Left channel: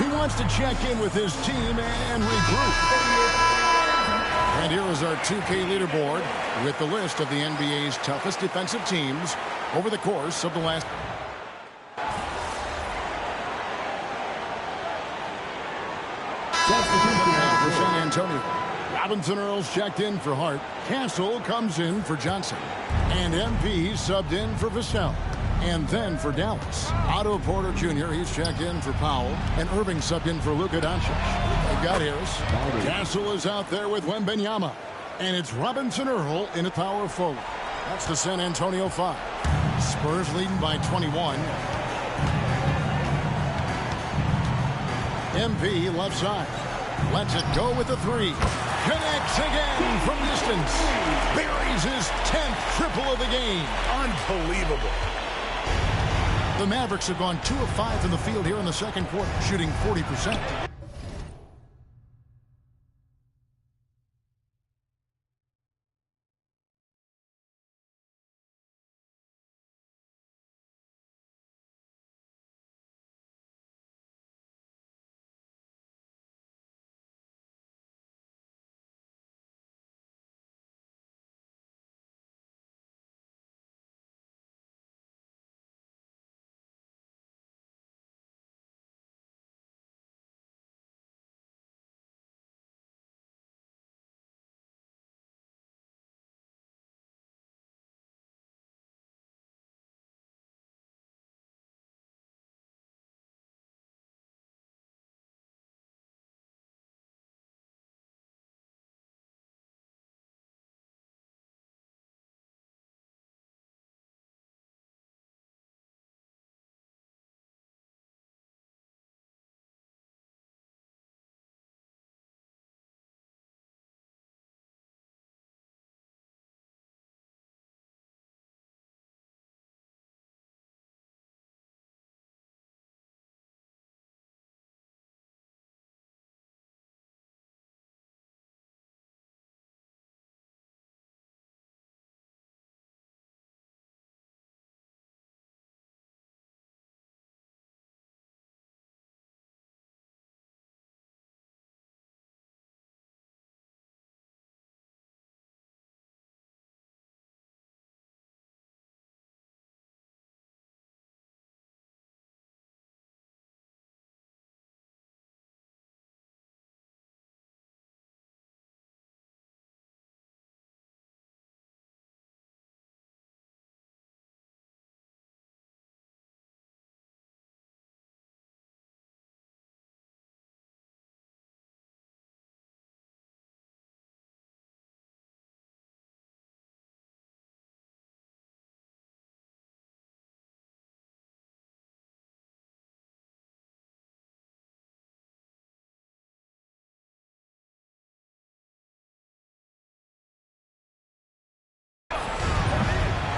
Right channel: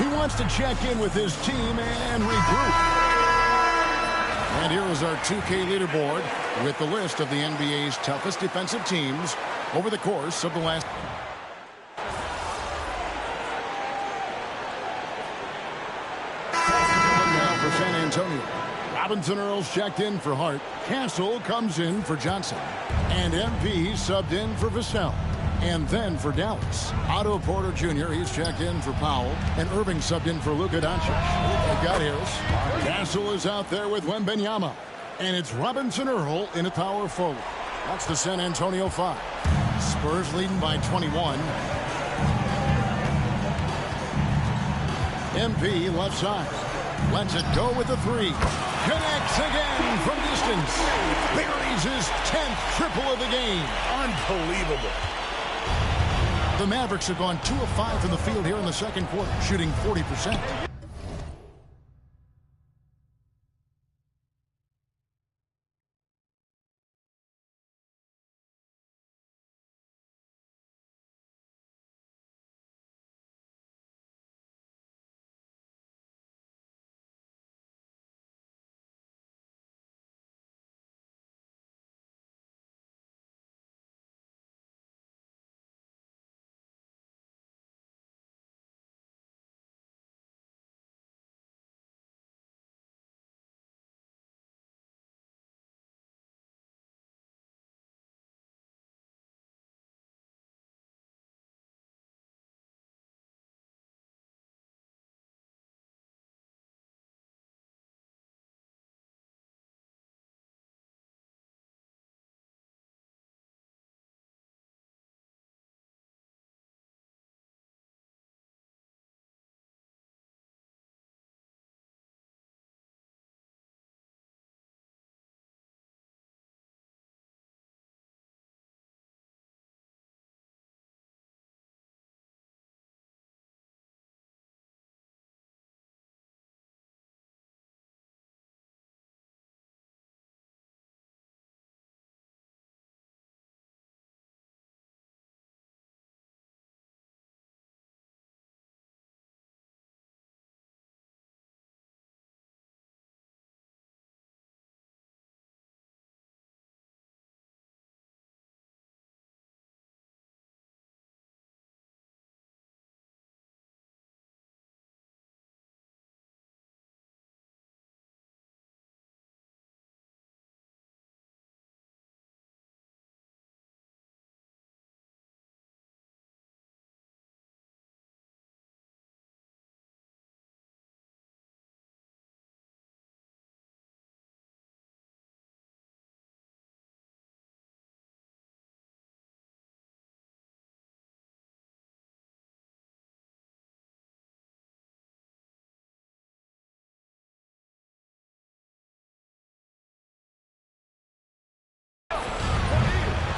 He wants to check in with his team and regroup. And here is our 2K leaderboard with the list of the NBA's toughest defensive teams over the course of the last. Now for San Antonio. Robinson Earls checked in for Hart. Castle comes in for Johnson. And MP subbed in for Vassell. And then for Dallas, Otto Porter Jr., he's checked in for Powell. And Irving subbed in for Luka Doncic. They've got Harris. Castle is out there with Wembanyama. And it's Robinson Earl in a power forward. That's the San Antonio 5. Spurs leading by 21. MP left side. Lets it go with the 3. Connects again from distance. Buries his 10th triple of the game. Unbelievable. The Mavericks have gone 2 of 5 from the field here in the second quarter, shooting 40%.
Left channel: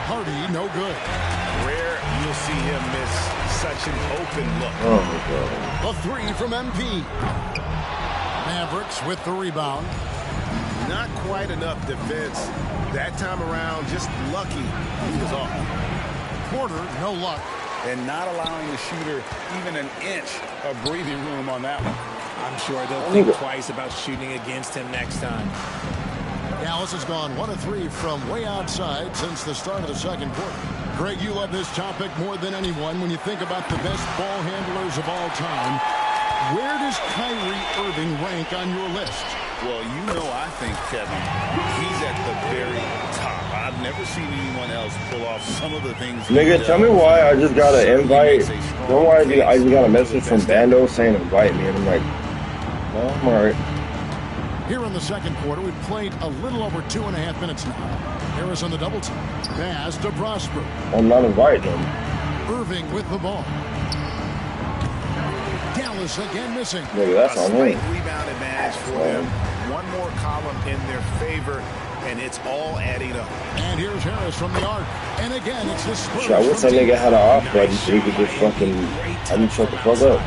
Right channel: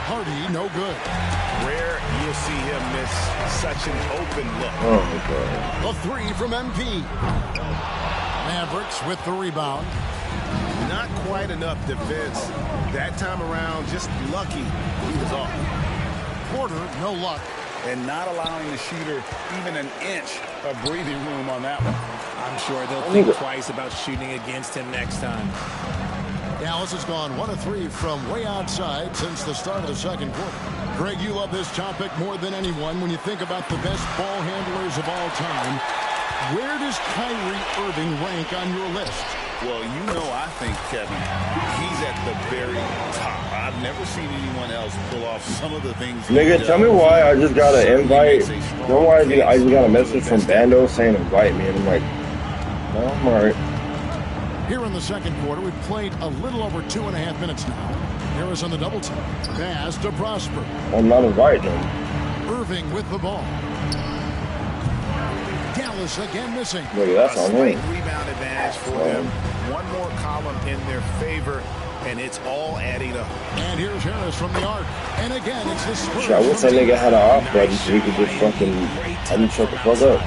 Hardy, no good. Rare you'll see him miss such an open look. Oh, my God. A 3 from MP. Mavericks with the rebound. Not quite enough defense. That time around, just lucky he was off. Porter, no luck. And not allowing the shooter even an inch of breathing room on that one. I'm sure they'll think twice about shooting against him next time. Dallas has gone 1 of 3 from way outside since the start of the second quarter. Greg, you love this topic more than anyone when you think about the best ball handlers of all time. Where does Kyrie Irving rank on your list? Well, you know, I think, Kevin, he's at the very top. I've never seen anyone else pull off some of the things. Nigga, tell me why I just got an invite. Know why I just got a message from Bando saying invite me, and I'm like, no, I'm alright. Here in the second quarter, we've played a little over 2.5 minutes now. Harris on the double team. Pass to Prosper. I'm not inviting him. Irving with the ball. Dallas again missing. Nigga, that's on me. Rebound advantage for them. One more column in their favor, and it's all adding up. And here's Harris from the arc. And again, it's the Spurs. I wish that nigga had an off button so he could just fucking, shut the fuck up.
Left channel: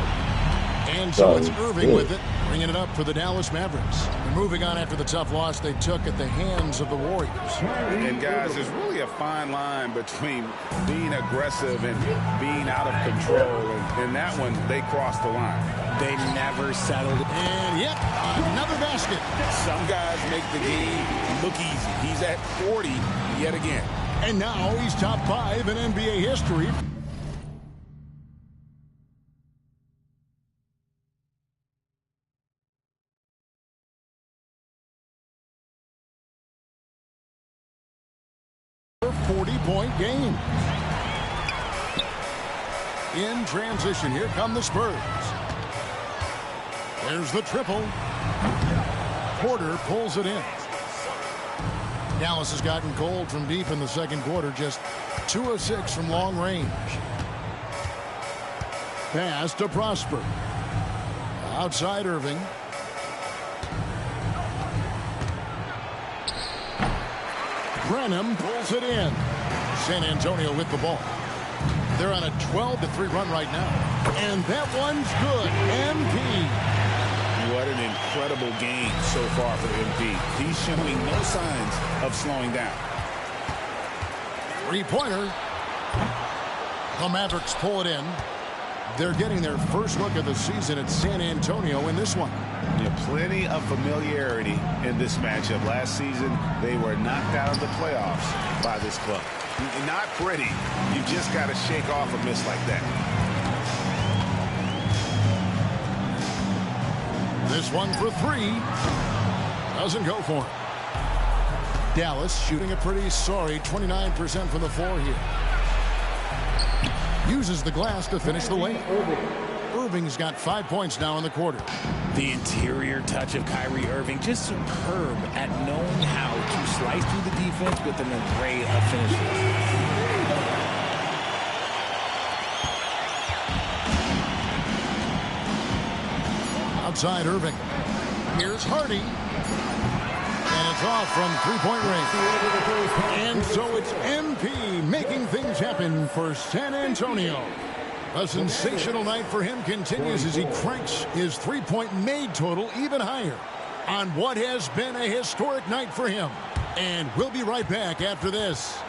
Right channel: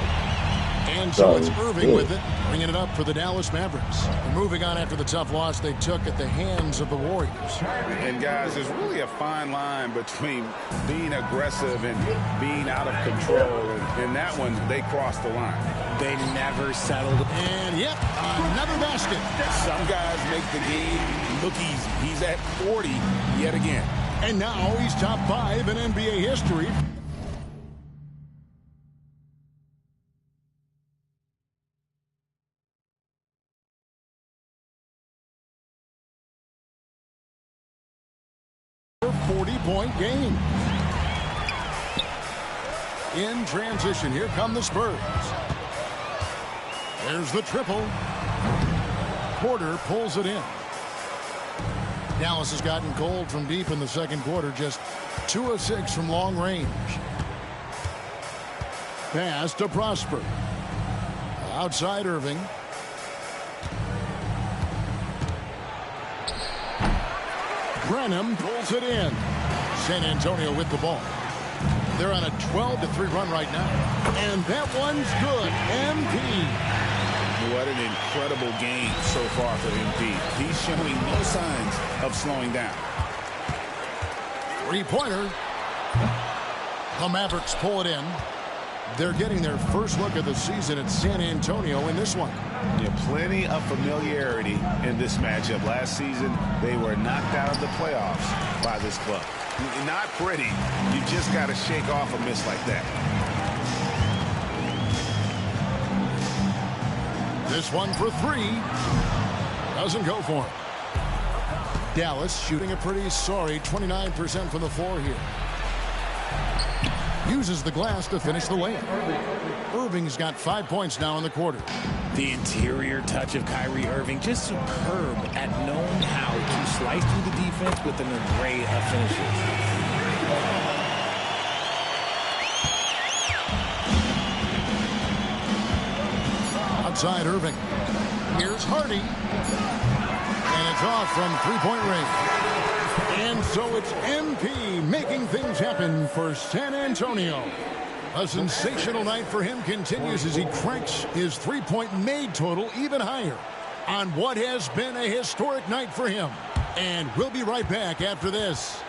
And so it's Irving with it. bringing it up for the Dallas Mavericks. And moving on after the tough loss they took at the hands of the Warriors. And guys, there's really a fine line between being aggressive and being out of control. And in that one, they crossed the line. They never settled. And yep, another basket. Some guys make the game look easy. He's at 40 yet again. And now he's top 5 in NBA history. For 40-point game. In transition, here come the Spurs. There's the triple. Porter pulls it in. Dallas has gotten cold from deep in the second quarter, just 2 of 6 from long range. Pass to Prosper. Outside Irving. Brenham pulls it in. San Antonio with the ball. They're on a 12-3 run right now. And that one's good. MP. What an incredible game so far for MP. He's showing no signs of slowing down. Three-pointer. The Mavericks pull it in. They're getting their first look of the season at San Antonio in this one. Yeah, plenty of familiarity in this matchup. Last season, they were knocked out of the playoffs by this club. Not pretty. You just got to shake off a miss like that. This one for 3. Doesn't go for him. Dallas shooting a pretty sorry 29% from the floor here. Uses the glass to finish the layup. Irving's got 5 points now in the quarter. The interior touch of Kyrie Irving, just superb at knowing how to slice through the defense with an array of finishes. Outside Irving. Here's Hardy. And it's off from three-point range. And so it's MP making things happen for San Antonio. A sensational night for him continues as he cranks his three-point made total even higher on what has been a historic night for him. And we'll be right back after this.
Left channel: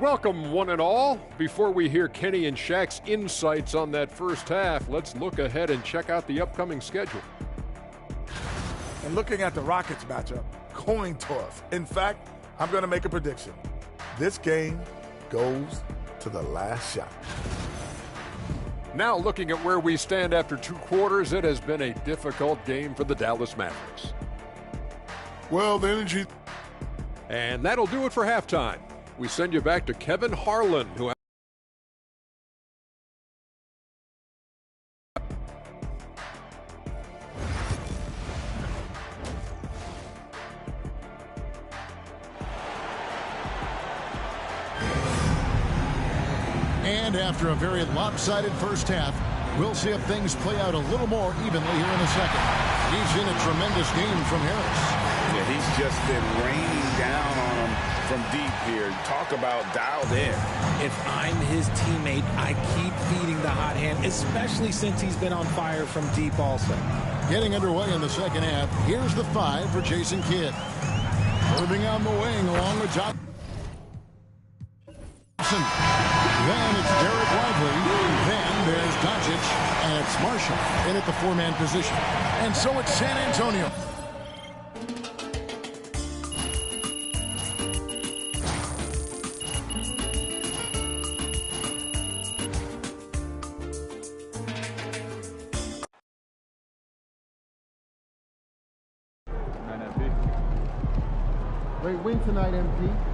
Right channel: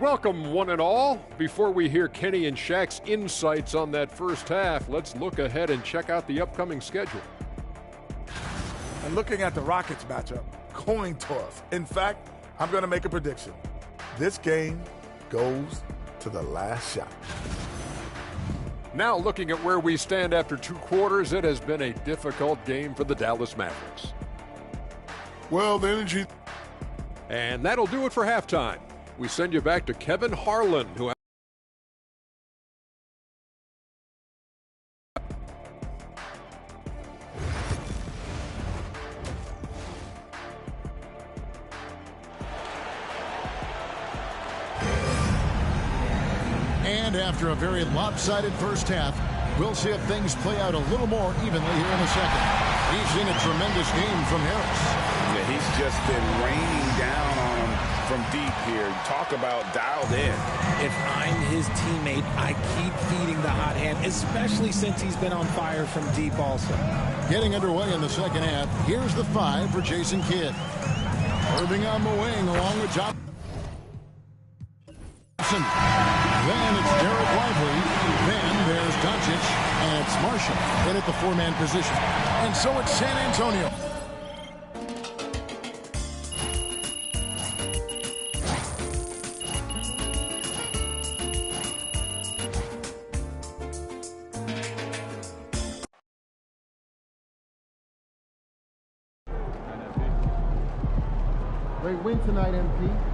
Welcome, one and all. Before we hear Kenny and Shaq's insights on that first half, let's look ahead and check out the upcoming schedule. And looking at the Rockets matchup, coin toss. In fact, I'm going to make a prediction. This game goes to the last shot. Now looking at where we stand after 2 quarters, it has been a difficult game for the Dallas Mavericks. Well, the energy. And that'll do it for halftime. We send you back to Kevin Harlan, who And after a very lopsided first half, we'll see if things play out a little more evenly here in the second. We've seen a tremendous game from Harris. Yeah, he's just been raining down on him from deep here. Talk about dialed in. If I'm his teammate, I keep feeding the hot hand, especially since he's been on fire from deep also. Getting underway in the second half, here's the 5 for Jason Kidd. Irving on the wing along with Johnson. Then it's Derek Lively. Then there's Doncic. And it's Marshall in at the 4-man position. And so it's San Antonio. Great win tonight, MP.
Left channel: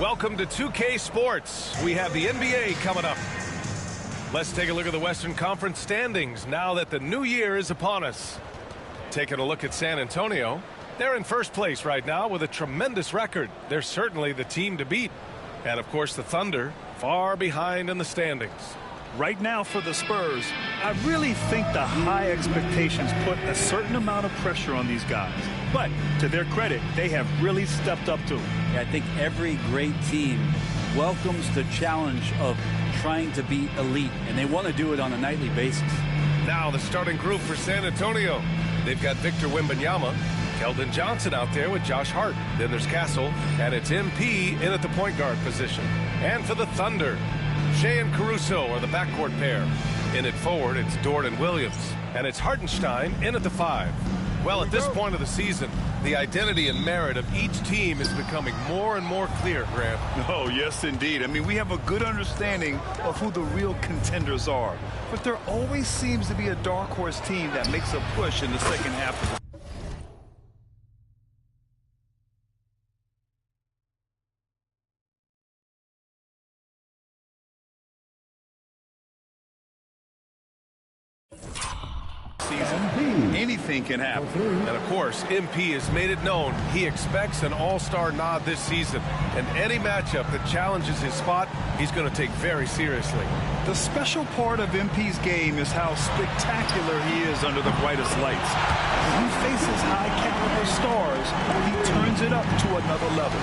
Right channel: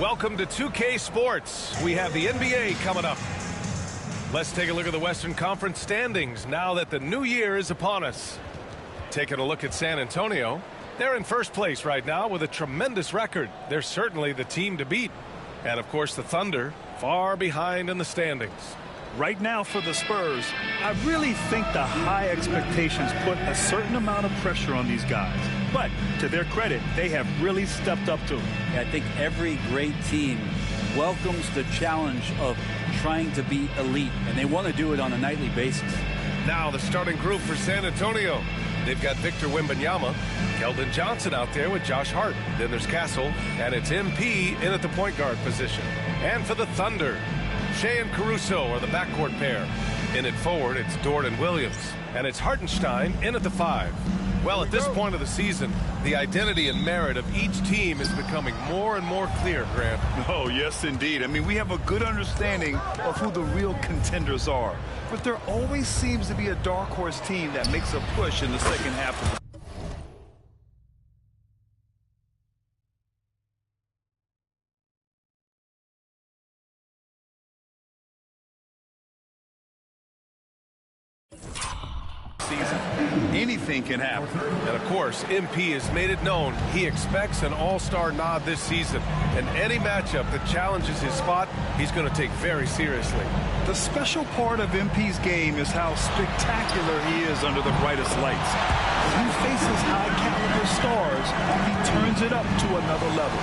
Welcome to 2K Sports. We have the NBA coming up. Let's take a look at the Western Conference standings now that the new year is upon us. Taking a look at San Antonio, they're in first place right now with a tremendous record. They're certainly the team to beat. And, of course, the Thunder far behind in the standings. Right now for the Spurs, I really think the high expectations put a certain amount of pressure on these guys. But to their credit, they have really stepped up to it. I think every great team welcomes the challenge of trying to be elite, and they want to do it on a nightly basis. Now the starting group for San Antonio. They've got Victor Wembanyama, Keldon Johnson out there with Josh Hart. Then there's Castle, and it's MP in at the point guard position. And for the Thunder, Shea and Caruso are the backcourt pair. In at forward, it's Dort and Williams. And it's Hartenstein in at the 5. Well, at this point of the season, the identity and merit of each team is becoming more and more clear, Grant. Oh, yes, indeed. I mean, we have a good understanding of who the real contenders are. But there always seems to be a dark horse team that makes a push in the second half of the season. Anything can happen. And of course, MP has made it known he expects an all-star nod this season. And any matchup that challenges his spot, he's going to take very seriously. The special part of MP's game is how spectacular he is under the brightest lights. When he faces high-caliber stars, he turns it up to another level.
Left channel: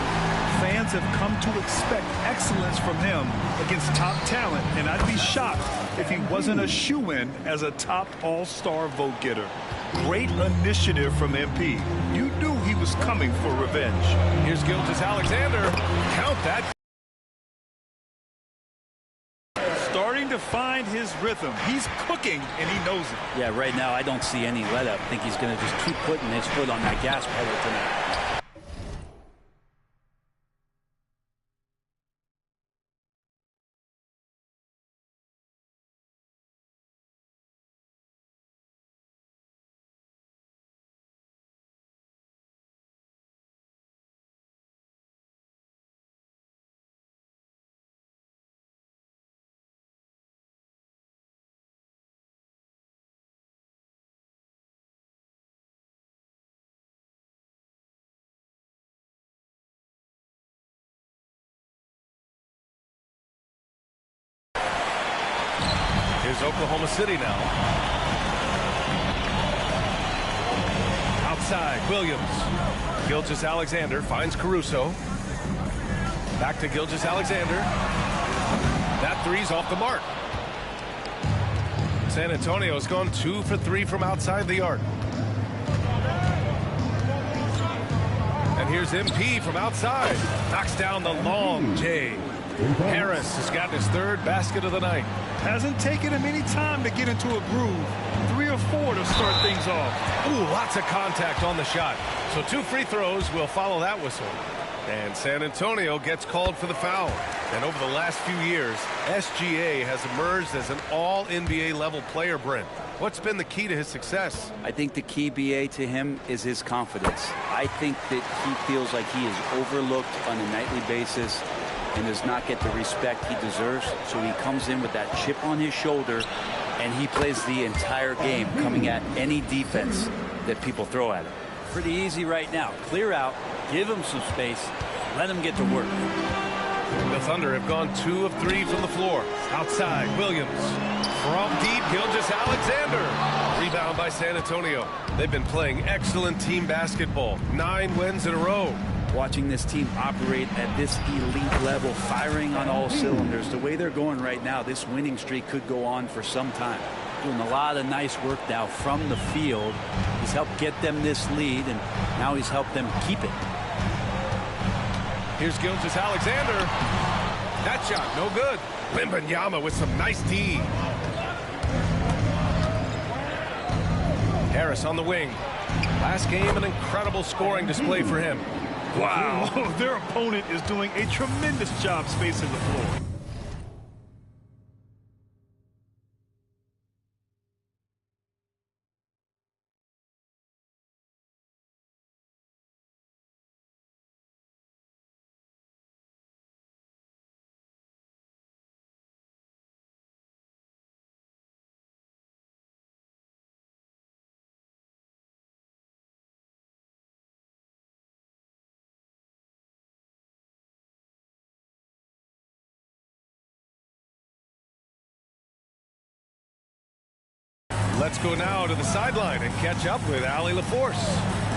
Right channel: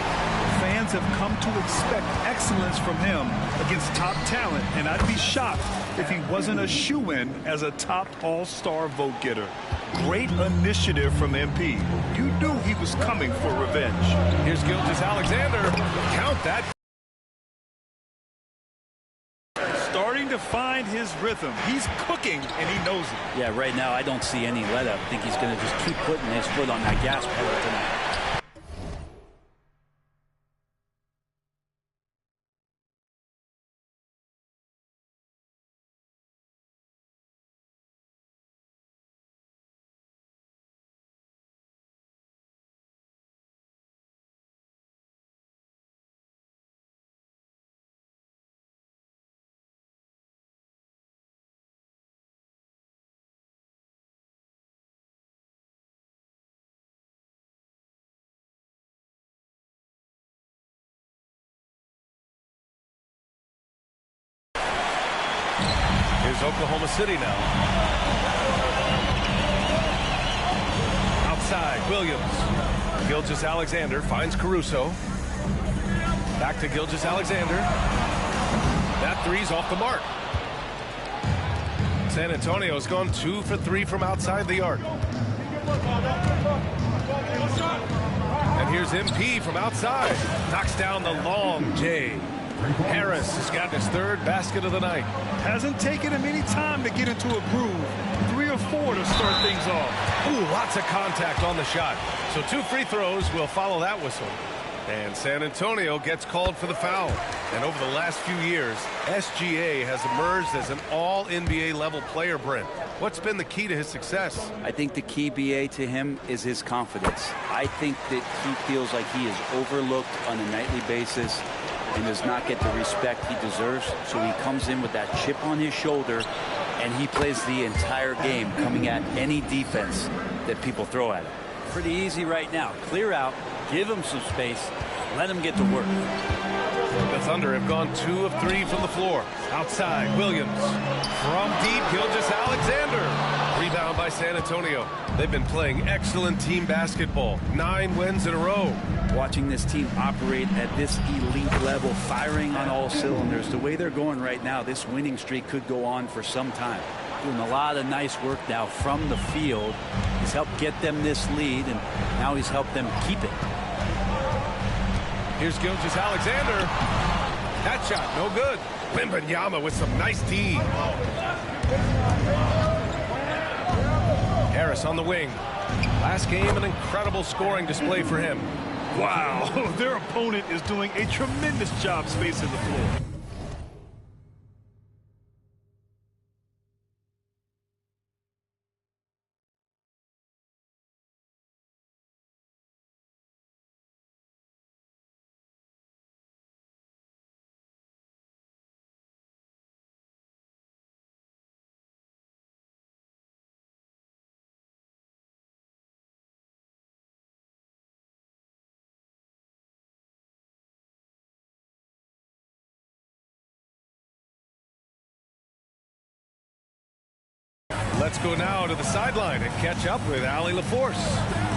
Fans have come to expect excellence from him against top talent, and I'd be shocked if he wasn't a shoo-in as a top all-star vote getter. Great initiative from MP. You knew he was coming for revenge. Here's Gilgeous-Alexander. Count that. Starting to find his rhythm. He's cooking, and he knows it. Yeah, right now I don't see any let-up. I think he's going to just keep putting his foot on that gas pedal tonight. Here's Oklahoma City now. Outside, Williams. Gilgeous-Alexander finds Caruso. Back to Gilgeous-Alexander. That three's off the mark. San Antonio's gone 2 for 3 from outside the arc. And here's MP from outside. Knocks down the long J. Harris has gotten his 3rd basket of the night. Hasn't taken him any time to get into a groove. 3 or 4 to start things off. Ooh, lots of contact on the shot. So 2 free throws will follow that whistle. And San Antonio gets called for the foul. And over the last few years, SGA has emerged as an all-NBA level player, Brent. What's been the key to his success? I think the key, BA, to him is his confidence. I think that he feels like he is overlooked on a nightly basis and does not get the respect he deserves. So he comes in with that chip on his shoulder, and he plays the entire game, coming at any defense that people throw at him. Pretty easy right now. Clear out, give him some space, let him get to work. The Thunder have gone 2 of 3 from the floor. Outside, Williams. From deep, Gilgeous-Alexander. Rebound by San Antonio. They've been playing excellent team basketball. 9 wins in a row. Watching this team operate at this elite level, firing on all cylinders, the way they're going right now, this winning streak could go on for some time. Doing a lot of nice work now from the field. He's helped get them this lead, and now he's helped them keep it. Here's Gilgeous-Alexander. That shot, no good. Wembanyama with some nice D. Harris on the wing. Last game, an incredible scoring display for him. Wow, their opponent is doing a tremendous job spacing the floor. Let's go now to the sideline and catch up with Allie LaForce.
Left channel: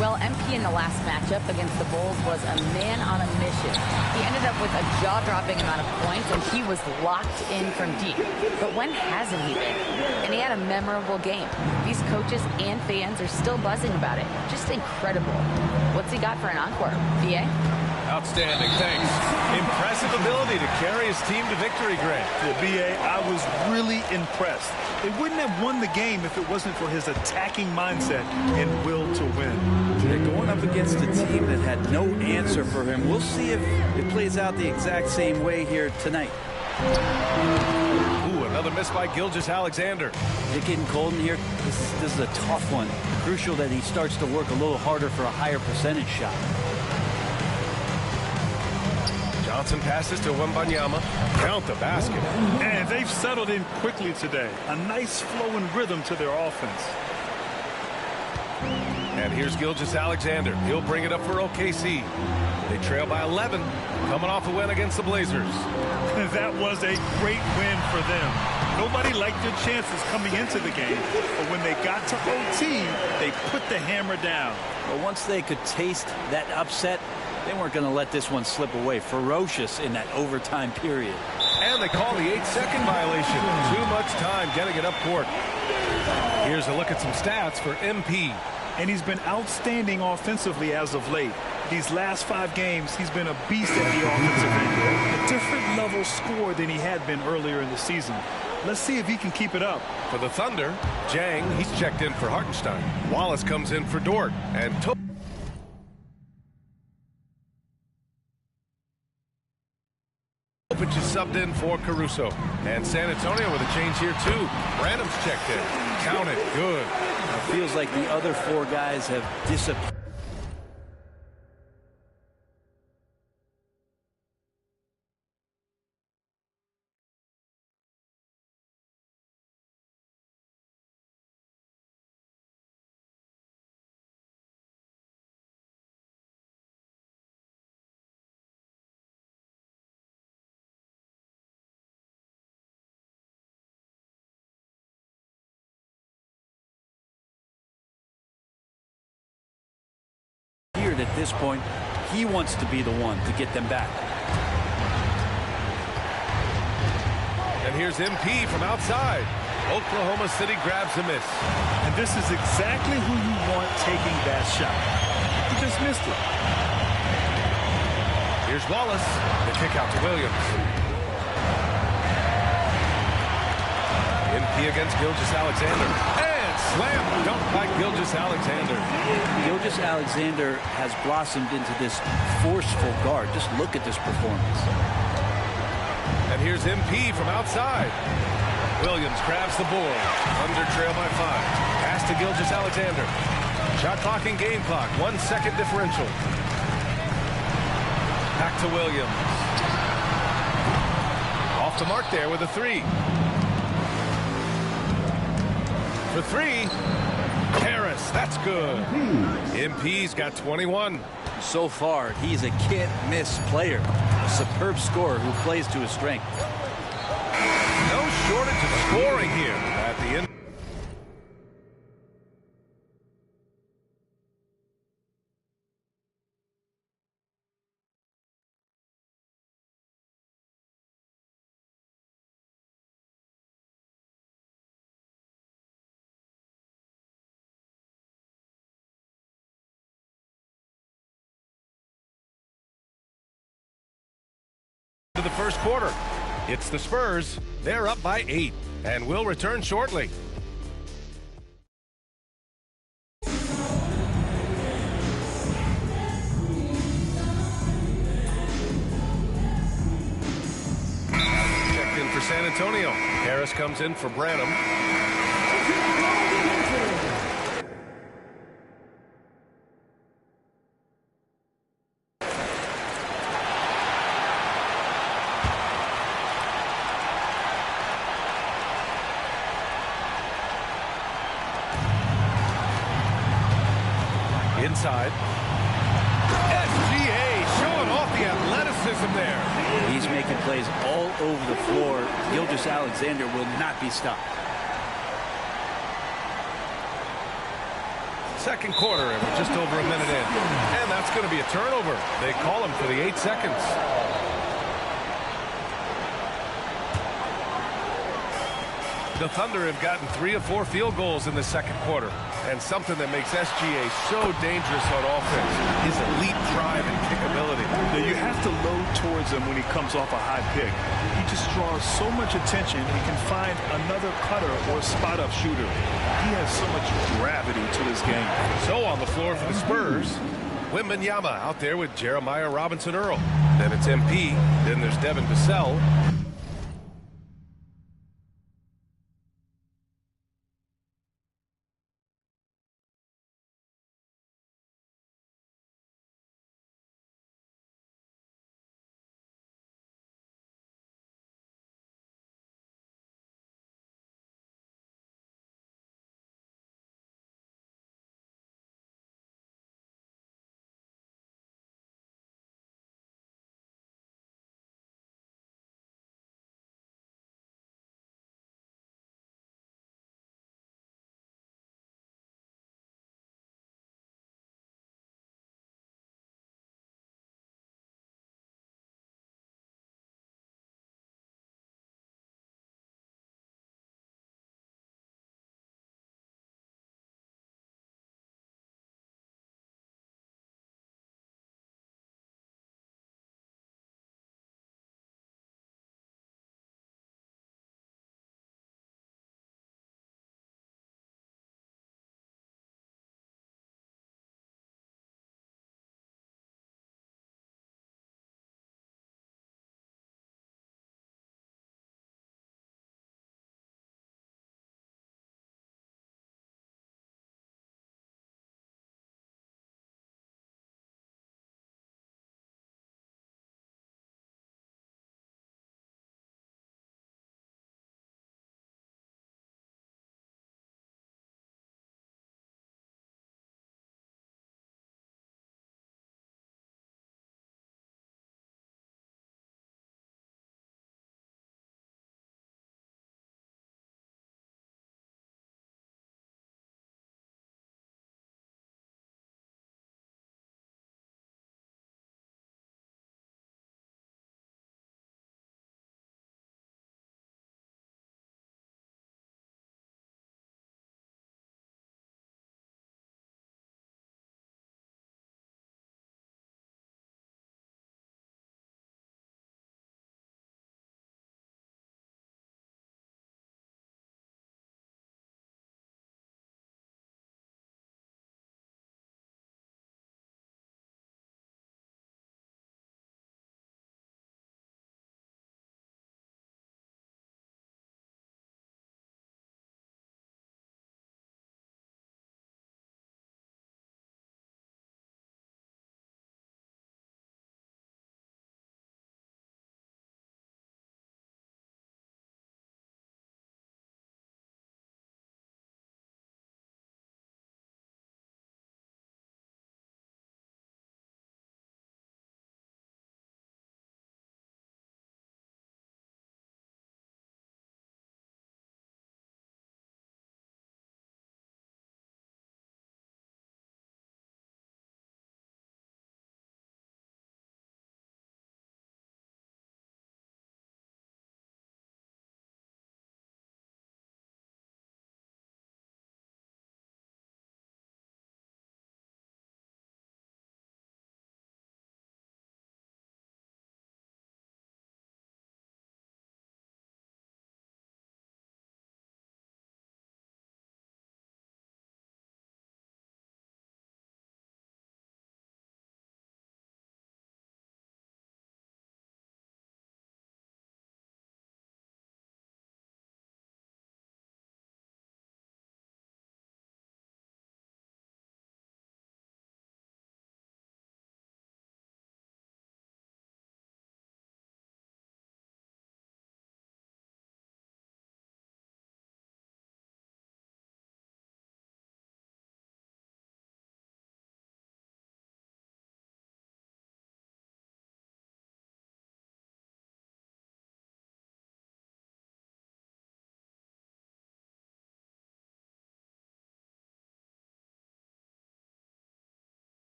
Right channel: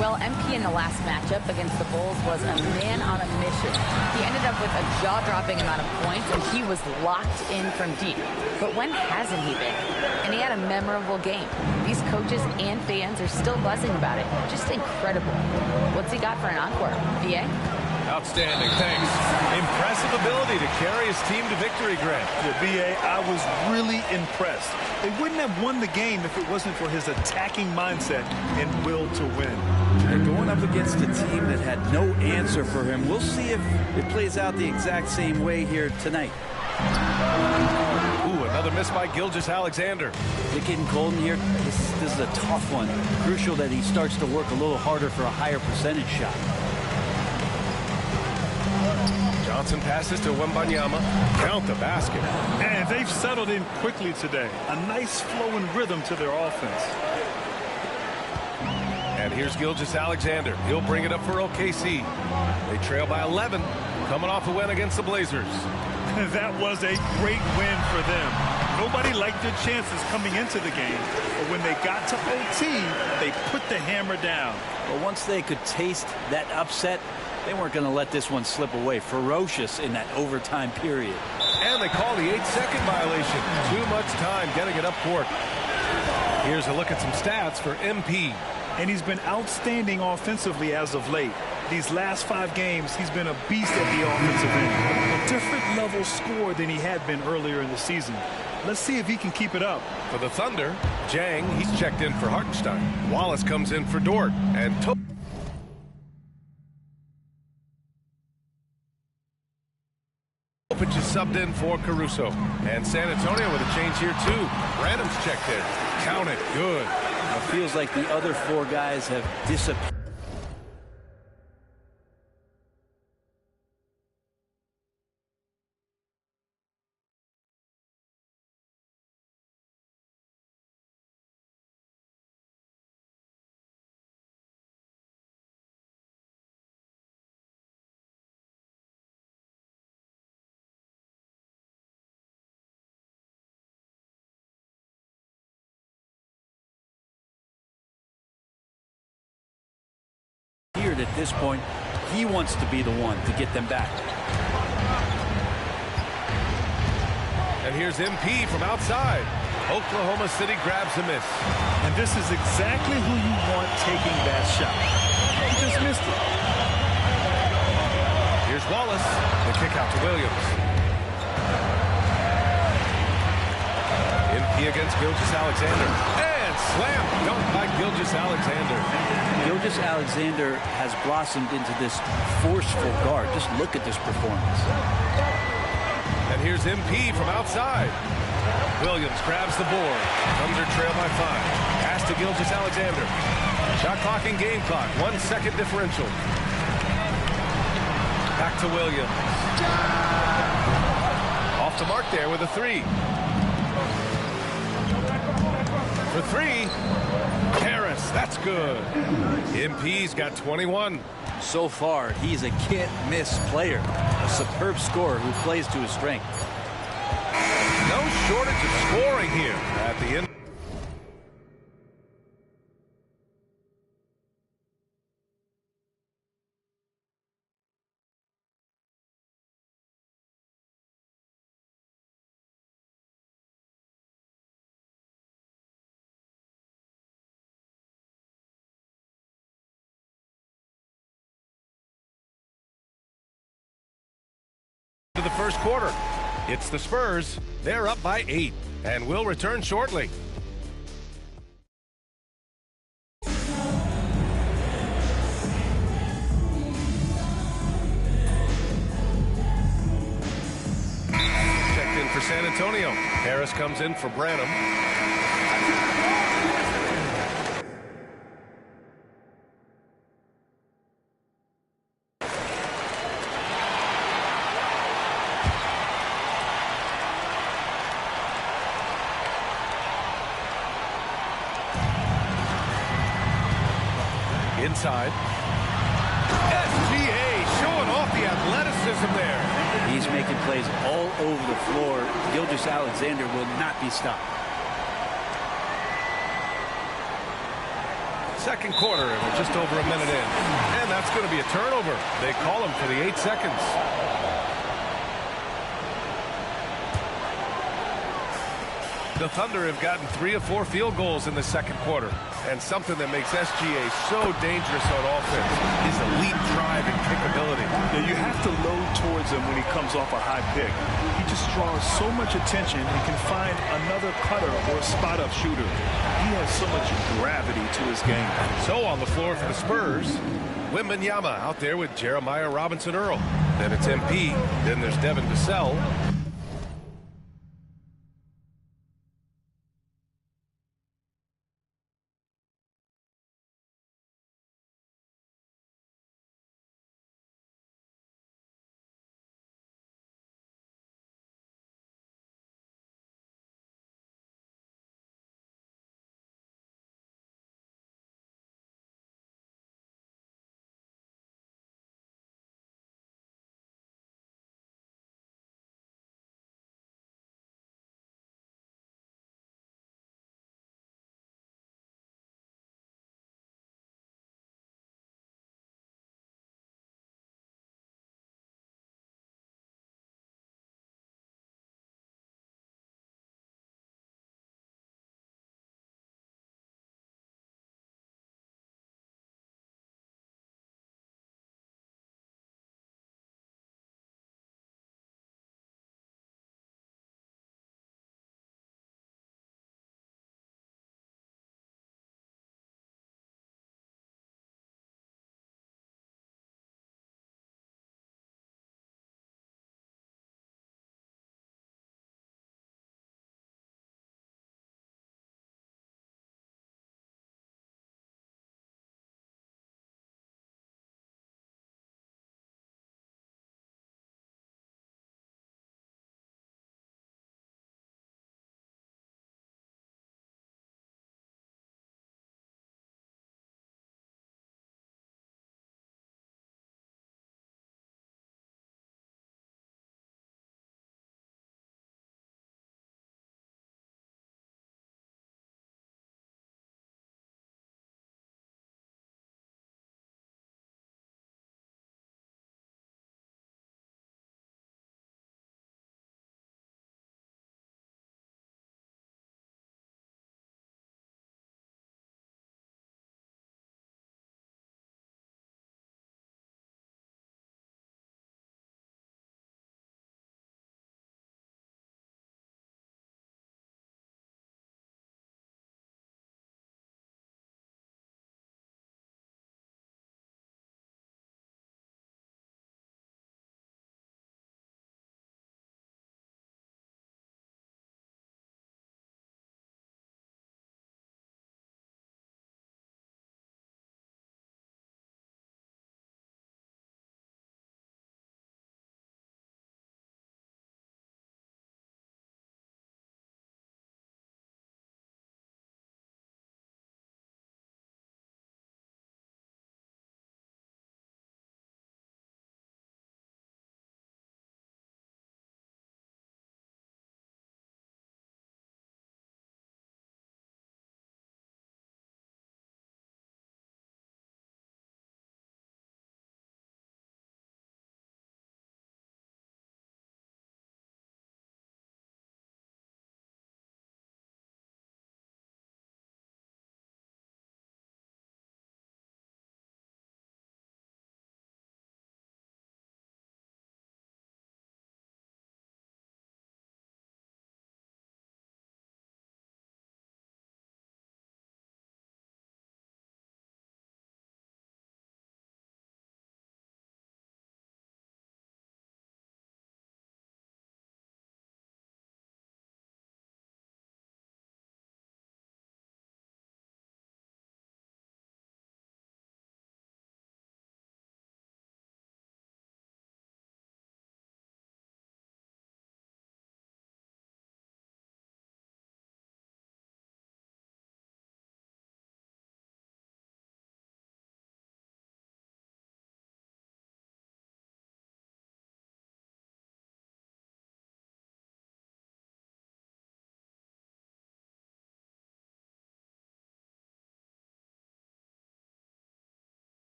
Well, MP in the last matchup against the Bulls was a man on a mission. He ended up with a jaw-dropping amount of points, and he was locked in from deep. But when hasn't he been? And he had a memorable game. These coaches and fans are still buzzing about it. Just incredible. What's he got for an encore? VA? Outstanding, thanks. Impressive ability to carry his team to victory, Grant. Yeah, BA, I was really impressed. They wouldn't have won the game if it wasn't for his attacking mindset and will to win. They're going up against a team that had no answer for him. We'll see if it plays out the exact same way here tonight. Ooh, another miss by Gilgeous-Alexander. Is it getting cold in here? This is a tough one. Crucial that he starts to work a little harder for a higher percentage shot. Johnson passes to Wembanyama. Count the basket. And they've settled in quickly today. A nice flow and rhythm to their offense. And here's Gilgeous-Alexander. He'll bring it up for OKC. They trail by 11, coming off a win against the Blazers. That was a great win for them. Nobody liked their chances coming into the game, but when they got to OT, they put the hammer down. Well, once they could taste that upset, they weren't going to let this one slip away. Ferocious in that overtime period. And they call the 8-second violation. Too much time getting it up court. Here's a look at some stats for MP. And he's been outstanding offensively as of late. These last 5 games, he's been a beast at the offensive end. A different level score than he had been earlier in the season. Let's see if he can keep it up. For the Thunder, Jang, he's checked in for Hartenstein. Wallace comes in for Dort. And Topic is subbed in for Caruso. And San Antonio with a change here, too. Branham's checked in. Count it. Good. It feels like the other 4 guys have disappeared. At this point, he wants to be the one to get them back. And here's MP from outside. Oklahoma City grabs a miss. And this is exactly who you want taking that shot. He just missed it. Here's Wallace. The kick out to Williams. MP against Gilgeous-Alexander. Slam dunk by Gilgeous-Alexander. Gilgeous-Alexander has blossomed into this forceful guard. Just look at this performance. And here's MP from outside. Williams grabs the board. Thunder trail by 5. Pass to Gilgeous-Alexander. Shot clock and game clock. 1 second differential. Back to Williams. Off the mark there with a 3. For 3, Harris, that's good. MP's got 21. So far, he's a can't-miss player. A superb scorer who plays to his strength. No shortage of scoring here at the end. To the first quarter. It's the Spurs. They're up by 8 and will return shortly. Checked in for San Antonio. Harris comes in for Branham. Inside. SGA showing off the athleticism there. He's making plays all over the floor. Gilgeous-Alexander will not be stopped. Second quarter, and we're just over a minute in. And that's going to be a turnover. They call him for the 8 seconds. The Thunder have gotten 3 of 4 field goals in the second quarter. And something that makes SGA so dangerous on offense, his elite drive and kickability. Yeah, you have to load towards him when he comes off a high pick. He just draws so much attention and can find another cutter or spot-up shooter. He has so much gravity to his game. So on the floor for the Spurs, Wembanyama out there with Jeremiah Robinson-Earl. Then it's MP. Then there's Devin Vassell.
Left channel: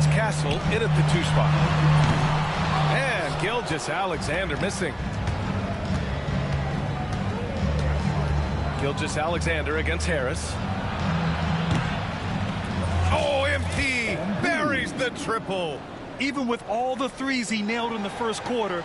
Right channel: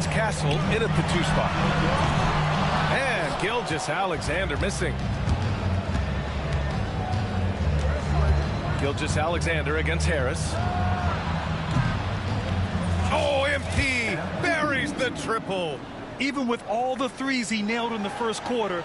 it's Castle in at the 2 spot. And Gilgeous-Alexander missing. Gilgeous-Alexander against Harris. Oh, MP buries the triple. Even with all the threes he nailed in the first quarter.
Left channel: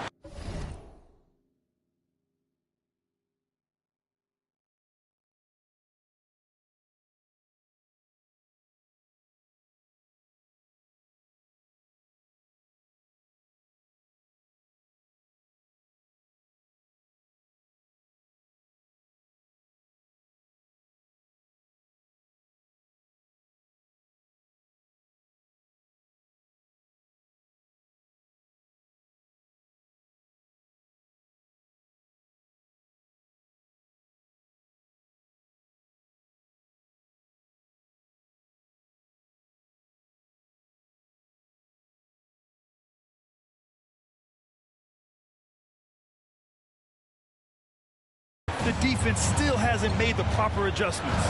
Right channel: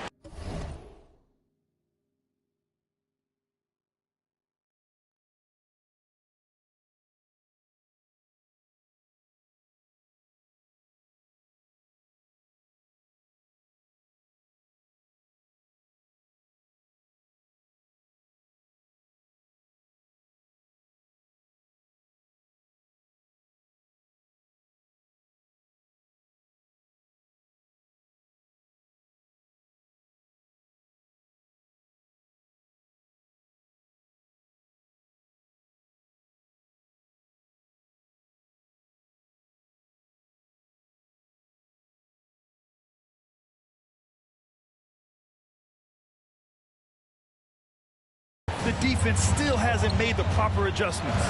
The defense still hasn't made the proper adjustments.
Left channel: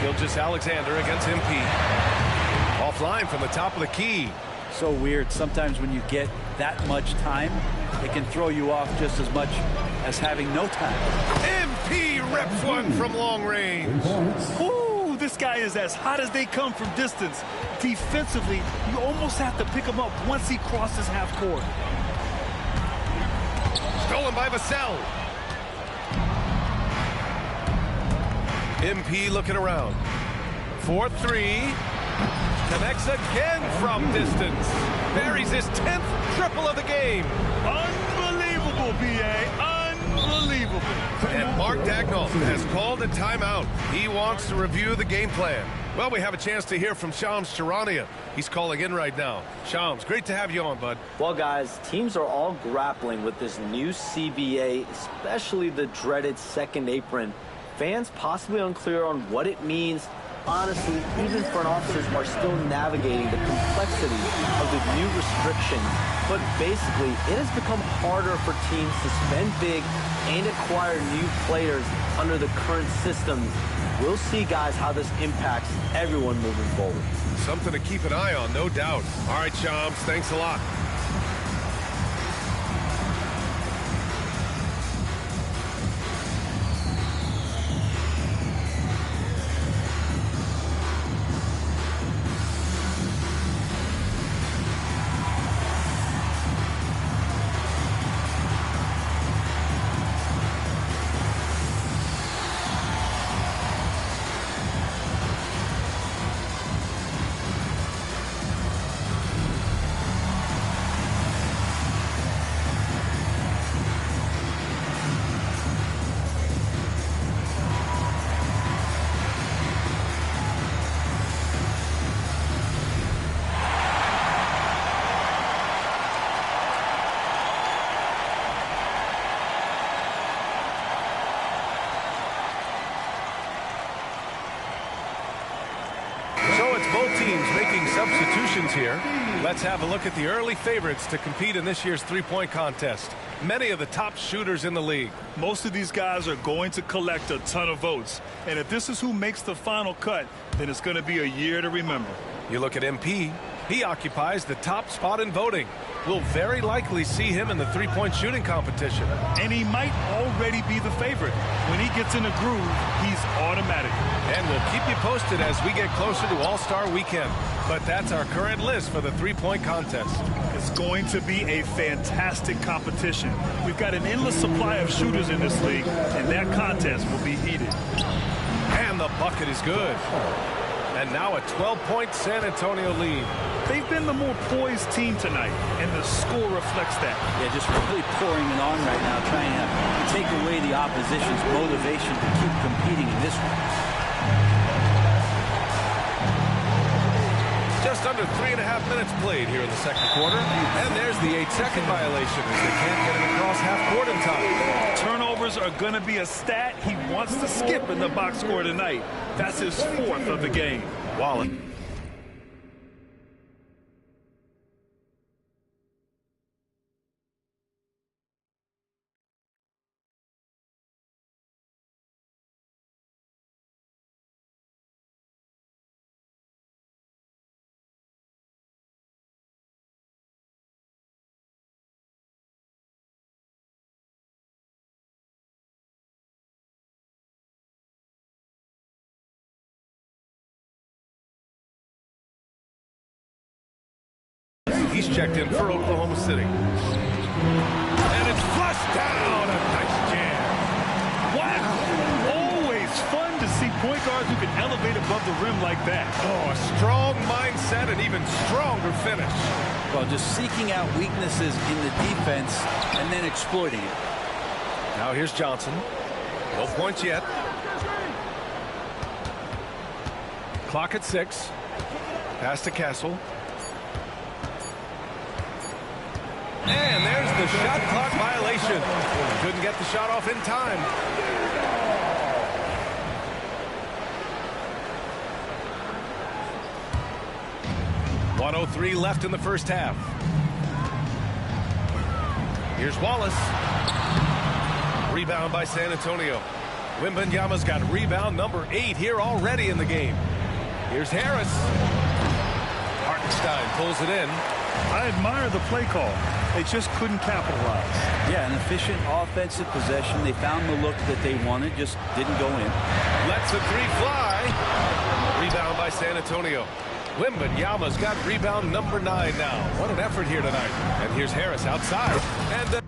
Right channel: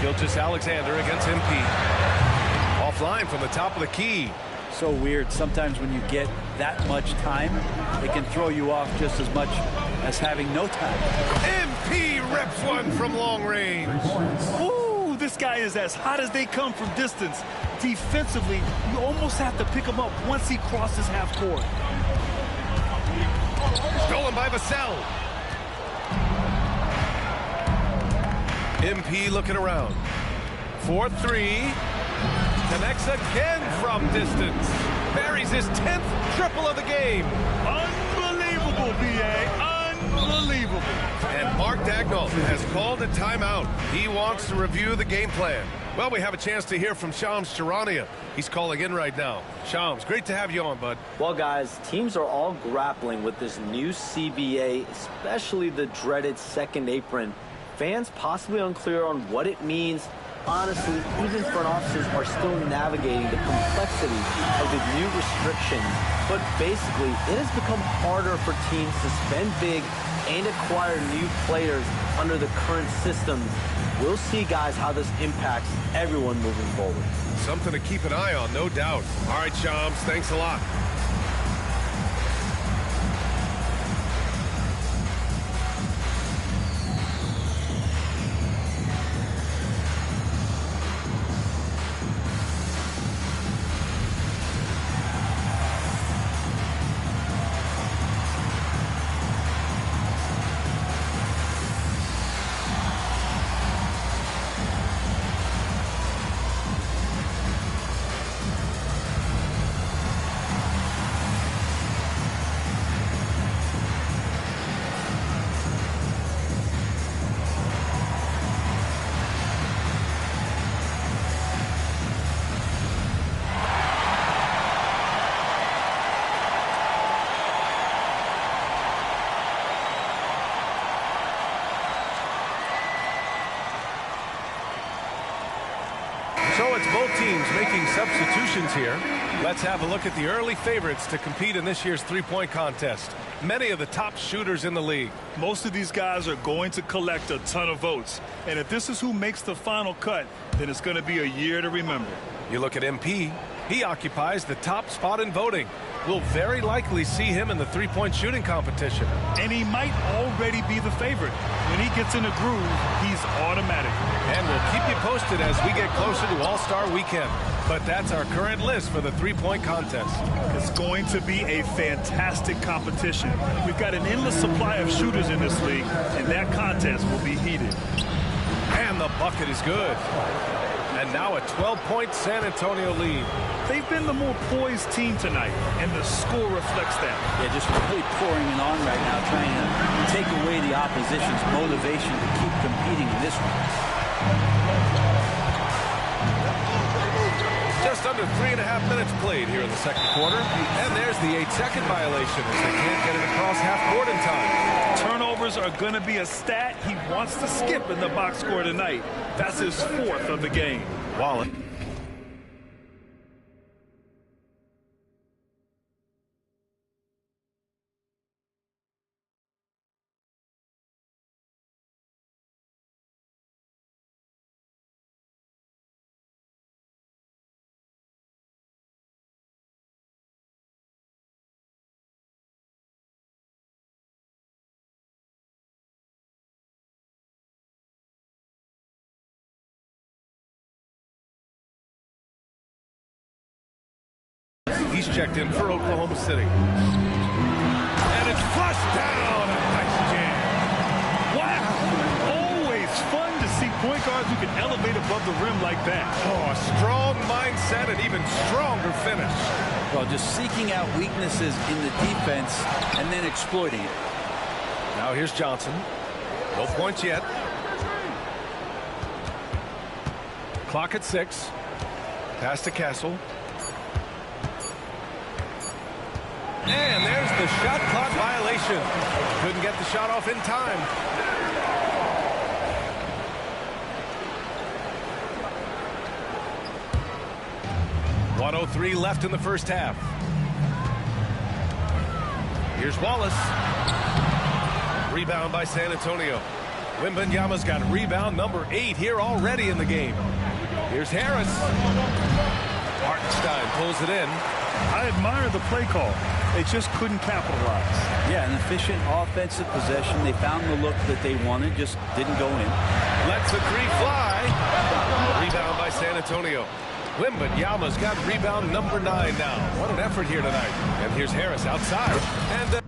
Gilgeous-Alexander against MP. Offline from the top of the key. So weird. Sometimes when you get that much time, it can throw you off just as much as having no time. MP reps one from long range. Ooh, this guy is as hot as they come from distance. Defensively, you almost have to pick him up once he crosses half court. Stolen by Vassell. MP looking around. 4-3. Connects again from distance. Buries his 10th triple of the game. Unbelievable, B.A. Unbelievable. And Mark Dagnall has called a timeout. He wants to review the game plan. Well, we have a chance to hear from Shams Charania. He's calling in right now. Shams, great to have you on, bud. Well, guys, teams are all grappling with this new CBA, especially the dreaded second apron. Fans possibly unclear on what it means. Honestly, even front officers are still navigating the complexity of the new restrictions. But basically, it has become harder for teams to spend big and acquire new players under the current systems. We'll see, guys, how this impacts everyone moving forward. Something to keep an eye on, no doubt. All right, Shams, thanks a lot. So it's both teams making substitutions here. Let's have a look at the early favorites to compete in this year's three-point contest. Many of the top shooters in the league. Most of these guys are going to collect a ton of votes. And if this is who makes the final cut, then it's going to be a year to remember. You look at MP. He occupies the top spot in voting. We'll very likely see him in the three-point shooting competition. And he might already be the favorite. When he gets in a groove, he's automatic. And we'll keep you posted as we get closer to All-Star Weekend. But that's our current list for the three-point contest. It's going to be a fantastic competition. We've got an endless supply of shooters in this league, and that contest will be heated. And the bucket is good. And now a 12-point San Antonio lead. They've been the more poised team tonight, and the score reflects that. Yeah, just really pouring it on right now, trying to take away the opposition's motivation to keep competing in this one. Just under 3.5 minutes played here in the second quarter. And there's the 8-second violation as they can't get it across half court in time. Turnovers are going to be a stat he wants to skip in the box score tonight. That's his 4th of the game. Wallen. He's checked in for Oklahoma City. And it's flushed down. A nice jam. Wow. Always fun to see point guards who can elevate above the rim like that. Oh, a strong mindset and even stronger finish. Well, just seeking out weaknesses in the defense and then exploiting it. Now here's Johnson. No points yet. Clock at 6. Pass to Castle. And there's the shot clock violation. Couldn't get the shot off in time. .103 left in the first half. Here's Wallace. Rebound by San Antonio. Wembanyama's got rebound number 8 here already in the game. Here's Harris. Hartenstein pulls it in. I admire the play call. They just couldn't capitalize. Yeah, an efficient offensive possession. They found the look that they wanted, just didn't go in. Lets a 3 fly. Rebound by San Antonio. Wembanyama's got rebound number 9 now. What an effort here tonight. And here's Harris outside. And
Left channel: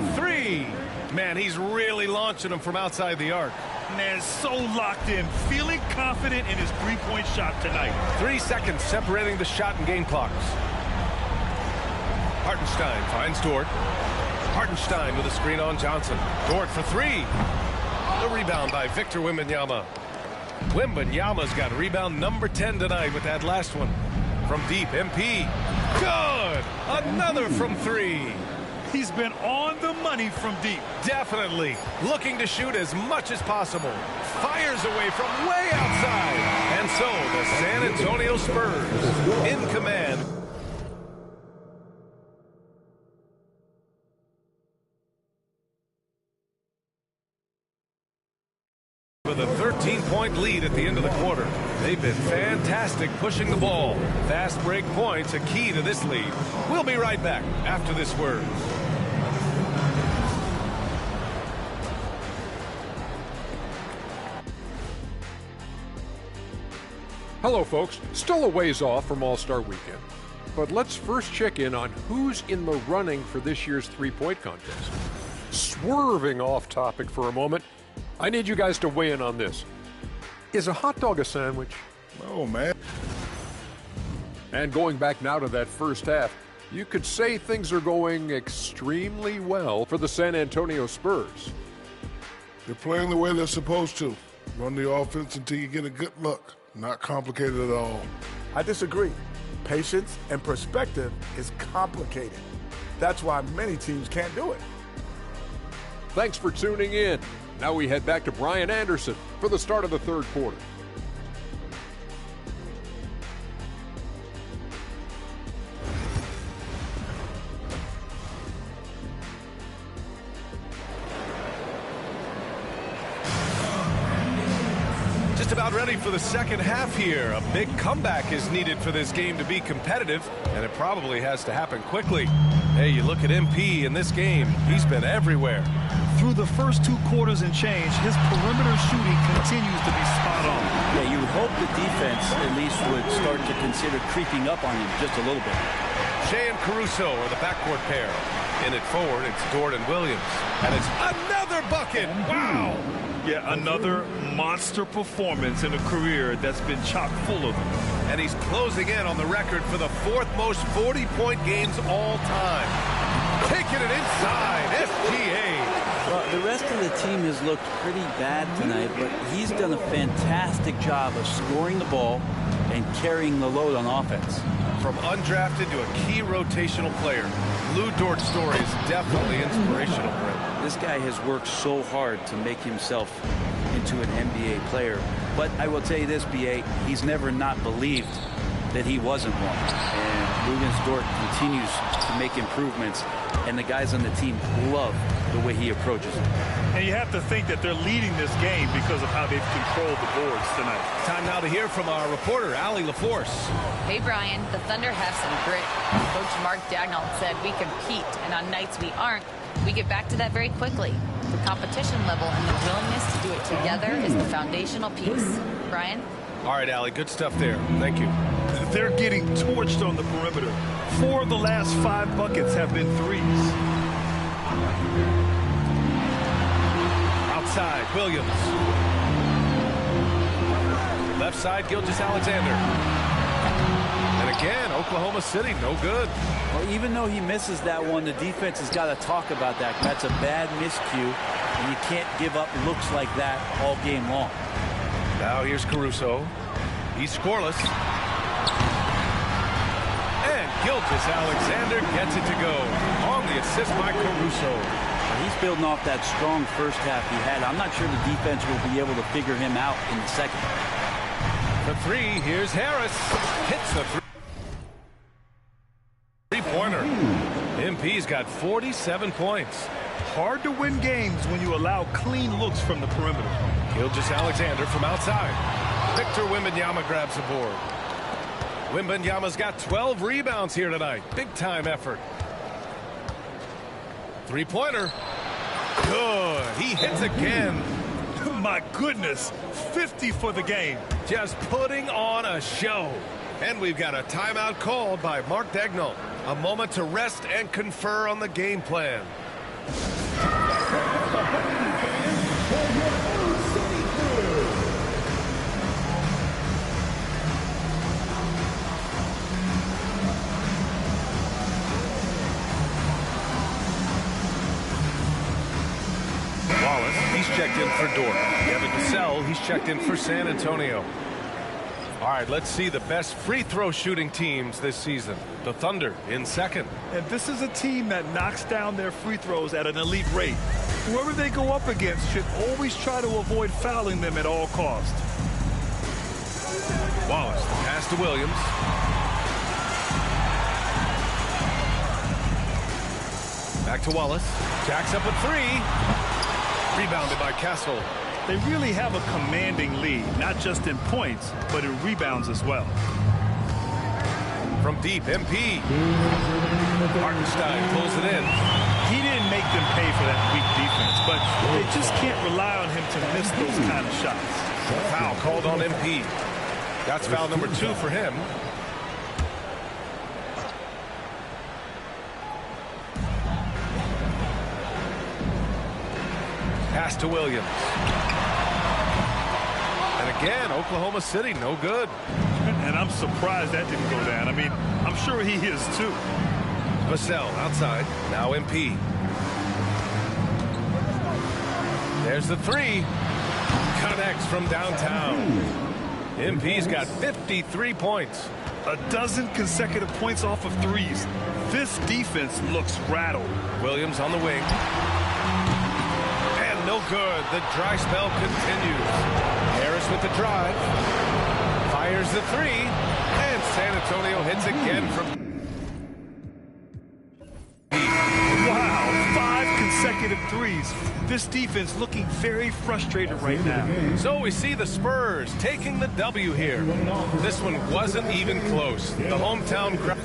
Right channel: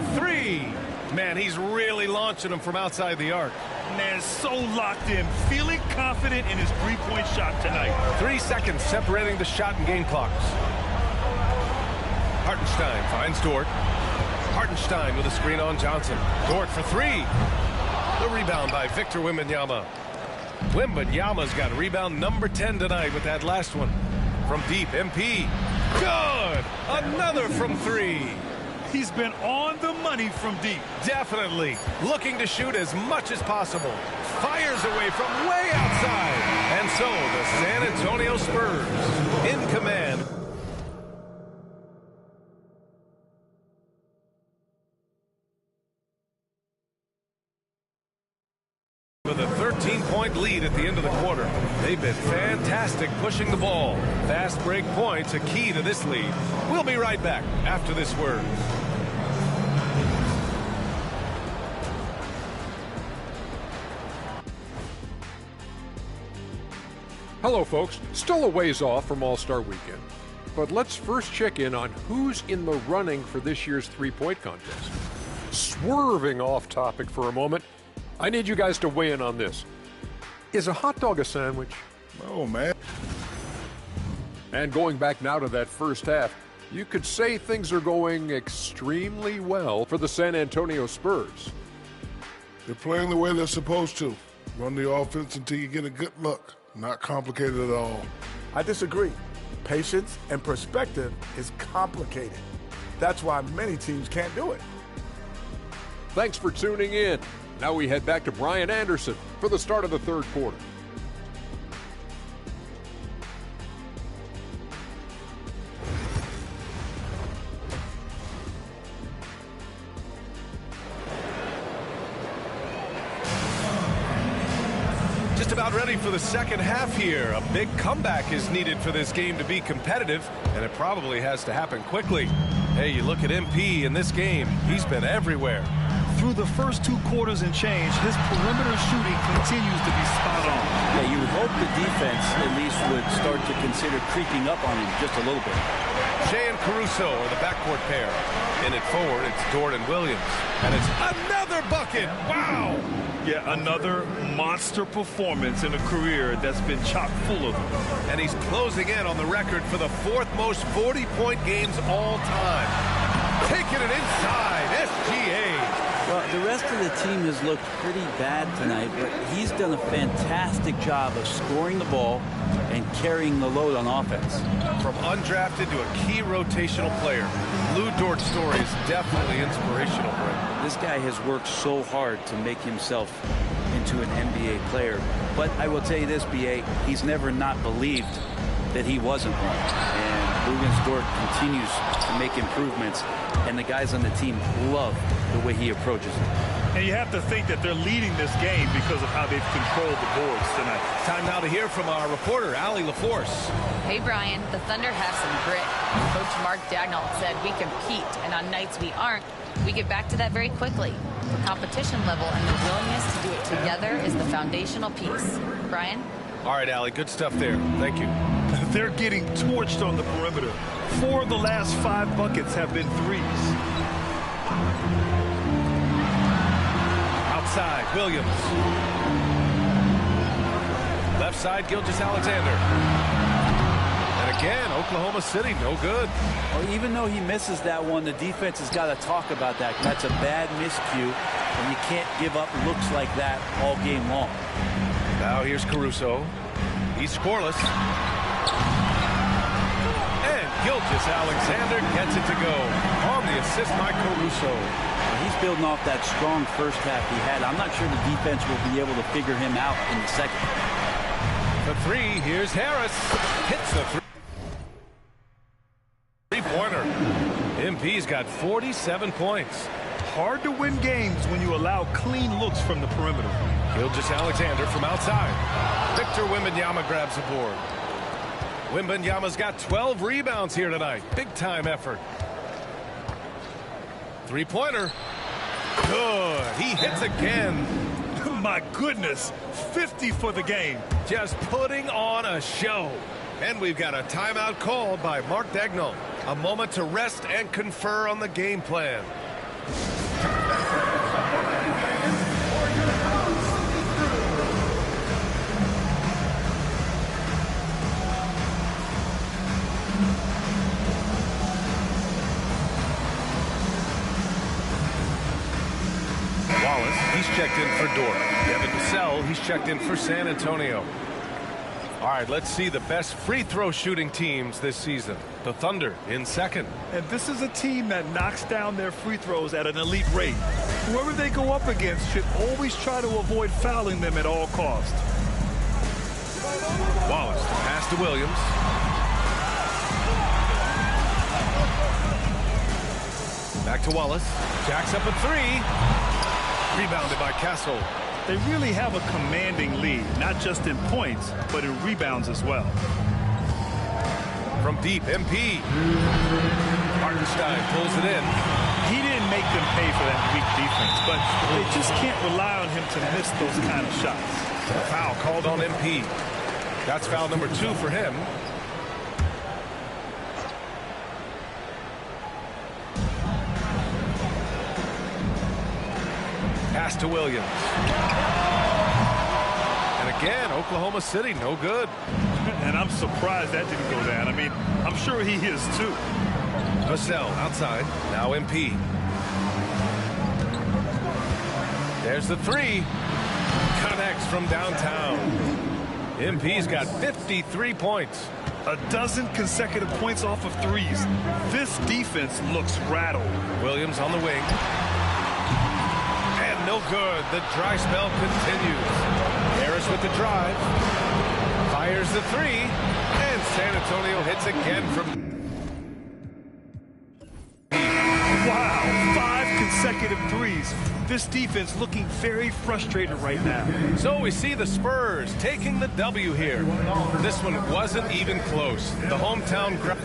for three. Man, he's really launching them from outside the arc. Man, so locked in, feeling confident in his three-point shot tonight. 3 seconds separating the shot and game clocks. Hartenstein finds Dort. Hartenstein with a screen on Johnson. Dort for three. The rebound by Victor Wembanyama. Wembanyama's got rebound number 10 tonight with that last one. From deep, MP. Good! Another from three. He's been on the money from deep. Definitely. Looking to shoot as much as possible. Fires away from way outside. And so the San Antonio Spurs in command. With a 13-point lead at the end of the quarter. They've been fantastic pushing the ball. Fast break points a key to this lead. We'll be right back after this word. Hello, folks. Still a ways off from All-Star Weekend. But let's first check in on who's in the running for this year's three-point contest. Swerving off topic for a moment, I need you guys to weigh in on this. Is a hot dog a sandwich? Oh, man. And going back now to that first half, you could say things are going extremely well for the San Antonio Spurs. They're playing the way they're supposed to. Run the offense until you get a good look. Not complicated at all. I disagree. Patience and perspective is complicated. That's why many teams can't do it. Thanks for tuning in. Now we head back to Brian Anderson for the start of the third quarter. Just about ready for the second half here. A big comeback is needed for this game to be competitive, and it probably has to happen quickly. Hey, you look at MP in this game, he's been everywhere. Through the first 2 quarters and change, his perimeter shooting continues to be spot on. Yeah, you would hope the defense at least would start to consider creeping up on him just a little bit. Shea and Caruso are the backcourt pair. In it forward, it's Dort and Williams. And it's another bucket. Wow! Yeah, another monster performance in a career that's been chock full of them. And he's closing in on the record for the 4th most 40-point games all time. Taking it inside, SGA. Well, the rest of the team has looked pretty bad tonight, but he's done a fantastic job of scoring the ball and carrying the load on offense. From undrafted to a key rotational player, Lou Dort's story is definitely inspirational, Brent. This guy has worked so hard to make himself into an NBA player. But I will tell you this, B.A., he's never not believed that he wasn't one. And Luguentz Dort continues to make improvements, and the guys on the team love the way he approaches it. And you have to think that they're leading this game because of how they've controlled the boards tonight. Time now to hear from our reporter, Allie LaForce. Hey, Brian, the Thunder have some grit. Coach Mark Daigneault said we compete, and on nights we aren't, we get back to that very quickly. The competition level and the willingness to do it together is the foundational piece. Brian? All right, Allie, good stuff there. Thank you. They're getting torched on the perimeter. 4 of the last 5 buckets have been threes. Outside, Williams. Left side, Gilgeous-Alexander. And again, Oklahoma City, no good. Well, even though he misses that one, the defense has got to talk about that. That's a bad miscue, and you can't give up looks like that all game long. Now here's Caruso. He's scoreless. And Gilgeous-Alexander gets it to go. On the assist by Caruso. Well, he's building off that strong first half he had. I'm not sure the defense will be able to figure him out in the second. The three, here's Harris. Hits the three-pointer. MP's got 47 points. Hard to win games when you allow clean looks from the perimeter. Gilgeous-Alexander from outside. Victor Wembanyama grabs the board. Wembanyama's got 12 rebounds here tonight. Big-time effort. Three-pointer. Good. He hits again. My goodness. 50 for the game. Just putting on a show. And we've got a timeout called by Mark Daigneault. A moment to rest and confer on the game plan. Wallace, he's checked in for Dort. Devin Vassell, he's checked in for San Antonio. All right, let's see the best free throw shooting teams this season. The Thunder in second. And this is a team that knocks down their free throws at an elite rate. Whoever they go up against should always try to avoid fouling them at all costs. Wallace, the pass to Williams. Back to Wallace. Jacks up a three. Rebounded by Castle. They really have a commanding lead, not just in points, but in rebounds as well. From deep, MP. Hartenstein pulls it in. He didn't make them pay for that weak defense, but they just can't rely on him to miss those kind of shots. A foul called on MP. That's foul number 2 for him. Pass to Williams. And again, Oklahoma City, no good. And I'm surprised that didn't go down. I mean, I'm sure he is too. Vassell outside. Now MP. There's the three. Connects from downtown. MP's got 53 points. A dozen consecutive points off of threes. This defense looks rattled. Williams on the wing. And no good. The dry spell continues. Harris with the drive. Fires the three. And San Antonio hits again from... Wow, 5 consecutive threes. This defense looking very frustrated right now. So we see the Spurs taking the W here. This one wasn't even close. The hometown crowd...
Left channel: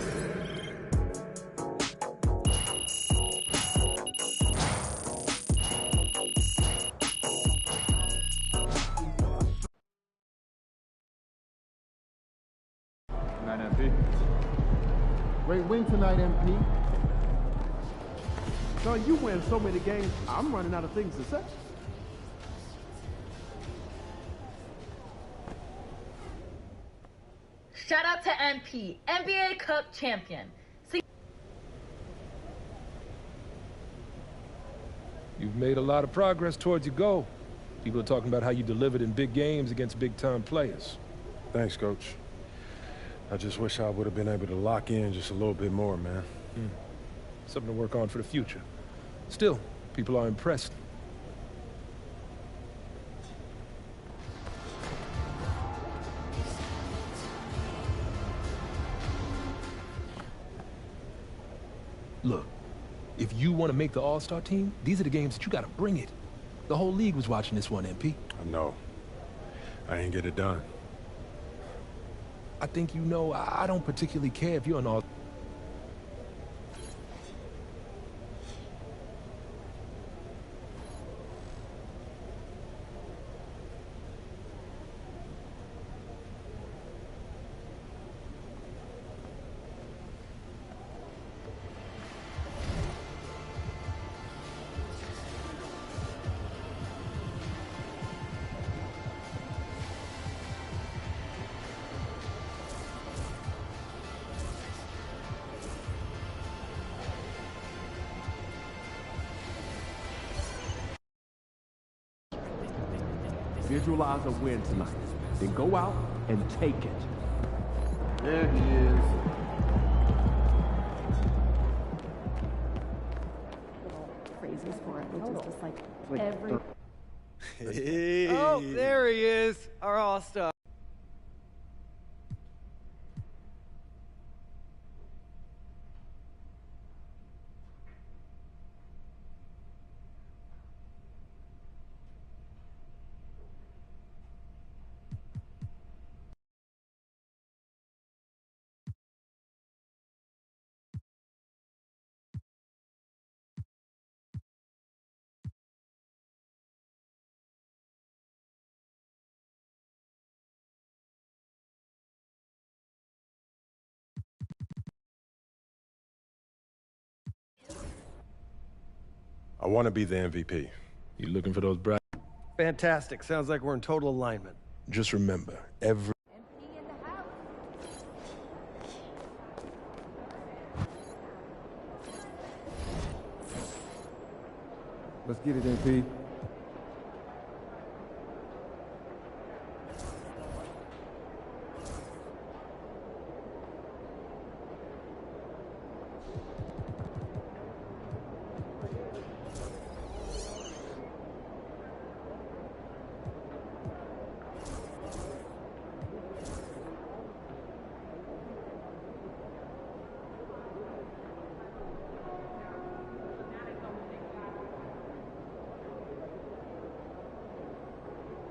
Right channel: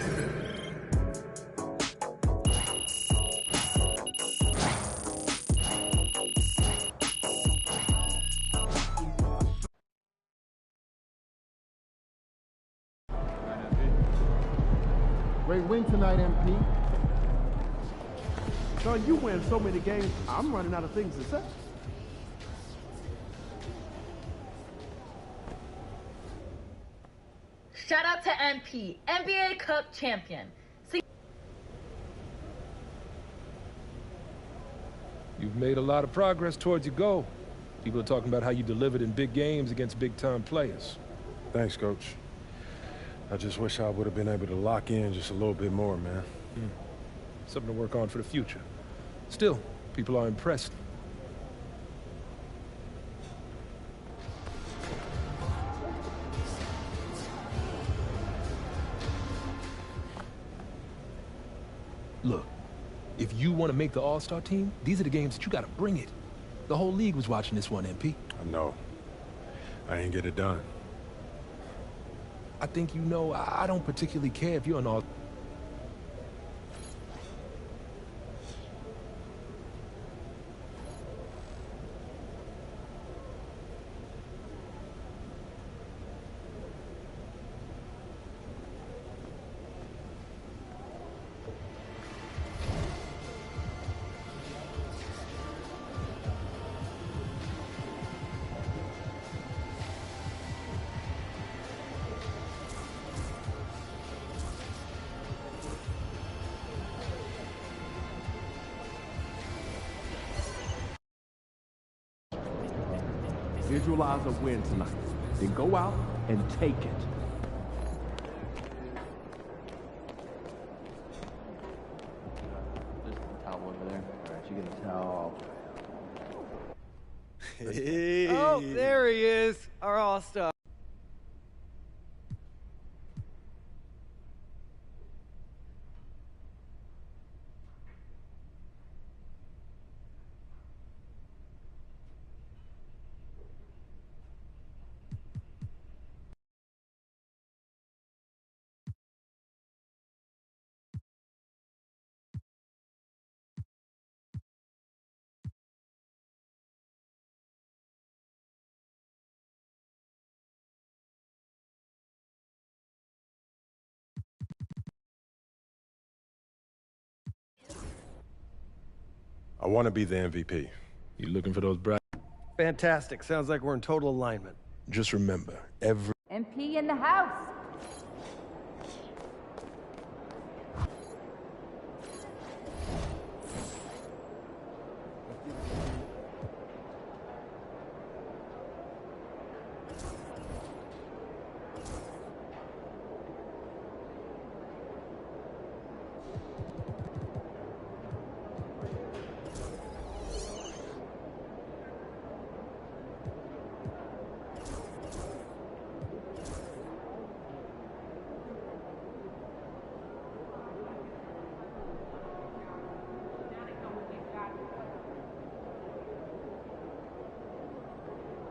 Great win tonight, MP. So you win so many games, I'm running out of things to say. Shout out to MP, NBA Cup champion. You've made a lot of progress towards your goal. People are talking about how you delivered in big games against big-time players. Thanks, Coach. I just wish I would have been able to lock in just a little bit more, man. Something to work on for the future. Still, people are impressed. Look, if you want to make the All-Star team, these are the games that you got to bring it. The whole league was watching this one, MP. I know. I ain't get it done. I think you know I don't particularly care if you're an All-Star. Visualize a win tonight. Then go out and take it. There he is. Oh, there he is, our all-star. I want to be the MVP. You looking for those bright? Fantastic. Sounds like we're in total alignment. Just remember, every MP in the house. Let's get it, MP.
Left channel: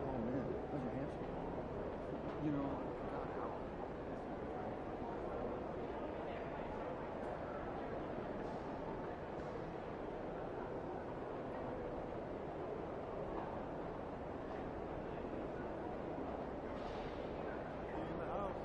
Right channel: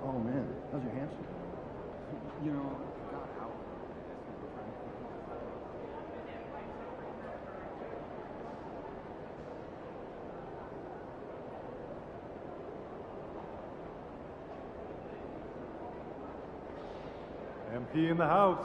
Oh man, those are hamstring. You know, God, how? MP in the house.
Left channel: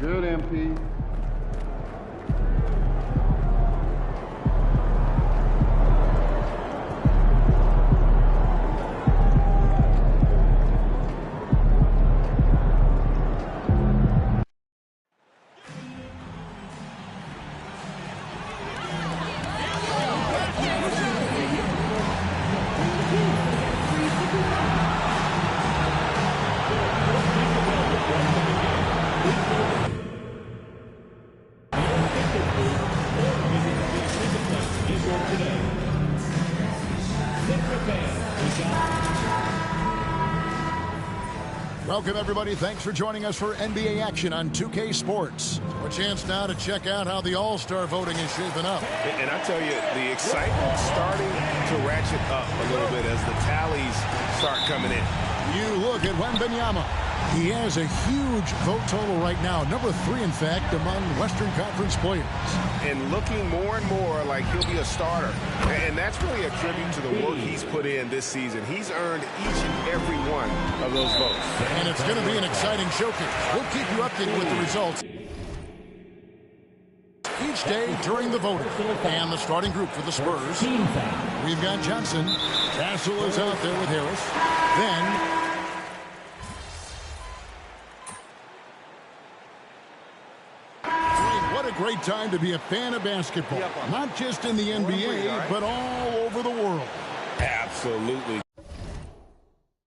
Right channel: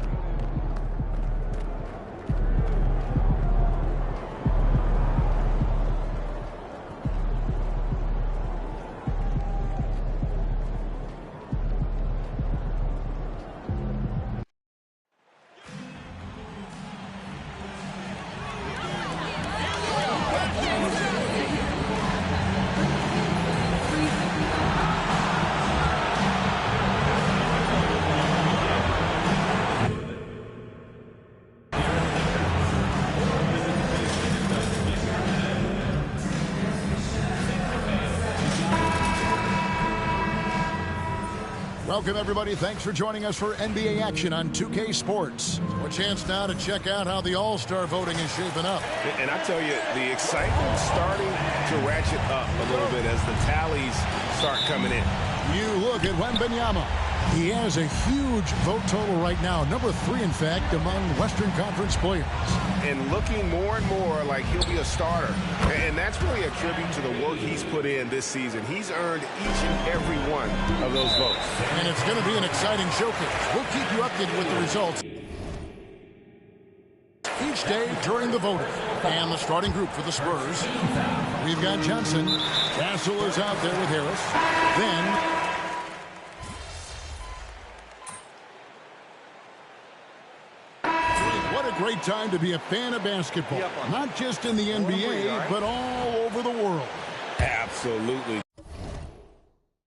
Good, MP. Welcome, everybody. Thanks for joining us for NBA action on 2K Sports. So a chance now to check out how the All-Star voting is shaping up. And I tell you, the excitement's starting to ratchet up a little bit as the tallies start coming in. You look at Wembanyama. He has a huge vote total right now, number 3, in fact, among Western Conference players. And looking more and more like he'll be a starter. And that's really a tribute to the work he's put in this season. He's earned each and every one of those votes. And it's going to be an exciting showcase. We'll keep you updated with the results each day during the voting. And the starting group for the Spurs. We've got Johnson. Castle is out there with Harris. Then what a great time to be a fan of basketball. Not just in the NBA, but all over the world. Absolutely.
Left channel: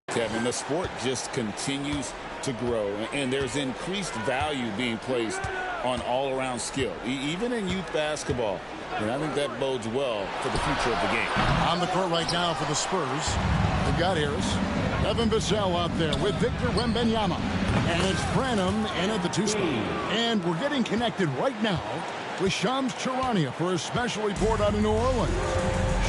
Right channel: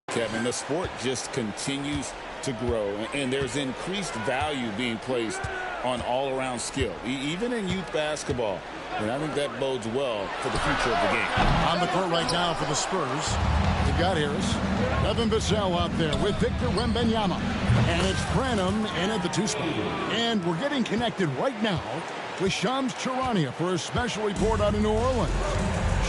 Kevin, the sport just continues to grow, and there's increased value being placed on all-around skill, even in youth basketball. And I think that bodes well for the future of the game. On the court right now for the Spurs, they've got Harris. Evan Vassell out there with Victor Wembanyama. And it's Branham in at the 2 spot. And we're getting connected right now with Shams Charania for a special report out of New Orleans.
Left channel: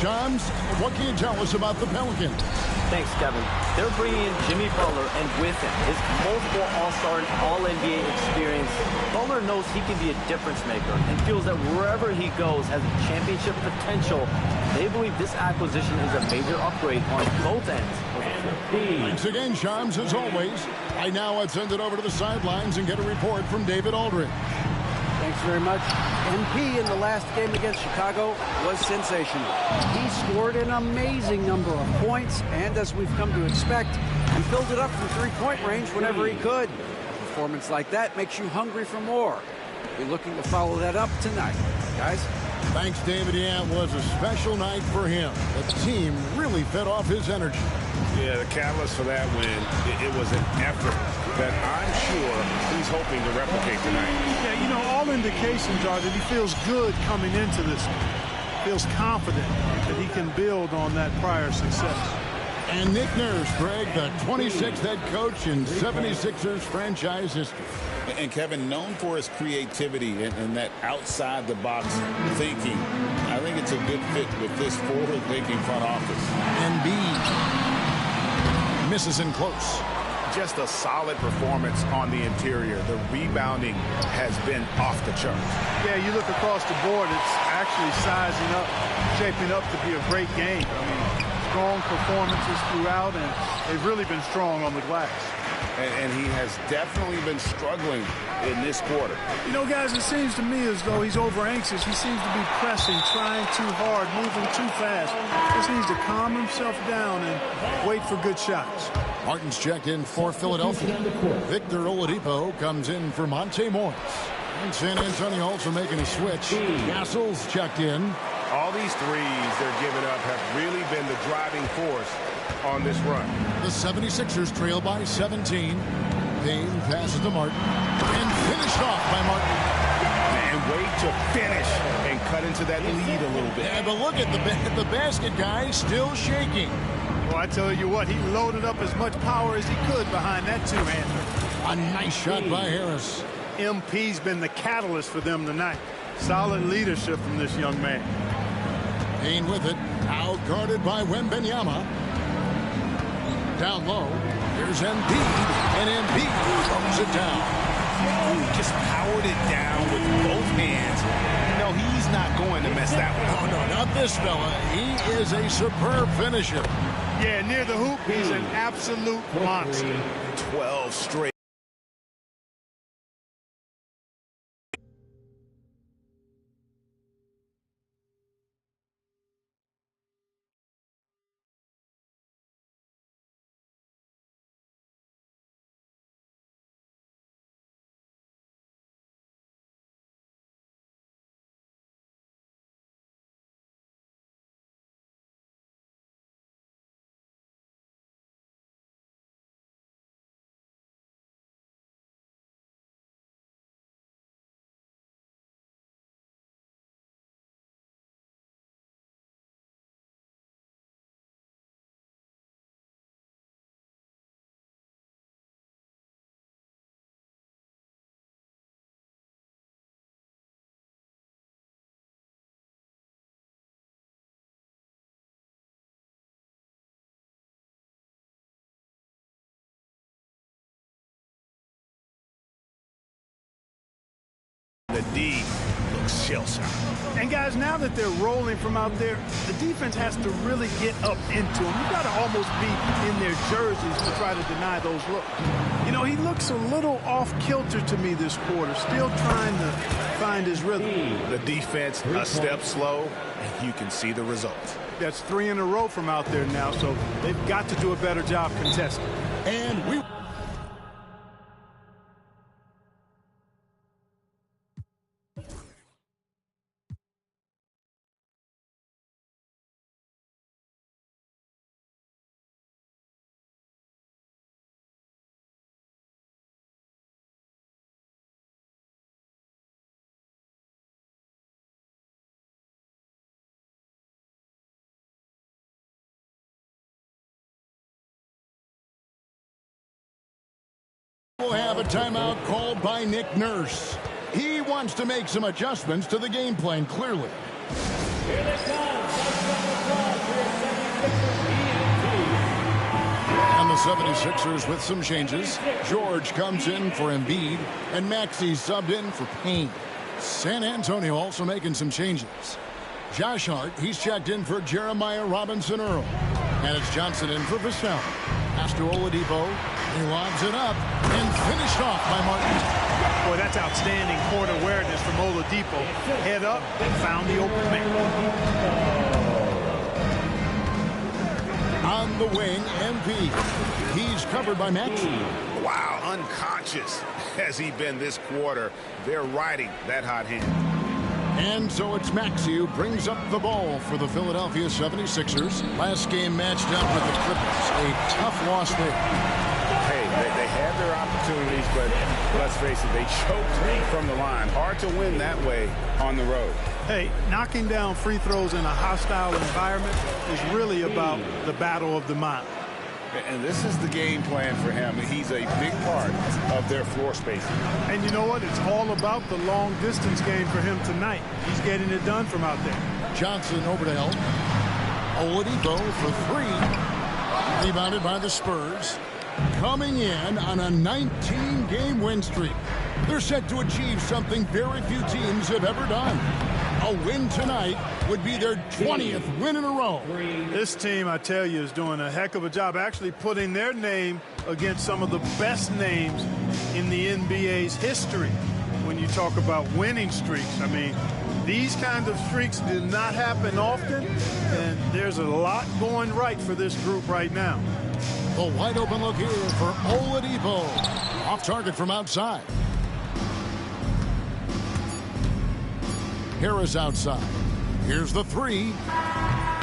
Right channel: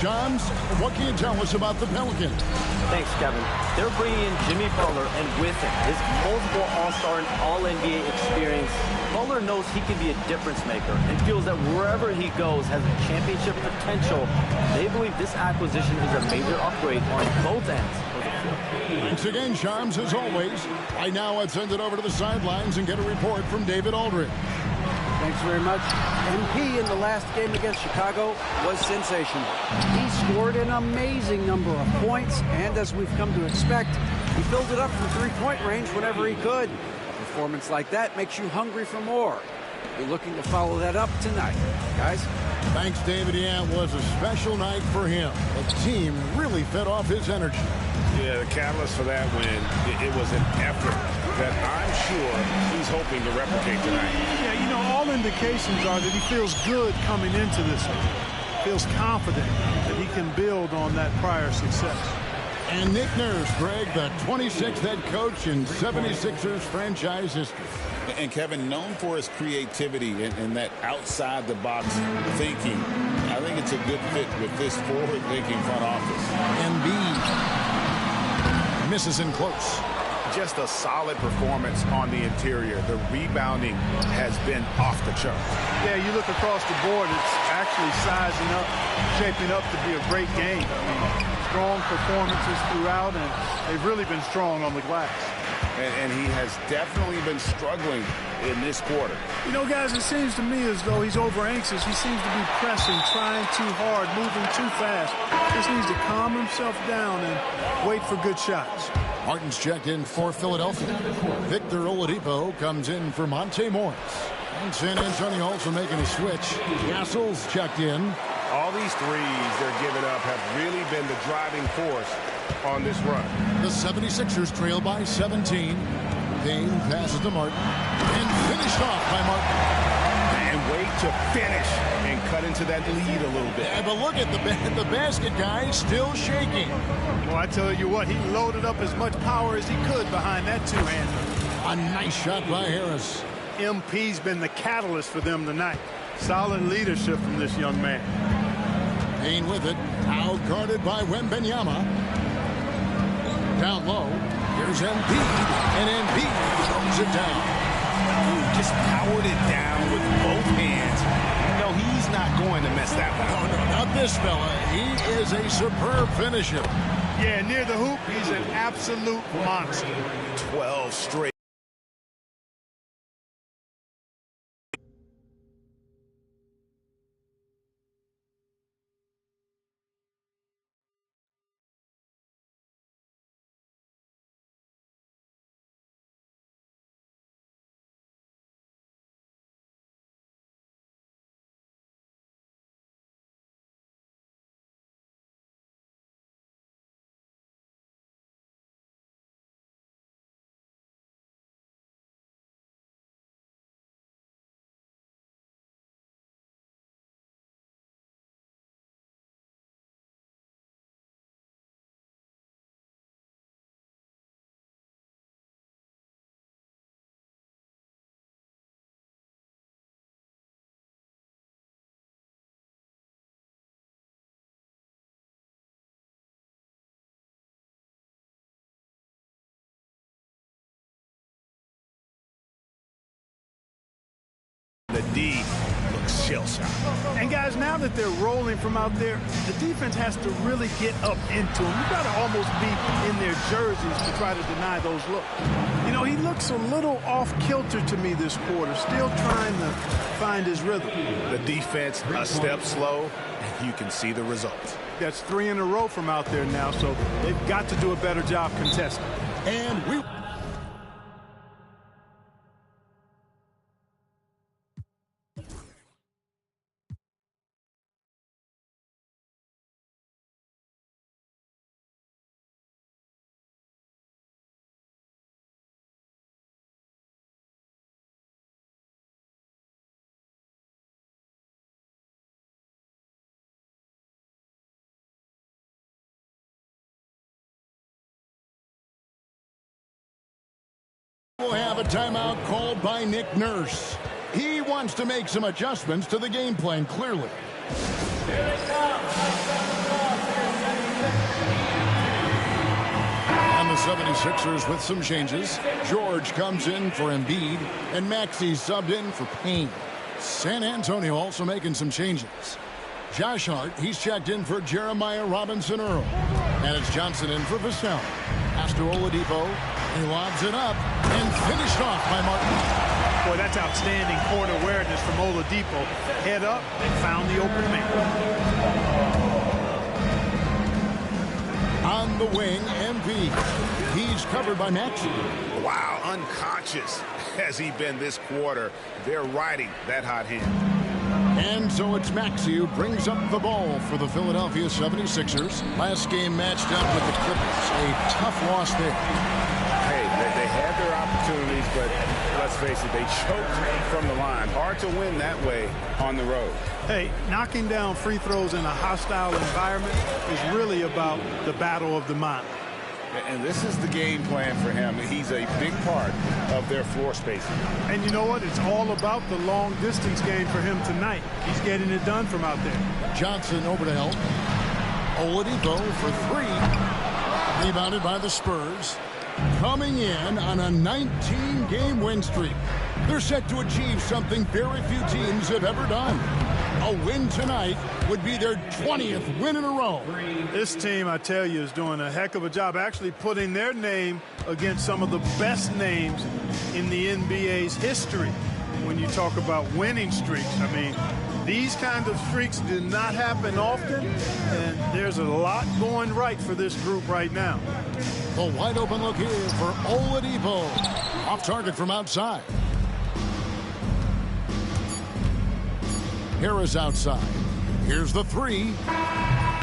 Shams, what can you tell us about the Pelicans? Thanks, Kevin. They're bringing in Jimmy Butler, and with him, his multiple All-Star and All-NBA experience. Butler knows he can be a difference maker and feels that wherever he goes has a championship potential. They believe this acquisition is a major upgrade on both ends of the floor. Thanks again, Shams, as always. Right now, let's send it over to the sidelines and get a report from David Aldridge. Thanks very much. MP in the last game against Chicago was sensational. He scored an amazing number of points, and as we've come to expect, he filled it up from three-point range whenever he could. A performance like that makes you hungry for more. We're looking to follow that up tonight. Guys? Thanks, David. Yeah, it was a special night for him. The team really fed off his energy. Yeah, the catalyst for that win, it was an effort that I'm sure he's hoping to replicate tonight. Yeah, you know, all indications are that he feels good coming into this one. Feels confident that he can build on that prior success. And Nick Nurse, Greg, the 26th head coach in 76ers franchise history. And Kevin, known for his creativity and that outside-the-box thinking, I I think it's a good fit with this forward-thinking front office. Embiid misses in close. Just a solid performance on the interior. The rebounding has been off the charts. Yeah, you look across the board, it's actually sizing up, shaping up to be a great game. I mean, strong performances throughout, and they've really been strong on the glass. And he has definitely been struggling in this quarter. You know, guys, it seems to me as though he's over anxious. He seems to be pressing, trying too hard, moving too fast. Just needs to calm himself down and wait for good shots. Martin's checked in for Philadelphia. Victor Oladipo comes in for Monte Morris. And San Antonio also making a switch. Castle's checked in. All these threes they're giving up have really been the driving force on this run. The 76ers trail by 17. Payne passes to Martin. And finished off by Martin. And wait to finish and cut into that lead a little bit. Yeah, but look at the basket guy still shaking. Well, I tell you what, he loaded up as much power as he could behind that two-hander. A nice shot by Harris. MP's been the catalyst for them tonight. Solid leadership from this young man. Payne with it. Out guarded by Wembanyama. Down low. Here's Embiid. And Embiid throws it down. Ooh, just powered it down with both hands. No, he's not going to mess that one up. Oh, no, not this fella. He is a superb finisher. Yeah, near the hoop, he's an absolute monster. 12 straight. The D looks shell-shocked. And guys, now that they're rolling from out there, the defense has to really get up into them. You've got to almost be in their jerseys to try to deny those looks. You know, he looks a little off-kilter to me this quarter, still trying to find his rhythm. The defense a step slow, and you can see the results. That's 3 in a row from out there now, so they've got to do a better job contesting. And we... We'll have a timeout called by Nick Nurse. He wants to make some adjustments to the game plan, clearly. Here they come. And the 76ers with some changes. George comes in for Embiid, and Maxey subbed in for Payne. San Antonio also making some changes. Josh Hart, he's checked in for Jeremiah Robinson-Earl. And it's Johnson in for Vassell. Pass to Oladipo. He lobs it up and finished off by Martin. Boy, that's outstanding court awareness from Oladipo. Head up and found the open man. On the wing, MP. He's covered by Maxey. Wow, unconscious has he been this quarter. They're riding that hot hand. And so it's Maxey who brings up the ball for the Philadelphia 76ers. Last game matched up with the Clippers. A tough loss there. Hey, they had their opportunities, but let's face it, they choked from the line. Hard to win that way on the road. Hey, knocking down free throws in a hostile environment is really about the battle of the mind. And this is the game plan for him. He's a big part of their floor spacing. And you know what? It's all about the long distance game for him tonight. He's getting it done from out there. Johnson over to help. Oladipo for three. Rebounded by the Spurs. Coming in on a 19-game win streak. They're set to achieve something very few teams have ever done. A win tonight would be their 20th win in a row. This team, I tell you, is doing a heck of a job actually putting their name against some of the best names in the NBA's history. When you talk about winning streaks, I mean, these kinds of streaks do not happen often, and there's a lot going right for this group right now. The wide open look here for Oladipo. Off target from outside. Harris outside. Here's the three.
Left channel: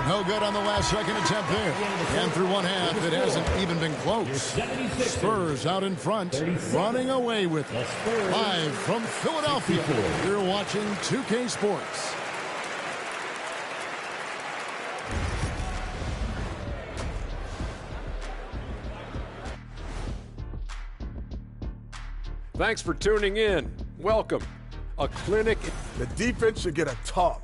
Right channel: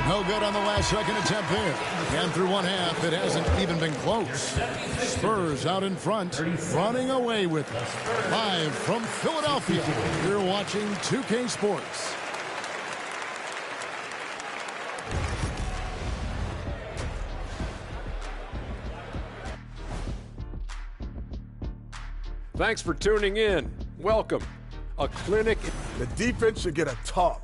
No good on the last second attempt there. And through one half, it hasn't even been close. Spurs out in front, running away with it. Live from Philadelphia, you're watching 2K Sports. Thanks for tuning in. Welcome. A clinic. The defense should get a talk.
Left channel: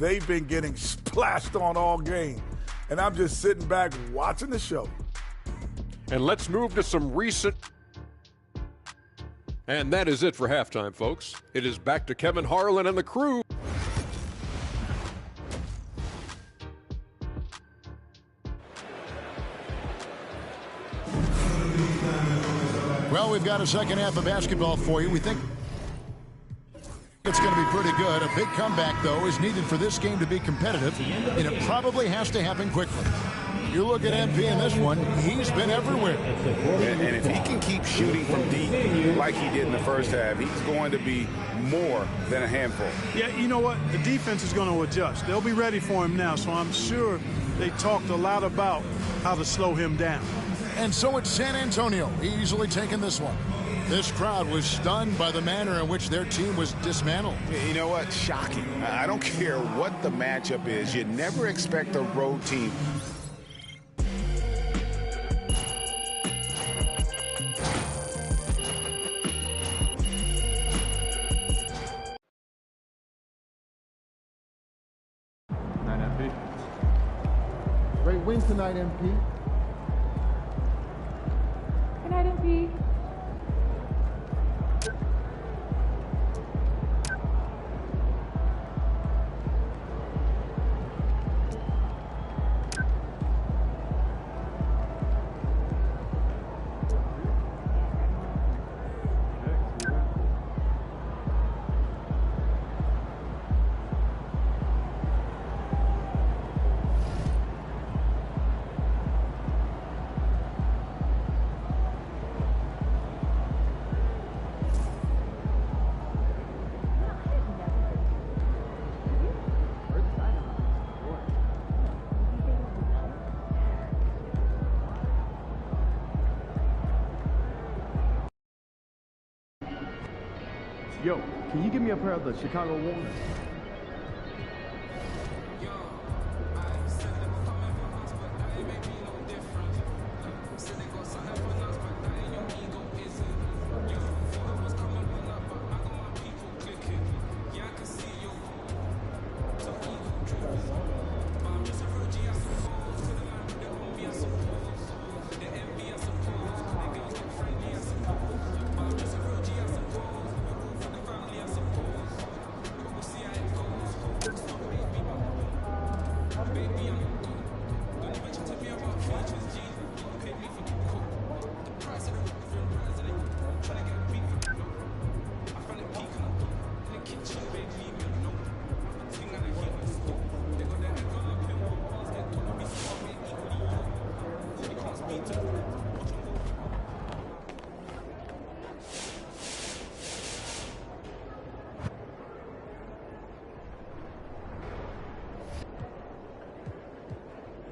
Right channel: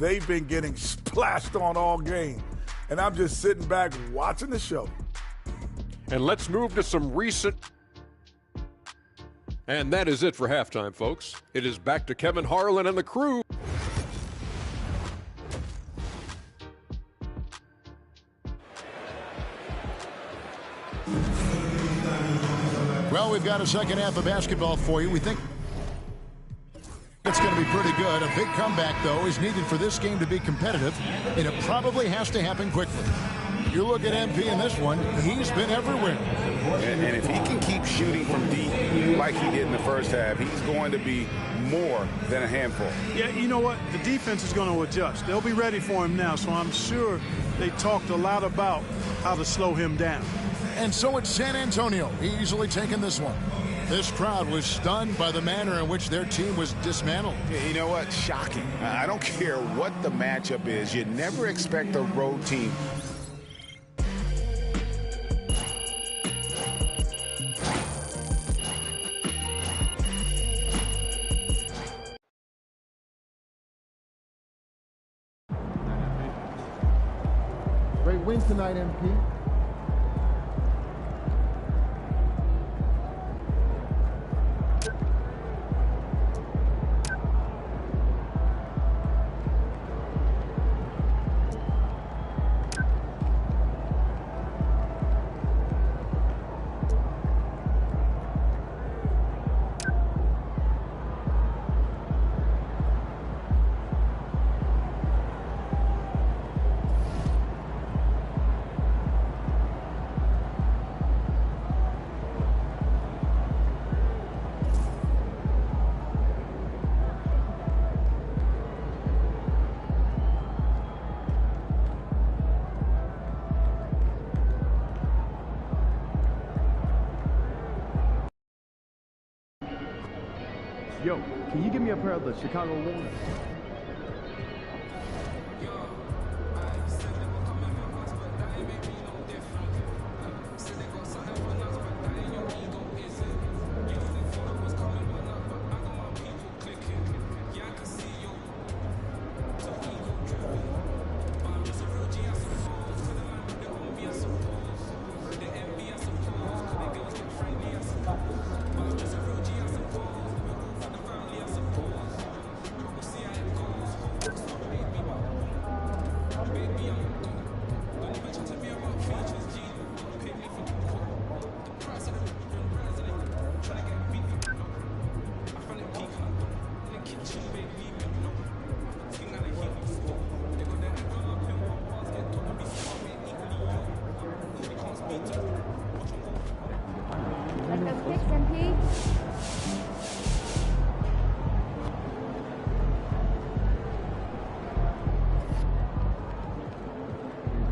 They've been getting splashed on all game. And I'm just sitting back watching the show. And let's move to some recent. And that is it for halftime, folks. It is back to Kevin Harlan and the crew. Well, we've got a second half of basketball for you. We think it's going to be pretty good. A big comeback, though, is needed for this game to be competitive, and it probably has to happen quickly. You look at MP in this one, he's been everywhere. And if he can keep shooting from deep like he did in the first half, he's going to be more than a handful. Yeah, you know what? The defense is going to adjust. They'll be ready for him now, so I'm sure they talked a lot about how to slow him down. And so it's San Antonio easily taking this one. This crowd was stunned by the manner in which their team was dismantled. You know what? Shocking. I don't care what the matchup is. You never expect a road team. Great win tonight, MP. Yo, can you give me a pair of the Chicago Warriors?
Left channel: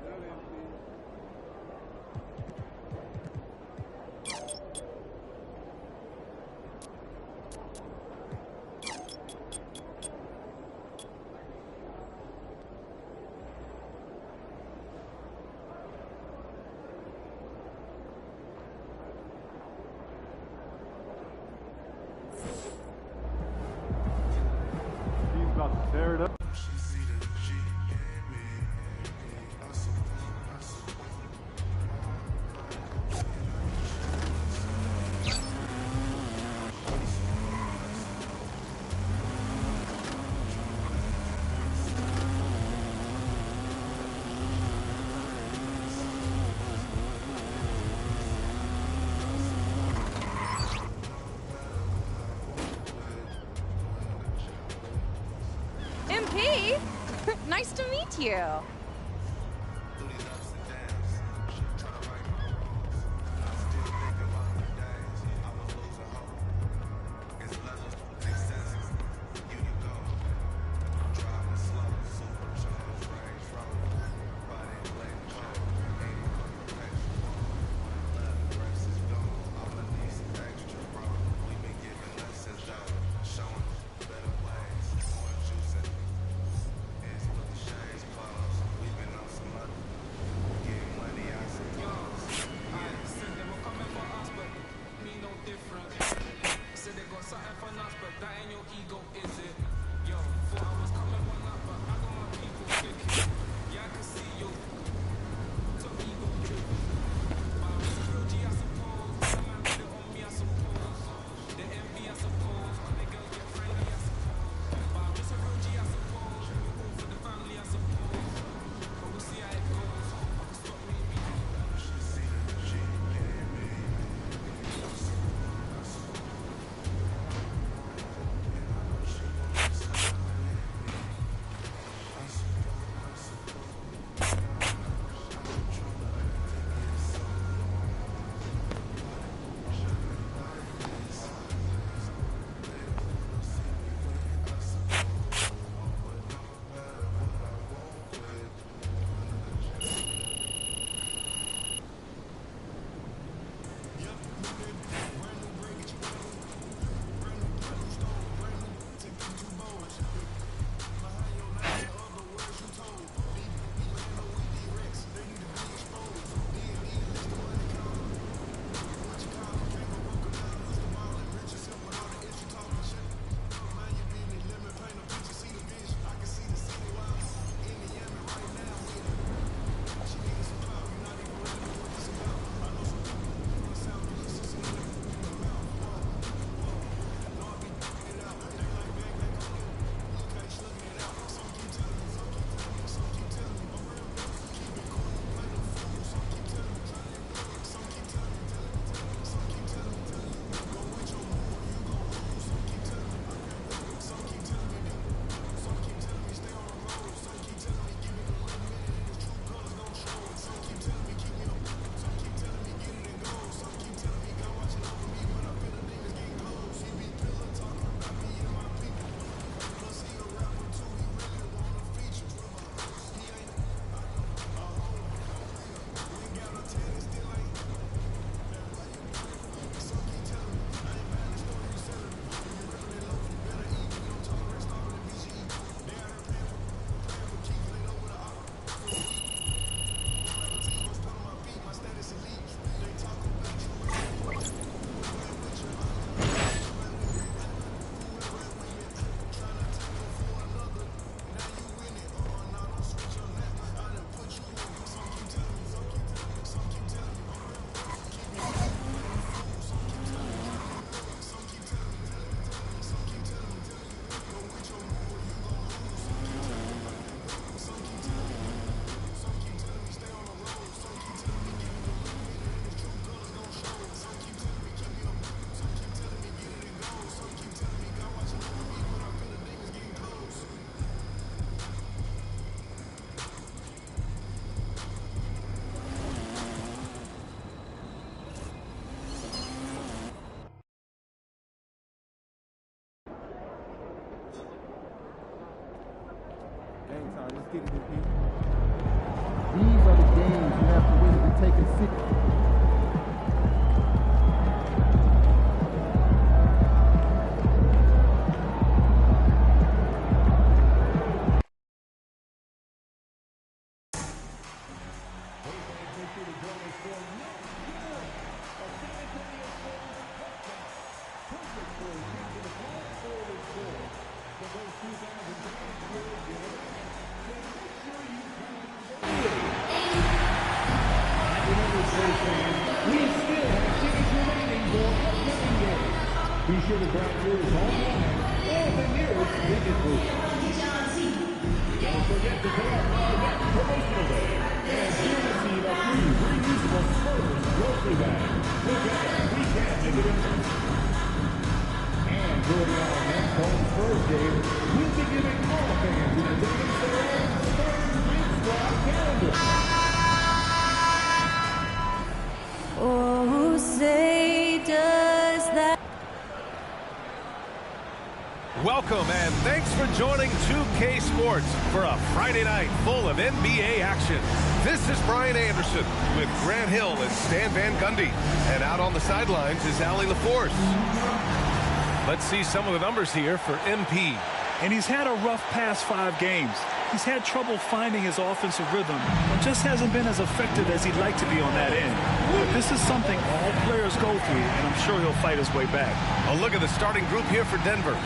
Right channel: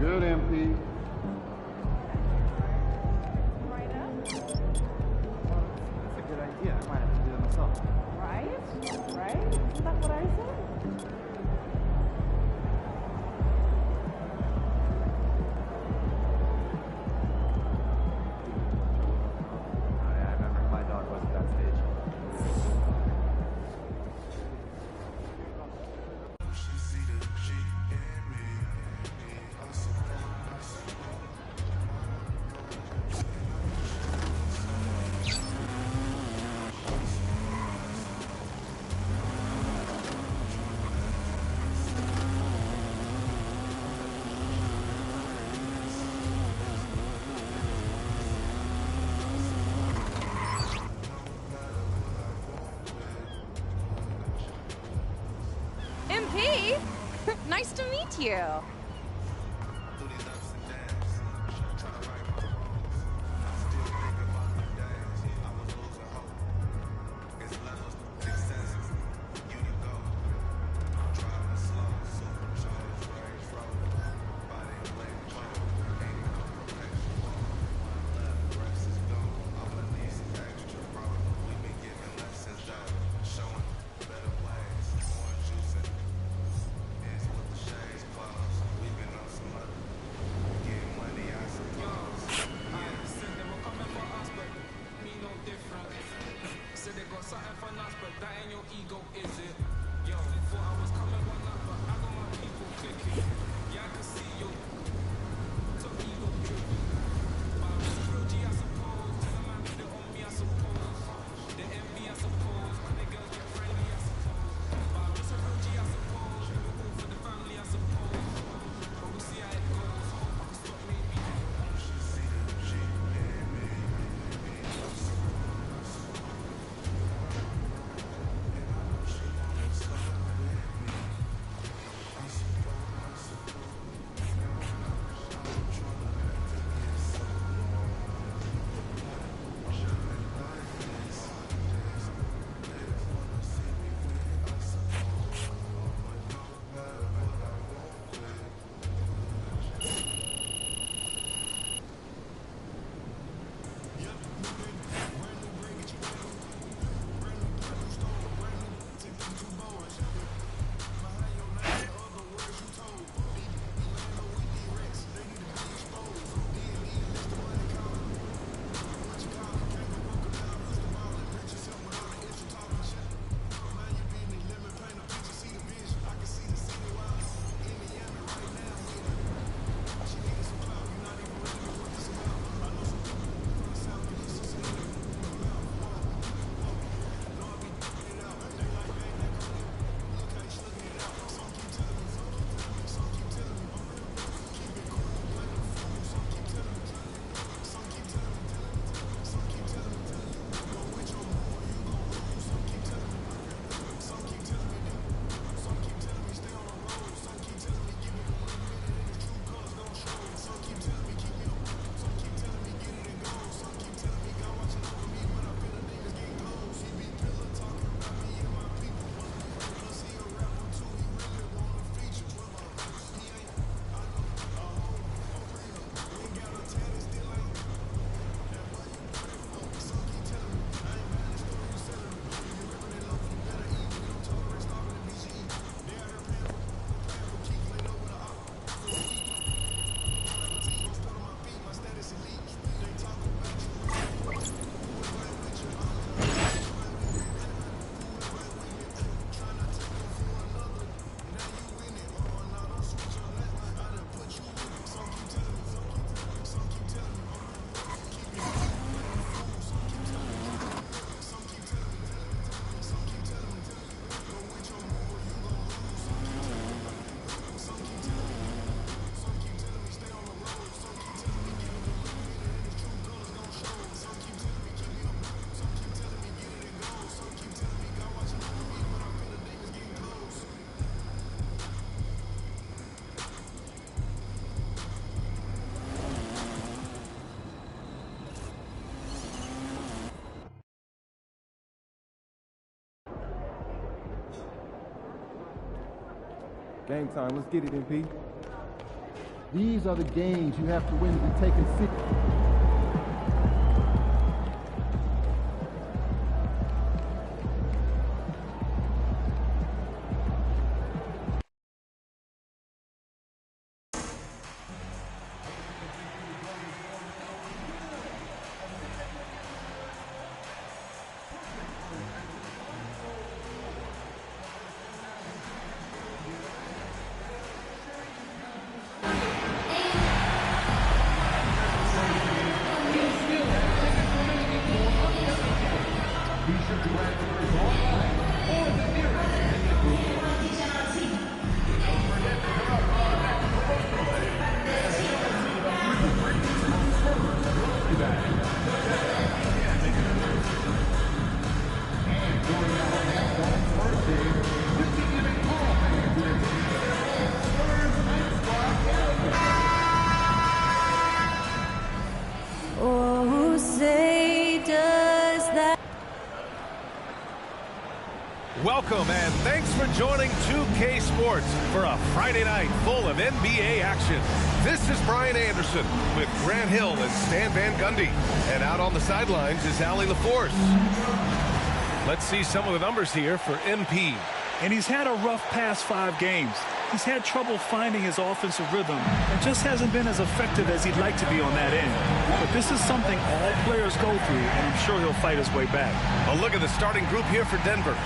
Good, MP. That's a good idea. I might have to do it myself. Right? Right? Isn't that what I said? Steve. Nice to meet you. Game time. Let's get it, MP. These are the games you have to win to be taken seriously. Be sure to grab yours online or at the nearest ticket booth. Don't forget to come up on the next promotional day and you'll receive a free reusable Smurfers grocery bag. Together, we can make a difference. And during our next one's birthday, we'll be giving all fans in the Welcome and thanks for joining 2K Sports for a Friday night full of NBA action. This is Brian Anderson with Grant Hill and Stan Van Gundy. And out on the sidelines is Allie LaForce. Let's see some of the numbers here for MP. And he's had a rough past 5 games. He's had trouble finding his offensive rhythm and just hasn't been as effective as he'd like to be on that end. But this is something all players go through, and I'm sure he'll fight his way back. A look at the starting group here for Denver.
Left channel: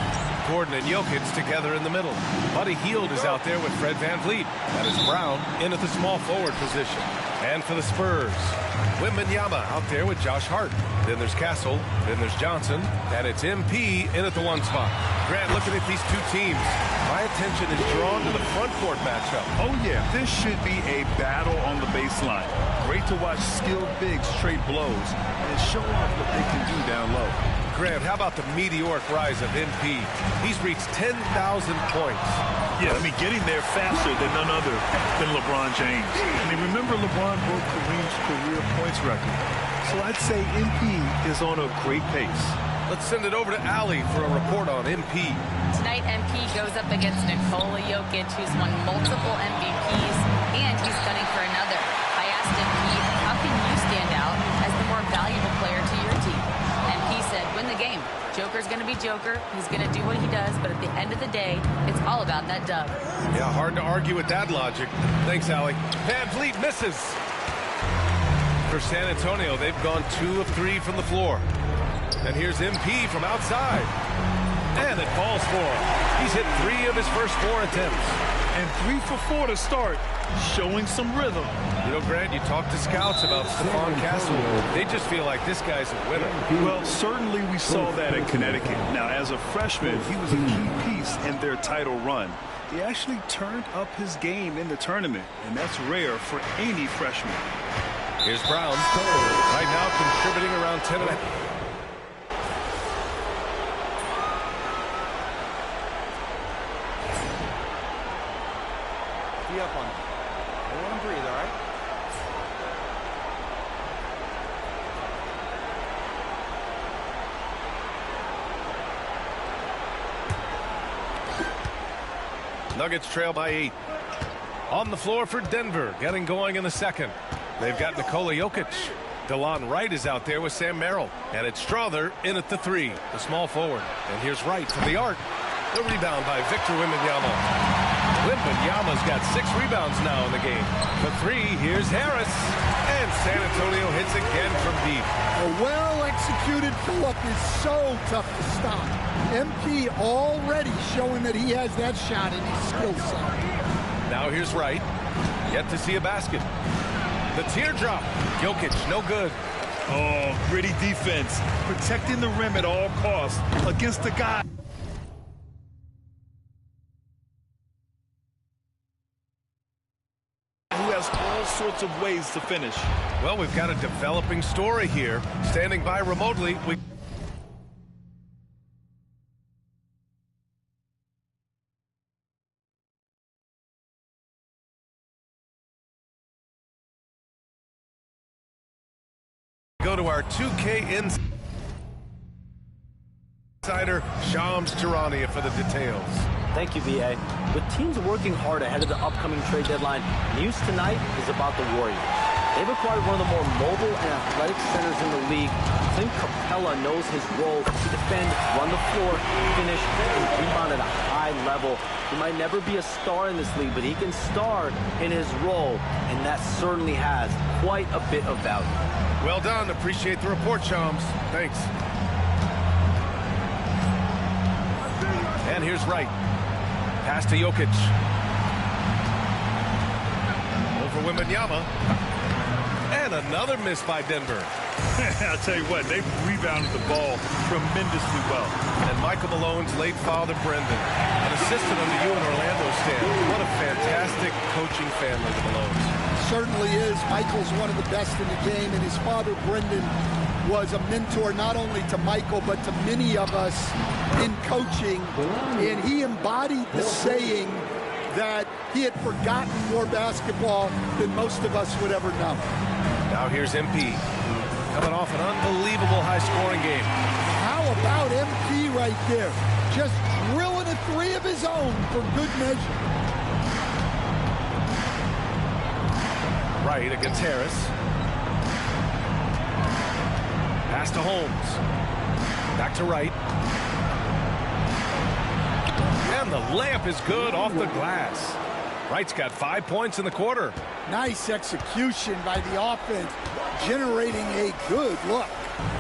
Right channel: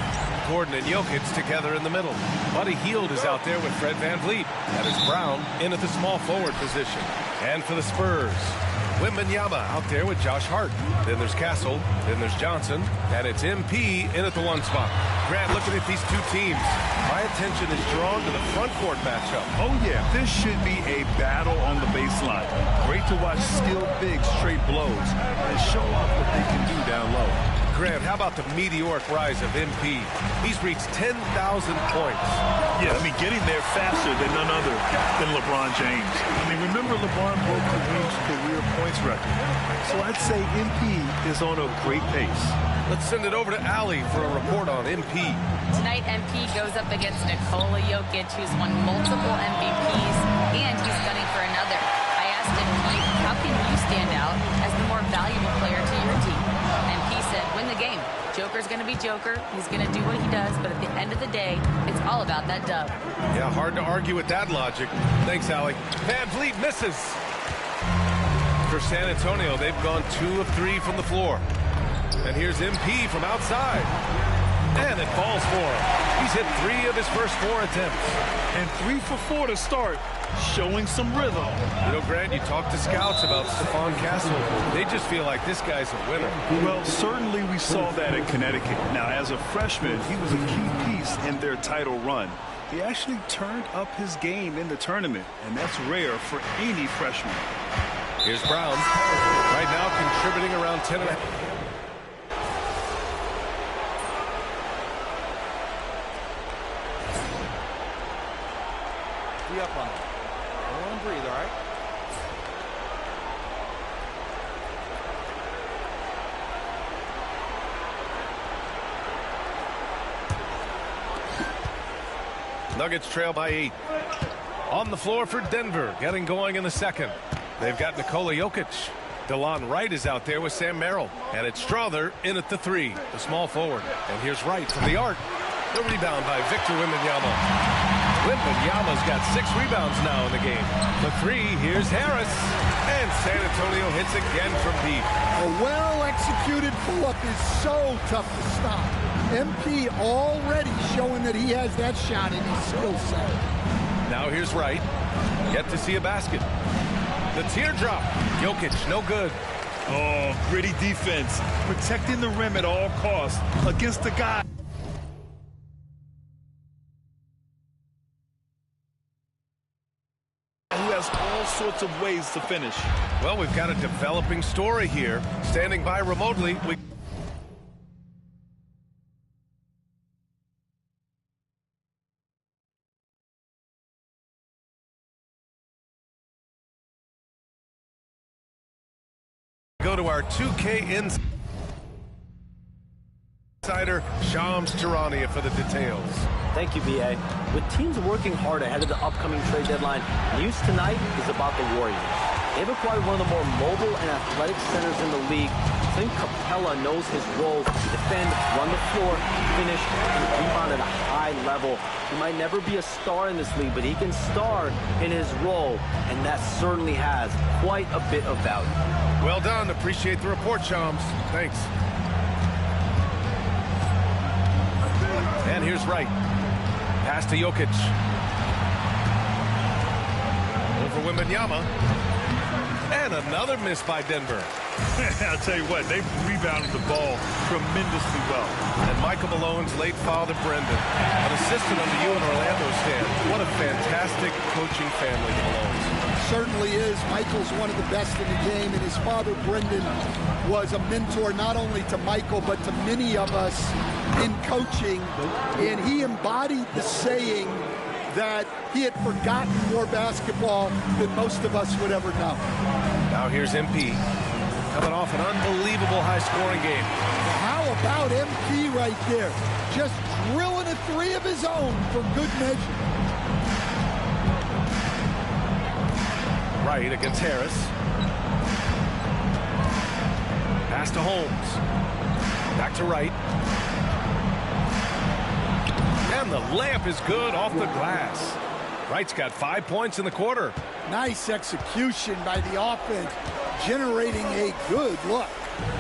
Gordon and Jokic together in the middle. Buddy Hield is out there with Fred VanVleet. That is Brown in at the small forward position. And for the Spurs, Wembanyama out there with Josh Hart. Then there's Castle. Then there's Johnson. And it's MP in at the 1 spot. Grant, looking at these two teams, my attention is drawn to the front court matchup. Oh, yeah. This should be a battle on the baseline. Great to watch skilled bigs trade blows and show off what they can do down low. Grant, how about the meteoric rise of MP? He's reached 10,000 points. Yeah, I mean, getting there faster than none other than LeBron James. I mean, remember LeBron broke Kareem's career points record. So I'd say MP is on a great pace. Let's send it over to Allie for a report on MP. Tonight, MP goes up against Nikola Jokic, who's won multiple MVPs, and he's gunning for another. I asked MP, how can you stand out as the more valuable player to your team? MP said, win the game. Joker's going to be Joker. He's going to do what he does, but at the end of the day, it's all about that dub. Yeah, hard to argue with that logic. Thanks, Allie. VanVleet misses. For San Antonio, they've gone 2 of 3 from the floor. And here's MP from outside. And it falls for him. He's hit 3 of his first 4 attempts. And 3 for 4 to start, showing some rhythm. You know, Grant, you talk to scouts about Stephon Castle. They just feel like this guy's a winner. Well, certainly we saw that in Connecticut. Now, as a freshman, he was a key piece in their title run. He actually turned up his game in the tournament, and that's rare for any freshman. Here's Brown, right now contributing around 10.5. Be up on him. Don't let him breathe, all right? Nuggets trail by 8. On the floor for Denver, getting going in the second. They've got Nikola Jokic. DeLon Wright is out there with Sam Merrill. And it's Strother in at the 3, the small forward. And here's Wright from the arc. The rebound by Victor Wembanyama. Wembanyama's got 6 rebounds now in the game. The 3, here's Harris. And San Antonio hits again from deep. A well-executed pull-up is so tough to stop. MP already showing that he has that shot in his skill set. Now here's Wright. Yet to see a basket. The teardrop. Jokic, no good. Oh, gritty defense. Protecting the rim at all costs against the guy who has all sorts of ways to finish. Well, we've got a developing story here. Standing by remotely, we... go to our 2K insider, Shams Charania, for the details. Thank you, B.A. With teams working hard ahead of the upcoming trade deadline, news tonight is about the Warriors. They've acquired one of the more mobile and athletic centers in the league. Clint Capella knows his role to defend, run the floor, finish, and rebound at a high level. He might never be a star in this league, but he can star in his role, and that certainly has quite a bit of value. Well done. Appreciate the report, Shams. Thanks. And here's Wright. Pass to Jokic. Over Wembanyama. And another miss by Denver. I'll tell you what, they've rebounded the ball tremendously well. And Michael Malone's late father, Brendan, an assistant under you in Orlando, Stan. What a fantastic coaching family, the Malones. Certainly is. Michael's one of the best in the game, and his father, Brendan, was a mentor not only to Michael, but to many of us in coaching. And he embodied the saying that he had forgotten more basketball than most of us would ever know. Now here's MP, coming off an unbelievable high-scoring game. How about MP right there? just drilling a three of his own for good measure. Right against Harris. Pass to Holmes. Back to Wright. And the layup is good off the glass. Wright's got 5 points in the quarter. Nice execution by the offense, generating a good look.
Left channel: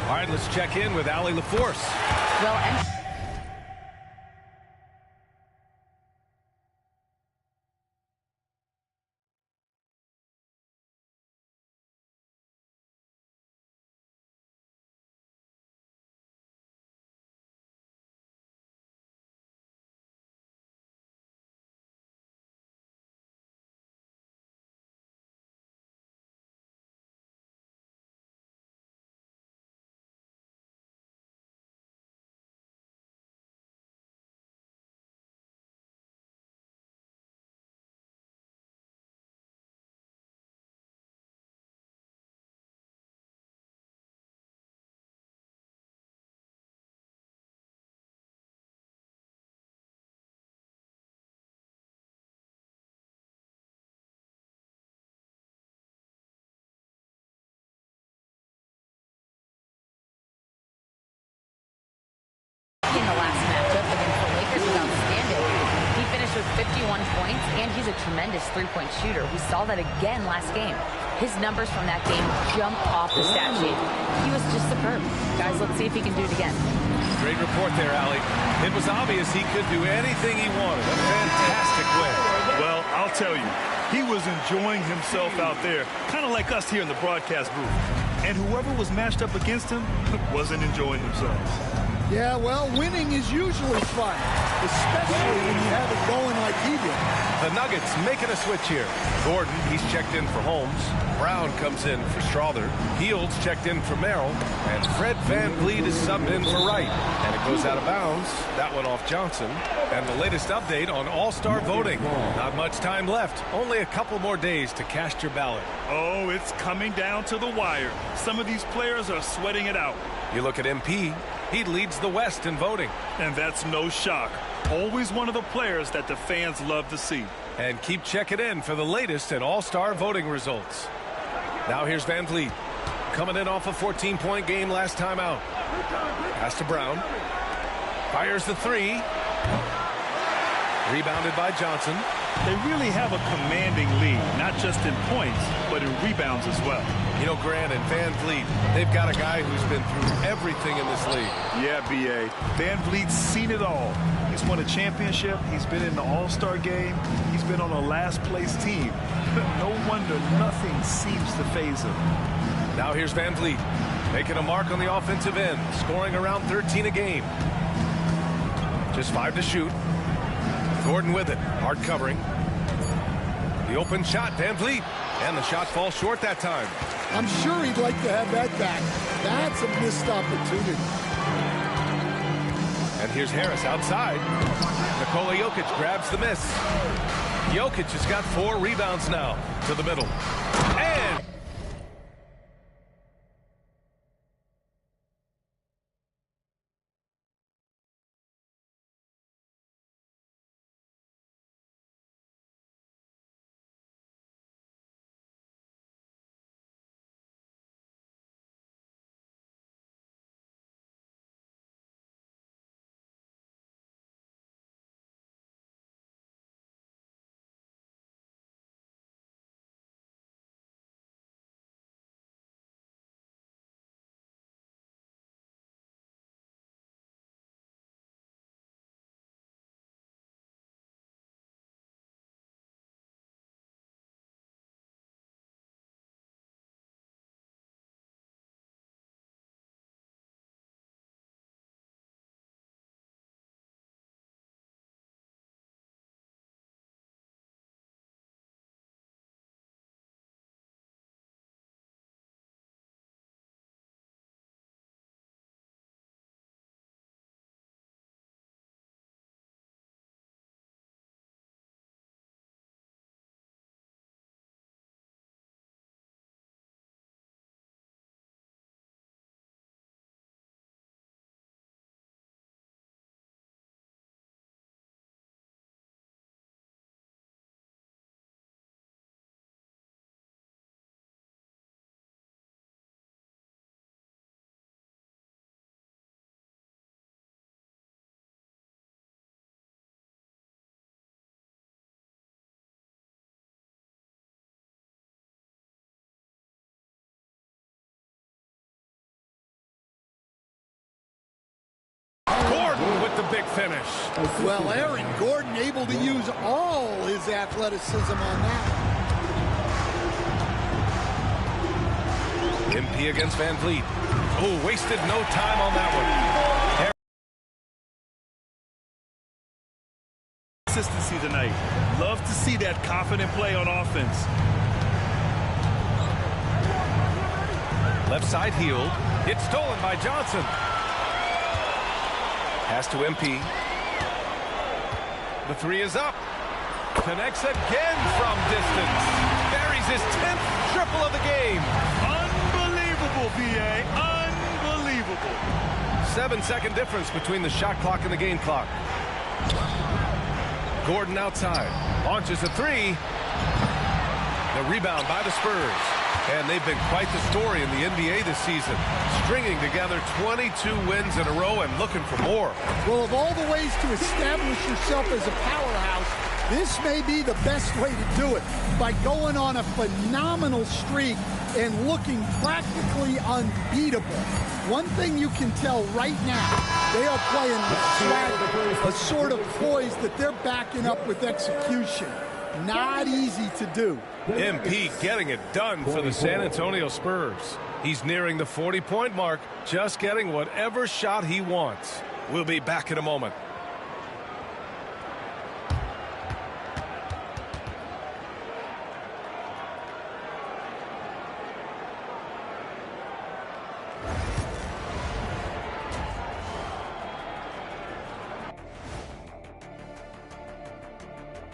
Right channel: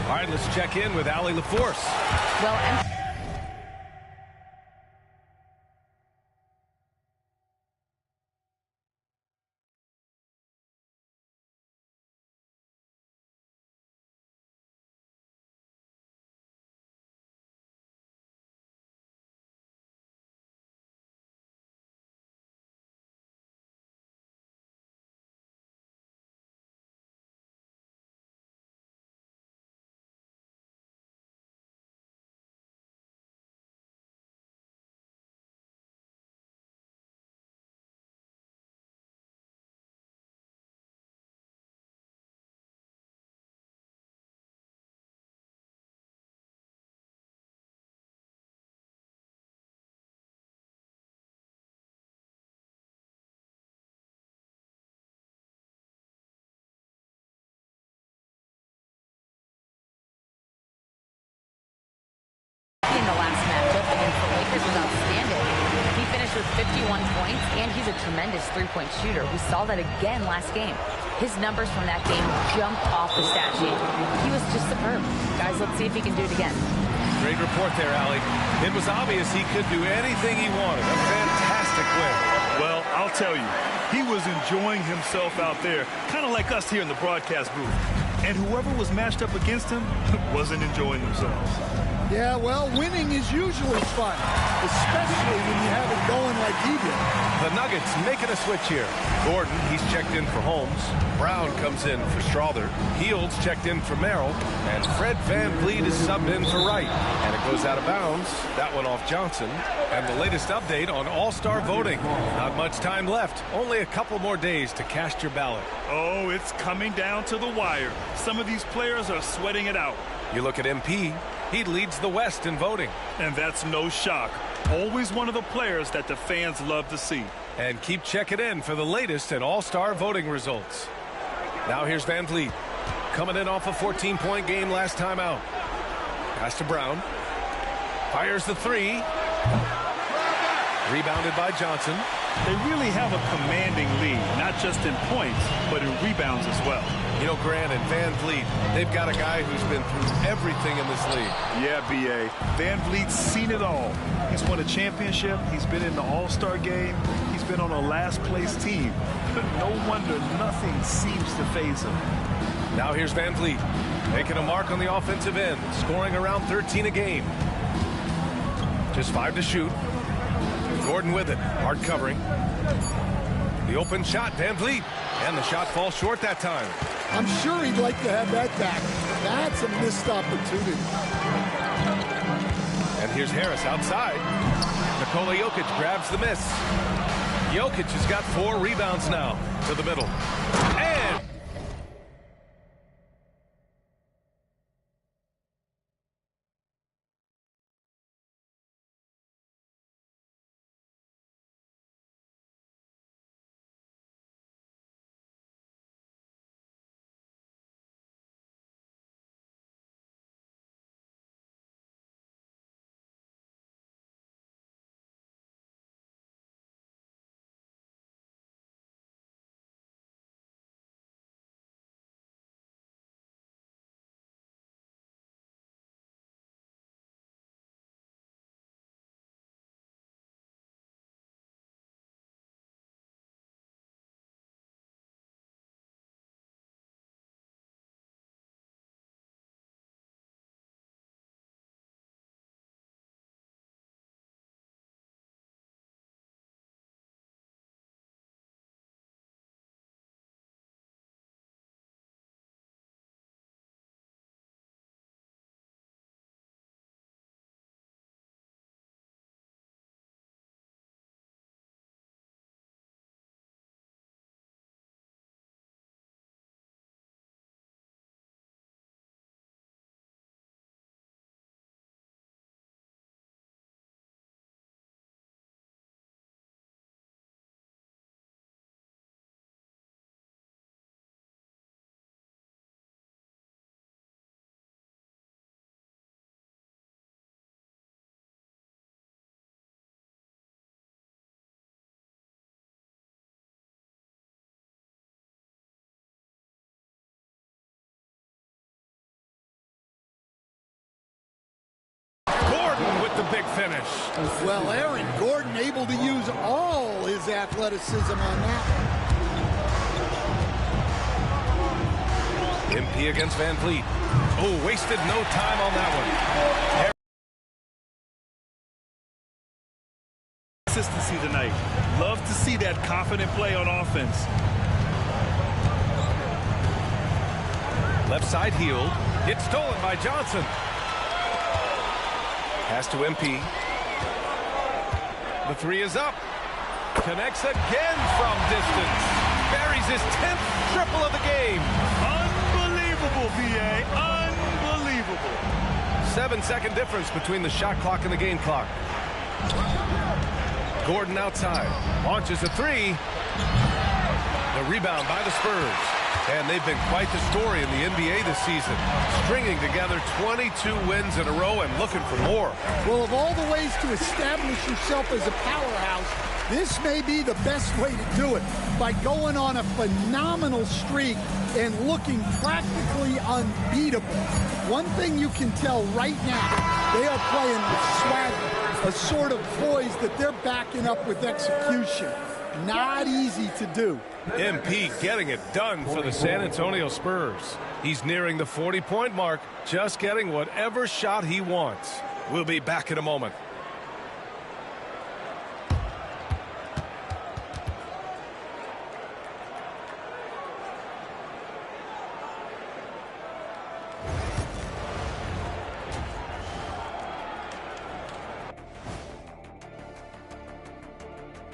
All right, let's check in with Allie LaForce. Well, in the last matchup against the Lakers was outstanding. He finished with 51 points, and he's a tremendous three-point shooter. We saw that again last game. His numbers from that game jumped off the stat sheet. He was just superb. Guys, let's see if he can do it again. Great report there, Allie. It was obvious he could do anything he wanted. A fantastic win. Well, I'll tell you, he was enjoying himself out there, kind of like us here in the broadcast booth. And whoever was matched up against him wasn't enjoying themselves. Yeah, well, winning is usually fun, especially when you have it going like he did. The Nuggets making a switch here. Gordon, he's checked in for Holmes. Brown comes in for Strawther. Heald's checked in for Merrill. And Fred VanVleet is subbed in for Wright. And it goes out of bounds. That one off Johnson. And the latest update on All-Star voting. Not much time left. Only a couple more days to cast your ballot. Oh, it's coming down to the wire. Some of these players are sweating it out. You look at MP. He leads the West in voting. And that's no shock. Always one of the players that the fans love to see. And keep checking in for the latest in All-Star voting results. Now here's VanVleet. Coming in off a 14-point game last time out. Pass to Brown. Fires the three. Rebounded by Johnson. They really have a commanding lead, not just in points, but in rebounds as well. You know, Grant and VanVleet, they've got a guy who's been through everything in this league. Yeah, B.A. VanVleet's seen it all. He's won a championship. He's been in the All-Star game. He's been on a last-place team. No wonder nothing seems to faze him. Now here's VanVleet, making a mark on the offensive end, scoring around 13 a game. Just 5 to shoot. Gordon with it, hard covering. The open shot, VanVleet, and the shot falls short that time. I'm sure he'd like to have that back. That's a missed opportunity. And here's Harris outside. Nikola Jokic grabs the miss. Jokic has got 4 rebounds now to the middle. And the big finish. Well, Aaron Gordon able to use all his athleticism on that one. MP against Van Vliet. Oh, wasted no time on that one. Consistency tonight. Love to see that confident play on offense. Left side healed. It's stolen by Johnson. Pass to MP. The three is up. Connects again from distance. Buries his 10th triple of the game. Unbelievable, VA. Unbelievable. 7-second difference between the shot clock and the game clock. Gordon outside. Launches a three. The rebound by the Spurs. And they've been quite the story in the NBA this season. Stringing together 22 wins in a row and looking for more. Well, of all the ways to establish yourself as a powerhouse, this may be the best way to do it, by going on a phenomenal streak and looking practically unbeatable. One thing you can tell right now, they are playing with swagger, a sort of poise that they're backing up with execution. Not easy to do. MP getting it done for the San Antonio Spurs. He's nearing the 40-point mark, just getting whatever shot he wants. We'll be back in a moment.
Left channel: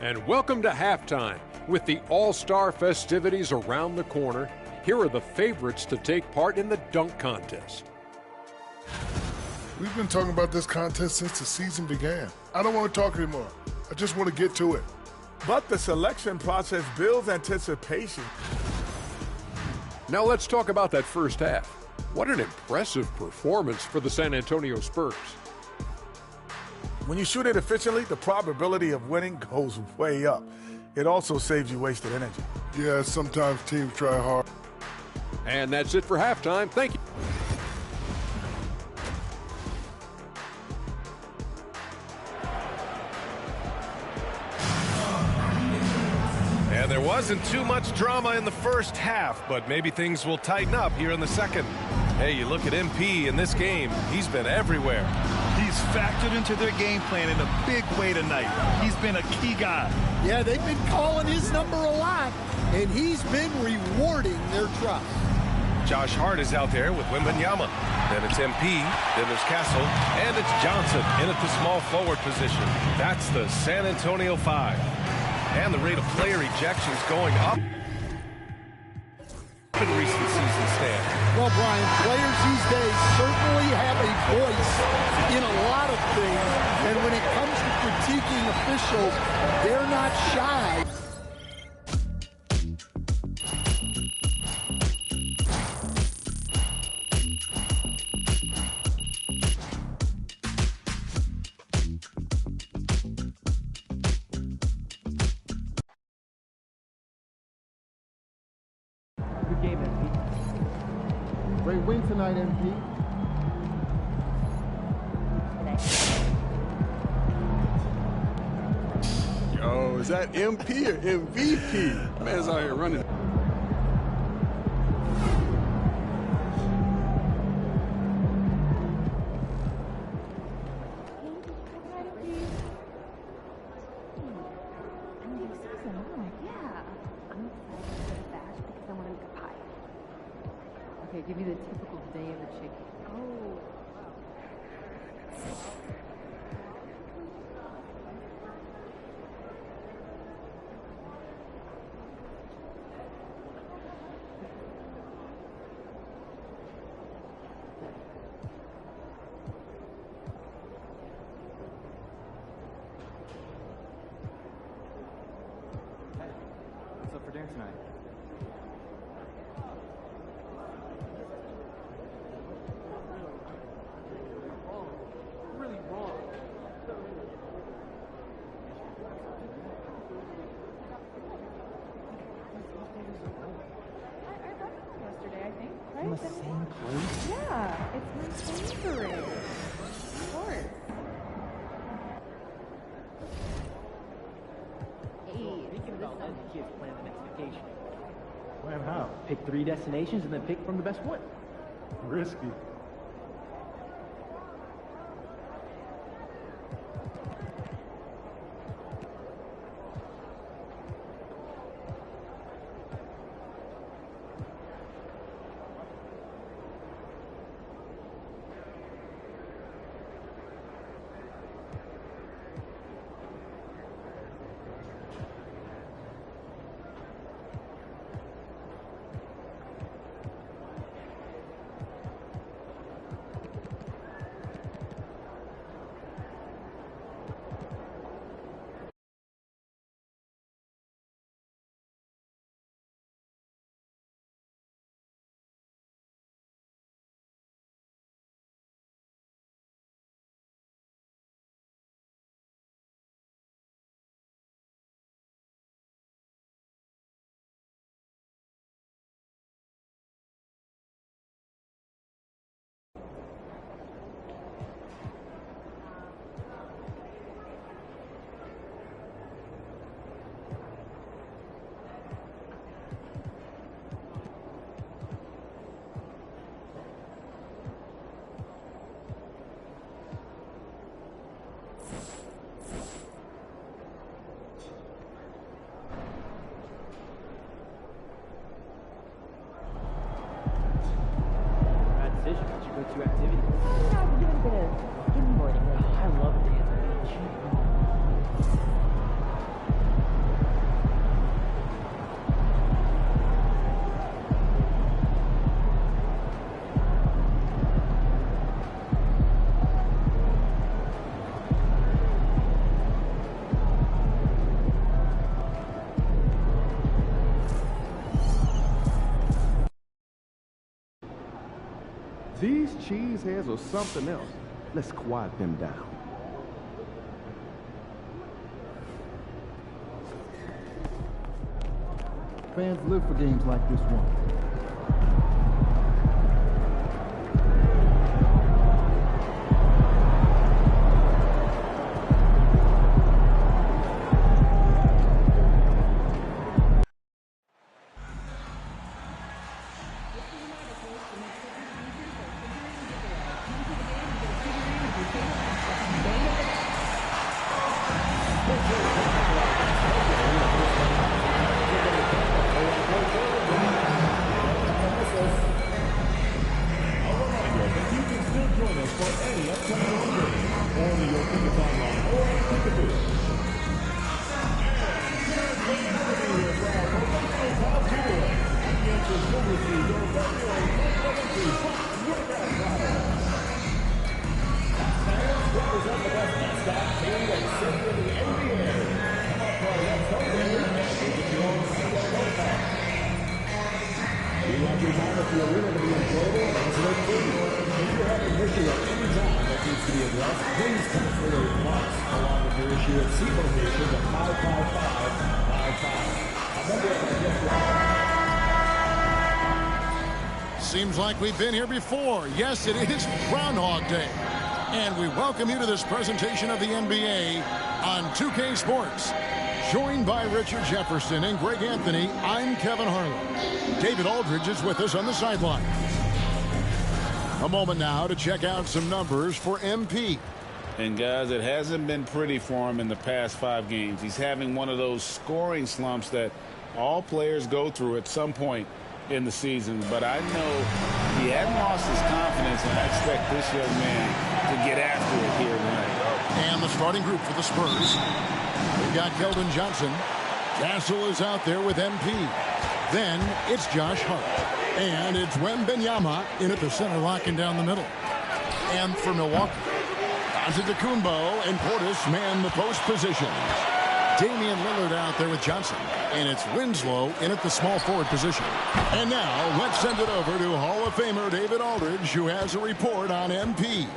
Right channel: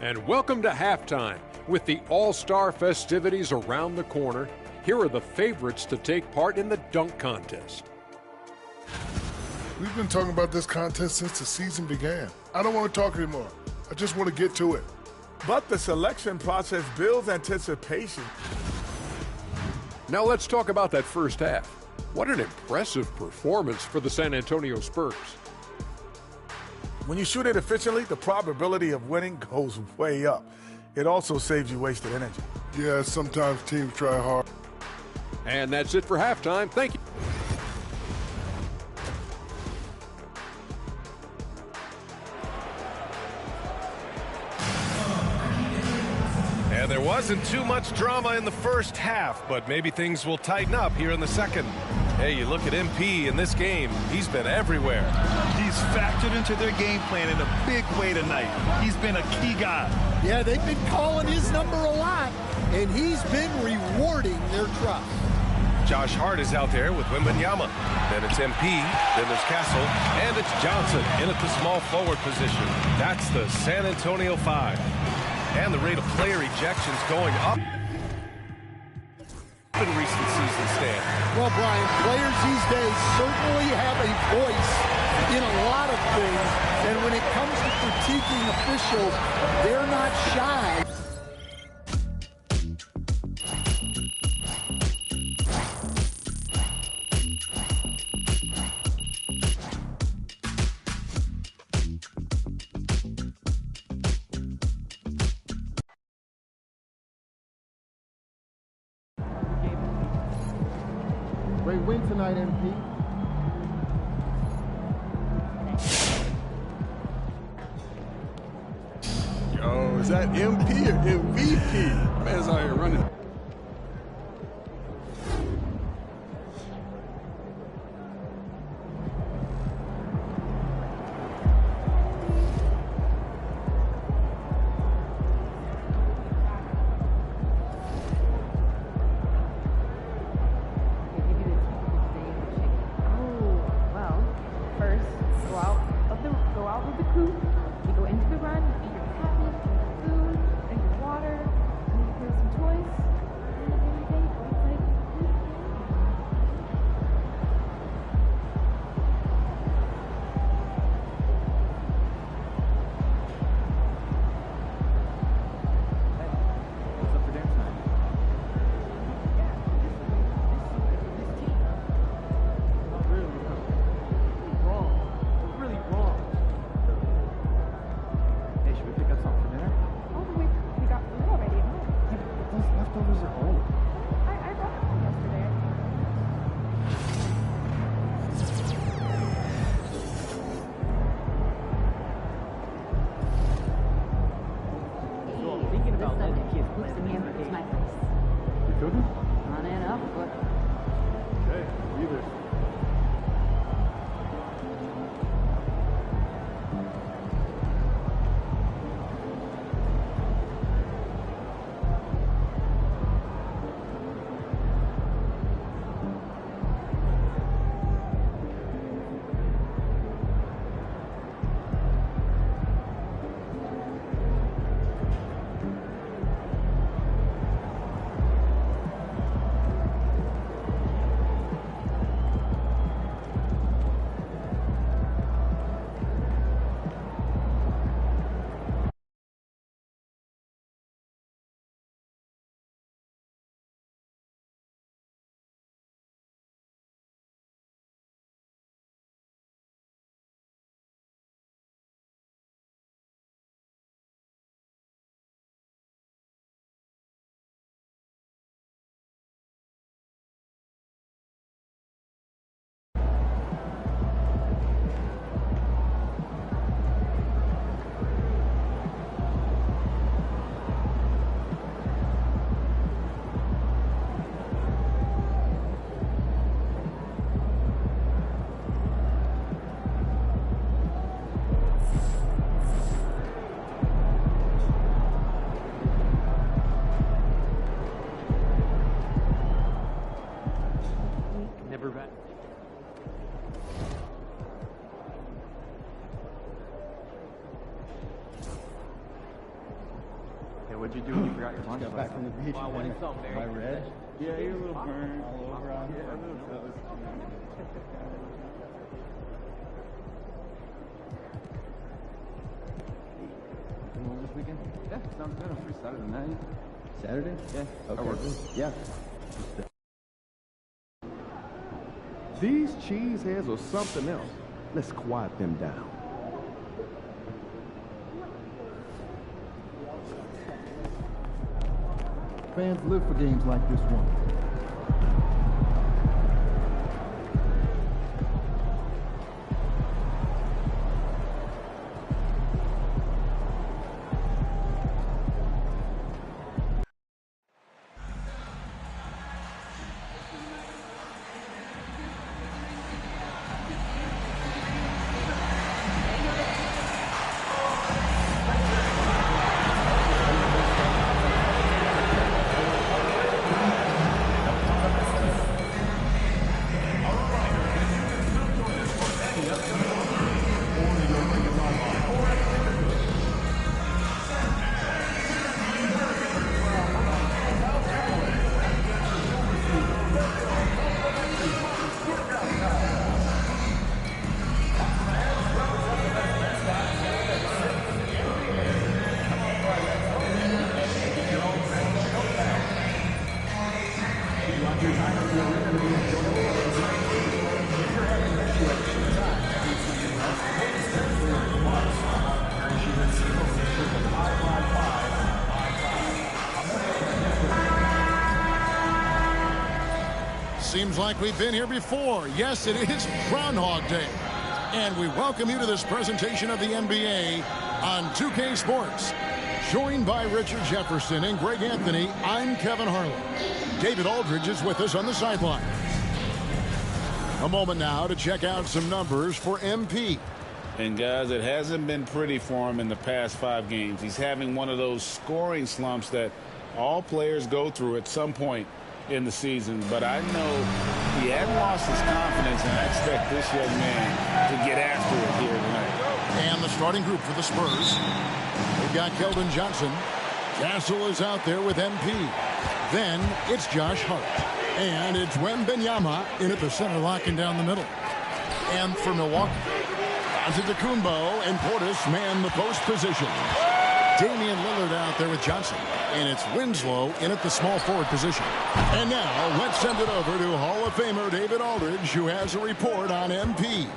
And welcome to halftime. With the All-Star festivities around the corner, here are the favorites to take part in the dunk contest. We've been talking about this contest since the season began. I don't want to talk anymore. I just want to get to it. But the selection process builds anticipation. Now let's talk about that first half. What an impressive performance for the San Antonio Spurs. When you shoot it efficiently, the probability of winning goes way up. It also saves you wasted energy. Yeah, sometimes teams try hard. And that's it for halftime. Thank you. And there wasn't too much drama in the first half, but maybe things will tighten up here in the second. Hey, you look at MP in this game, he's been everywhere. He's factored into their game plan in a big way tonight. He's been a key guy. Yeah, they've been calling his number a lot, and he's been rewarding their trust. Josh Hart is out there with Wembanyama. Then it's MP, then there's Castle, and it's Johnson in at the small forward position. That's the San Antonio 5. And the rate of player ejections going up in recent season stand. Well, Brian, players these days certainly have a voice in a lot of things, and when it comes to critiquing officials, they're not shy. Great win tonight, MP. Yo, is that MP or MVP? Man's out here running. These cheeseheads are something else. Let's quiet them down. Fans live for games like this one. Seems like we've been here before. Yes, it is Groundhog Day. And we welcome you to this presentation of the NBA on 2K Sports. Joined by Richard Jefferson and Greg Anthony, I'm Kevin Harlan. David Aldridge is with us on the sidelines. A moment now to check out some numbers for MP. And guys, it hasn't been pretty for him in the past 5 games. He's having one of those scoring slumps that all players go through at some point in the season. But I know he hadn't lost his confidence, and I expect this young man to get after it here tonight. And the starting group for the Spurs. We've got Keldon Johnson. Castle is out there with MP. Then it's Josh Hart. And it's Wembanyama in at the center, locking down the middle. And for Milwaukee, Antetokounmpo and Portis man the post positions. Damian Lillard out there with Johnson. And it's Winslow in at the small forward position. And now let's send it over to Hall of Famer David Aldridge, who has a report on MP.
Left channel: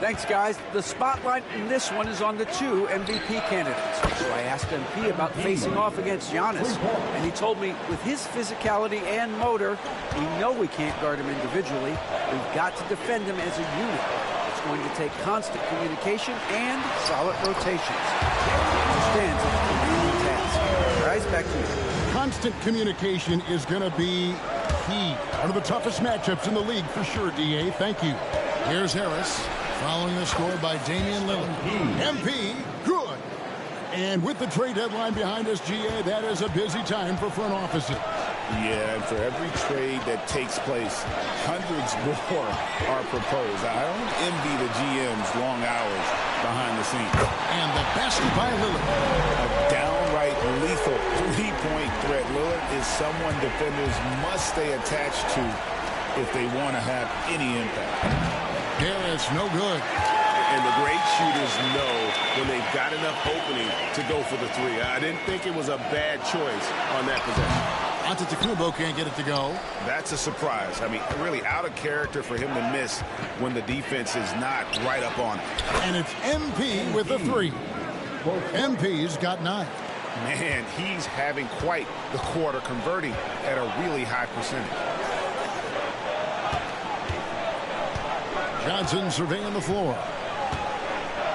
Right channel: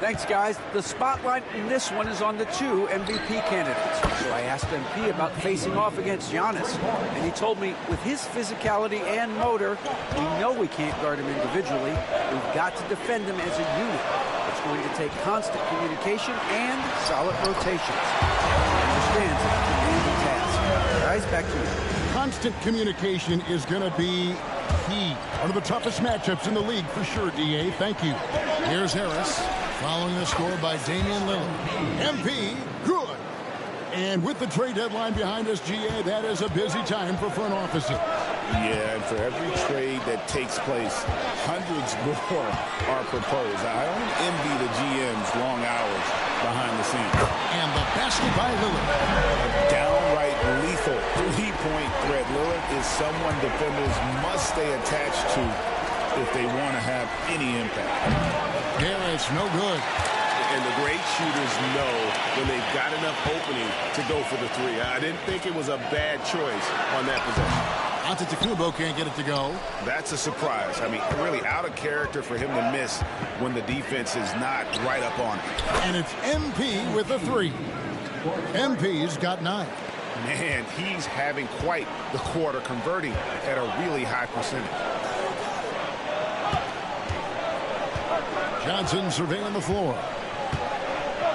Thanks, guys. The spotlight in this one is on the 2 MVP candidates. So I asked MP about facing off against Giannis, and he told me with his physicality and motor, we know we can't guard him individually. We've got to defend him as a unit. It's going to take constant communication and solid rotations. He understands it's a demanding task. Guys, back to you. Constant communication is going to be key. One of the toughest matchups in the league for sure, DA. Thank you. Here's Harris. Following the score by Damian Lillard. MP, good. And with the trade deadline behind us, GA, that is a busy time for front offices. Yeah, and for every trade that takes place, hundreds more are proposed. I don't envy the GM's long hours behind the scenes. And the basket by Lillard. A downright lethal three-point threat. Lillard is someone defenders must stay attached to if they want to have any impact. Harris, no good. And the great shooters know when they've got enough opening to go for the three. I didn't think it was a bad choice on that possession. Antetokounmpo can't get it to go. That's a surprise. I mean, really out of character for him to miss when the defense is not right up on it. And it's MP with a 3. MP's got 9. Man, he's having quite the quarter, converting at a really high percentage. Johnson surveying the floor.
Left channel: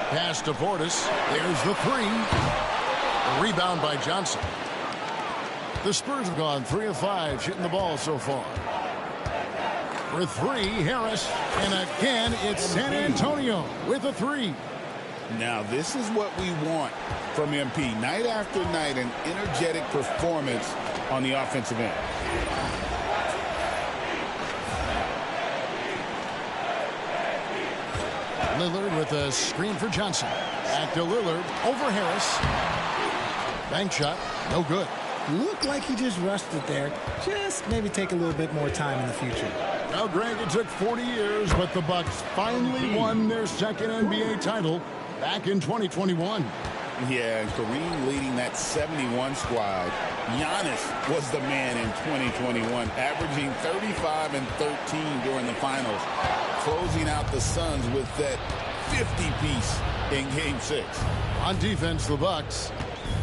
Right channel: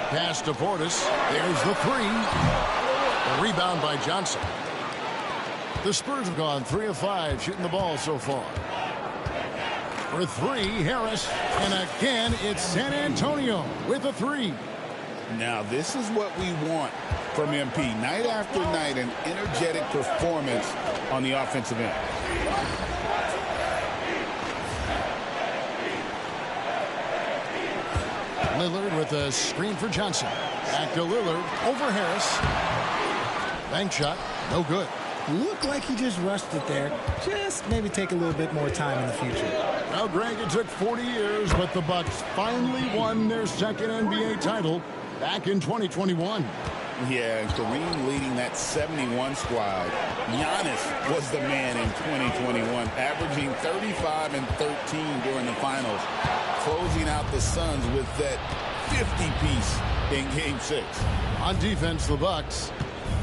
Pass to Portis. There's the 3. A rebound by Johnson. The Spurs have gone 3 of 5 shooting the ball so far. For 3, Harris. And again, it's San Antonio with a 3. Now, this is what we want from MP. Night after night, an energetic performance on the offensive end. Lillard with a screen for Johnson. Back to Lillard. Over Harris. Bank shot. No good. Looked like he just rushed it there. Just maybe take a little bit more time in the future. Well, Greg, it took 40 years, but the Bucks finally won their second NBA title back in 2021. Yeah, and Kareem leading that 71 squad. Giannis was the man in 2021, averaging 35 and 13 during the finals. closing out the Suns with that 50-piece in Game 6. On defense, the Bucks,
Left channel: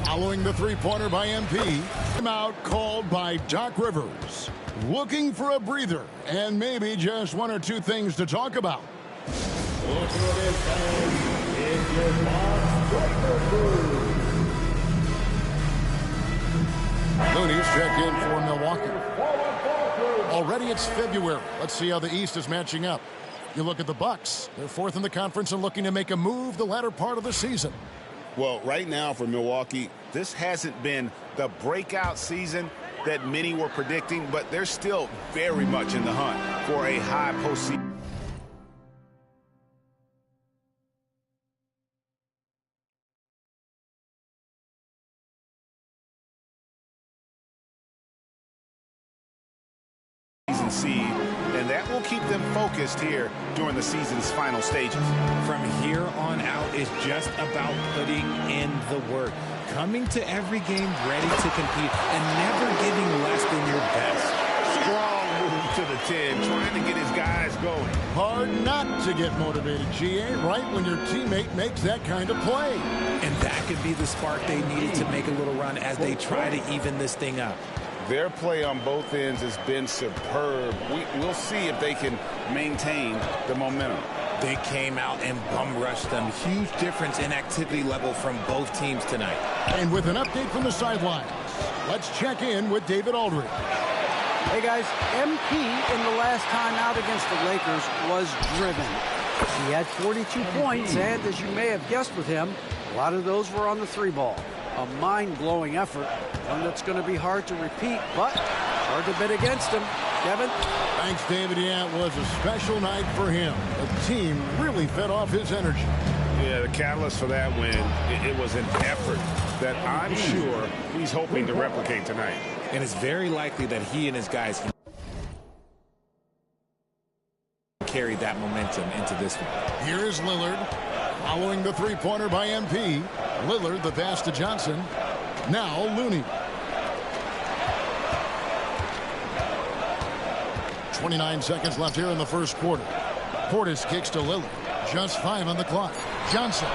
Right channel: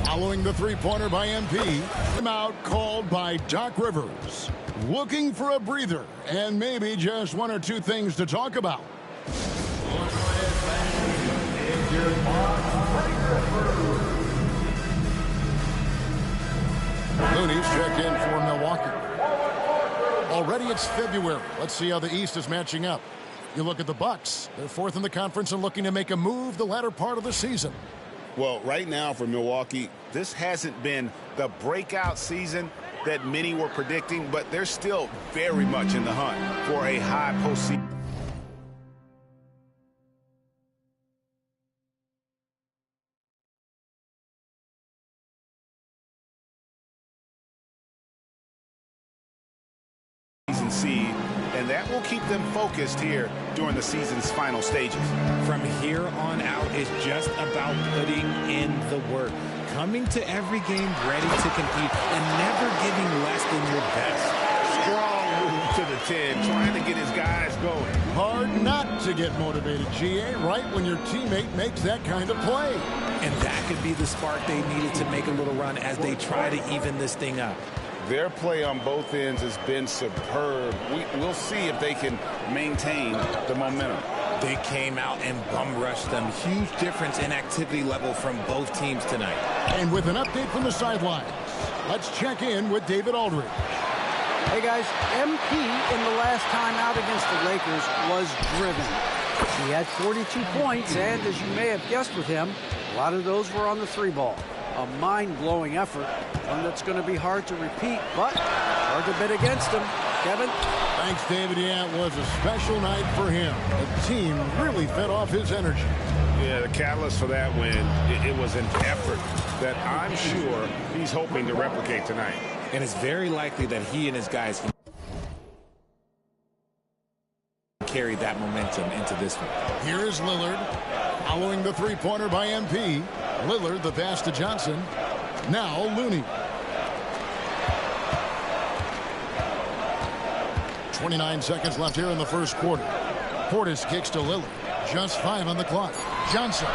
following the three-pointer by MP. Timeout called by Doc Rivers. Looking for a breather and maybe just one or two things to talk about. Looney's checked in for Milwaukee. Already it's February. Let's see how the East is matching up. You look at the Bucks. They're fourth in the conference and looking to make a move the latter part of the season. Well, right now for Milwaukee, this hasn't been the breakout season that many were predicting, but they're still very much in the hunt for a high postseason. Seed, and that will keep them focused here during the season's final stages. From here on out, it's just about putting in the work, coming to every game ready to compete, and never giving less than your best. Strong move to the 10, trying to get his guys going. Hard not to get motivated, GA, right when your teammate makes that kind of play. And that could be the spark they needed to make a little run as they try to even this thing up. Their play on both ends has been superb. We'll see if they can maintain the momentum. They came out and bum rushed them. Huge difference in activity level from both teams tonight. And with an update from the sidelines, let's check in with David Aldridge. Hey guys, MP in the last time out against the Lakers was driven. He had 42 points, and as you may have guessed with him, a lot of those were on the three ball. A mind-blowing effort, one that's going to be hard to repeat, but it's hard to bet against him. Kevin? Thanks, David. Yeah, it was a special night for him. The team really fed off his energy. Yeah, the catalyst for that win, it was an effort that I'm sure he's hoping to replicate tonight. And it's very likely that he and his guys can carry that momentum into this one. Here is Lillard, following the three-pointer by MP. Lillard, the pass to Johnson. Now Looney. 29 seconds left here in the first quarter. Portis kicks to Lillard. Just 5 on the clock. Johnson.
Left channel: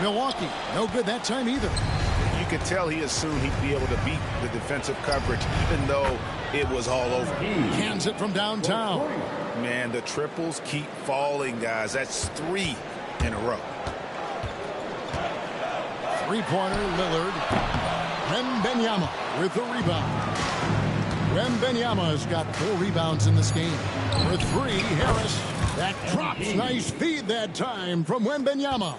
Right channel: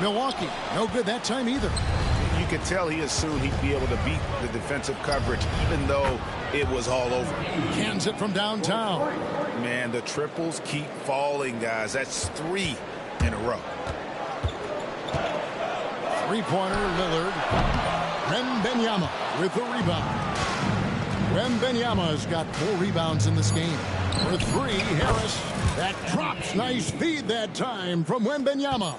Milwaukee, no good that time either. You could tell he assumed he'd be able to beat the defensive coverage, even though it was all over. Cans it from downtown. Man, the triples keep falling, guys. That's 3 in a row. Three-pointer, Lillard. Wembanyama with the rebound. Wembanyama's got 4 rebounds in this game. For 3, Harris. That drops. Nice feed that time from Wembanyama.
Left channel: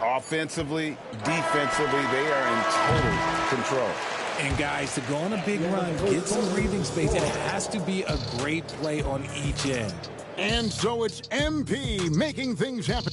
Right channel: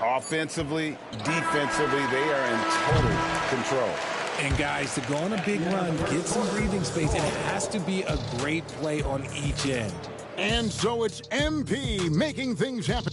Offensively, defensively, they are in total control. And guys, to go on a big run, get some breathing space, and it has to be a great play on each end. And so it's MP making things happen.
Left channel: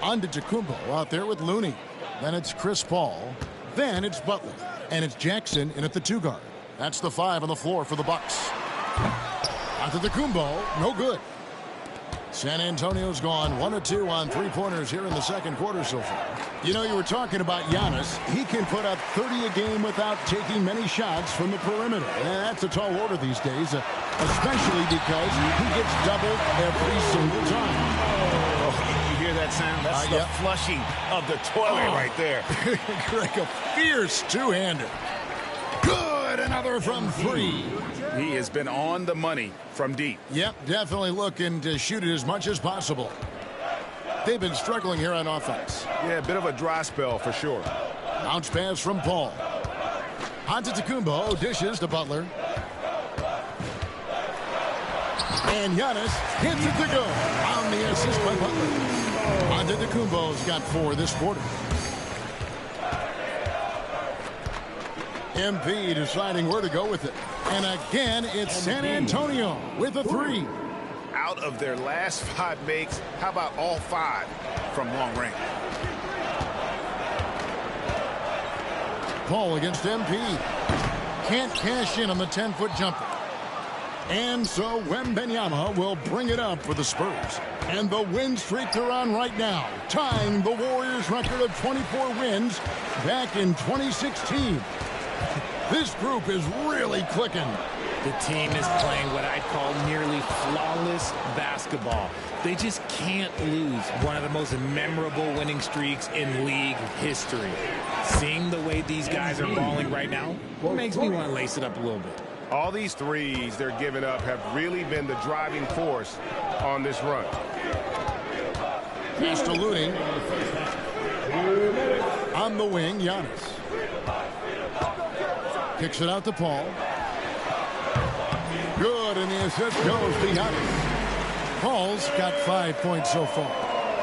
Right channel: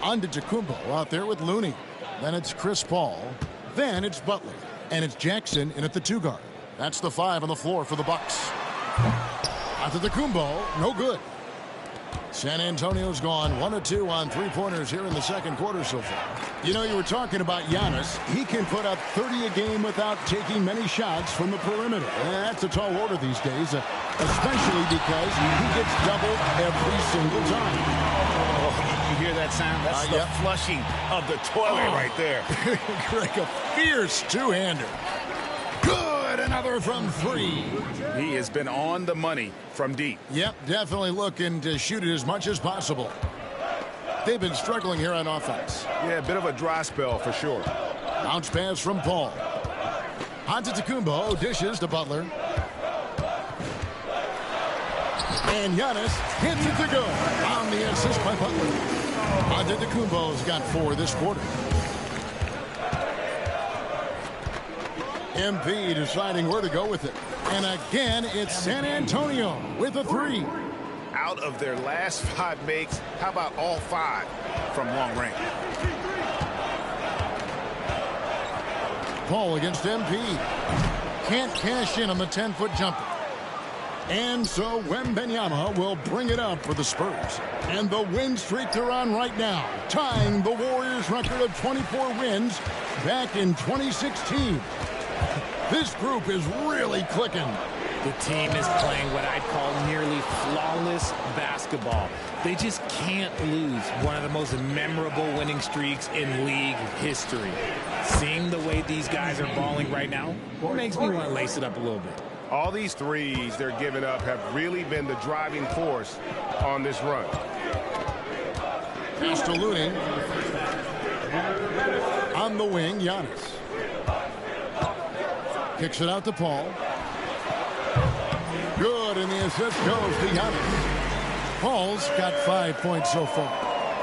Antetokounmpo out there with Looney. Then it's Chris Paul. Then it's Butler. And it's Jackson in at the 2 guard. That's the 5 on the floor for the Bucks. Antetokounmpo, no good. San Antonio's gone 1 of 2 on 3-pointers here in the second quarter so far. You know, you were talking about Giannis. He can put up 30 a game without taking many shots from the perimeter. That's a tall order these days, especially because he gets doubled every single time. Oh, you hear that sound? That's the flushing of the toilet right there. Greg, a fierce two-hander. Good, another from 3. He has been on the money from deep. Yep, definitely looking to shoot it as much as possible. They've been struggling here on offense. Yeah, a bit of a dry spell for sure. Bounce pass from Paul. Antetokounmpo dishes to Butler. And Giannis hits it to go on the assist by Butler. Antetokounmpo's got 4 this quarter. MP deciding where to go with it. And again, it's San Antonio with a 3. Out of their last 5 makes, how about all 5 from long range? Paul against MP. can't cash in on the 10-foot jumper. And so Wembanyama will bring it up for the Spurs. And the win streak they're on right now, tying the Warriors' record of 24 wins back in 2016. This group is really clicking. The team is playing what I'd call nearly flawless basketball. They just can't lose one of the most memorable winning streaks in league history. Seeing the way these guys are balling right now makes me want to lace it up a little bit. All these threes they're giving up have really been the driving force on this run. Castelluni. On the wing, Giannis. Kicks it out to Paul. Good, and the assist goes to Giannis. Paul's got 5 points so far.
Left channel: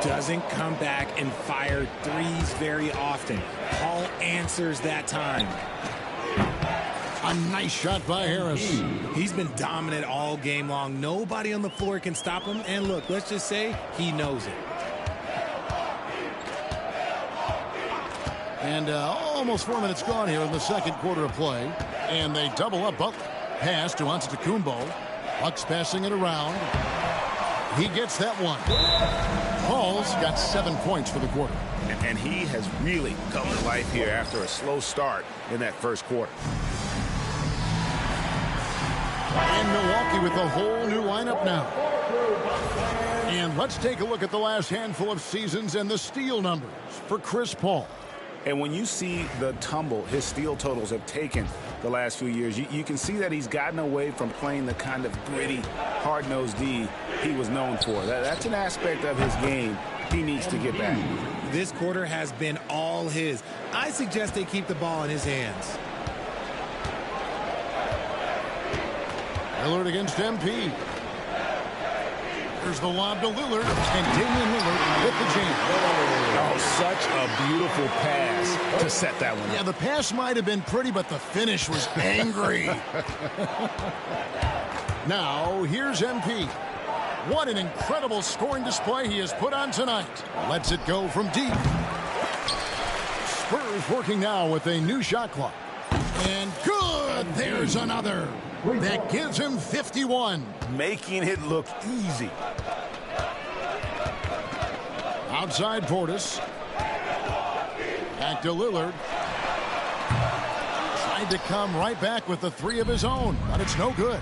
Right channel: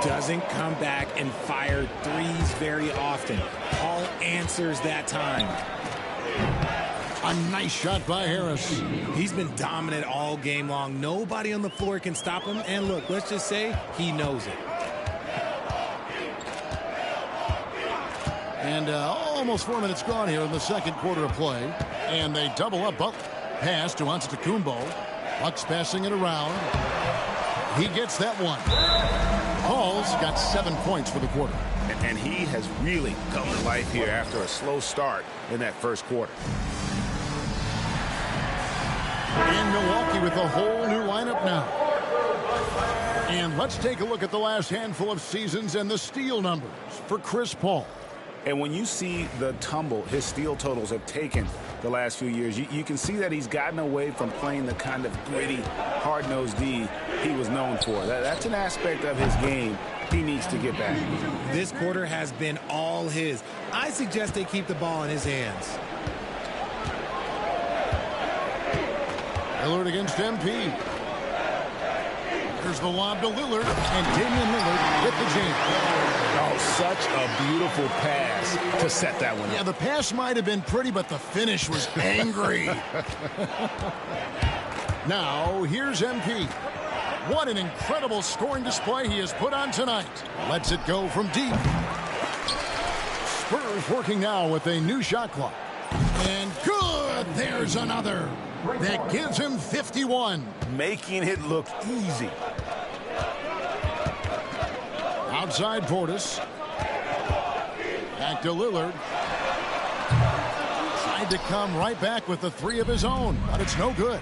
Doesn't come back and fire threes very often. Paul answers that time. A nice shot by Harris. He's been dominant all game long. Nobody on the floor can stop him. And look, let's just say he knows it. And almost 4 minutes gone here in the second quarter of play. And they double up Butler. Pass to Antetokounmpo. Bucks passing it around. He gets that one. Paul's got 7 points for the quarter. And he has really come to life here after a slow start in that first quarter. And Milwaukee with a whole new lineup now. And let's take a look at the last handful of seasons and the steal numbers for Chris Paul. And when you see the tumble his steal totals have taken the last few years, you can see that he's gotten away from playing the kind of gritty, hard-nosed D he was known for. That's an aspect of his game he needs to get back. This quarter has been all his. I suggest they keep the ball in his hands. Lillard against MP. There's the lob to Lillard, and Damian Lillard with the jam. Oh, such a beautiful pass to set that one up. Yeah, the pass might have been pretty, but the finish was angry. Now, here's MP. What an incredible scoring display he has put on tonight. Lets it go from deep. Spurs working now with a new shot clock. And good! There's another. That gives him 51. Making it look easy. Outside Portis. Back to Lillard. Tried to come right back with the three of his own, but it's no good.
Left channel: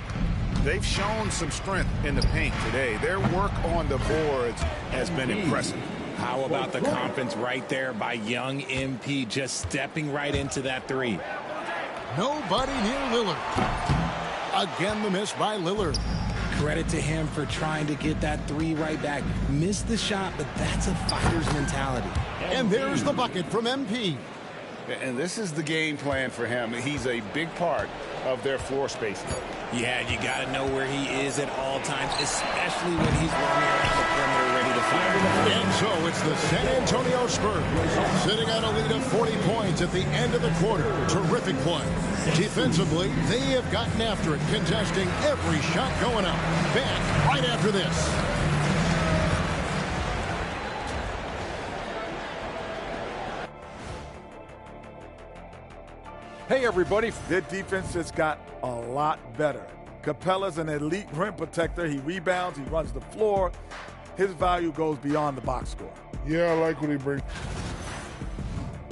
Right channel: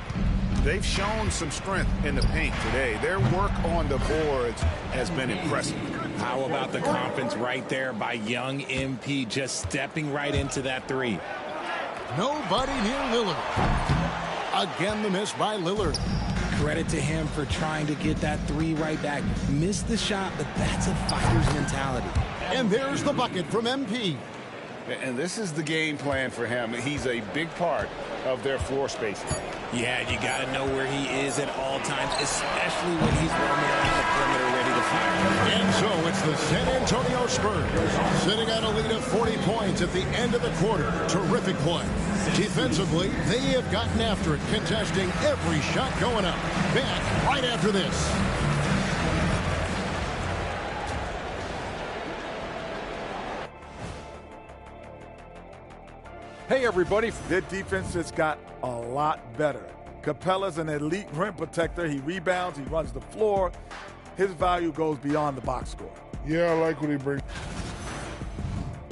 They've shown some strength in the paint today. Their work on the boards has been impressive. How about the confidence right there by young MP just stepping right into that three? Nobody near Lillard. Again, the miss by Lillard. Credit to him for trying to get that three right back. Missed the shot, but that's a fighter's mentality. And there's the bucket from MP. And this is the game plan for him. He's a big part of their floor spacing. Yeah, you got to know where he is at all times, especially when he's roaming around the perimeter ready to fire. And so it's the San Antonio Spurs sitting on a lead of 40 points at the end of the quarter. Terrific play. Defensively, they have gotten after it, contesting every shot going up. Back right after this. Hey, everybody. Their defense has got a lot better. Capella's an elite rim protector. He rebounds. He runs the floor. His value goes beyond the box score. Yeah, I like what he brings.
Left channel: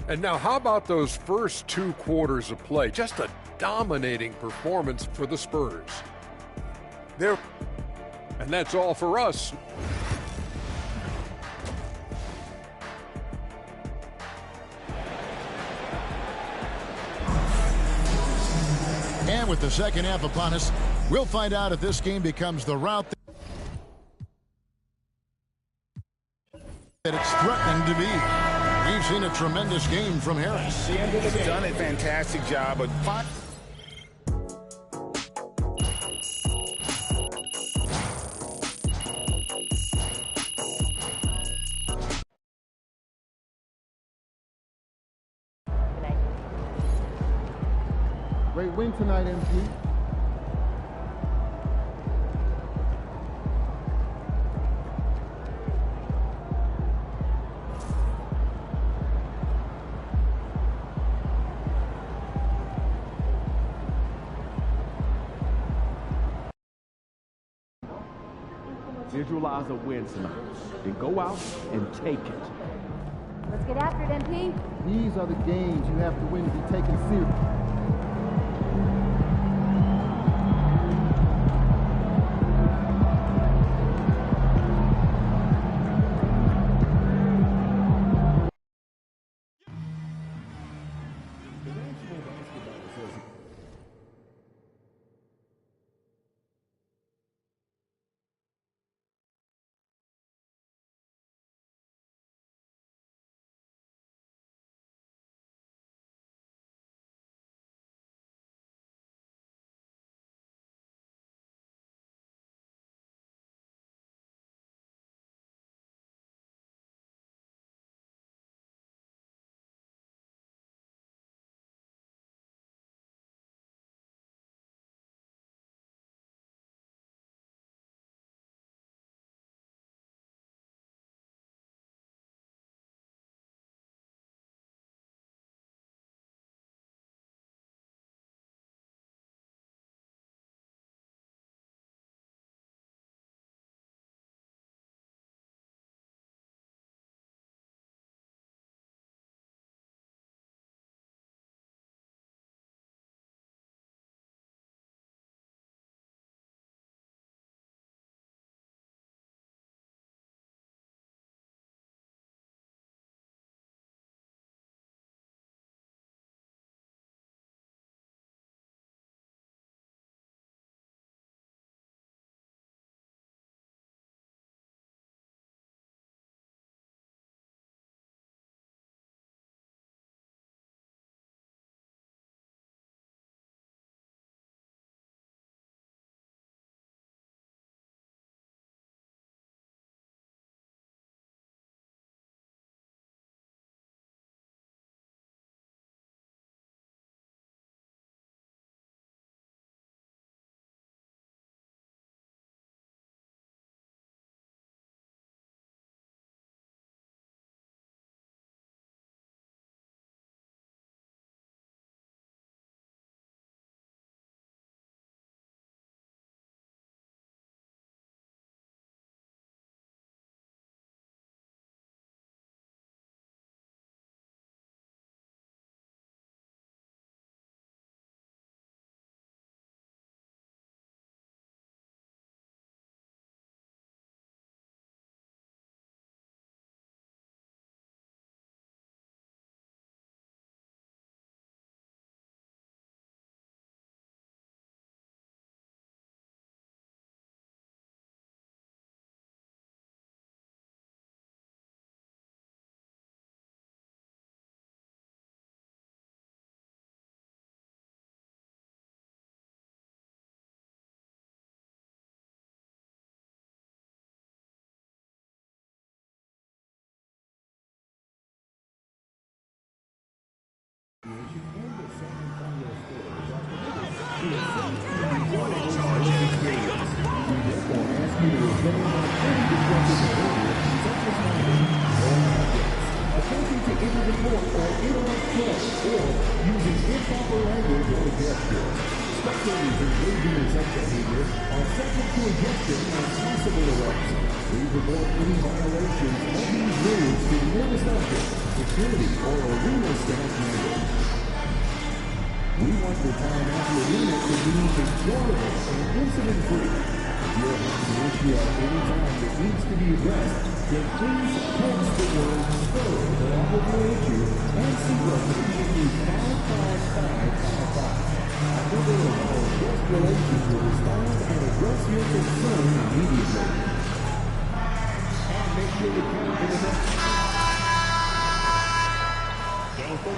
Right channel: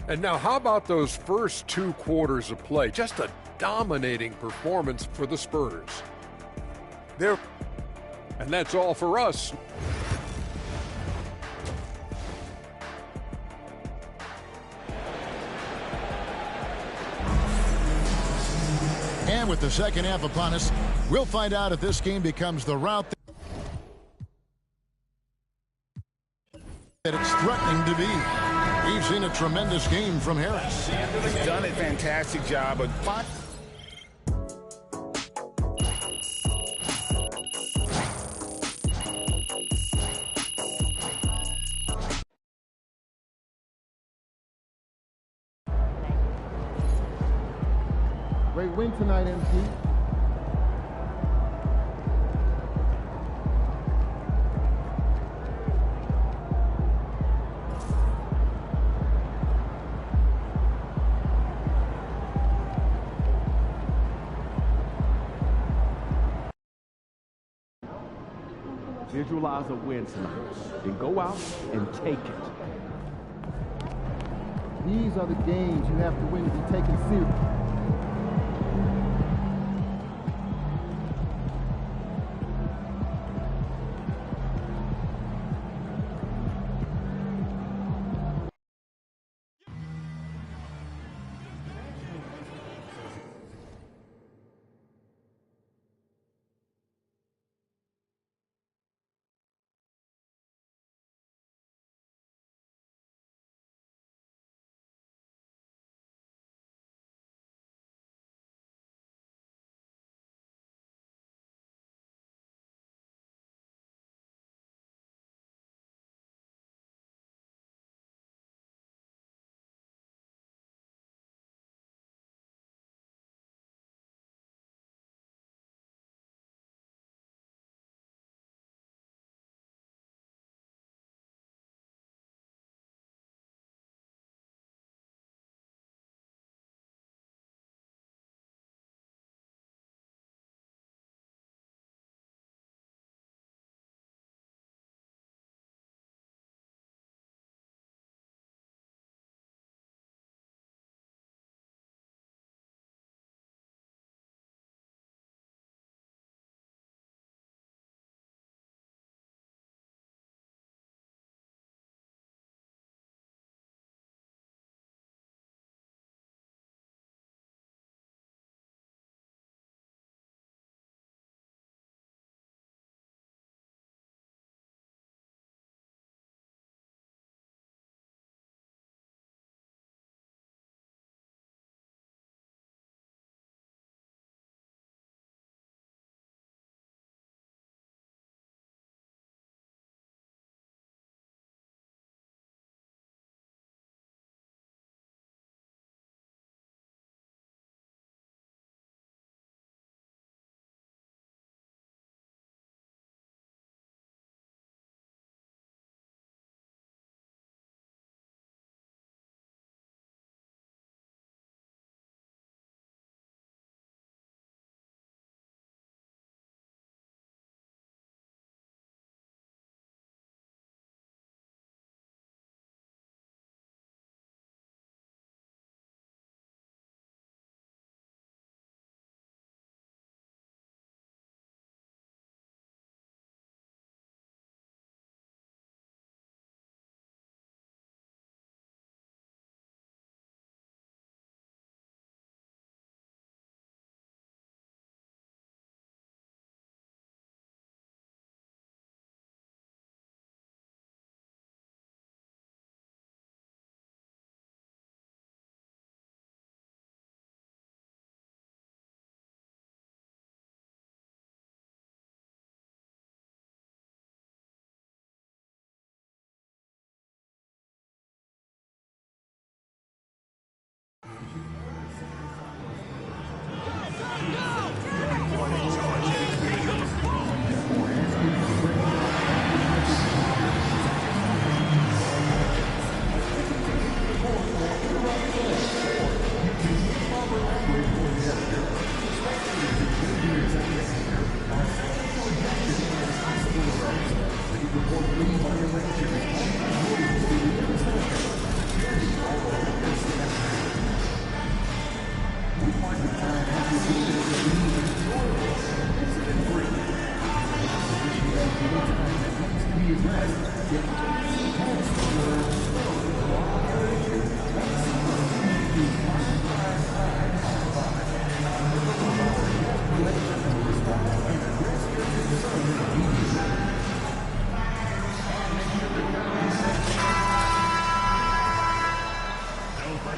And now, how about those first 2 quarters of play? Just a dominating performance for the Spurs. And that's all for us. And with the second half upon us, we'll find out if this game becomes the route that it's threatening to be. We've seen a tremendous game from Harris. He's done a fantastic job of Great win tonight, MP. Visualize a win tonight. Then go out and take it. Let's get after it, MP. These are the games you have to win to be taken serious.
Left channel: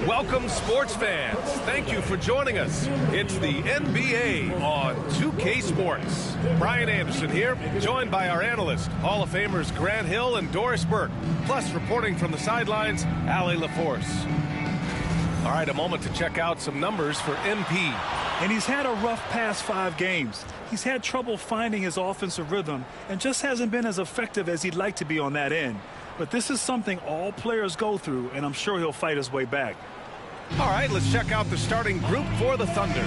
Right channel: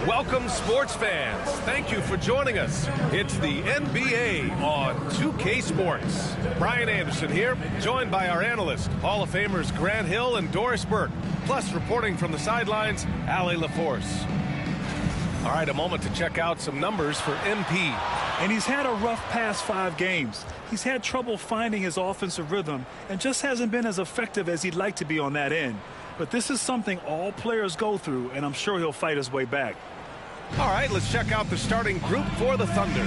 Welcome, sports fans. Thank you for joining us. It's the NBA on 2K Sports. Brian Anderson here, joined by our analyst, Hall of Famers Grant Hill and Doris Burke, plus reporting from the sidelines, Allie LaForce. All right, a moment to check out some numbers for MP. And he's had a rough past 5 games. He's had trouble finding his offensive rhythm and just hasn't been as effective as he'd like to be on that end. But this is something all players go through, and I'm sure he'll fight his way back. All right, let's check out the starting group for the Thunder.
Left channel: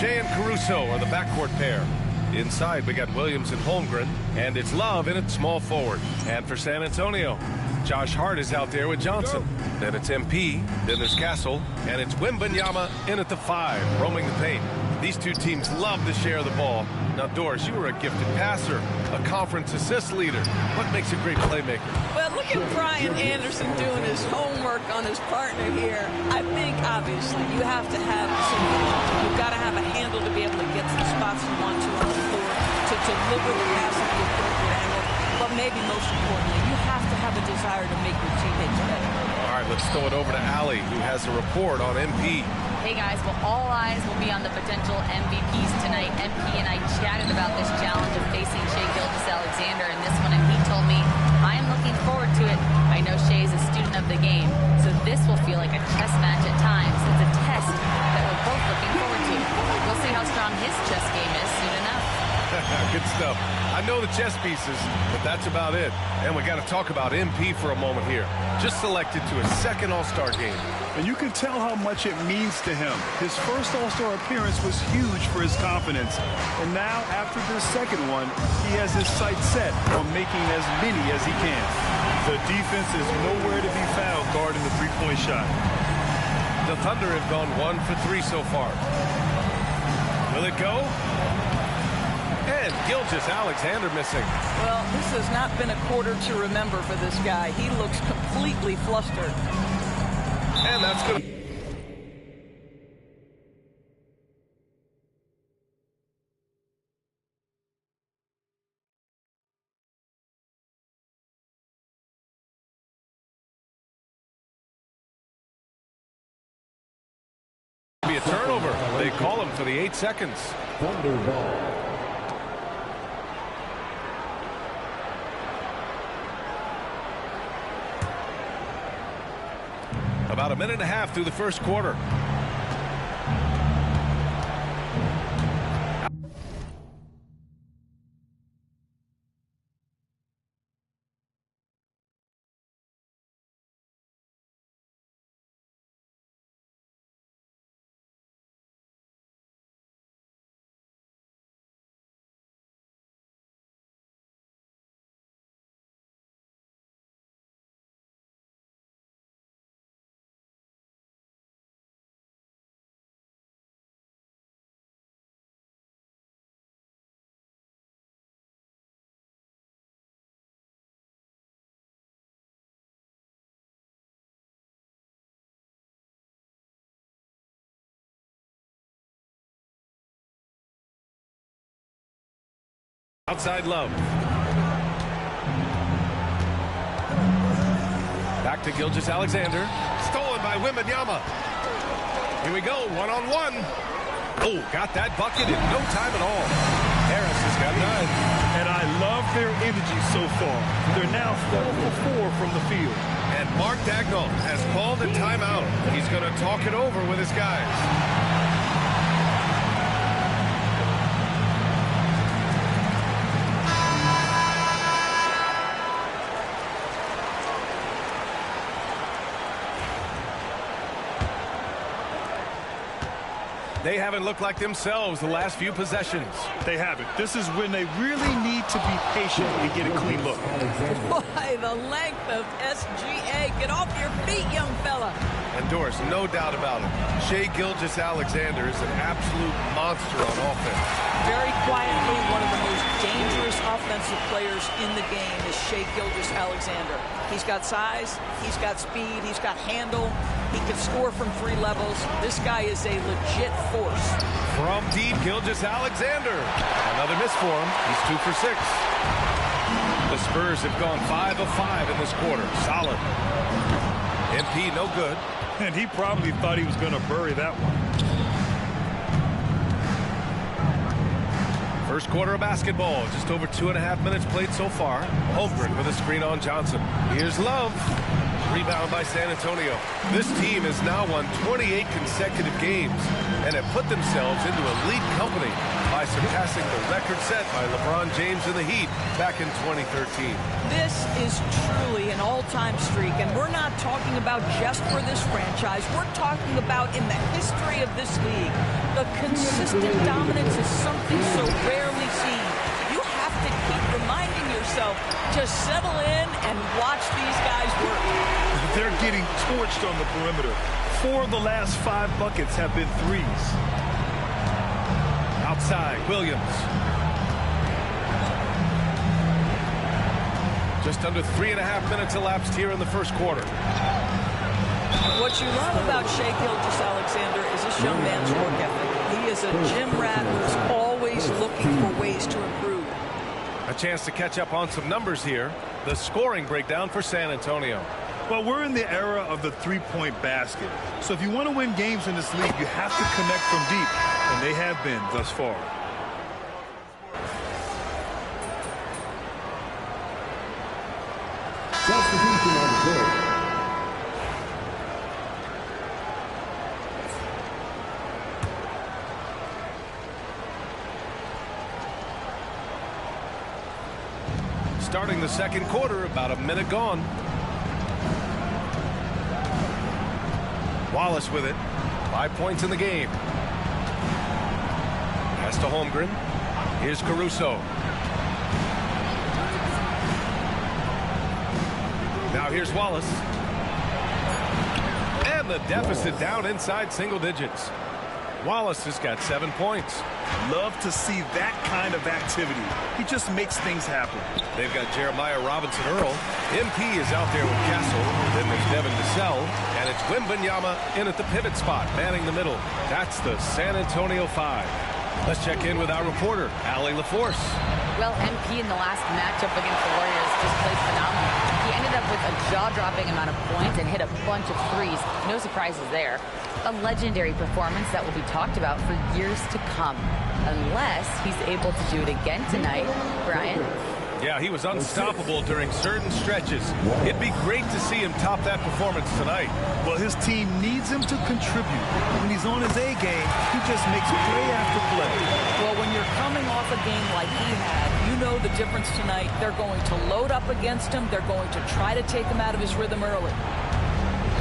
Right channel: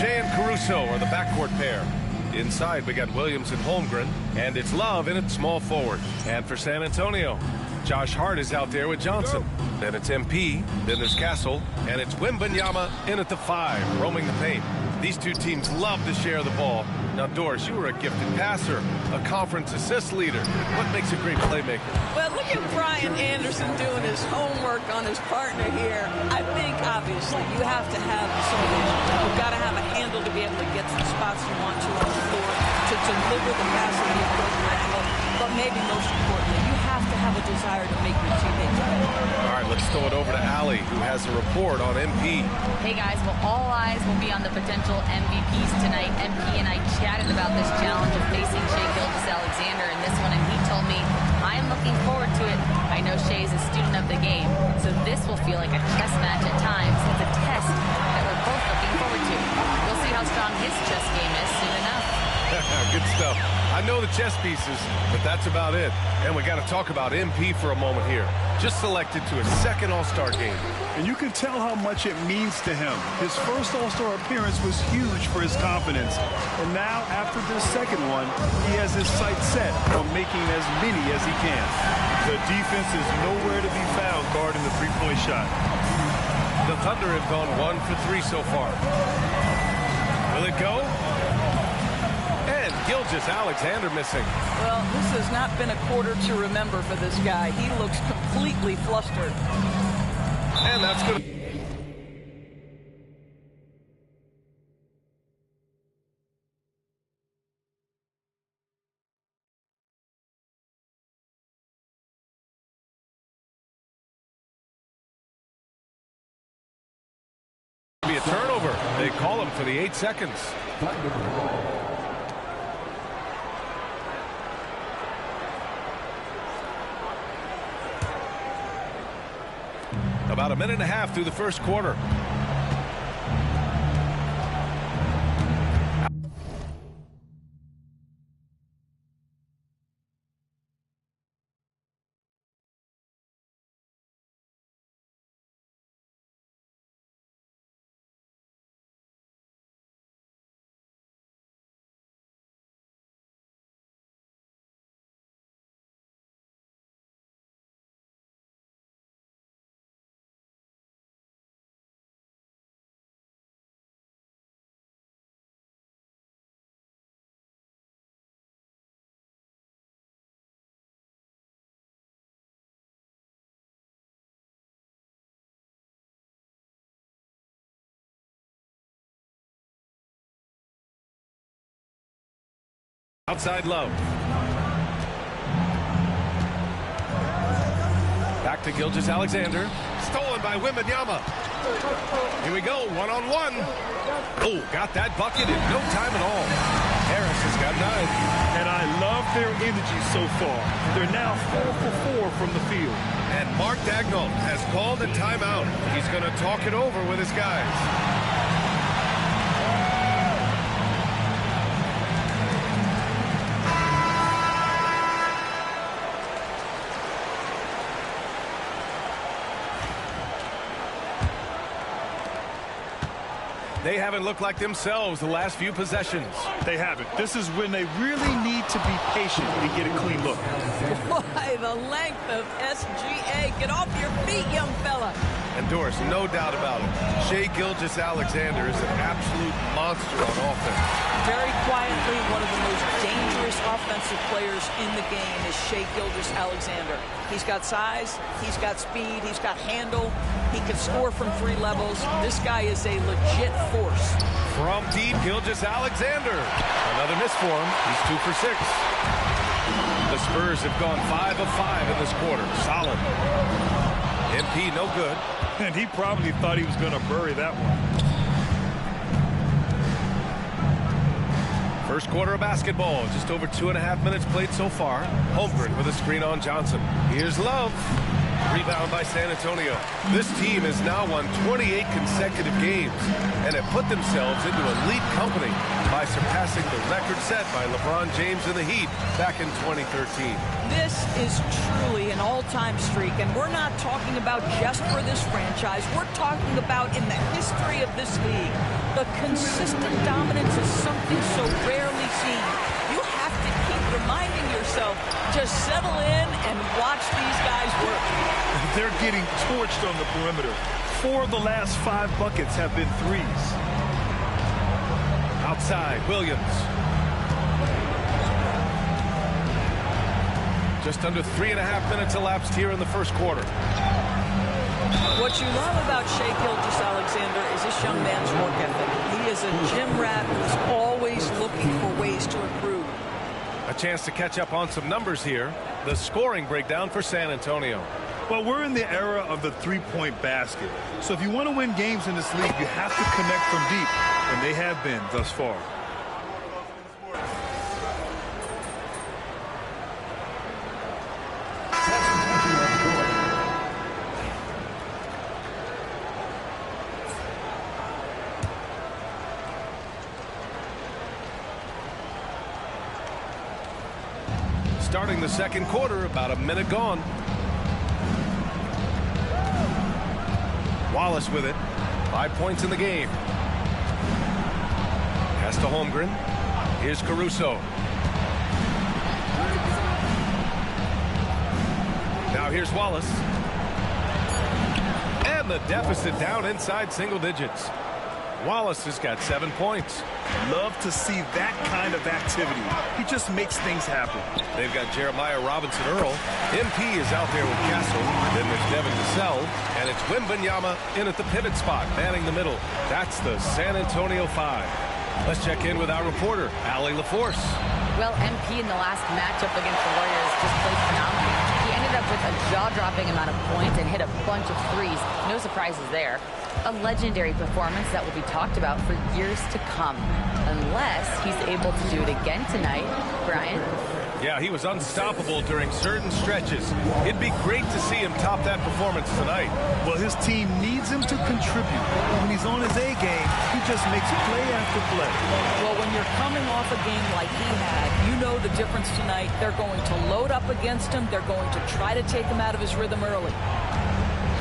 Shea and Caruso are the backcourt pair. Inside, we got Williams and Holmgren, and it's Love in at small forward. And for San Antonio, Josh Hart is out there with Johnson. Then it's MP, then there's Castle, and it's Wembanyama in at the 5, roaming the paint. These two teams love to share the ball. Now, Doris, you were a gifted passer, a conference assist leader. What makes a great playmaker? Well, look at Brian Anderson doing his homework on his partner here. I think, obviously, you have to have some vision. You've got to have a handle to be able to get to the spots you want to on the floor, to deliver the pass at the appropriate angle. But maybe most importantly, you have to have a desire to make your teammates better. All right, let's throw it over to Allie, who has a report on MP. Hey guys, well, all eyes will be on the potential MVPs tonight. MP and I chatted about this challenge of facing Shai Gilgeous-Alexander in this one, and he told me, I am looking forward to it. I know Shai is a student of the game, so this will feel like a chess match at times. It's a test that we're both looking forward to. We'll see how strong his chess game is soon enough. Good stuff. I know the chess pieces, but that's about it. And we got to talk about MP for a moment here. Just selected to his second All-Star game. And you can tell how much it means to him. His first All-Star appearance was huge for his confidence. And now, after this second one, he has his sights set on making as many as he can. The defense is nowhere to be found guarding the three-point shot. The Thunder have gone 1 for 3 so far. Will it go? And Gilgeous-Alexander missing. Well, this has not been a quarter to remember for this guy. He looks completely flustered. And that's good. Be a turnover. They call him for the 8 seconds. About a minute and a half through the first quarter. Outside Love. Back to Gilgeous-Alexander. Stolen by Wembanyama. Here we go, one-on-one. Oh, got that bucket in no time at all. Harris has got 9. And I love their energy so far. They're now 4 for 4 from the field. And Mark Dagnall has called a timeout. He's going to talk it over with his guys. They haven't looked like themselves the last few possessions. They haven't. This is when they really need to be patient and get a clean look. Why, the length of SGA. Get off your feet, young fella. And Doris, no doubt about it, Shai Gilgeous-Alexander is an absolute monster on offense. Very quietly, one of the most dangerous offensive players in the game is Shai Gilgeous-Alexander. He's got size, he's got speed, he's got handle, he can score from 3 levels. This guy is a legit force. From deep, Gilgeous-Alexander. Another miss for him. He's 2 for 6. The Spurs have gone 5 of 5 in this quarter. Solid. MP no good. And he probably thought he was going to bury that one. First quarter of basketball. Just over 2.5 minutes played so far. Holmgren with a screen on Johnson. Here's Love. Rebound by San Antonio. This team has now won 28 consecutive games and have put themselves into elite company by surpassing the record set by LeBron James and the Heat back in 2013. This is truly an all-time streak, and we're not talking about just for this franchise. We're talking about in the history of this league. The consistent dominance is something so rarely seen. You have to keep reminding yourself, just settle in and watch these guys work. They're getting torched on the perimeter. 4 of the last 5 buckets have been threes. Outside, Williams. Just under 3.5 minutes elapsed here in the first quarter. What you love about Shai Gilgeous-Alexander is this young man's work ethic. He is a gym rat who's always looking for ways to improve. A chance to catch up on some numbers here. The scoring breakdown for San Antonio. Well, we're in the era of the three-point basket. So if you want to win games in this league, you have to connect from deep. And they have been thus far. Substitution on the court. Starting the second quarter, about a minute gone. Wallace with it. 5 points in the game. Pass to Holmgren. Here's Caruso. Now here's Wallace. And the deficit down inside single digits. Wallace has got 7 points. Love to see that kind of activity. He just makes things happen. They've got Jeremiah Robinson-Earl. MP is out there with Castle. Then there's Devin Vassell. And it's Wembanyama in at the pivot spot, manning the middle. That's the San Antonio 5. Let's check in with our reporter, Allie LaForce. Well, MP in the last matchup against the Warriors just played phenomenal. He ended up with a jaw-dropping amount of points and hit a bunch of threes. No surprises there. A legendary performance that will be talked about for years to come, unless he's able to do it again tonight. Brian? Yeah, he was unstoppable during certain stretches. It'd be great to see him top that performance tonight. Well, his team needs him to contribute. When he's on his A game, he just makes play after play. Well, when you're coming off a game like he had, you know the difference tonight. They're going to load up against him. They're going to try to take him out of his rhythm early.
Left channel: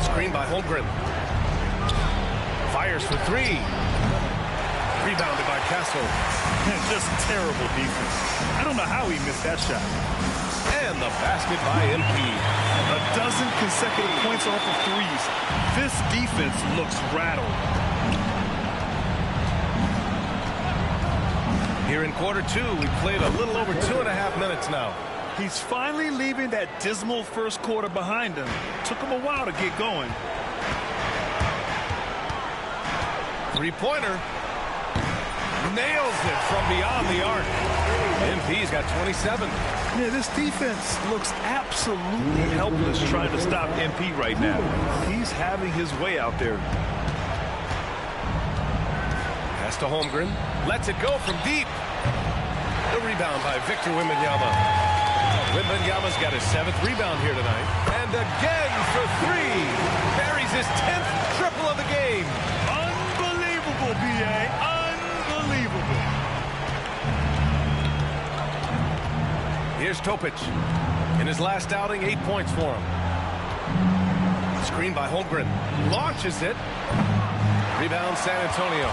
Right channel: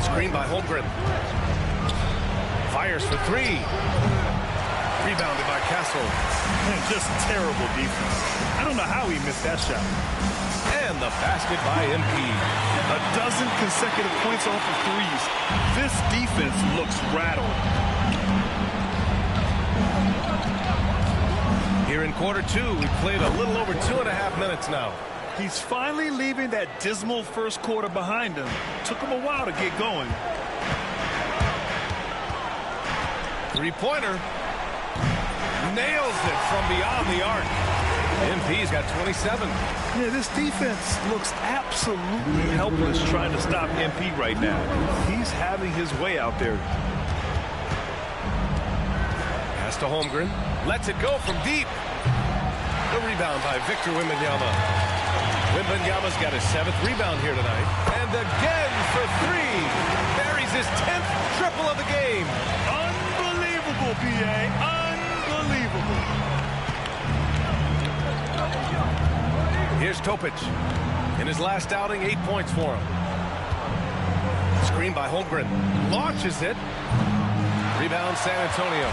Screen by Holmgren. Fires for 3. Rebounded by Castle. Just terrible defense. I don't know how he missed that shot. And the basket by MP. A dozen consecutive points off of threes. This defense looks rattled. Here in quarter 2, we played a little over 2.5 minutes now. He's finally leaving that dismal first quarter behind him. Took him a while to get going. Three-pointer. Nails it from beyond the arc. MP's got 27. Yeah, this defense looks absolutely helpless trying to stop MP right now. He's having his way out there. Pass to Holmgren. Lets it go from deep. The rebound by Victor Wembanyama. Wembanyama's got his 7th rebound here tonight. And again for 3. Buries his 10th triple of the game. Unbelievable, B.A. Unbelievable. Here's Topic. In his last outing, 8 points for him. Screen by Holmgren. Launches it. Rebound San Antonio.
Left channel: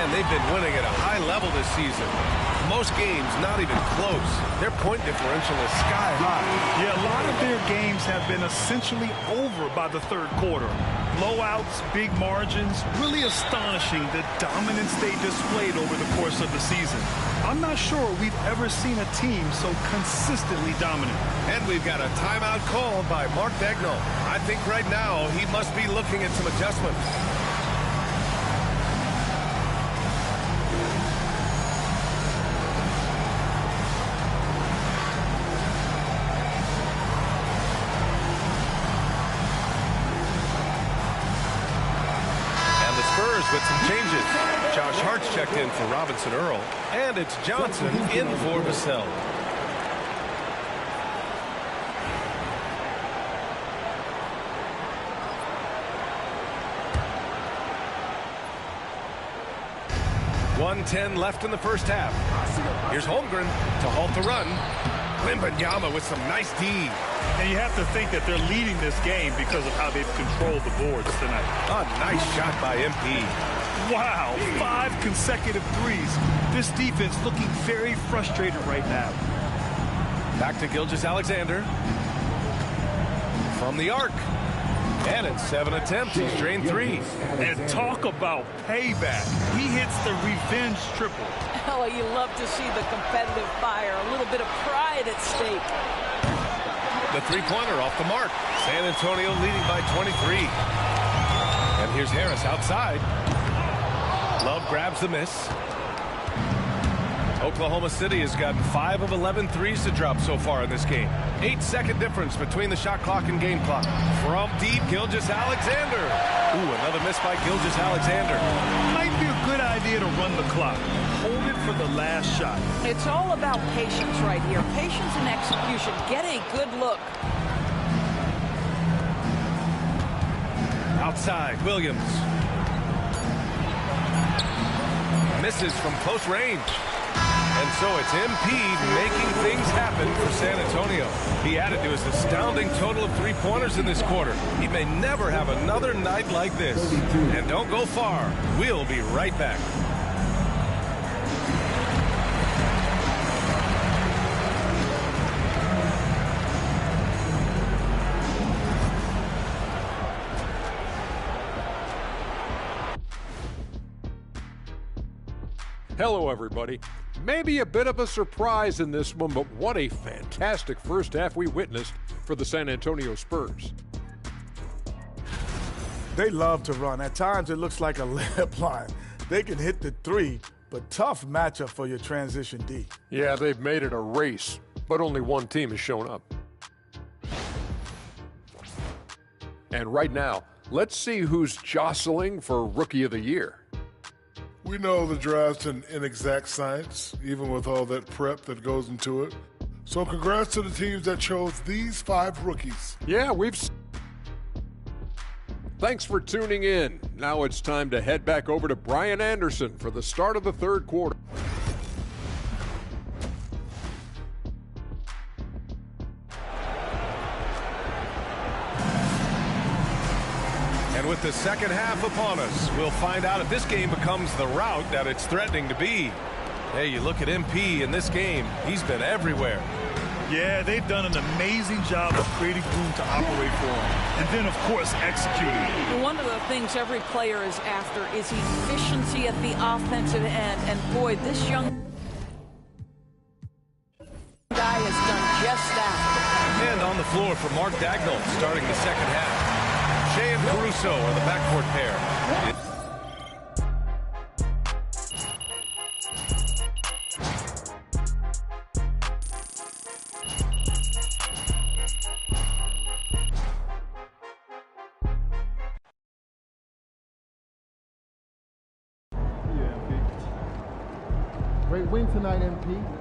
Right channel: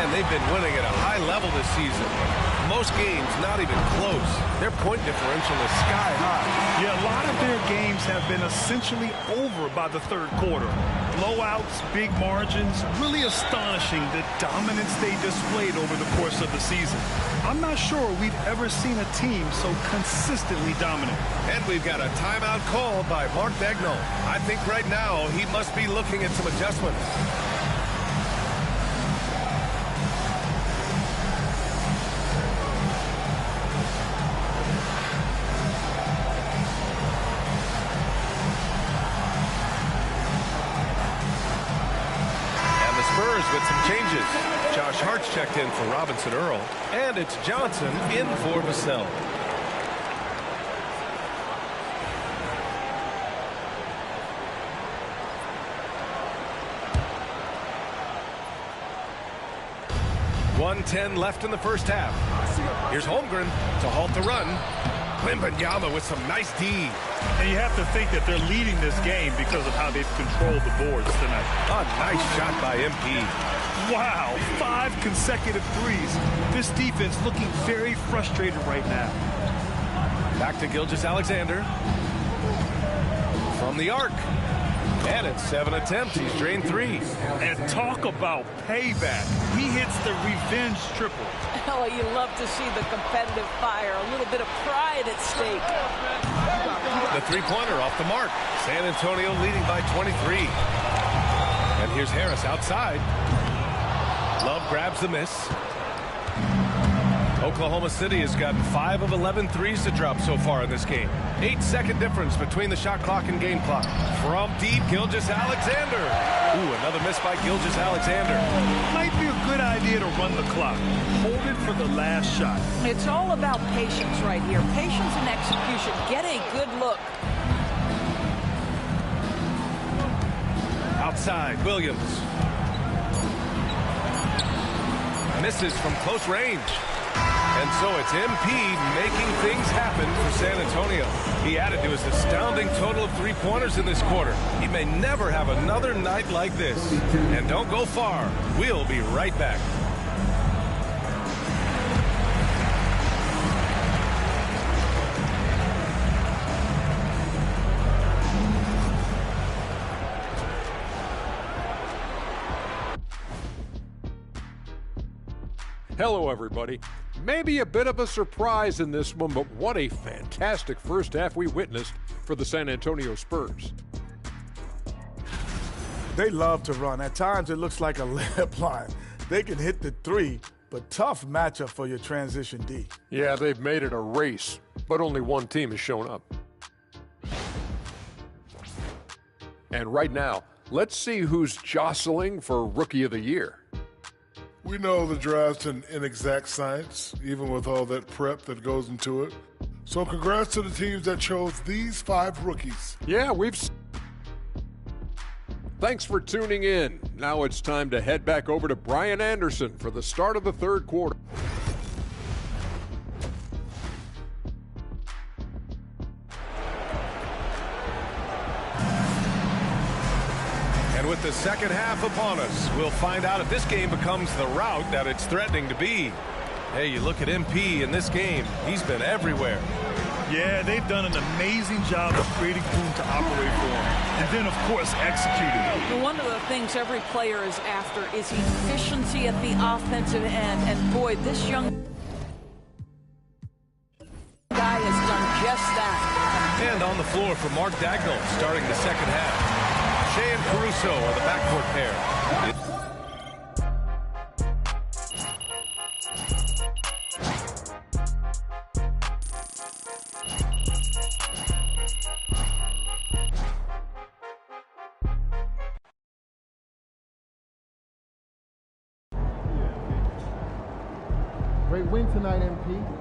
And they've been winning at a high level this season. Most games not even close. Their point differential is sky high. Yeah, a lot of their games have been essentially over by the third quarter. Blowouts, big margins, really astonishing the dominance they displayed over the course of the season. I'm not sure we've ever seen a team so consistently dominant. And we've got a timeout called by Mark Daigneault. I think right now he must be looking at some adjustments. Spurs with some changes. Josh Hart's checked in for Robinson-Earl, and it's Johnson in for Vassell. 1:10 left in the first half. Here's Holmgren to halt the run. Wembanyama with some nice D. And you have to think that they're leading this game because of how they've controlled the boards tonight. A nice shot by MP. Wow, 5 consecutive threes. This defense looking very frustrated right now. Back to Gilgeous-Alexander. From the arc. And in 7 attempts, he's drained 3. And talk about payback. He hits the revenge triple. Oh, you love to see the competitive fire. A little bit of pride at stake. The three-pointer off the mark. San Antonio leading by 23. And here's Harris outside. Love grabs the miss. Oklahoma City has gotten 5 of 11 threes to drop so far in this game. 8-second difference between the shot clock and game clock. From deep, Gilgeous-Alexander. Ooh, another miss by Gilgeous-Alexander. Might be a good idea to run the clock. Hold it for the last shot. It's all about patience right here. Patience and execution. Get a good look. Outside, Williams. Misses from close range. And so it's MP making things happen for San Antonio. He added to his astounding total of 3-pointers in this quarter. He may never have another night like this. And don't go far. We'll be right back. Hello, everybody. Maybe a bit of a surprise in this one, but what a fantastic first half we witnessed for the San Antonio Spurs. They love to run. At times, it looks like a layup line. They can hit the 3, but tough matchup for your transition D. Yeah, they've made it a race, but only one team has shown up. And right now, let's see who's jostling for Rookie of the Year. We know the draft's an inexact science, even with all that prep that goes into it. So congrats to the teams that chose these 5 rookies. Yeah, Thanks for tuning in. Now it's time to head back over to Brian Anderson for the start of the third quarter. And with the second half upon us, we'll find out if this game becomes the rout that it's threatening to be. Hey, you look at MP in this game, he's been everywhere. Yeah, they've done an amazing job of creating room to operate for him. And then, of course, executing. One of the things every player is after is efficiency at the offensive end. And boy, this young guy has done just that. And on the floor for Mark Dagnall starting the second half. Shea and Caruso are the backcourt pair. Great win tonight, MP.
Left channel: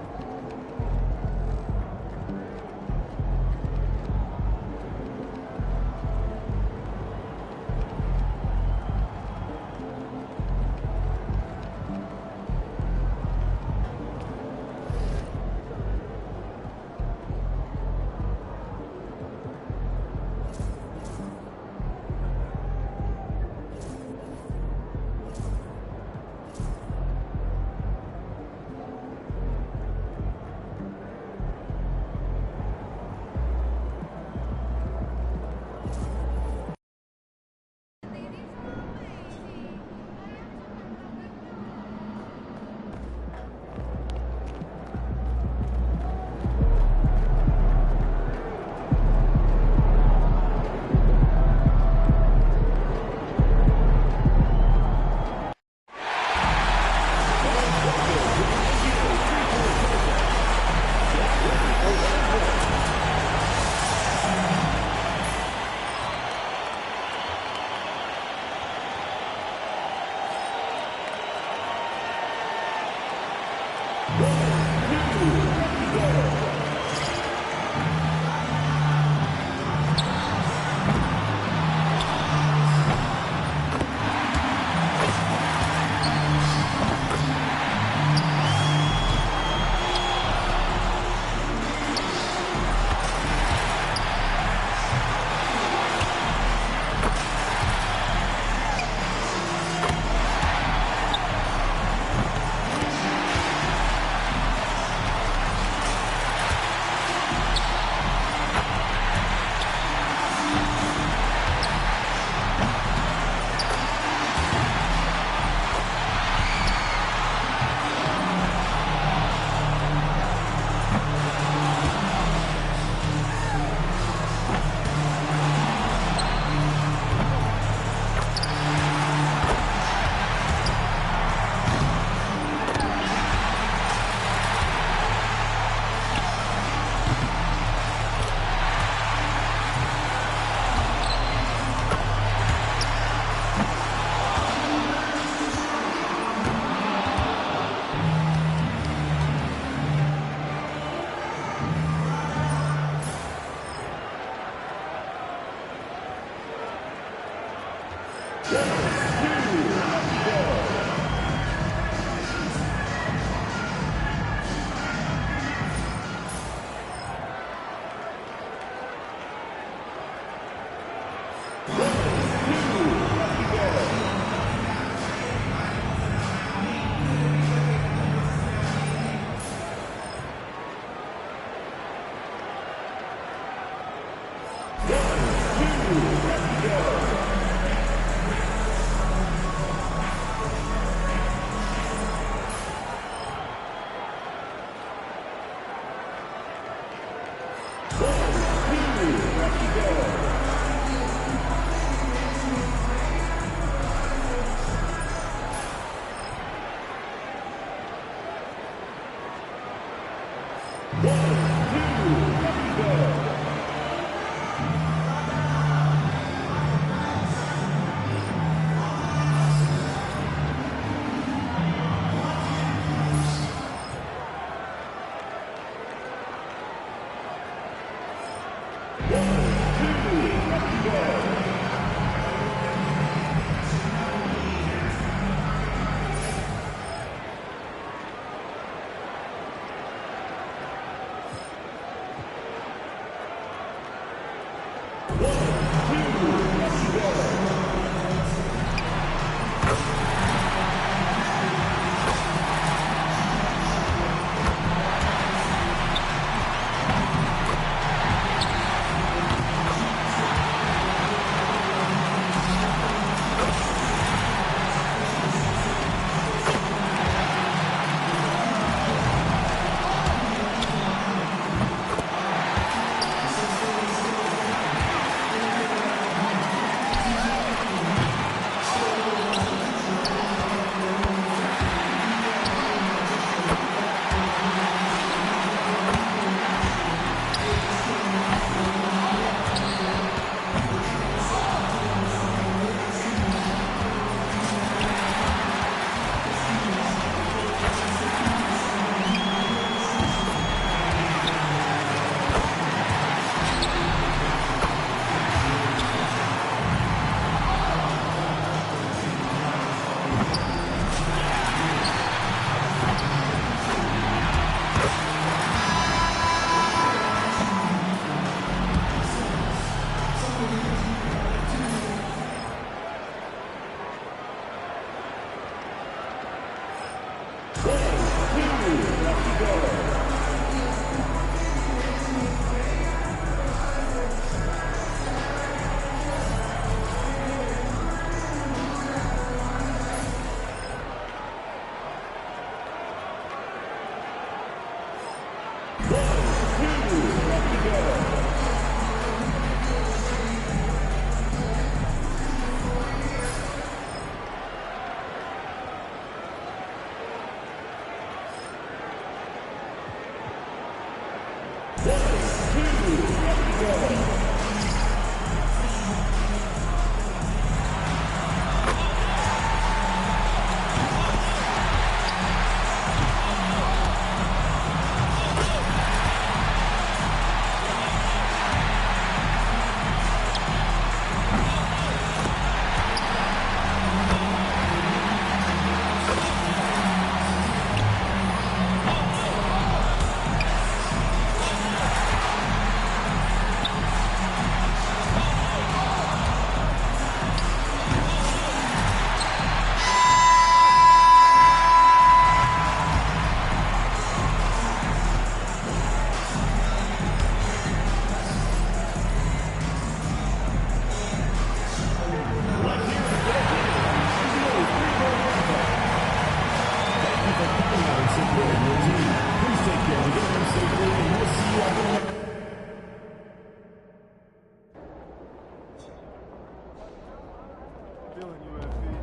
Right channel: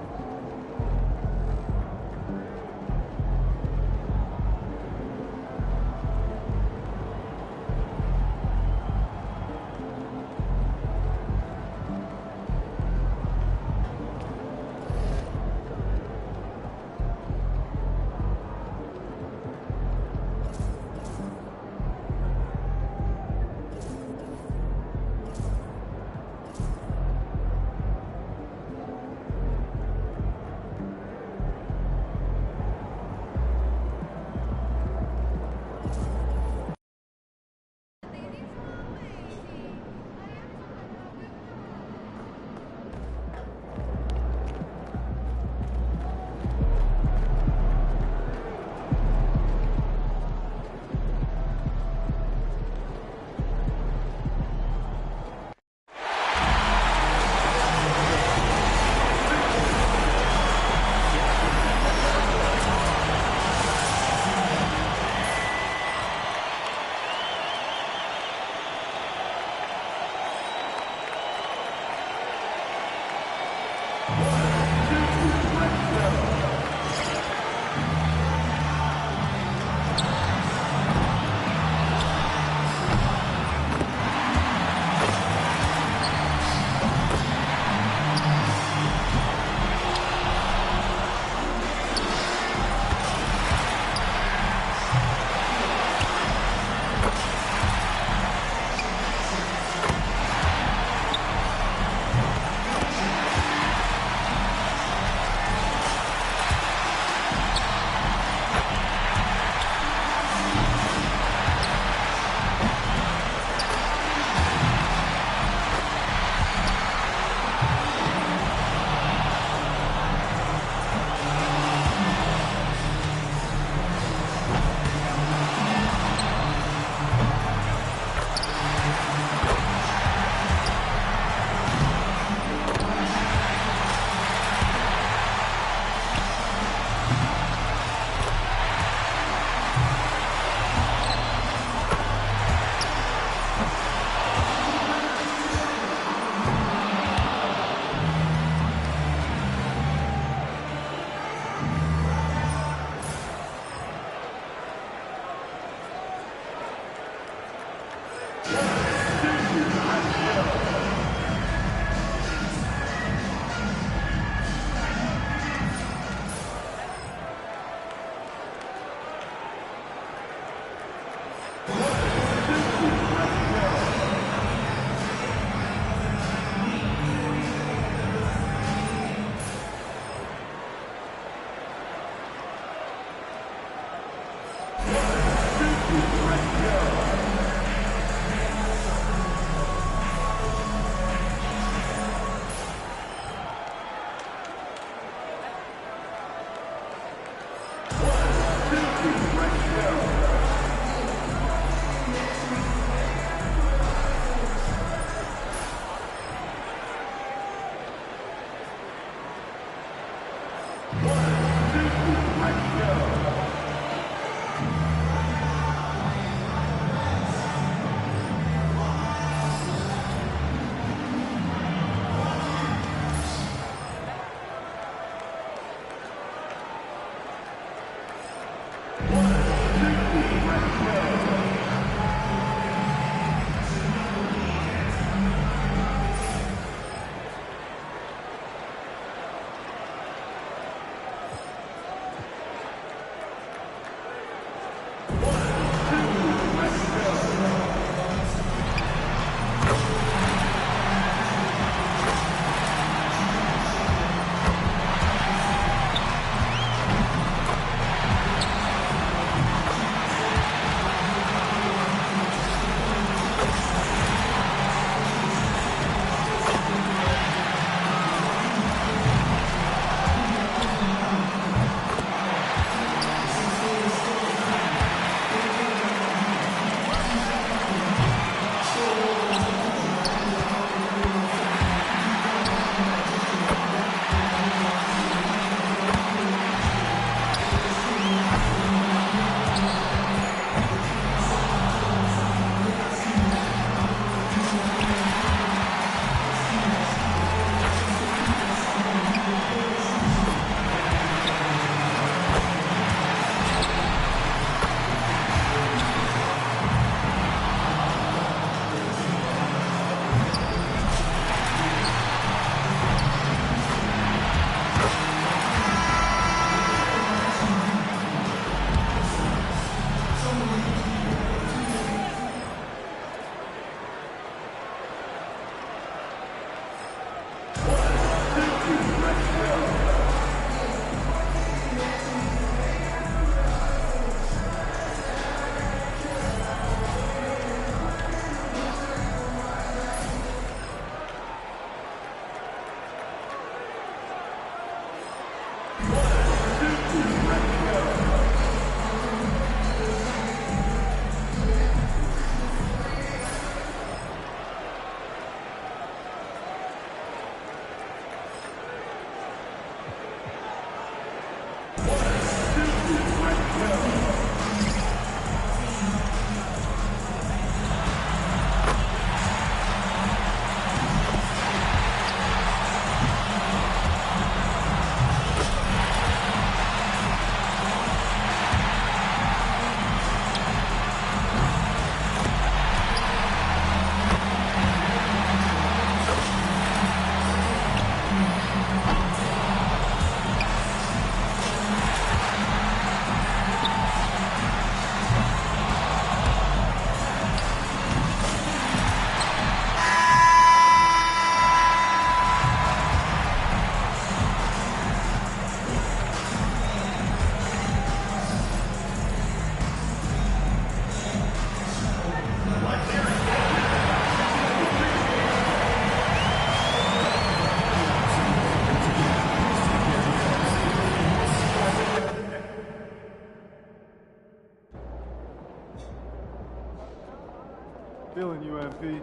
Feeling you, MP.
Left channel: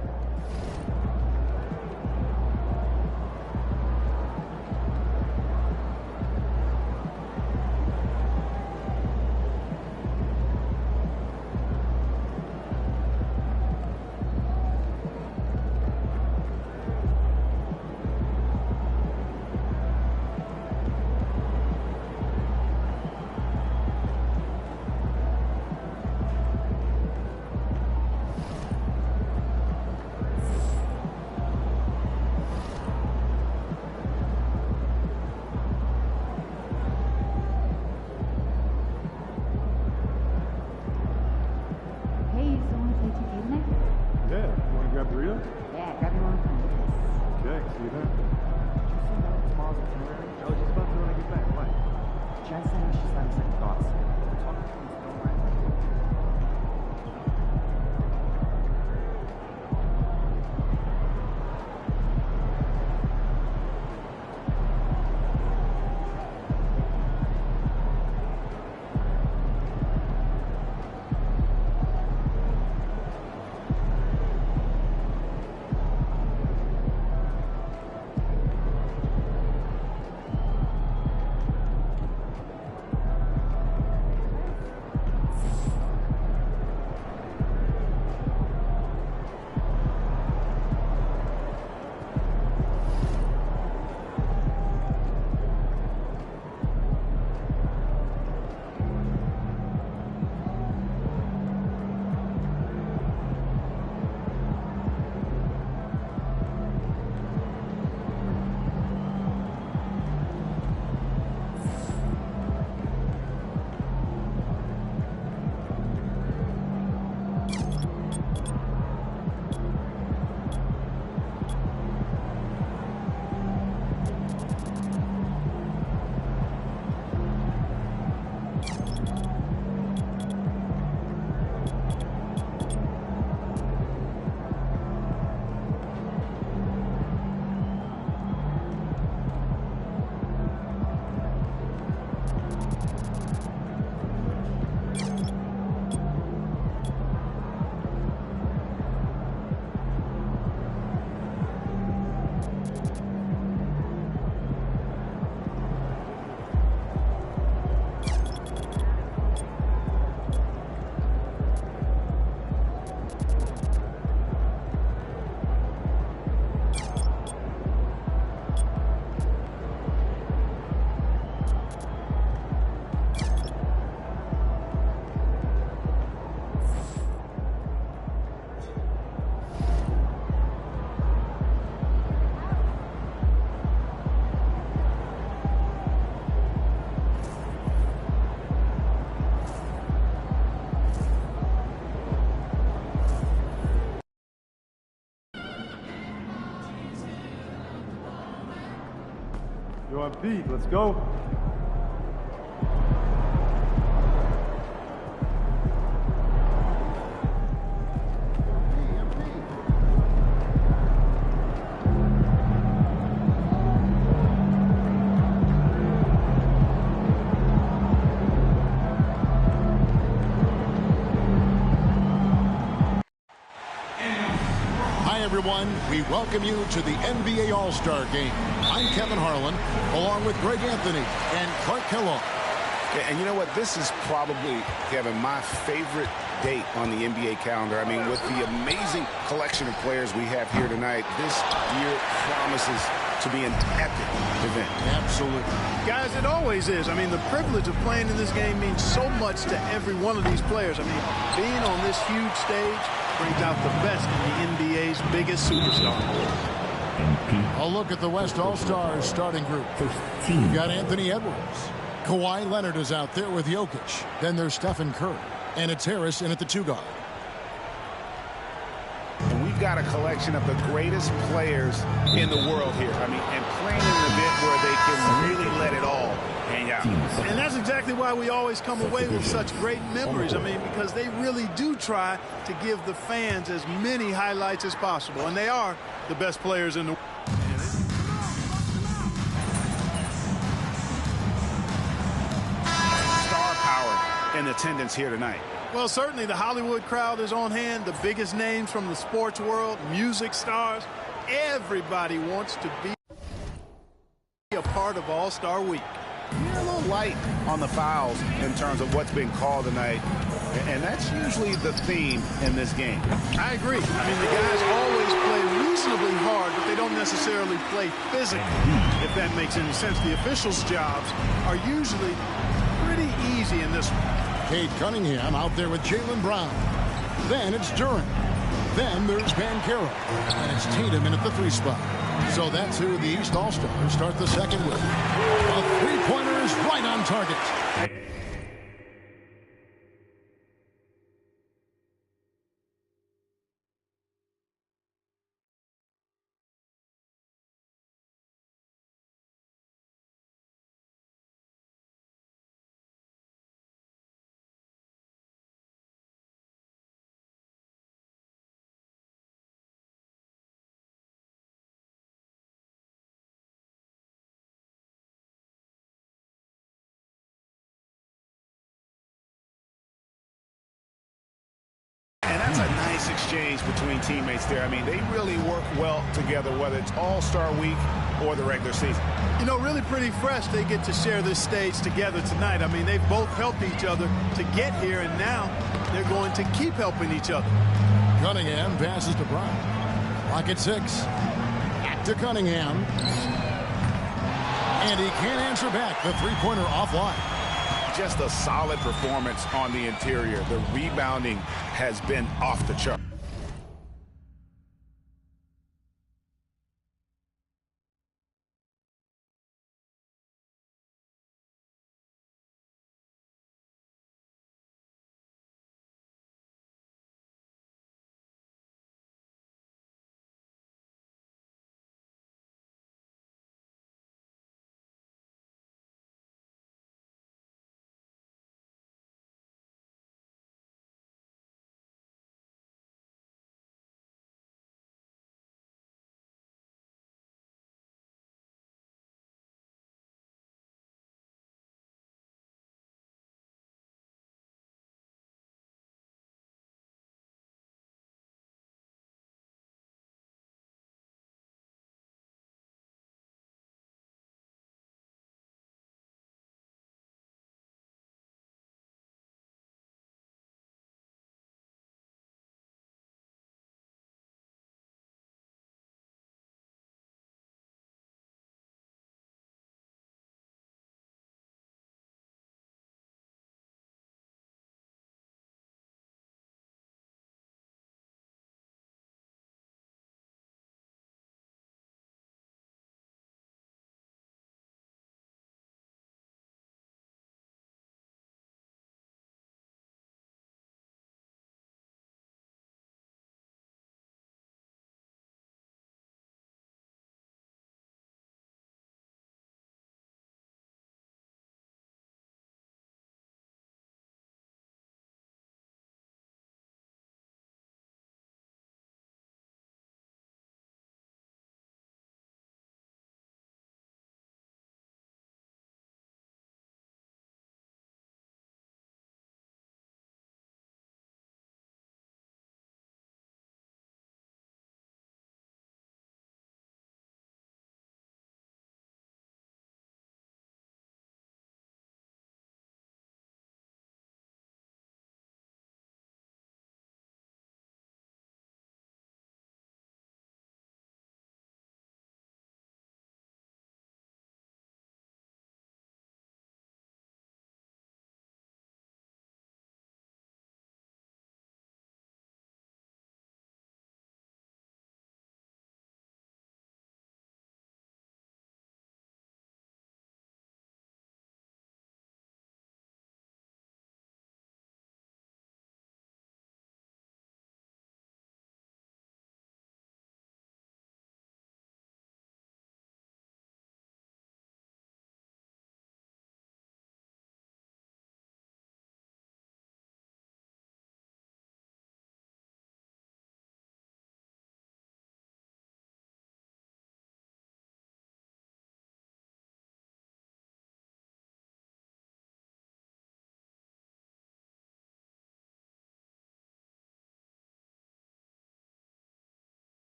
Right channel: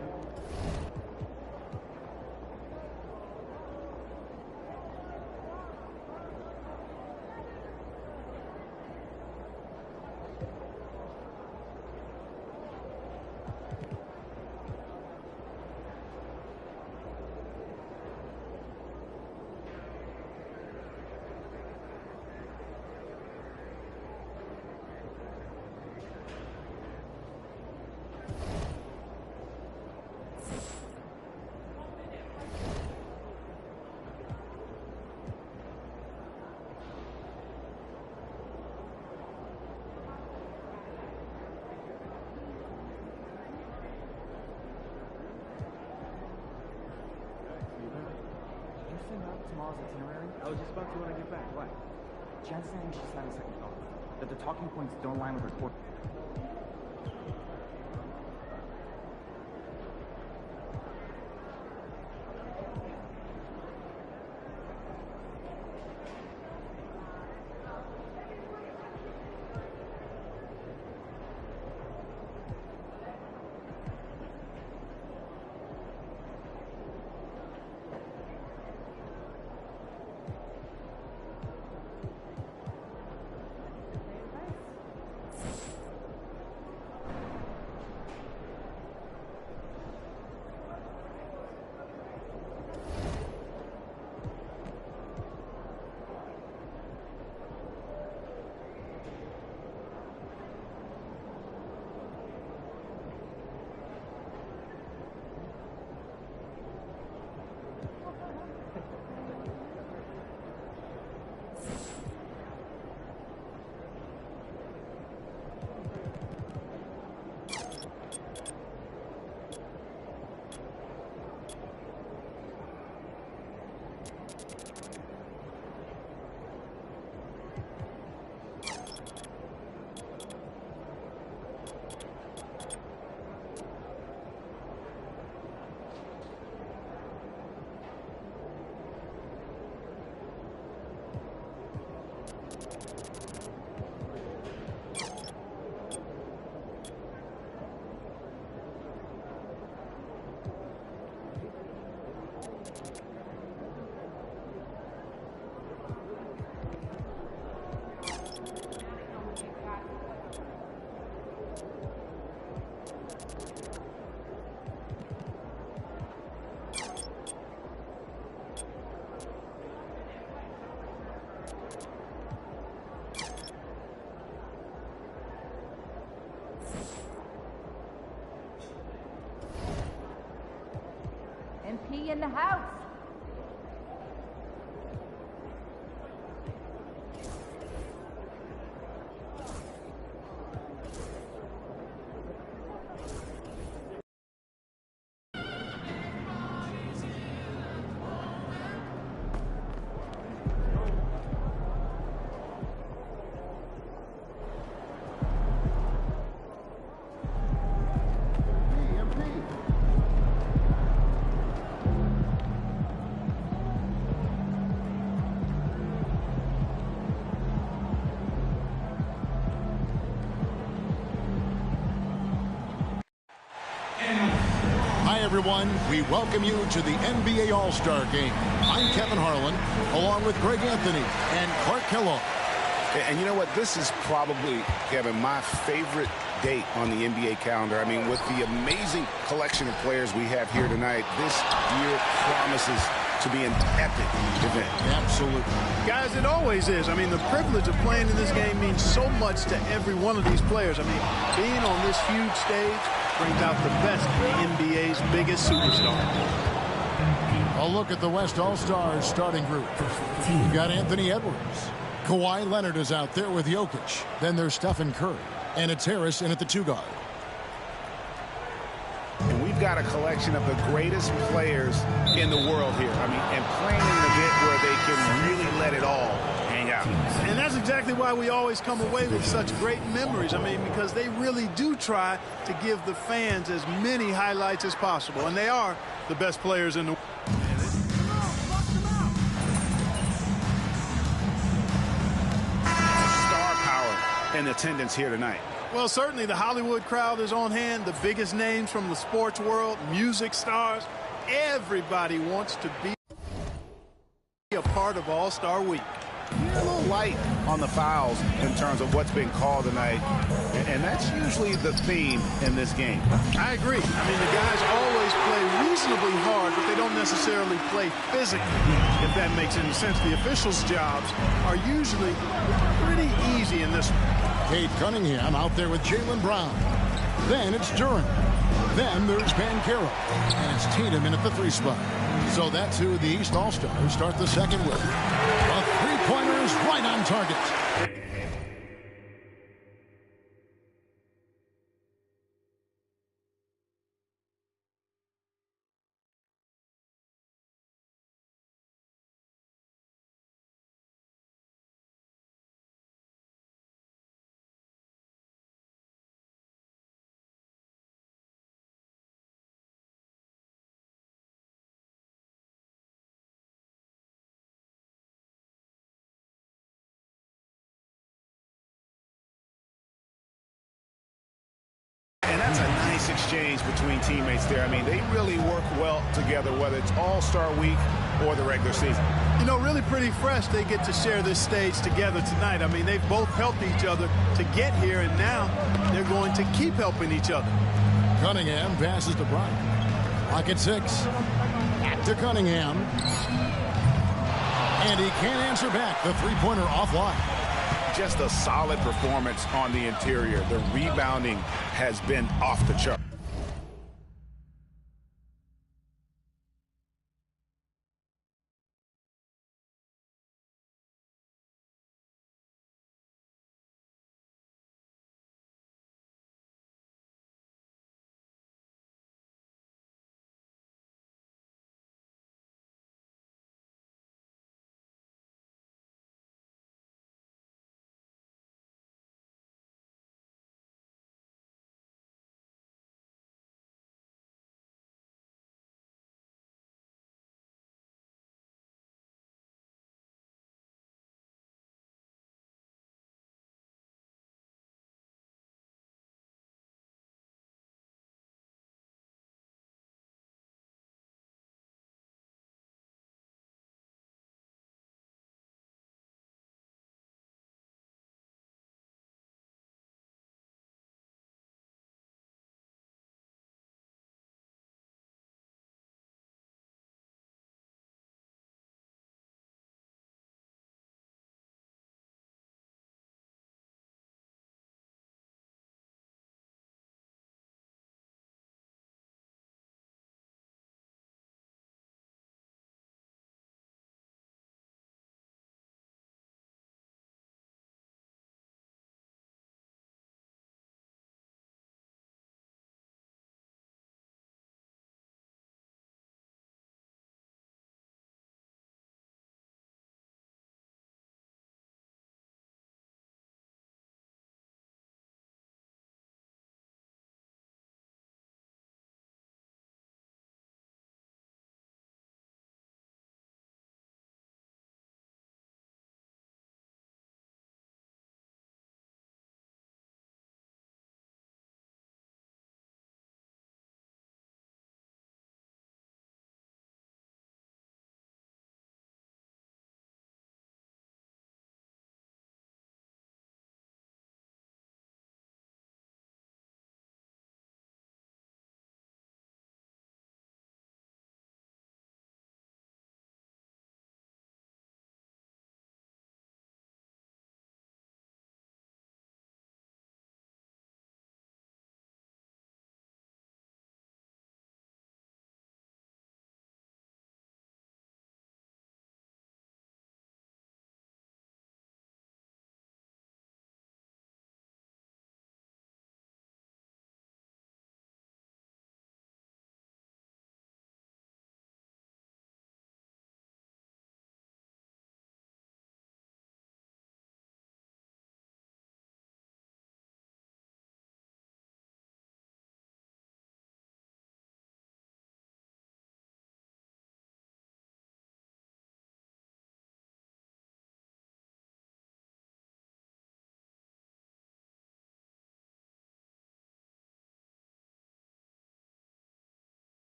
Jen's saying she's having second thoughts, that the talking points don't align with her court. Let's go. Hi, everyone. We welcome you to the NBA All-Star Game. I'm Kevin Harlan, along with Greg Anthony and Clark Kellogg. And you know what? This is probably, Kevin, my favorite date on the NBA calendar. I mean, with the amazing collection of players we have here tonight, this year promises to be an epic event. Absolutely. Guys, it always is. I mean, the privilege of playing in this game means so much to every one of these players. I mean, being on this huge stage brings out the best in the NBA's biggest superstar. A look at the West All-Stars starting group. You've got Anthony Edwards. Kawhi Leonard is out there with Jokic. Then there's Stephen Curry. And it's Harris in at the 2 guard. And we've got a collection of the greatest players in the world here. I mean, and playing in an event where they can really let it all hang out. And that's exactly why we always come away with such great memories. I mean, because they really do try to give the fans as many highlights as possible. And they are the best players in the world. Star power in attendance here tonight. Well, certainly the Hollywood crowd is on hand. The biggest names from the sports world, music stars. Everybody wants to be a part of All-Star Week. You're a little light on the fouls in terms of what's been called tonight, and that's usually the theme in this game. I agree. I mean, the guys always play reasonably hard, but they don't necessarily play physically, if that makes any sense. The officials' jobs are usually pretty easy in this one. Cade Cunningham out there with Jaylen Brown. Then it's Durant. Then there's Mycareer. And it's Tatum in at the 3 spot. So that's who the East All-Stars start the second with. A three-pointer is right on target. That's a nice exchange between teammates there. I mean, they really work well together, whether it's All-Star Week or the regular season. You know, really pretty fresh they get to share this stage together tonight. I mean, they've both helped each other to get here, and now they're going to keep helping each other. Cunningham passes to Brown. Clock at 6. Back to Cunningham. And he can't answer back. The three-pointer offline. Just a solid performance on the interior. The rebounding has been off the chart.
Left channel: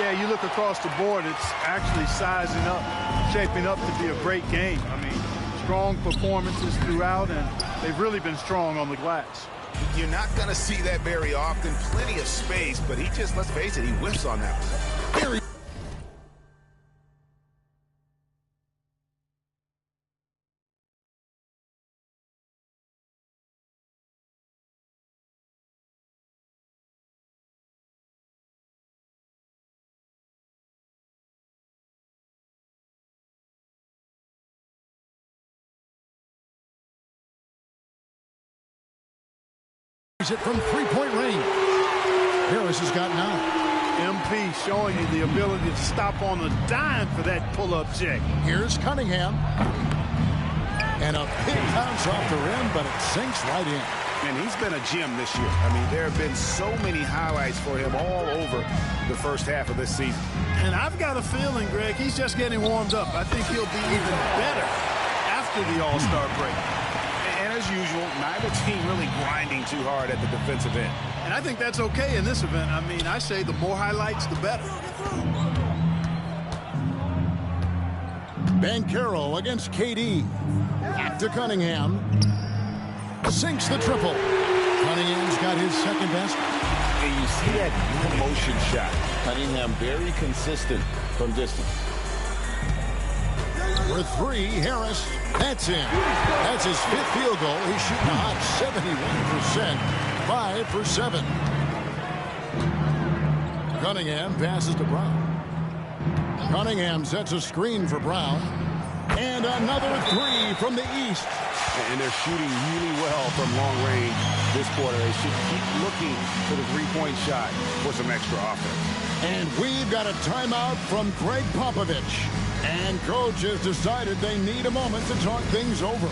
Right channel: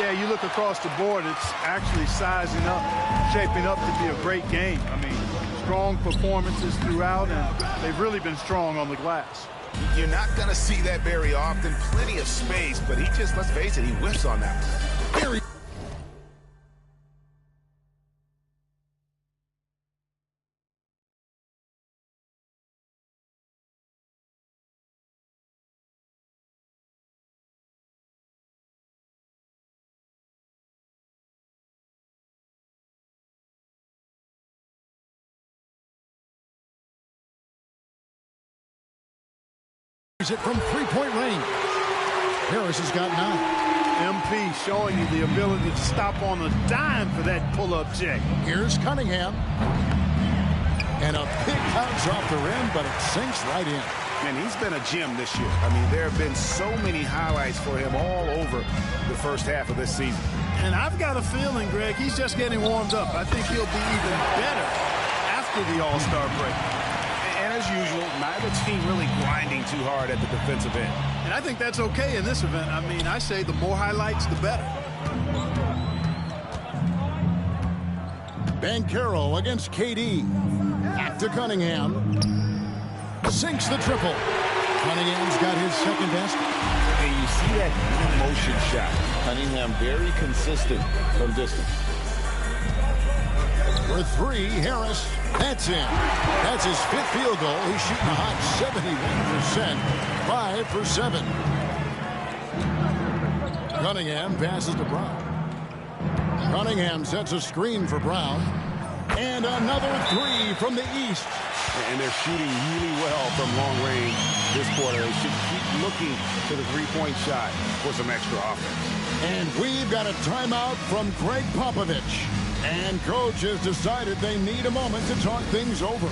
Yeah, you look across the board, it's actually sizing up, shaping up to be a great game. I mean, strong performances throughout, and they've really been strong on the glass. You're not going to see that very often. Plenty of space, but he just, let's face it, he whiffs on that one. Very it from three-point range. Harris has got 9. MP showing you the ability to stop on a dime for that pull-up check. Here's Cunningham. And a big bounce off the rim, but it sinks right in. And he's been a gem this year. I mean, there have been so many highlights for him all over the first half of this season. And I've got a feeling, Greg, he's just getting warmed up. I think he'll be even better after the All-Star break. And as usual, neither team really grinding too hard at the defensive end. And I think that's okay in this event. I mean, I say the more highlights, the better. Mycareer against KD. Back to Cunningham. Sinks the triple. Cunningham's got his second basket. And you see that motion shot. Cunningham very consistent from distance. For 3, Harris. That's in. That's his 5th field goal. He's shooting a hot 71%. 5 for 7. Cunningham passes to Brown. Cunningham sets a screen for Brown. And another 3 from the east. And they're shooting really well from long range this quarter. They should keep looking to the three-point shot for some extra offense. And we've got a timeout from Greg Popovich. And coach has decided they need a moment to talk things over.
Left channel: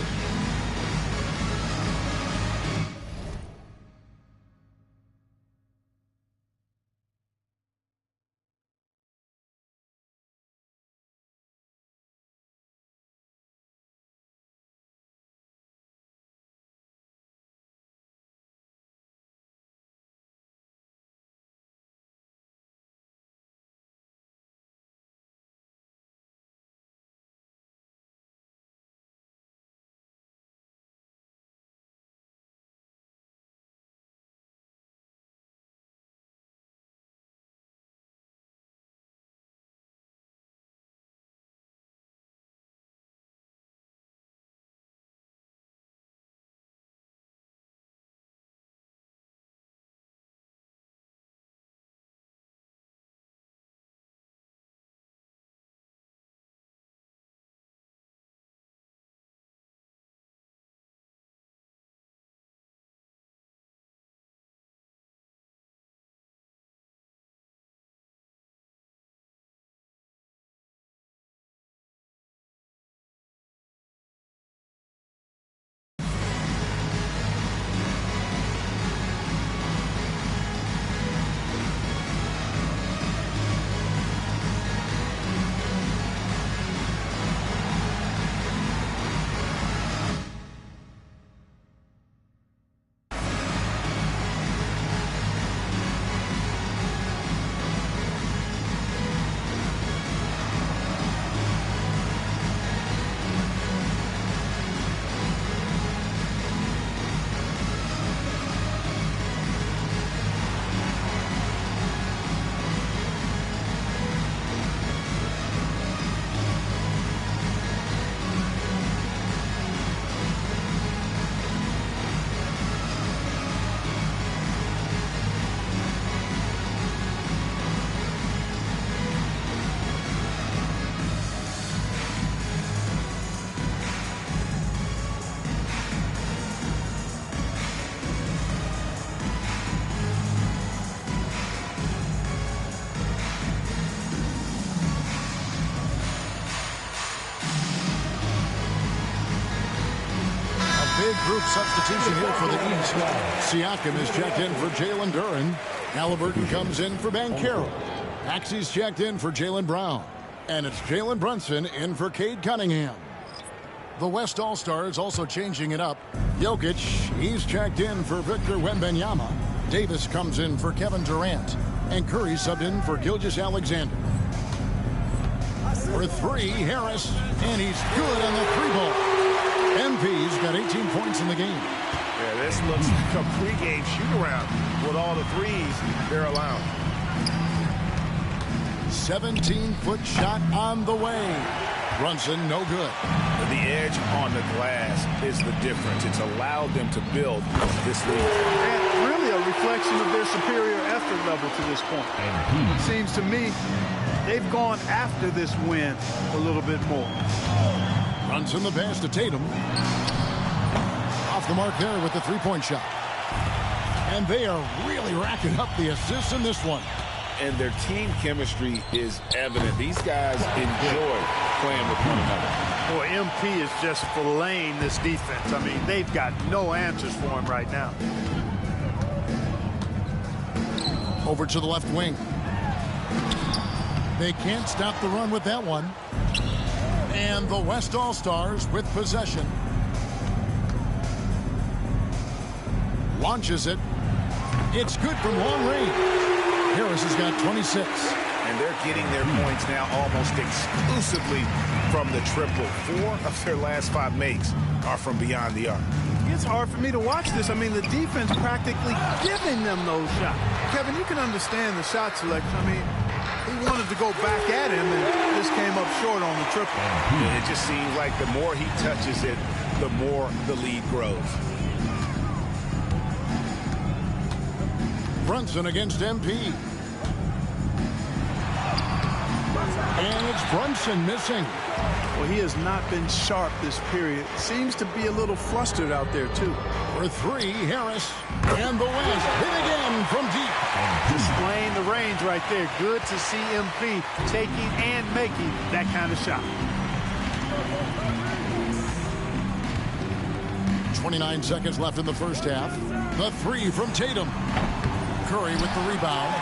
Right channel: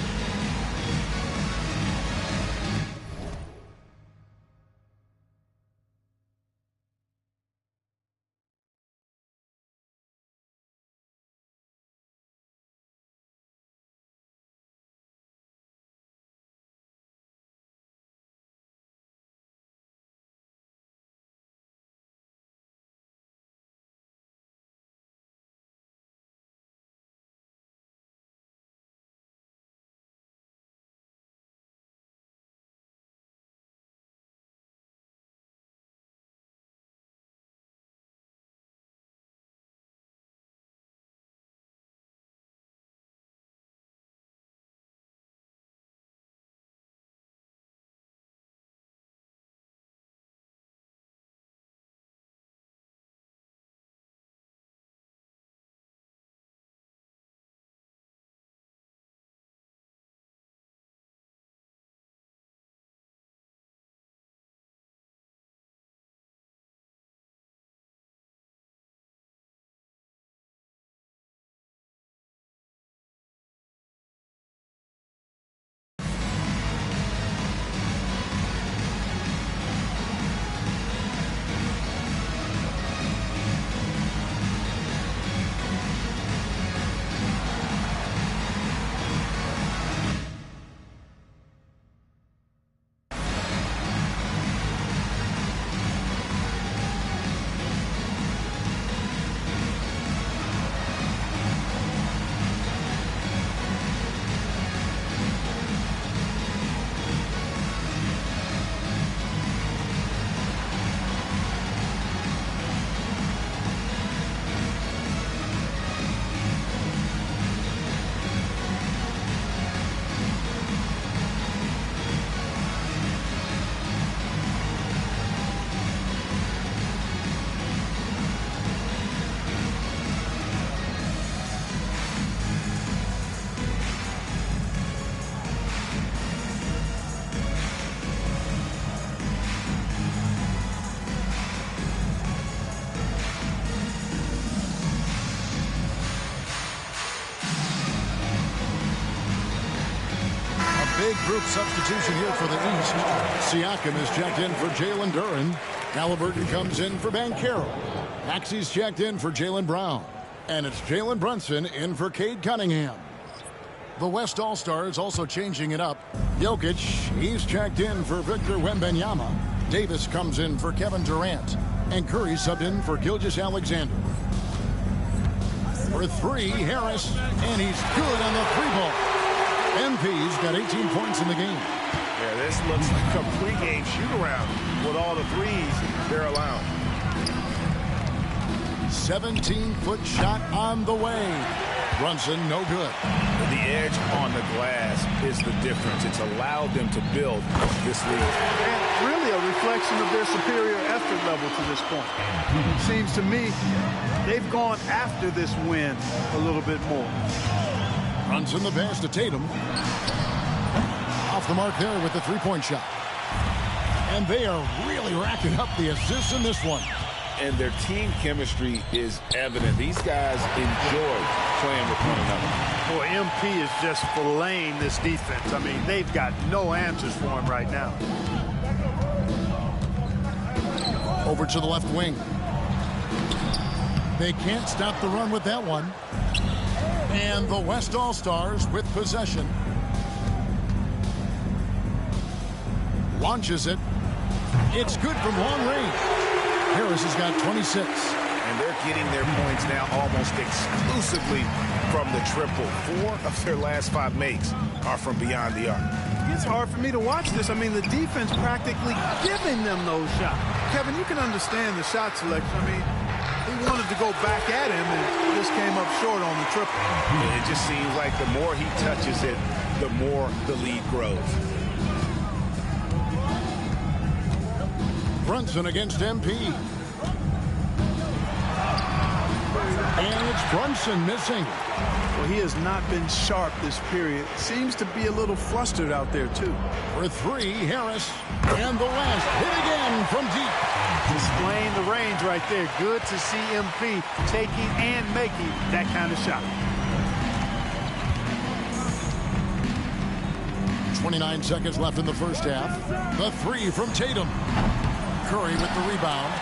Big group substitution here for the East. Siakam is checked in for Jalen Duren. Halliburton comes in for Mycareer. Maxey's checked in for Jaylen Brown. And it's Jalen Brunson in for Cade Cunningham. The West All-Stars also changing it up. Jokic, he's checked in for Victor Wembanyama. Davis comes in for Kevin Durant. And Curry subbed in for Gilgeous-Alexander. For three, Harris. And he's good on the three ball. MP's got 18 points in the game. Yeah, this looks like a pregame shoot-around with all the threes they're allowing. 17-foot shot on the way. Brunson, no good. The edge on the glass is the difference. It's allowed them to build this lead. And really a reflection of their superior effort level to this point. It seems to me they've gone after this win a little bit more. Brunson the pass to Tatum. Off the mark there with the three-point shot. And they are really racking up the assists in this one. And their team chemistry is evident. These guys enjoy playing with one another. Boy, MP is just filleting this defense. I mean, they've got no answers for him right now. Over to the left wing. They can't stop the run with that one. And the West All-Stars with possession. Launches it. It's good from long range. Harris has got 26. And they're getting their points now almost exclusively from the triple. 4 of their last 5 makes are from beyond the arc. It's hard for me to watch this. I mean, the defense practically giving them those shots. Kevin, you can understand the shot selection. I mean, he wanted to go back at him and just came up short on the triple. It just seems like the more he touches it, the more the lead grows. Brunson against MP. And it's Brunson missing. Well, he has not been sharp this period. Seems to be a little flustered out there, too. For three, Harris. And the West hit again from deep. Displaying the range right there. Good to see MP taking and making that kind of shot. 29 seconds left in the first half. The three from Tatum. Curry with the rebound.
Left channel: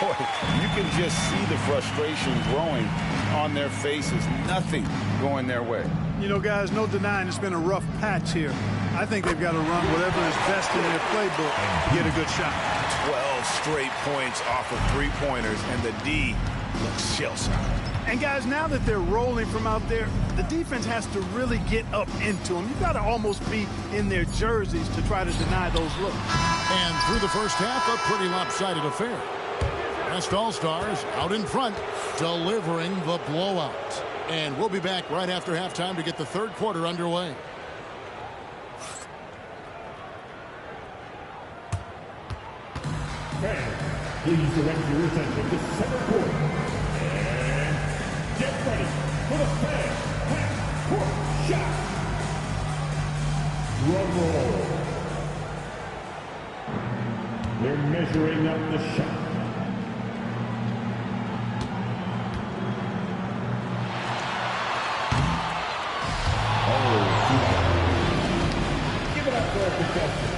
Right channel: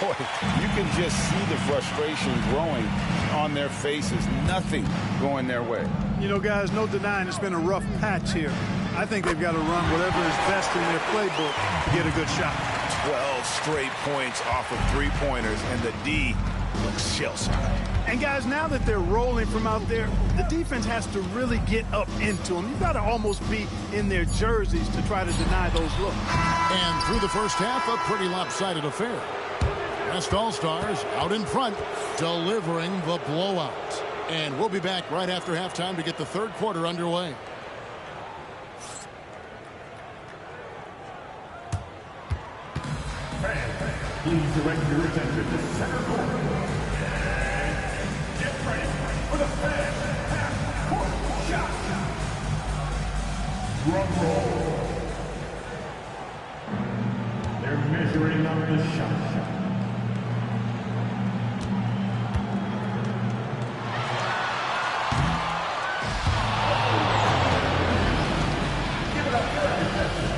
Boy, you can just see the frustration growing on their faces. Nothing going their way. You know, guys, no denying it's been a rough patch here. I think they've got to run whatever is best in their playbook to get a good shot. 12 straight points off of three-pointers, and the D looks shell-shocked. And, guys, now that they're rolling from out there, the defense has to really get up into them. You've got to almost be in their jerseys to try to deny those looks. And through the first half, a pretty lopsided affair. West All-Stars out in front, delivering the blowout. And we'll be back right after halftime to get the third quarter underway. Fans, please direct your attention to center court. And get ready for the fan half-court shot. Drum roll. They're measuring up the shot. Give it up for our contestants.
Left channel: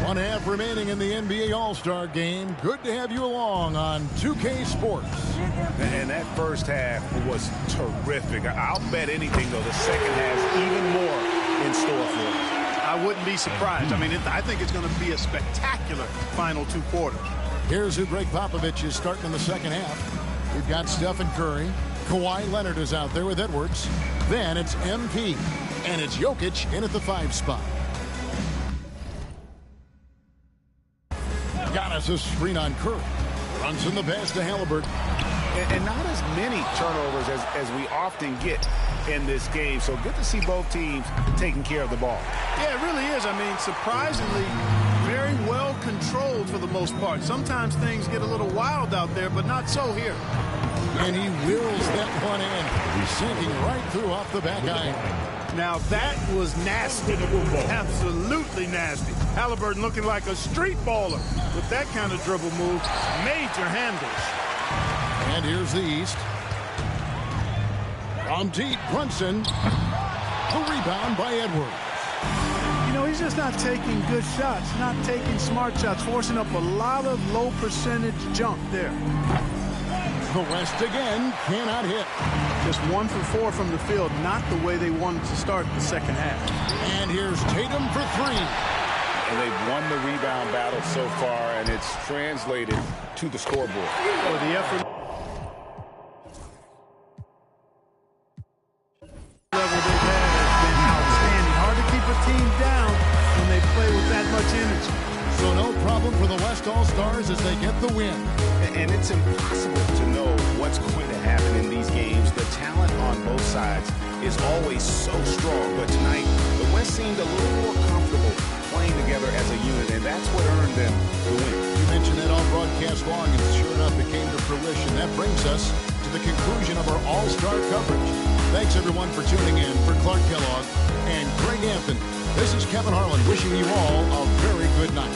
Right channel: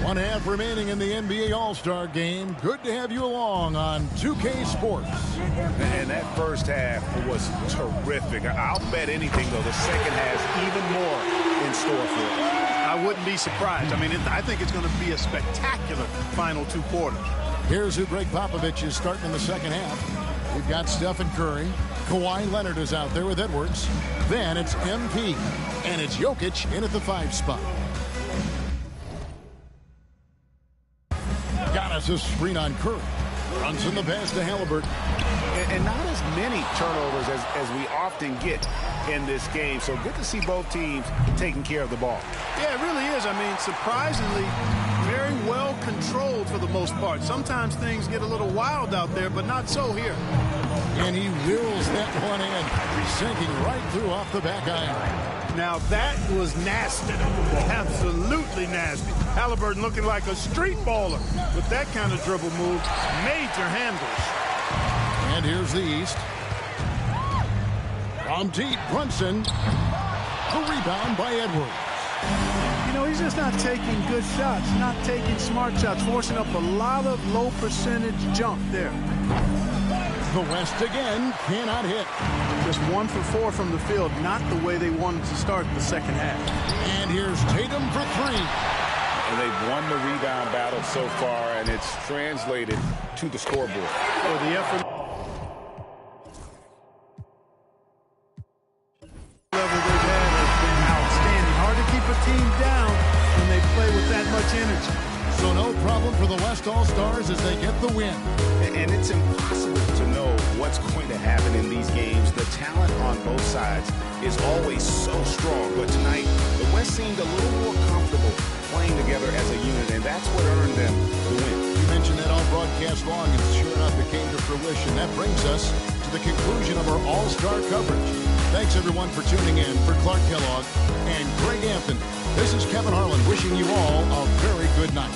One half remaining in the NBA All-Star Game. Good to have you along on 2K Sports. And that first half was terrific. I'll bet anything, though, the second has even more in store for us. I wouldn't be surprised. I mean, I think it's going to be a spectacular final 2 quarters. Here's who Greg Popovich is starting in the second half. We've got Stephen Curry. Kawhi Leonard is out there with Edwards. Then it's MP. And it's Jokic in at the 5 spot. Giannis a screen on Curry. Runs in the pass to Halliburton. And not as many turnovers as we often get in this game. So good to see both teams taking care of the ball. Yeah, it really is. I mean, surprisingly, very well controlled for the most part. Sometimes things get a little wild out there, but not so here. And he wills that one in. He's sinking right through off the back iron. Now that was nasty. Absolutely nasty. Halliburton looking like a street baller with that kind of dribble move. Major handles. And here's the East. From deep, Brunson. The rebound by Edwards. You know, he's just not taking good shots, not taking smart shots, forcing up a lot of low percentage jump there. The West again cannot hit. Just 1 for 4 from the field, not the way they wanted to start the second half. And here's Tatum for 3. And they've won the rebound battle so far, and it's translated to the scoreboard. For the effort level they've had has been outstanding. Hard to keep a team down when they play with that much energy. So no problem for the West All-Stars as they get the win. And it's impossible to know what's going to happen in these games. The talent on both sides is always so strong. But tonight, the West seemed a little more comfortable playing together as a unit, and that's what earned them the win. You mentioned that all broadcast long, and sure enough, it came to fruition. That brings us to the conclusion of our All-Star coverage. Thanks, everyone, for tuning in. For Clark Kellogg and Greg Anthony, this is Kevin Harlan wishing you all a very good night.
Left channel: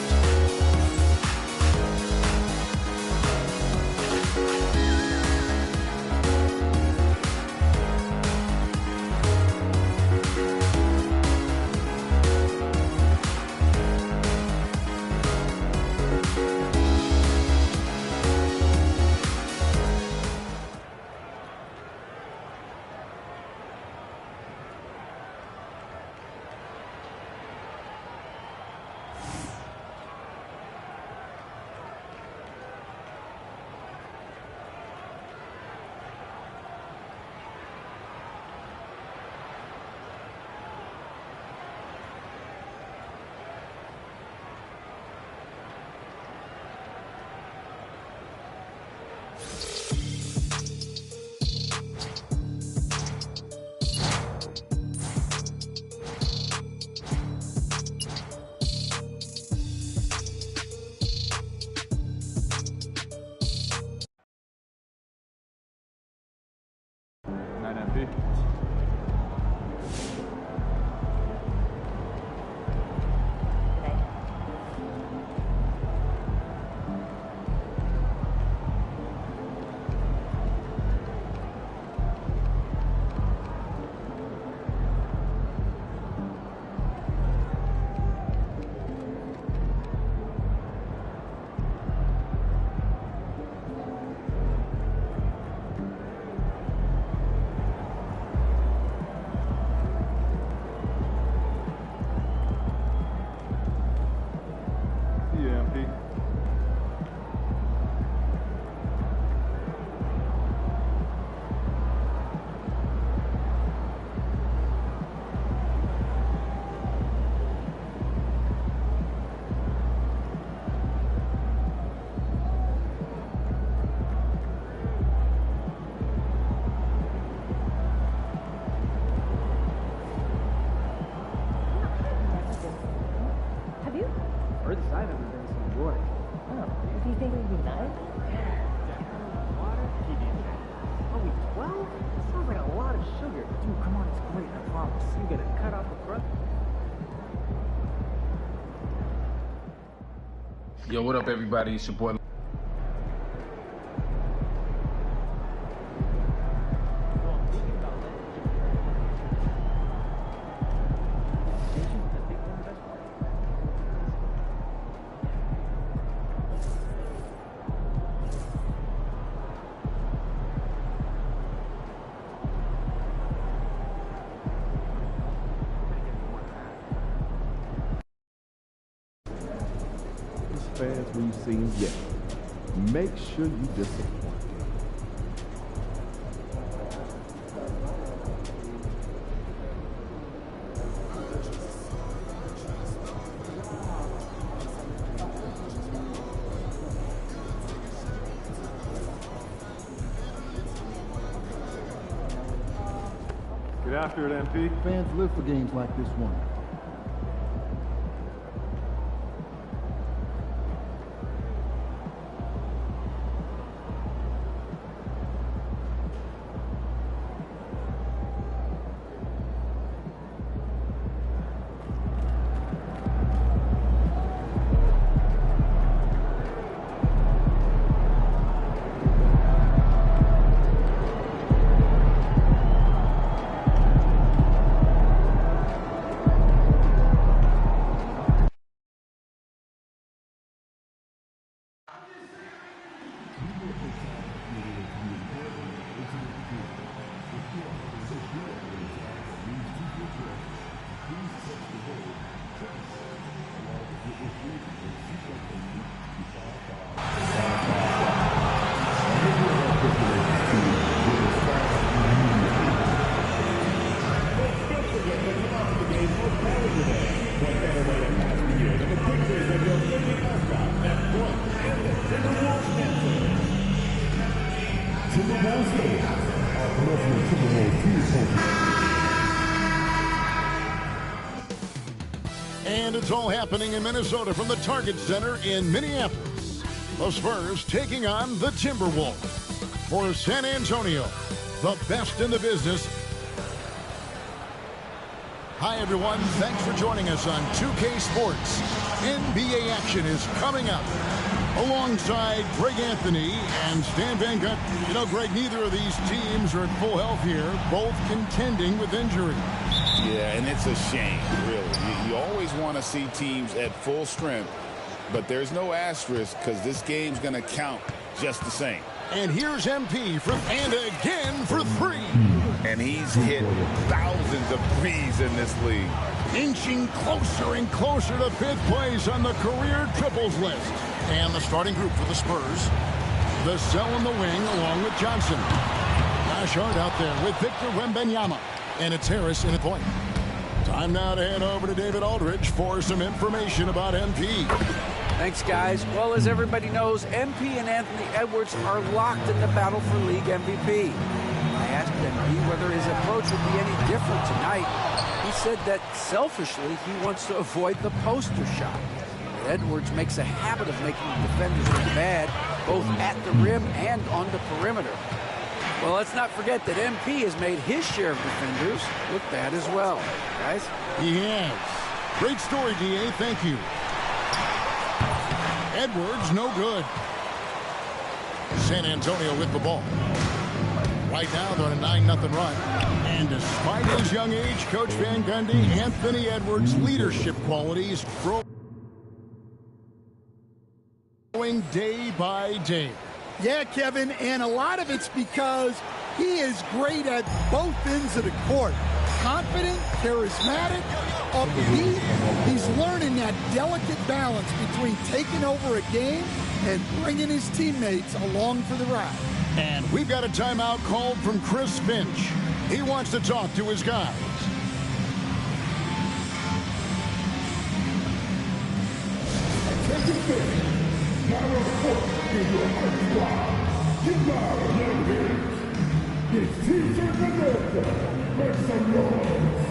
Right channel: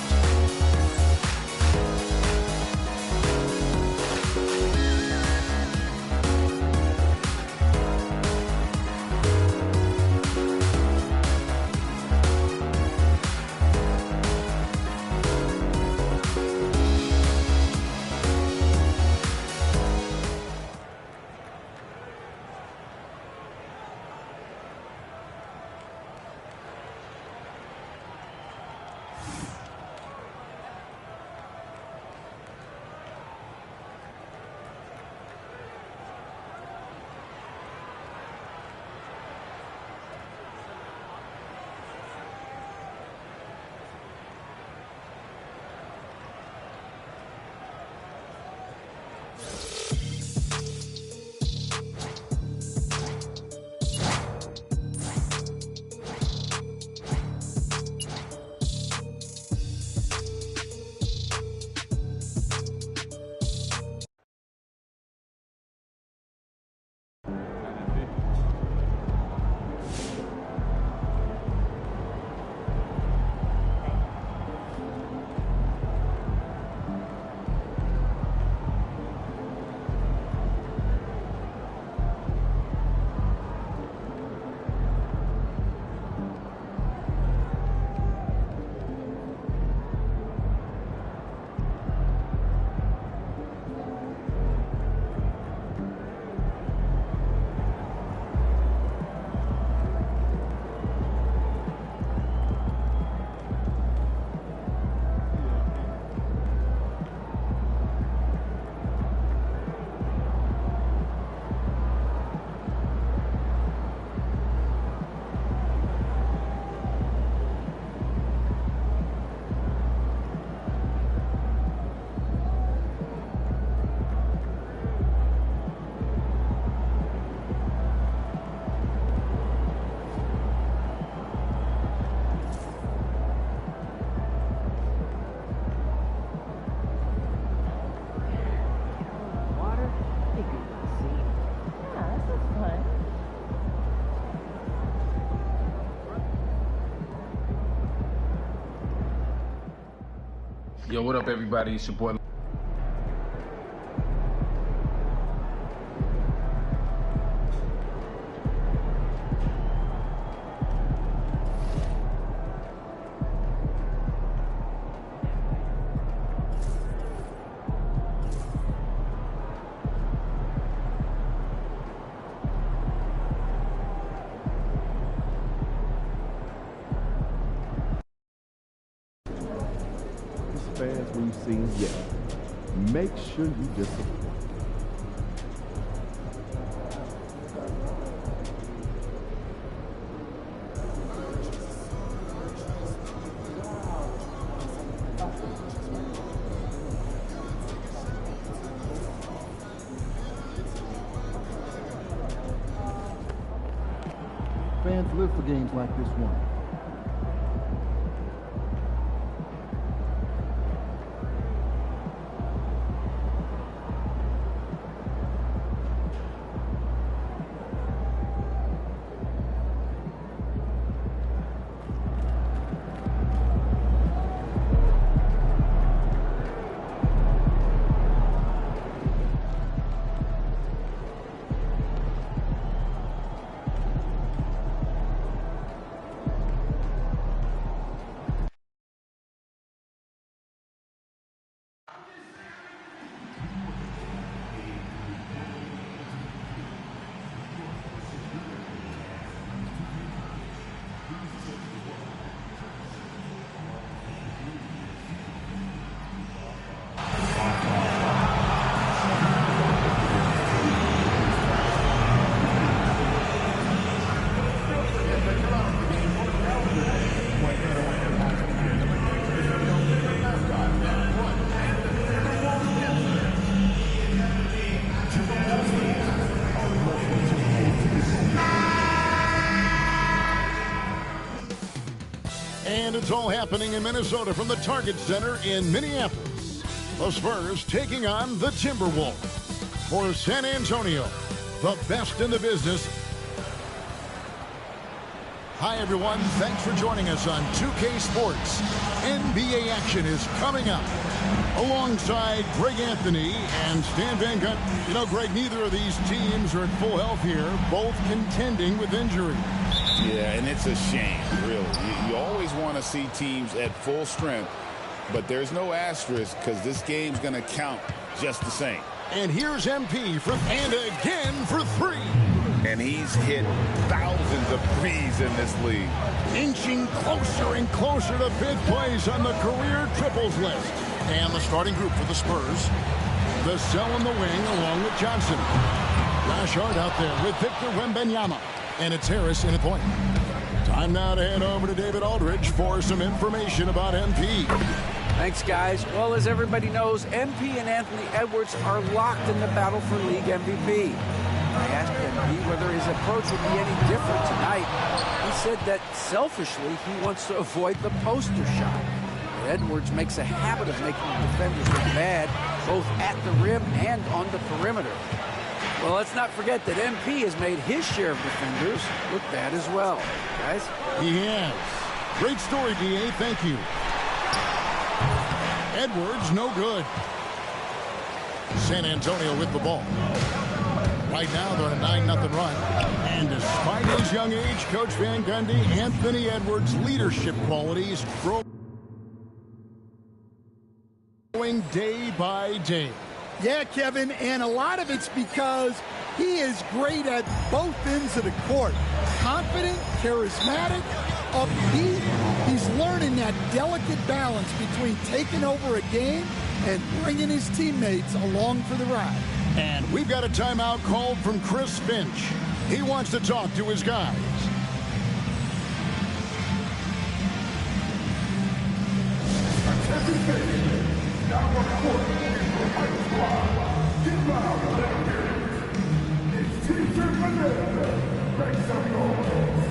Yo, what up, everybody? It's your boy. Fans we've seen yet. Make sure you disappoint them. Get after it, MP. Fans live for games like this one. what better way to pass the year than the pictures of your favorite mascot, that one and the Timberwolves fans, our local Timberwolves fans. And it's all happening in Minnesota from the Target Center in Minneapolis. The Spurs taking on the Timberwolves. For San Antonio, the best in the business. Hi, everyone. Thanks for joining us on 2K Sports. NBA action is coming up. Alongside Greg Anthony and Stan Van Gundy. You know, Greg, neither of these teams are at full health here, both contending with injury. Yeah, and it's a shame, really. You always want to see teams at full strength, but there's no asterisk because this game's going to count just the same. And here's MP and again for three. And he's hit thousands of threes in this league. Inching closer and closer to fifth place on the career triples list. And the starting group for the Spurs. Vassell in the wing along with Johnson. Josh Hart out there with Victor Wembanyama. And it's Harris in the point. Time now to head over to David Aldridge for some information about MP. Thanks, guys. Well, as everybody knows, MP and Anthony Edwards are locked in the battle for league MVP. I asked MP whether his approach would be any different tonight. He said that selfishly he wants to avoid the poster shot. Edwards makes a habit of making defenders look bad, both at the rim and on the perimeter. Well, let's not forget that MP has made his share of defenders look bad as well. Guys? He has. Great story, DA. Thank you. Edwards, no good. San Antonio with the ball. Right now, they're on a 9-0 run. And despite his young age, Coach Van Gundy, Anthony Edwards' leadership qualities growing day by day. Yeah, Kevin, and a lot of it's because he is great at both ends of the court. Confident, charismatic, upbeat. He's learning that delicate balance between taking over a game and bringing his teammates along for the ride. And we've got a timeout called from Chris Finch. He wants to talk to his guys. Now on the court is your fighting squad. Get loud and let them hear it. It's T-shirt America. Make some noise.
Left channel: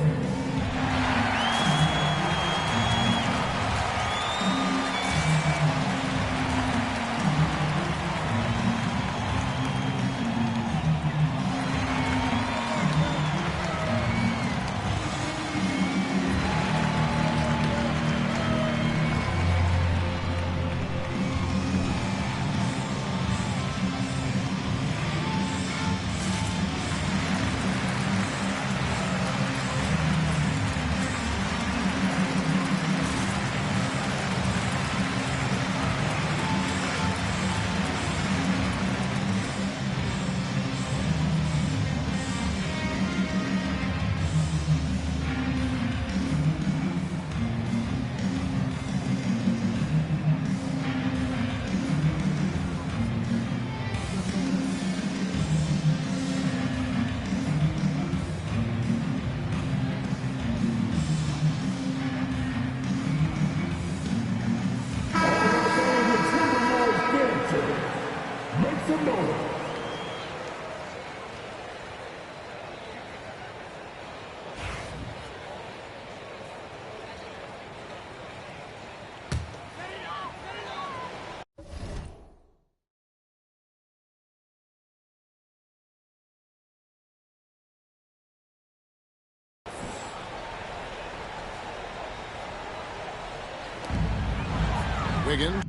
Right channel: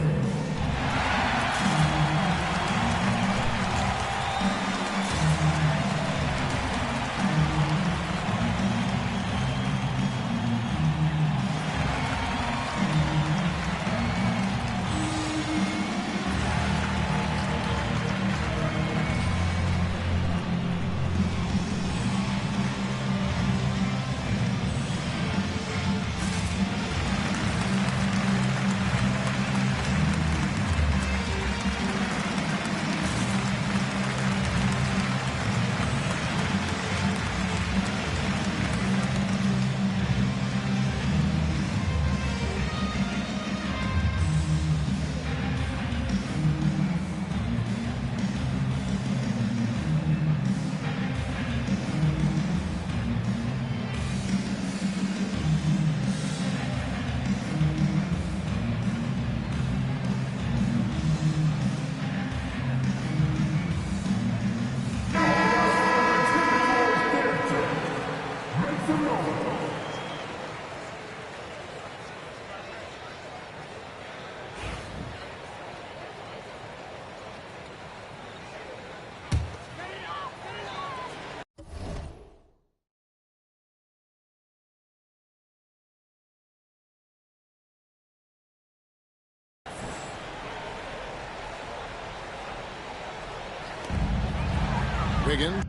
Wiggins.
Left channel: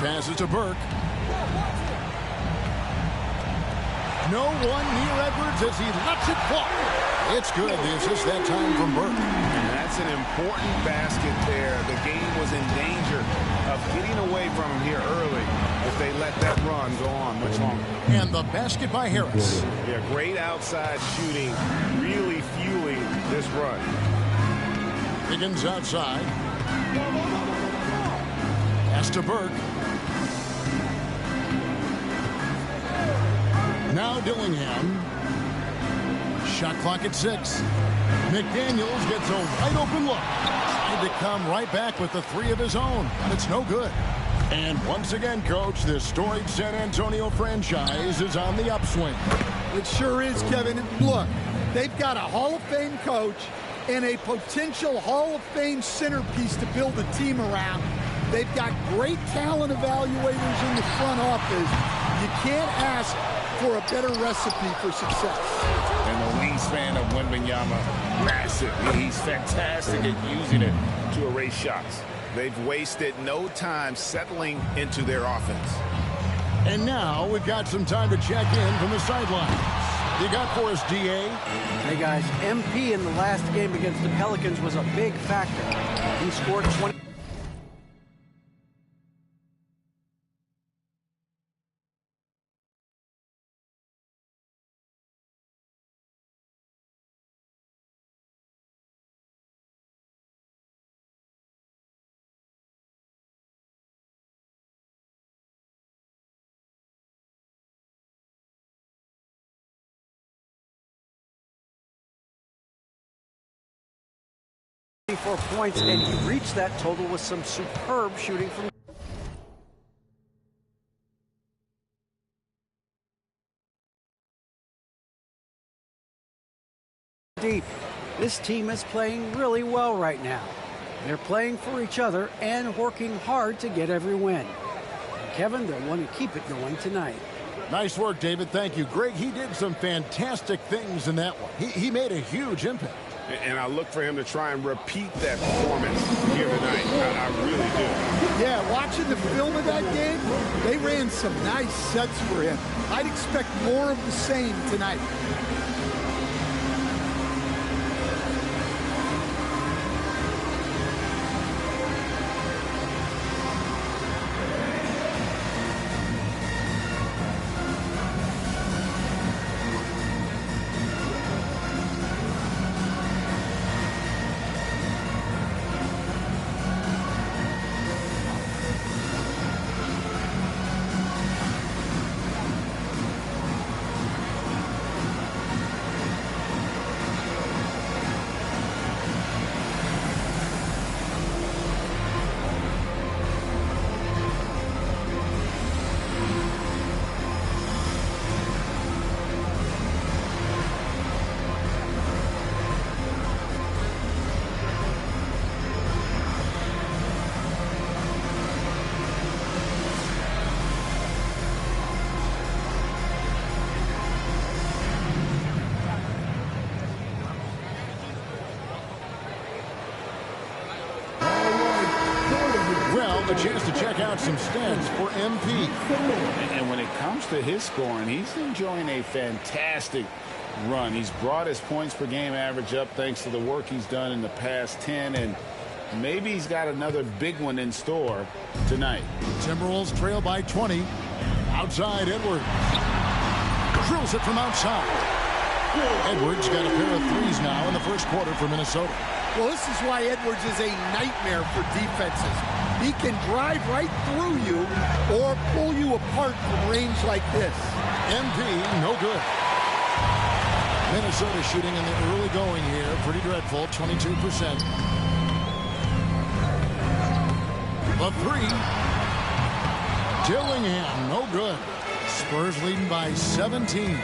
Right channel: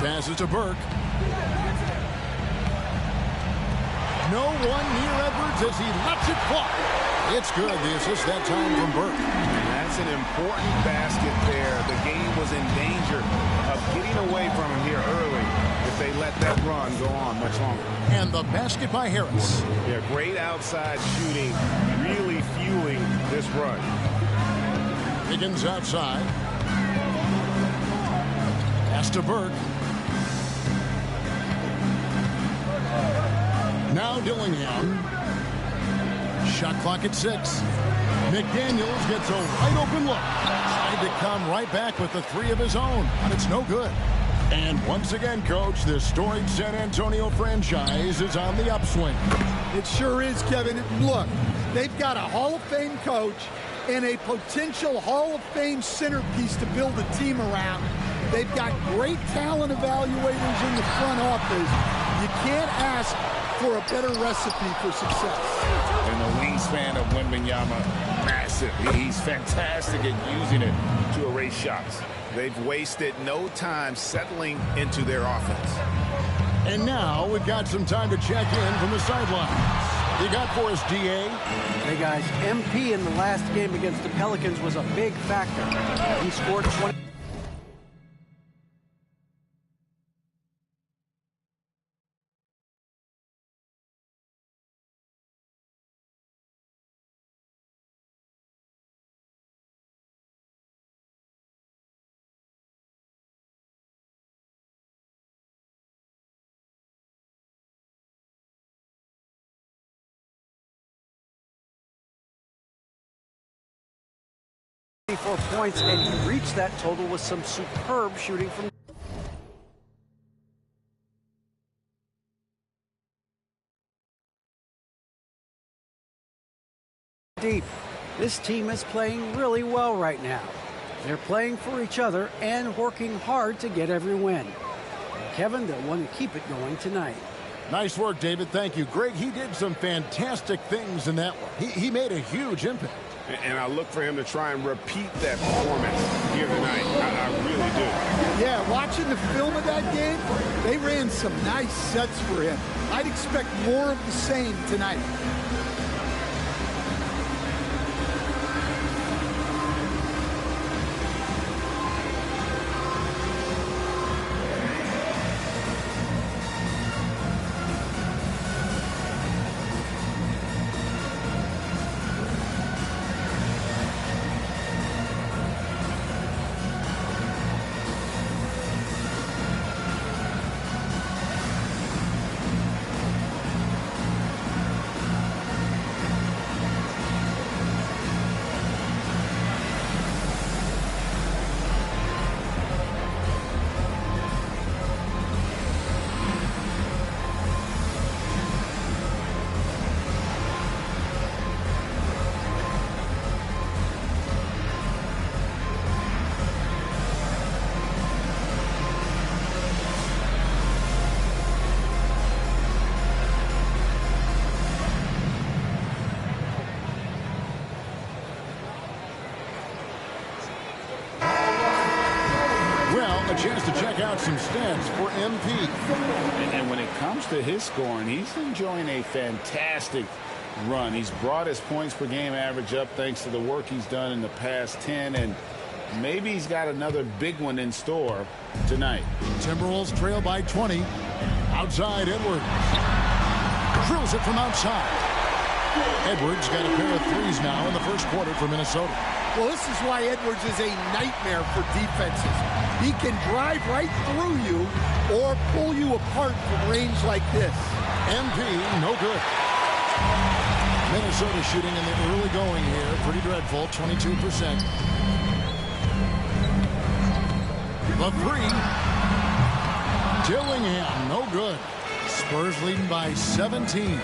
Passes to Burke. No one near Edwards as he lets it fly. It's good. The assist that time from Burke. And that's an important basket there. The game was in danger of getting away from him here early if they let that run go on much longer. And the basket by Harris. Yeah, great outside shooting, really fueling this run. Higgins outside. Pass to Burke. Now Dillingham. Shot clock at 6. McDaniels gets a wide open look. Tried to come right back with the 3 of his own, but it's no good. And once again, Coach, this storied San Antonio franchise is on the upswing. It sure is, Kevin. Look, they've got a Hall of Fame coach and a potential Hall of Fame centerpiece to build a team around. They've got great talent evaluators in the front office. You can't ask for a better recipe for success. And the wingspan of Wembanyama, massive. He's fantastic at using it to erase shots. They've wasted no time settling into their offense. And now we've got some time to check in from the sidelines. You got for us, DA? Hey, guys, MP in the last game against the Pelicans was a big factor. He scored 20. Points, and he reached that total with some superb shooting from deep. This team is playing really well right now. They're playing for each other and working hard to get every win. And Kevin, they'll want to keep it going tonight. Nice work, David. Thank you. Greg, he did some fantastic things in that one. He made a huge impact. And I look for him to try and repeat that performance here tonight. I really do. Yeah, watching the film of that game, they ran some nice sets for him. I'd expect more of the same tonight. A chance to check out some stats for MP. And when it comes to his scoring, he's enjoying a fantastic run. He's brought his points per game average up thanks to the work he's done in the past 10, and maybe he's got another big one in store tonight. Timberwolves trail by 20. Outside, Edwards. Drills it from outside. Edwards got a pair of threes now in the first quarter for Minnesota. Well, this is why Edwards is a nightmare for defenses. He can drive right through you or pull you apart from range like this. MP, no good. Minnesota shooting in the early going here. Pretty dreadful, 22%. The 3. Dillingham, no good. Spurs leading by 17.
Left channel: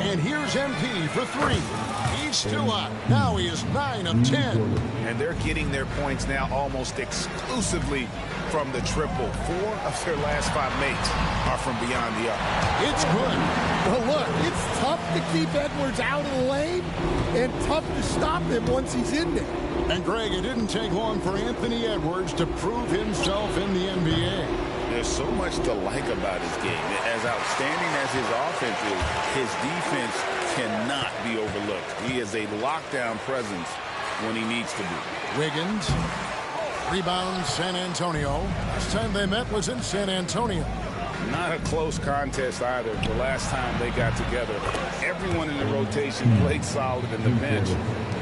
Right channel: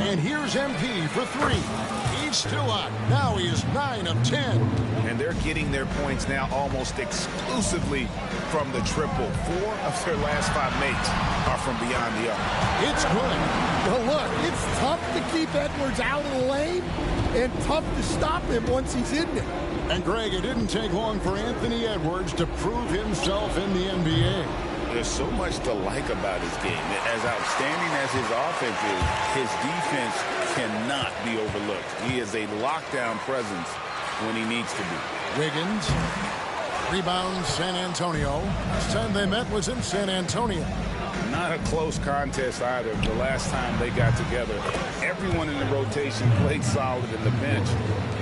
And here's MP for 3. He's still hot. Now he is 9 of 10. And they're getting their points now almost exclusively from the triple. 4 of their last 5 makes are from beyond the arc. It's good. Well, look, it's tough to keep Edwards out of the lane and tough to stop him once he's in there. And, Greg, it didn't take long for Anthony Edwards to prove himself in the NBA. there's so much to like about his game. As outstanding as his offense is, his defense cannot be overlooked. He is a lockdown presence when he needs to be. Wiggins rebounds San Antonio. Last time they met was in San Antonio. Not a close contest either. The last time they got together, everyone in the rotation played solid, and the bench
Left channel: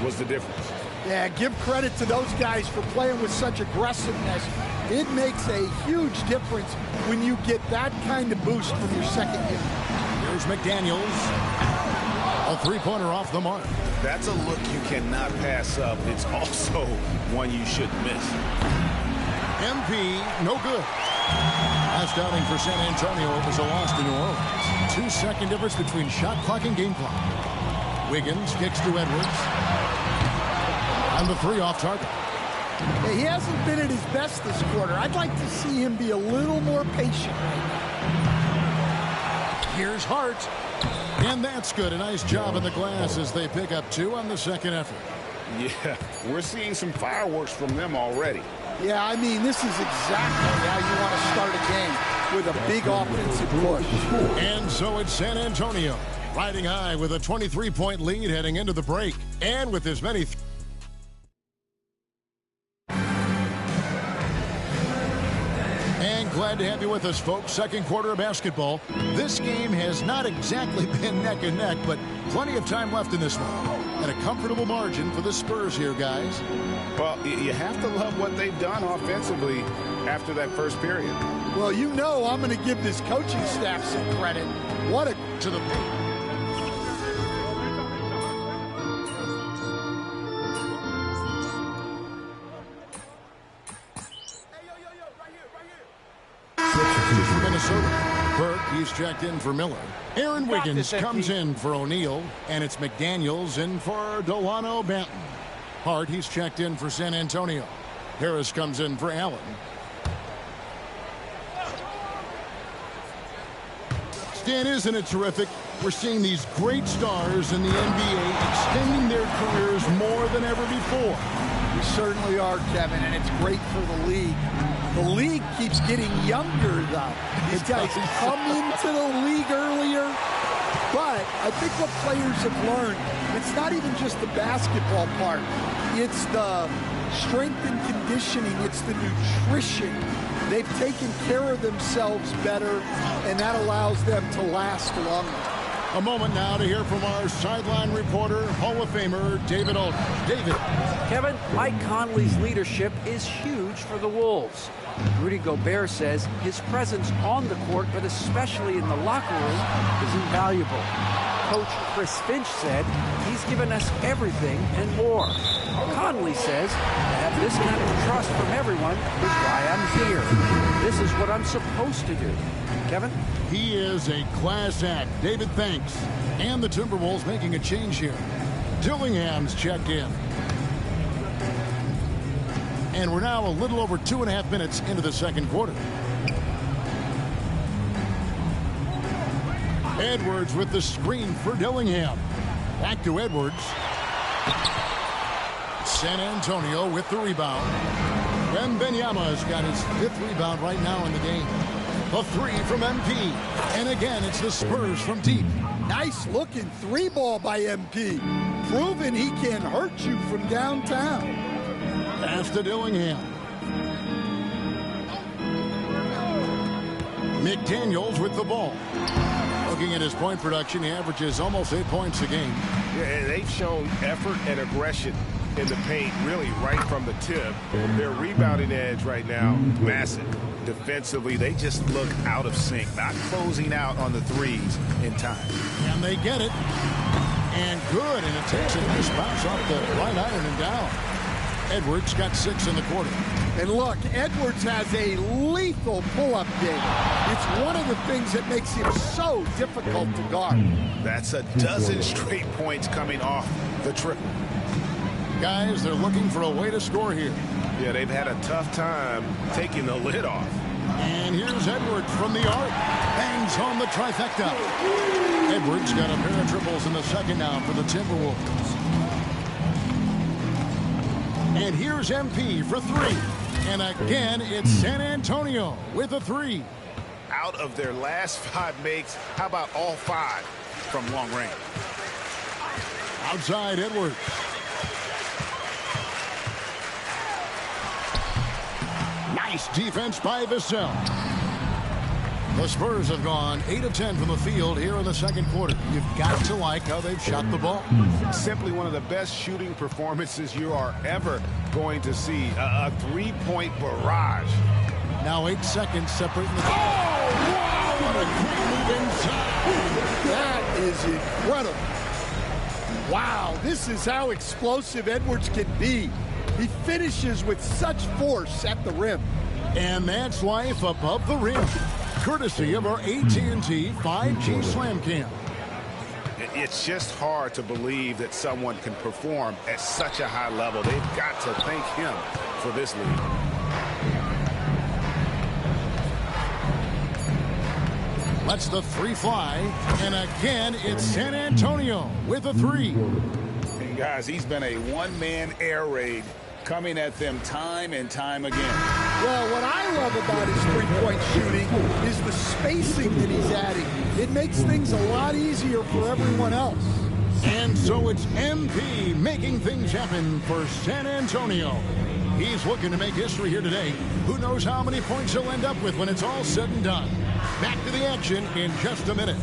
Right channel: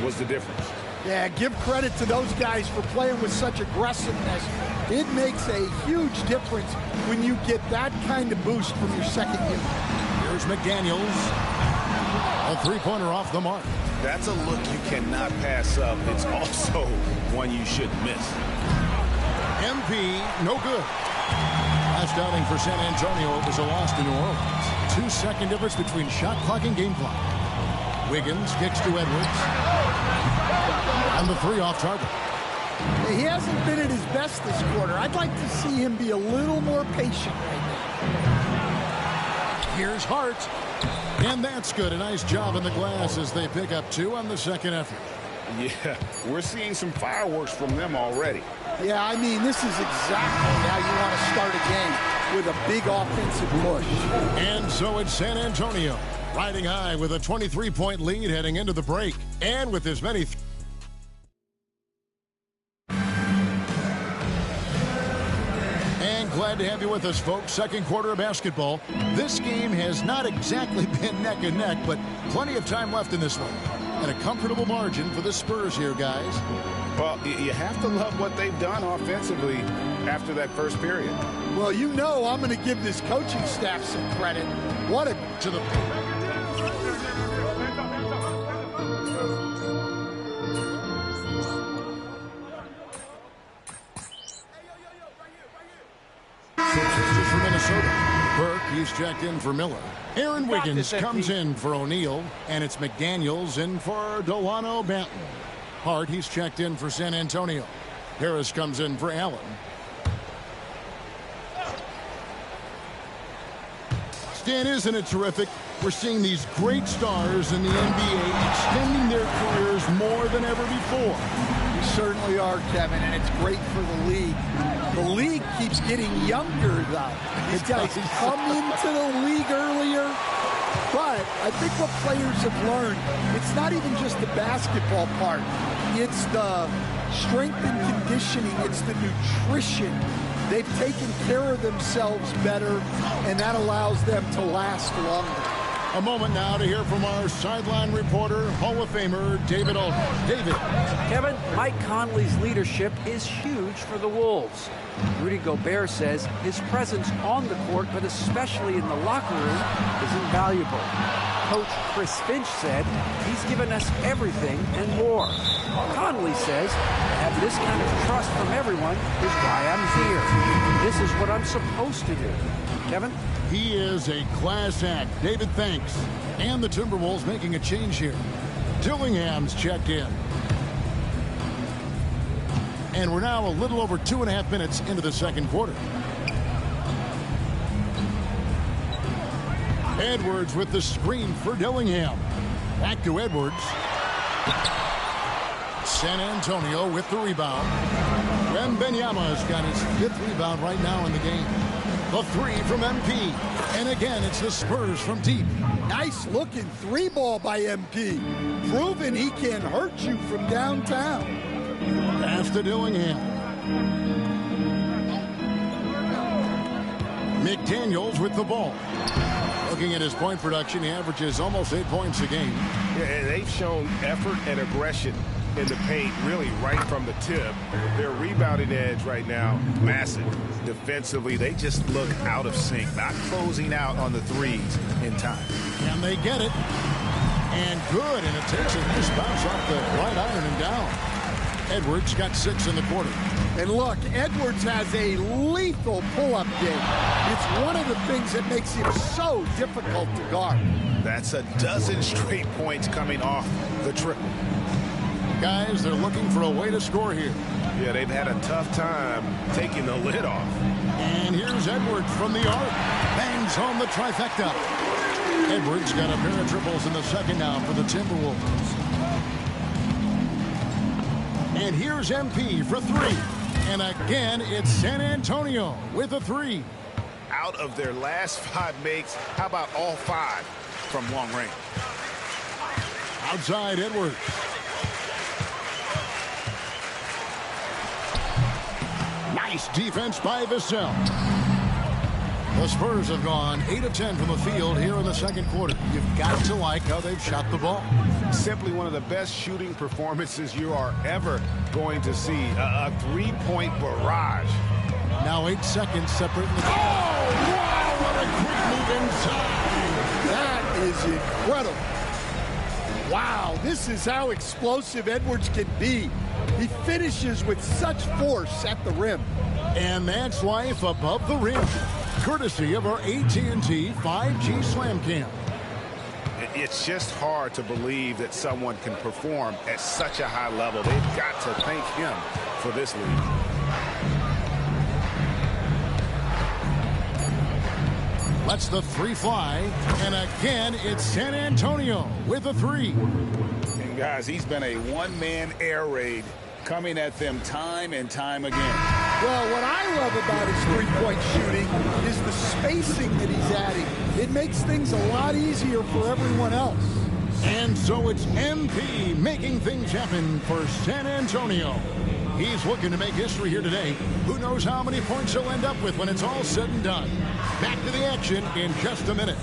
was the difference. Yeah, give credit to those guys for playing with such aggressiveness. It makes a huge difference when you get that kind of boost from your second unit. Here's McDaniels. A three-pointer off the mark. That's a look you cannot pass up. It's also one you shouldn't miss. MP, no good. Last outing for San Antonio, it was a loss to New Orleans. 2-second difference between shot clock and game clock. Wiggins kicks to Edwards. And the three off target. He hasn't been at his best this quarter. I'd like to see him be a little more patient right now. Here's Hart. And that's good. A nice job in the glass as they pick up 2 on the second effort. Yeah, we're seeing some fireworks from them already. Yeah, I mean, this is exactly how you want to start a game, with a big offensive push. And so it's San Antonio, riding high with a 23-point lead heading into the break. And with as many... And glad to have you with us, folks. Second quarter of basketball. This game has not exactly been neck and neck, but plenty of time left in this one. And a comfortable margin for the Spurs here, guys. Well, you have to love what they've done offensively after that first period. Well, you know I'm going to give this coaching staff some credit. What a... to the paint. For Minnesota. Burke, he's checked in for Miller. Aaron Wiggins comes in for O'Neal, and it's McDaniels in for Delano Banton. Hart, he's checked in for San Antonio. Harris comes in for Allen. Stan, isn't it terrific? We're seeing these great stars in the NBA extending their careers more than ever before. We certainly are, Kevin, and it's great for the league. The league keeps getting younger, though. These guys come into the league earlier. But I think what players have learned, it's not even just the basketball part. It's the strength and conditioning. It's the nutrition. They've taken care of themselves better, and that allows them to last longer. A moment now to hear from our sideline reporter, Hall of Famer David Aldridge. David. Kevin, Mike Conley's leadership is huge for the Wolves. Rudy Gobert says his presence on the court, but especially in the locker room, is invaluable. Coach Chris Finch said he's given us everything and more. Conley says to have this kind of trust from everyone is why I'm here. This is what I'm supposed to do. Kevin? He is a class act. David, thanks. And the Timberwolves making a change here. Dillingham's checked in. And we're now a little over 2.5 minutes into the second quarter. Edwards with the screen for Dillingham. Back to Edwards. San Antonio with the rebound. Wembanyama's got his 5th rebound right now in the game. The three from MP. And again, it's the Spurs from deep. Nice looking 3-ball by MP. Proving he can hurt you from downtown. Pass to Dillingham. McDaniels with the ball. Looking at his point production, he averages almost 8 points a game. Yeah, they've shown effort and aggression in the paint, really right from the tip. Their rebounding edge right now, massive. Defensively, they just look out of sync, not closing out on the threes in time. And they get it. And good, and it takes a nice bounce off the right iron and down. Edwards got 6 in the quarter. And look, Edwards has a lethal pull-up game. It's one of the things that makes him so difficult to guard. That's a dozen straight points coming off the triple. Guys, they're looking for a way to score here. Yeah, they've had a tough time taking the lid off. And here's Edwards from the arc. Bangs home the trifecta. Edwards got a pair of triples in the second now for the Timberwolves. And here's MP for 3. And again, it's San Antonio with a 3. Out of their last 5 makes, how about all 5 from long range? Outside Edwards. Nice defense by Vassell. The Spurs have gone 8 of 10 from the field here in the second quarter. You've got to like how they've shot the ball. Simply one of the best shooting performances you are ever going to see. A 3-point barrage. Now 8 seconds separating the game. Oh, wow, what a great move inside. That is incredible. Wow, this is how explosive Edwards can be. He finishes with such force at the rim. And that's life above the rim, courtesy of our AT&T 5G Slam Cam. It's just hard to believe that someone can perform at such a high level. They've got to thank him for this lead. Lets the 3 fly, and again, it's San Antonio with a 3. And guys, he's been a one-man air raid coming at them time and time again. Well, what I love about his three-point shooting is the spacing that he's adding. It makes things a lot easier for everyone else. And so it's MP making things happen for San Antonio. He's looking to make history here today. Who knows how many points he'll end up with when it's all said and done. Back to the action in just a minute.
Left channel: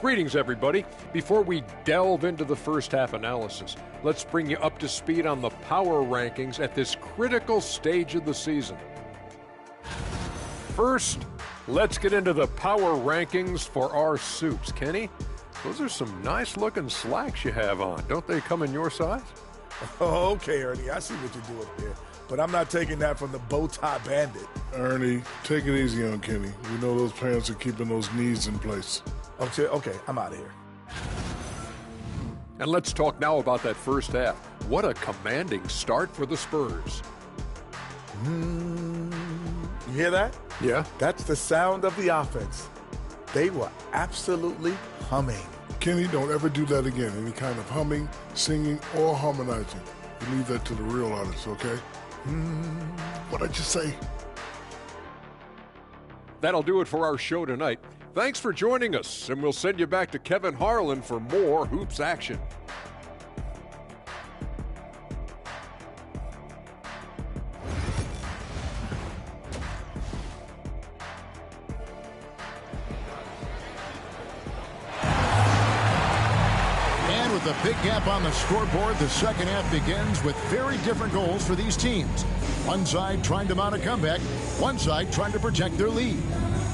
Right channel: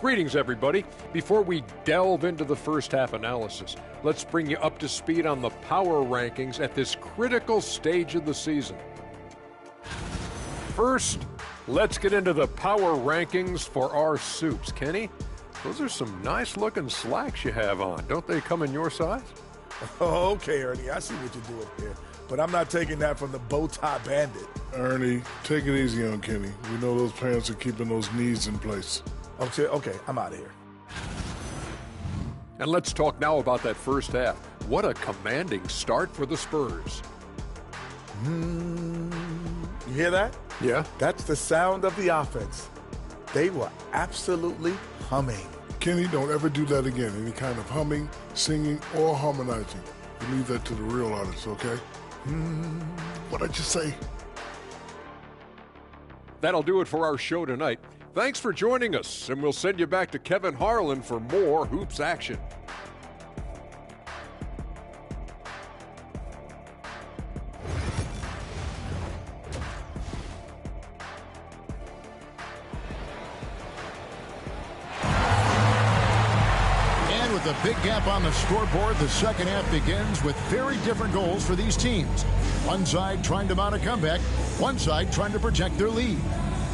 Greetings, everybody. Before we delve into the first half analysis, let's bring you up to speed on the power rankings at this critical stage of the season. First, let's get into the power rankings for our suits. Kenny, those are some nice-looking slacks you have on. Don't they come in your size? Oh, okay, Ernie, I see what you're doing here. But I'm not taking that from the bow tie bandit. Ernie, take it easy on Kenny. We know those pants are keeping those knees in place. Okay, I'm out of here. And let's talk now about that first half. What a commanding start for the Spurs. You hear that? Yeah. That's the sound of the offense. They were absolutely humming. Kenny, don't ever do that again. Any kind of humming, singing, or harmonizing. You leave that to the real artists, okay? What'd I just say? That'll do it for our show tonight. Thanks for joining us, and we'll send you back to Kevin Harlan for more Hoops action. And with a big gap on the scoreboard, the second half begins with very different goals for these teams. One side trying to mount a comeback, one side trying to protect their lead.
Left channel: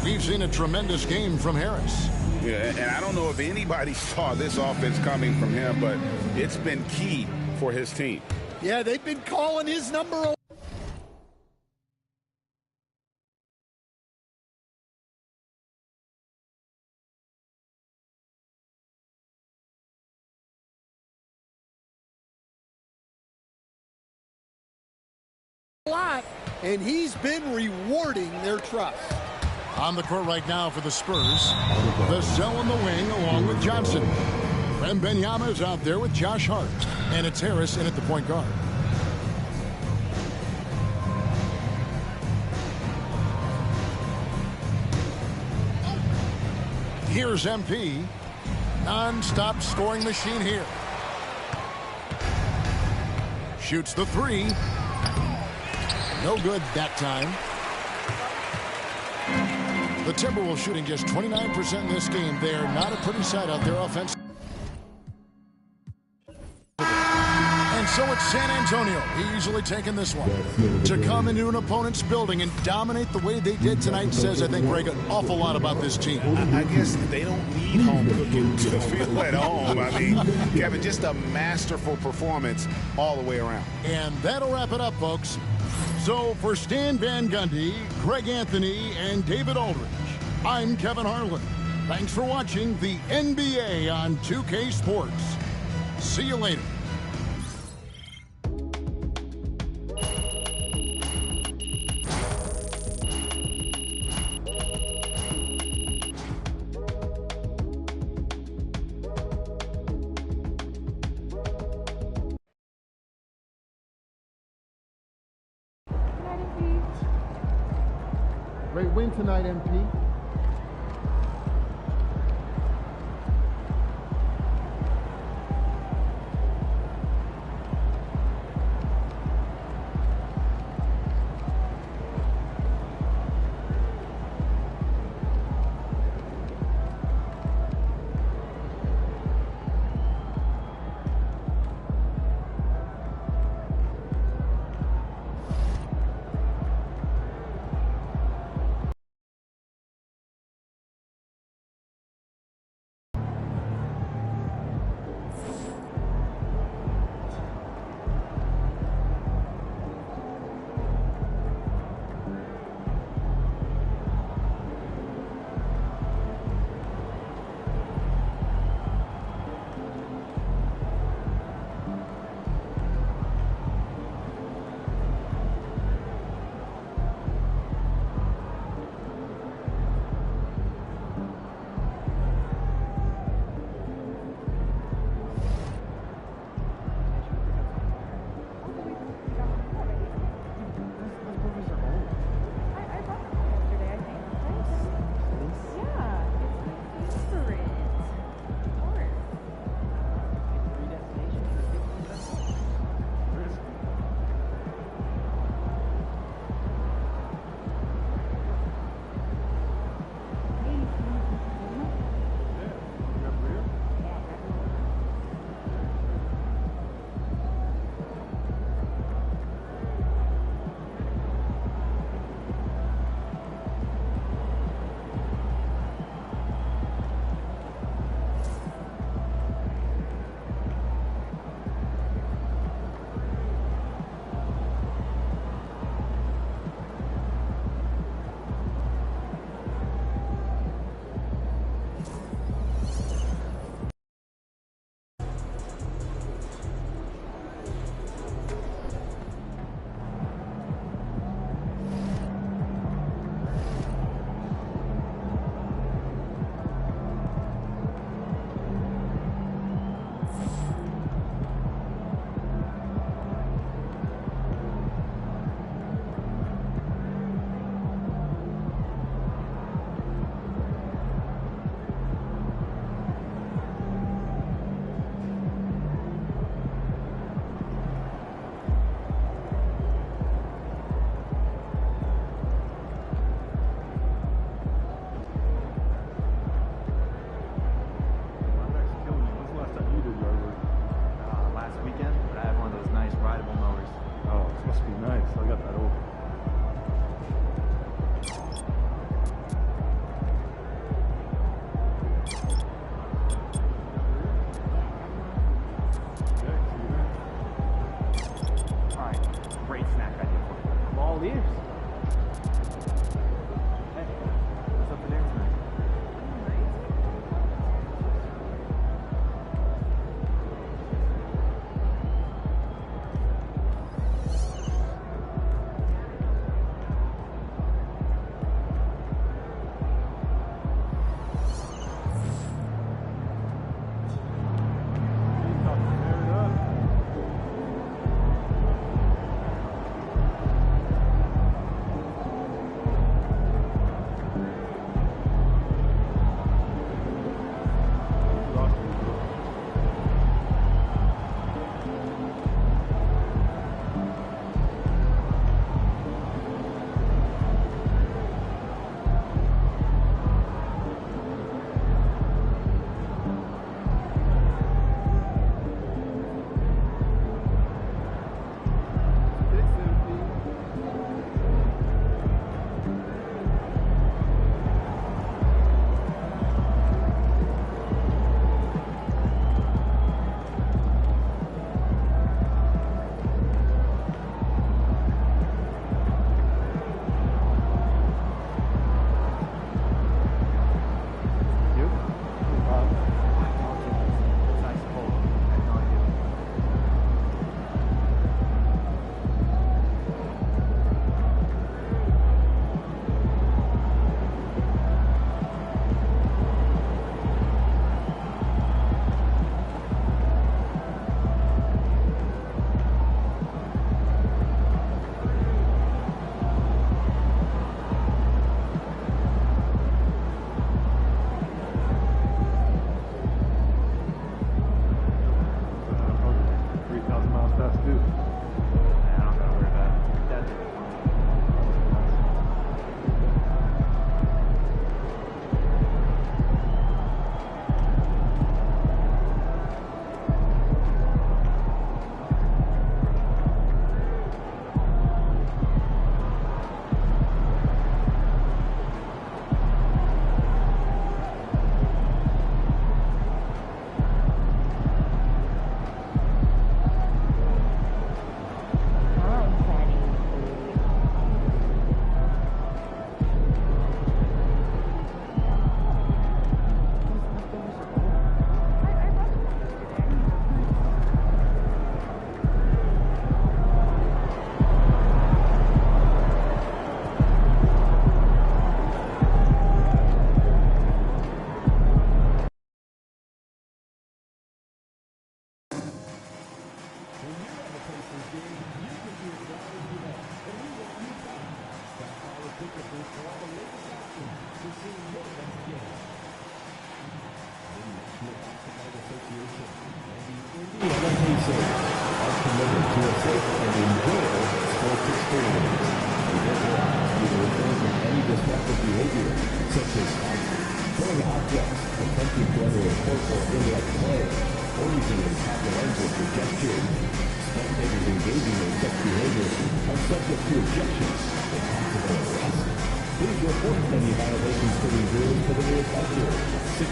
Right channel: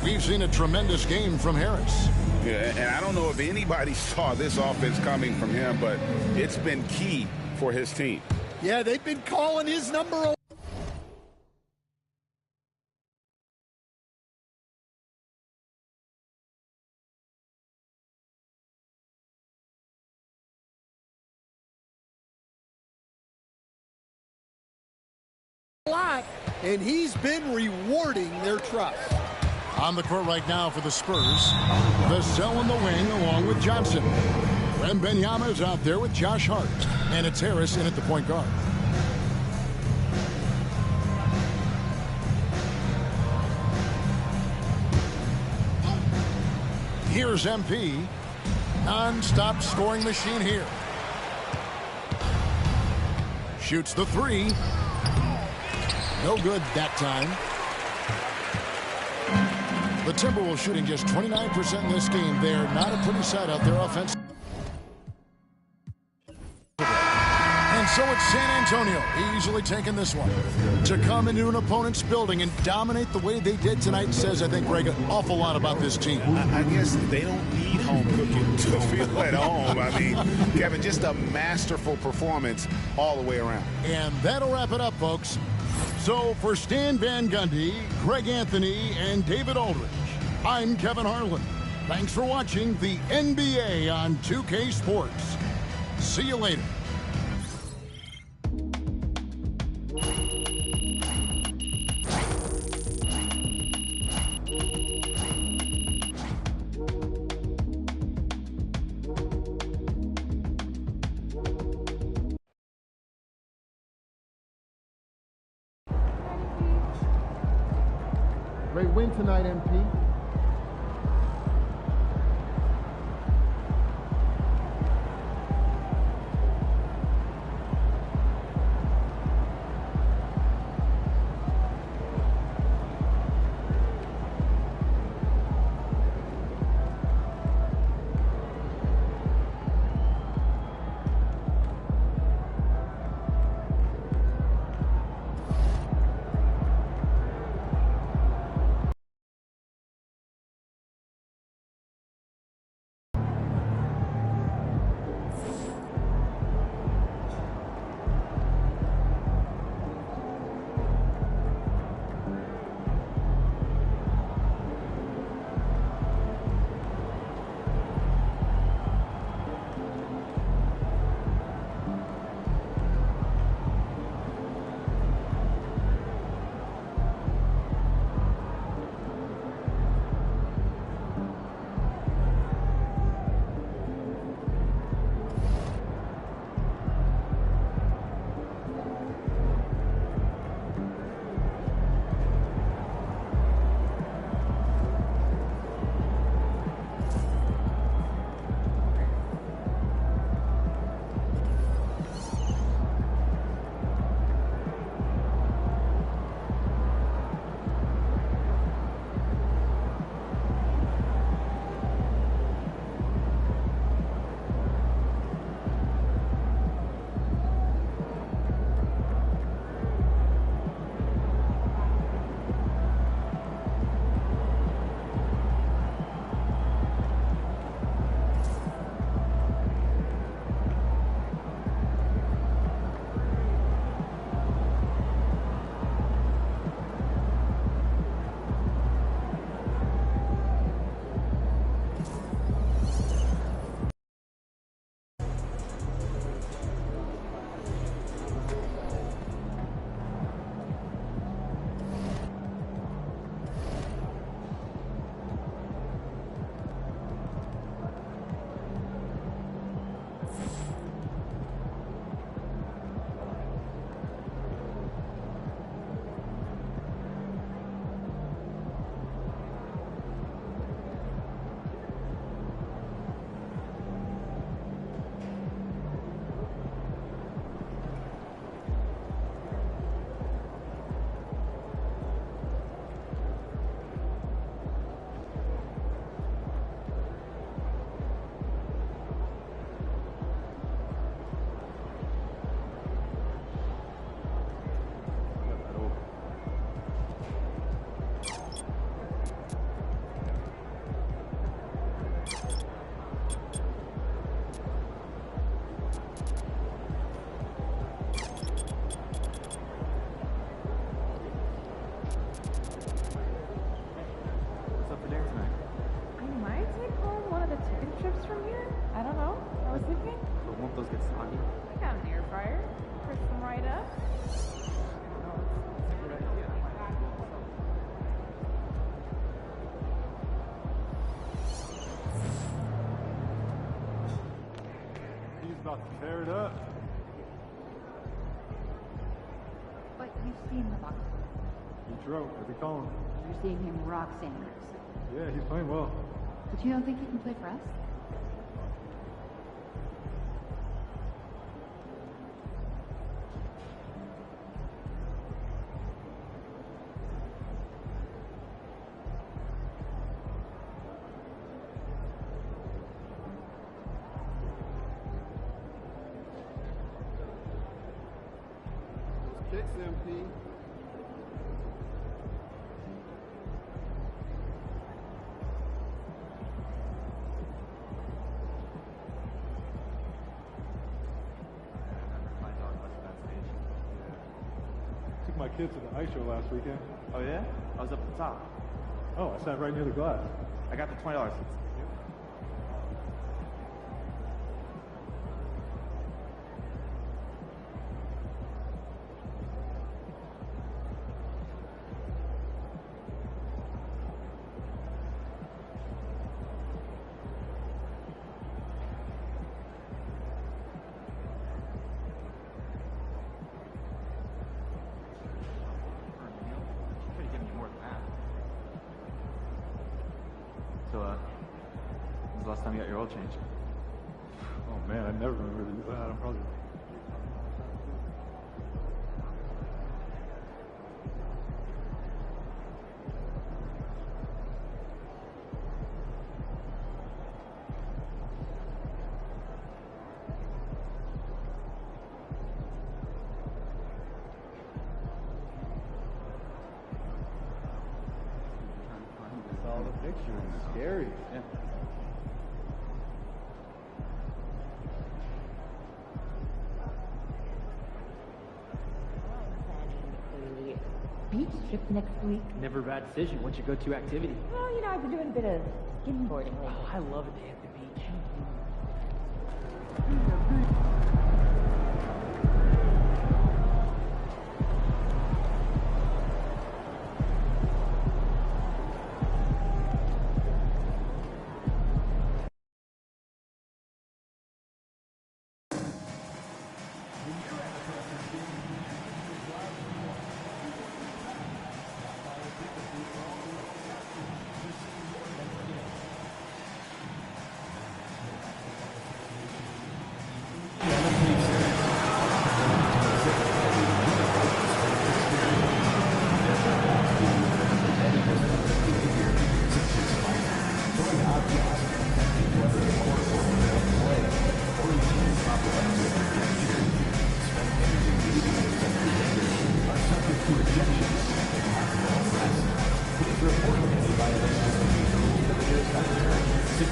We've seen a tremendous game from Harris. Yeah, and I don't know if anybody saw this offense coming from him, but it's been key for his team. Yeah, they've been calling his number a lot, and he's been rewarding their trust. On the court right now for the Spurs, Vassell in the wing along with Johnson. Wembanyama is out there with Josh Hart, and it's Harris in at the point guard. Here's MP, non-stop scoring machine here. Shoots the 3. No good that time. The Timberwolves shooting just 29% in this game. They're not a pretty sight out there offensively. And so it's San Antonio easily taking this one. To come into an opponent's building and dominate the way they did tonight says, I think, Greg, an awful lot about this team. I guess they don't need home cooking to feel at home. I mean, Kevin, just a masterful performance all the way around. And that'll wrap it up, folks. So for Stan Van Gundy, Greg Anthony, and David Aldridge, I'm Kevin Harlan. Thanks for watching the NBA on 2K Sports. See you later. Great win tonight, MP.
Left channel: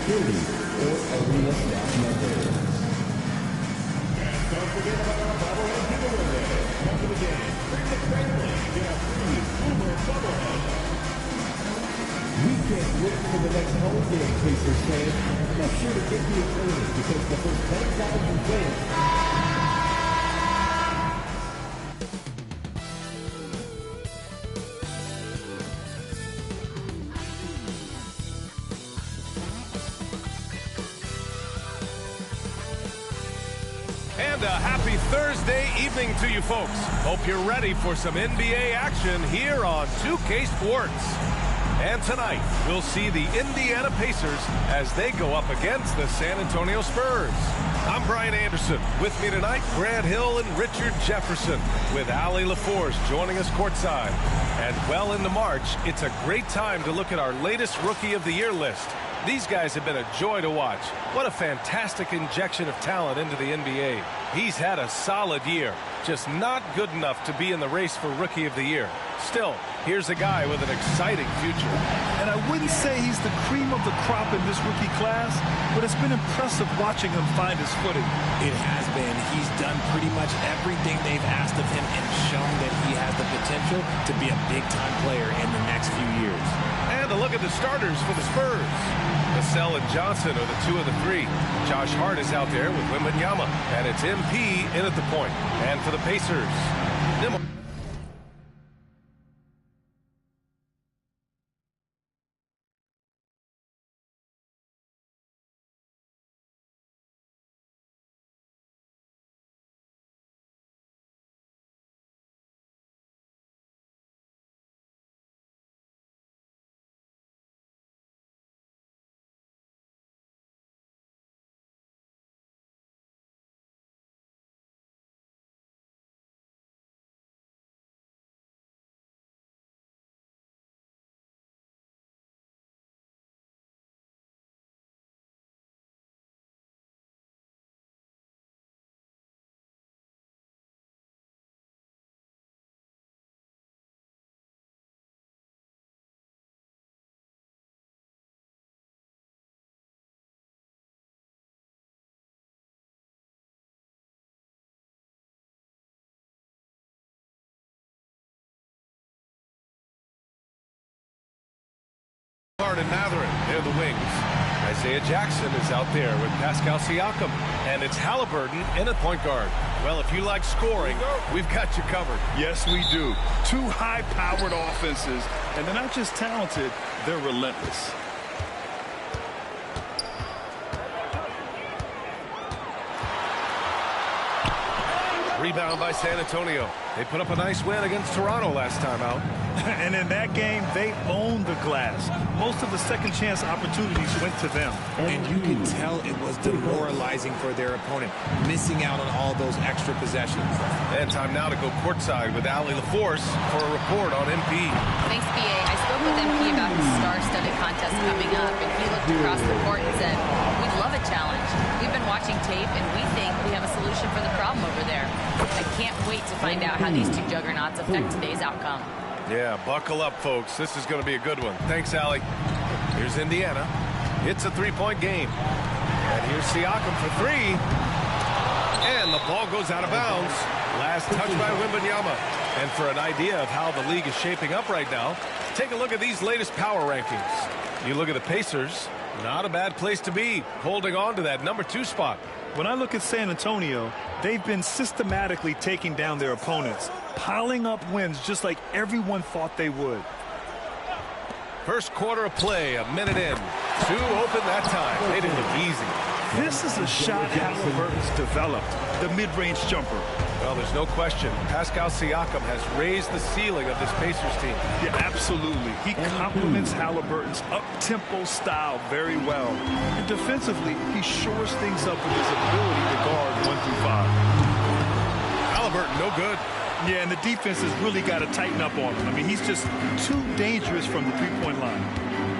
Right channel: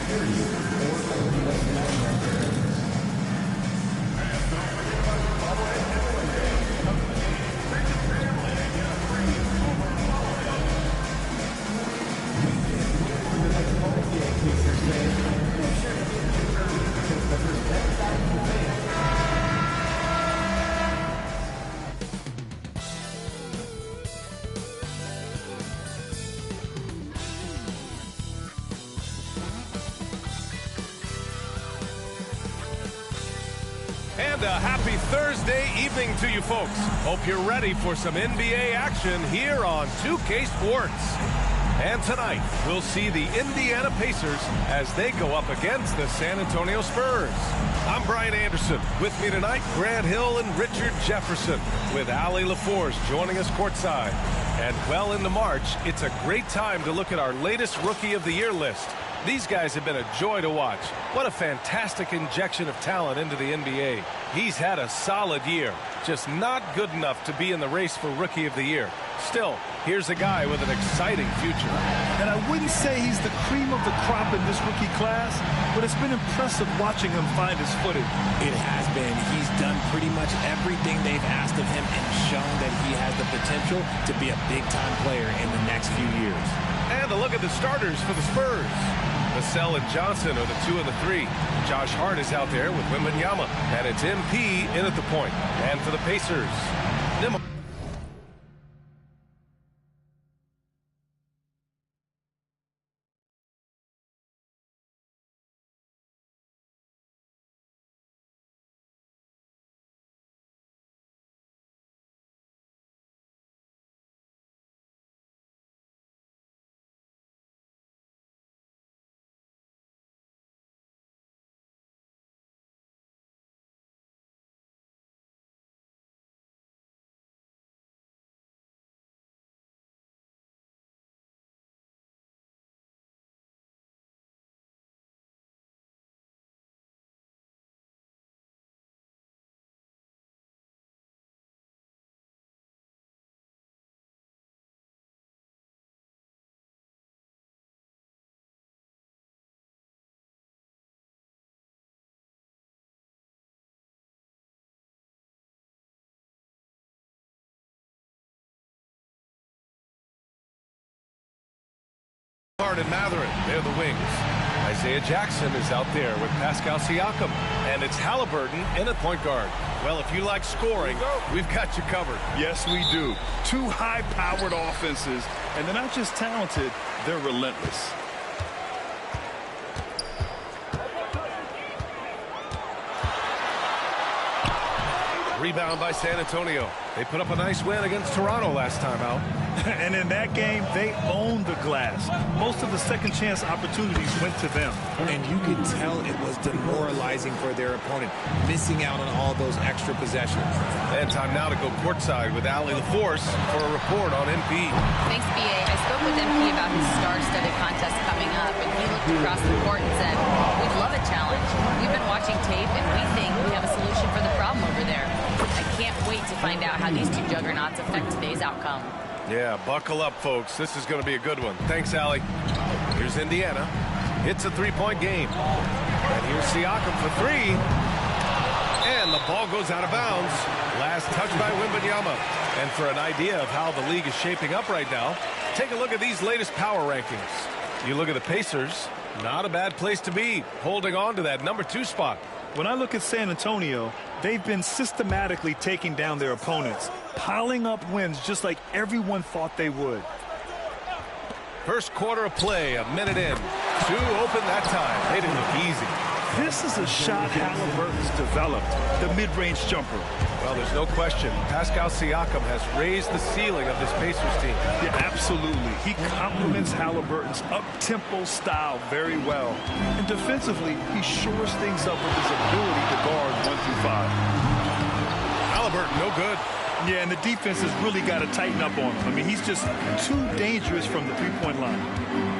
security or USA. For the next home game, Pacers fans, make sure to get here early because the first 10,000 fans. And a happy Thursday evening to you folks. Hope you're ready for some NBA action here on 2K Sports. And tonight, we'll see the Indiana Pacers as they go up against the San Antonio Spurs. I'm Brian Anderson. With me tonight, Grant Hill and Richard Jefferson, with Allie LaForce joining us courtside. And well into March, it's a great time to look at our latest Rookie of the Year list. These guys have been a joy to watch. What a fantastic injection of talent into the NBA. He's had a solid year, just not good enough to be in the race for Rookie of the Year. Still, here's a guy with an exciting future. And I wouldn't say he's the cream of the crop in this rookie class, but it's been impressive watching him find his footing. It has been. He's done pretty much everything they've asked of him and shown that he has the potential to be a big-time player in the next few years. And a look at the starters for the Spurs. Vassell and Johnson are the 2 of the 3. Josh Hart is out there with Wembanyama, and it's MP in at the point. And for the Pacers, Hart and Matherin, they're the wings. Isaiah Jackson is out there with Pascal Siakam. And it's Halliburton in at point guard. Well, if you like scoring, we've got you covered. Yes, we do. 2 high-powered offenses, and they're not just talented, they're relentless. Rebound by San Antonio. They put up a nice win against Toronto last time out. And in that game, they owned the glass. Most of the second chance opportunities went to them. And you could tell it was demoralizing for their opponent, missing out on all those extra possessions. And time now to go courtside with Allie LaForce for a report on MP. Thanks, BA. I spoke with MP about his star-studded contest coming up, and he looked across the court and said, "We'd love a challenge. We've been watching tape, and we think we have a solution for the problem over there." I can't wait to find out how these 2 juggernauts affect today's outcome. Yeah, buckle up, folks. This is going to be a good one. Thanks, Allie. Here's Indiana. It's a 3-point game. And here's Siakam for 3. And the ball goes out of bounds. Last touch by Wembanyama. And for an idea of how the league is shaping up right now, take a look at these latest power rankings. You look at the Pacers, not a bad place to be, holding on to that number 2 spot. When I look at San Antonio, they've been systematically taking down their opponents, piling up wins just like everyone thought they would. First quarter of play, a minute in. 2 open that time. They didn't look easy. This is a shot Halliburton's developed, the mid-range jumper. Well, there's no question. Pascal Siakam has raised the ceiling of this Pacers team. Yeah, absolutely. He complements Halliburton's up-tempo style very well. And defensively, he shores things up with his ability to guard 1 through 5. Halliburton, no good. Yeah, and the defense has really got to tighten up on him. I mean, he's just too dangerous from the three-point line.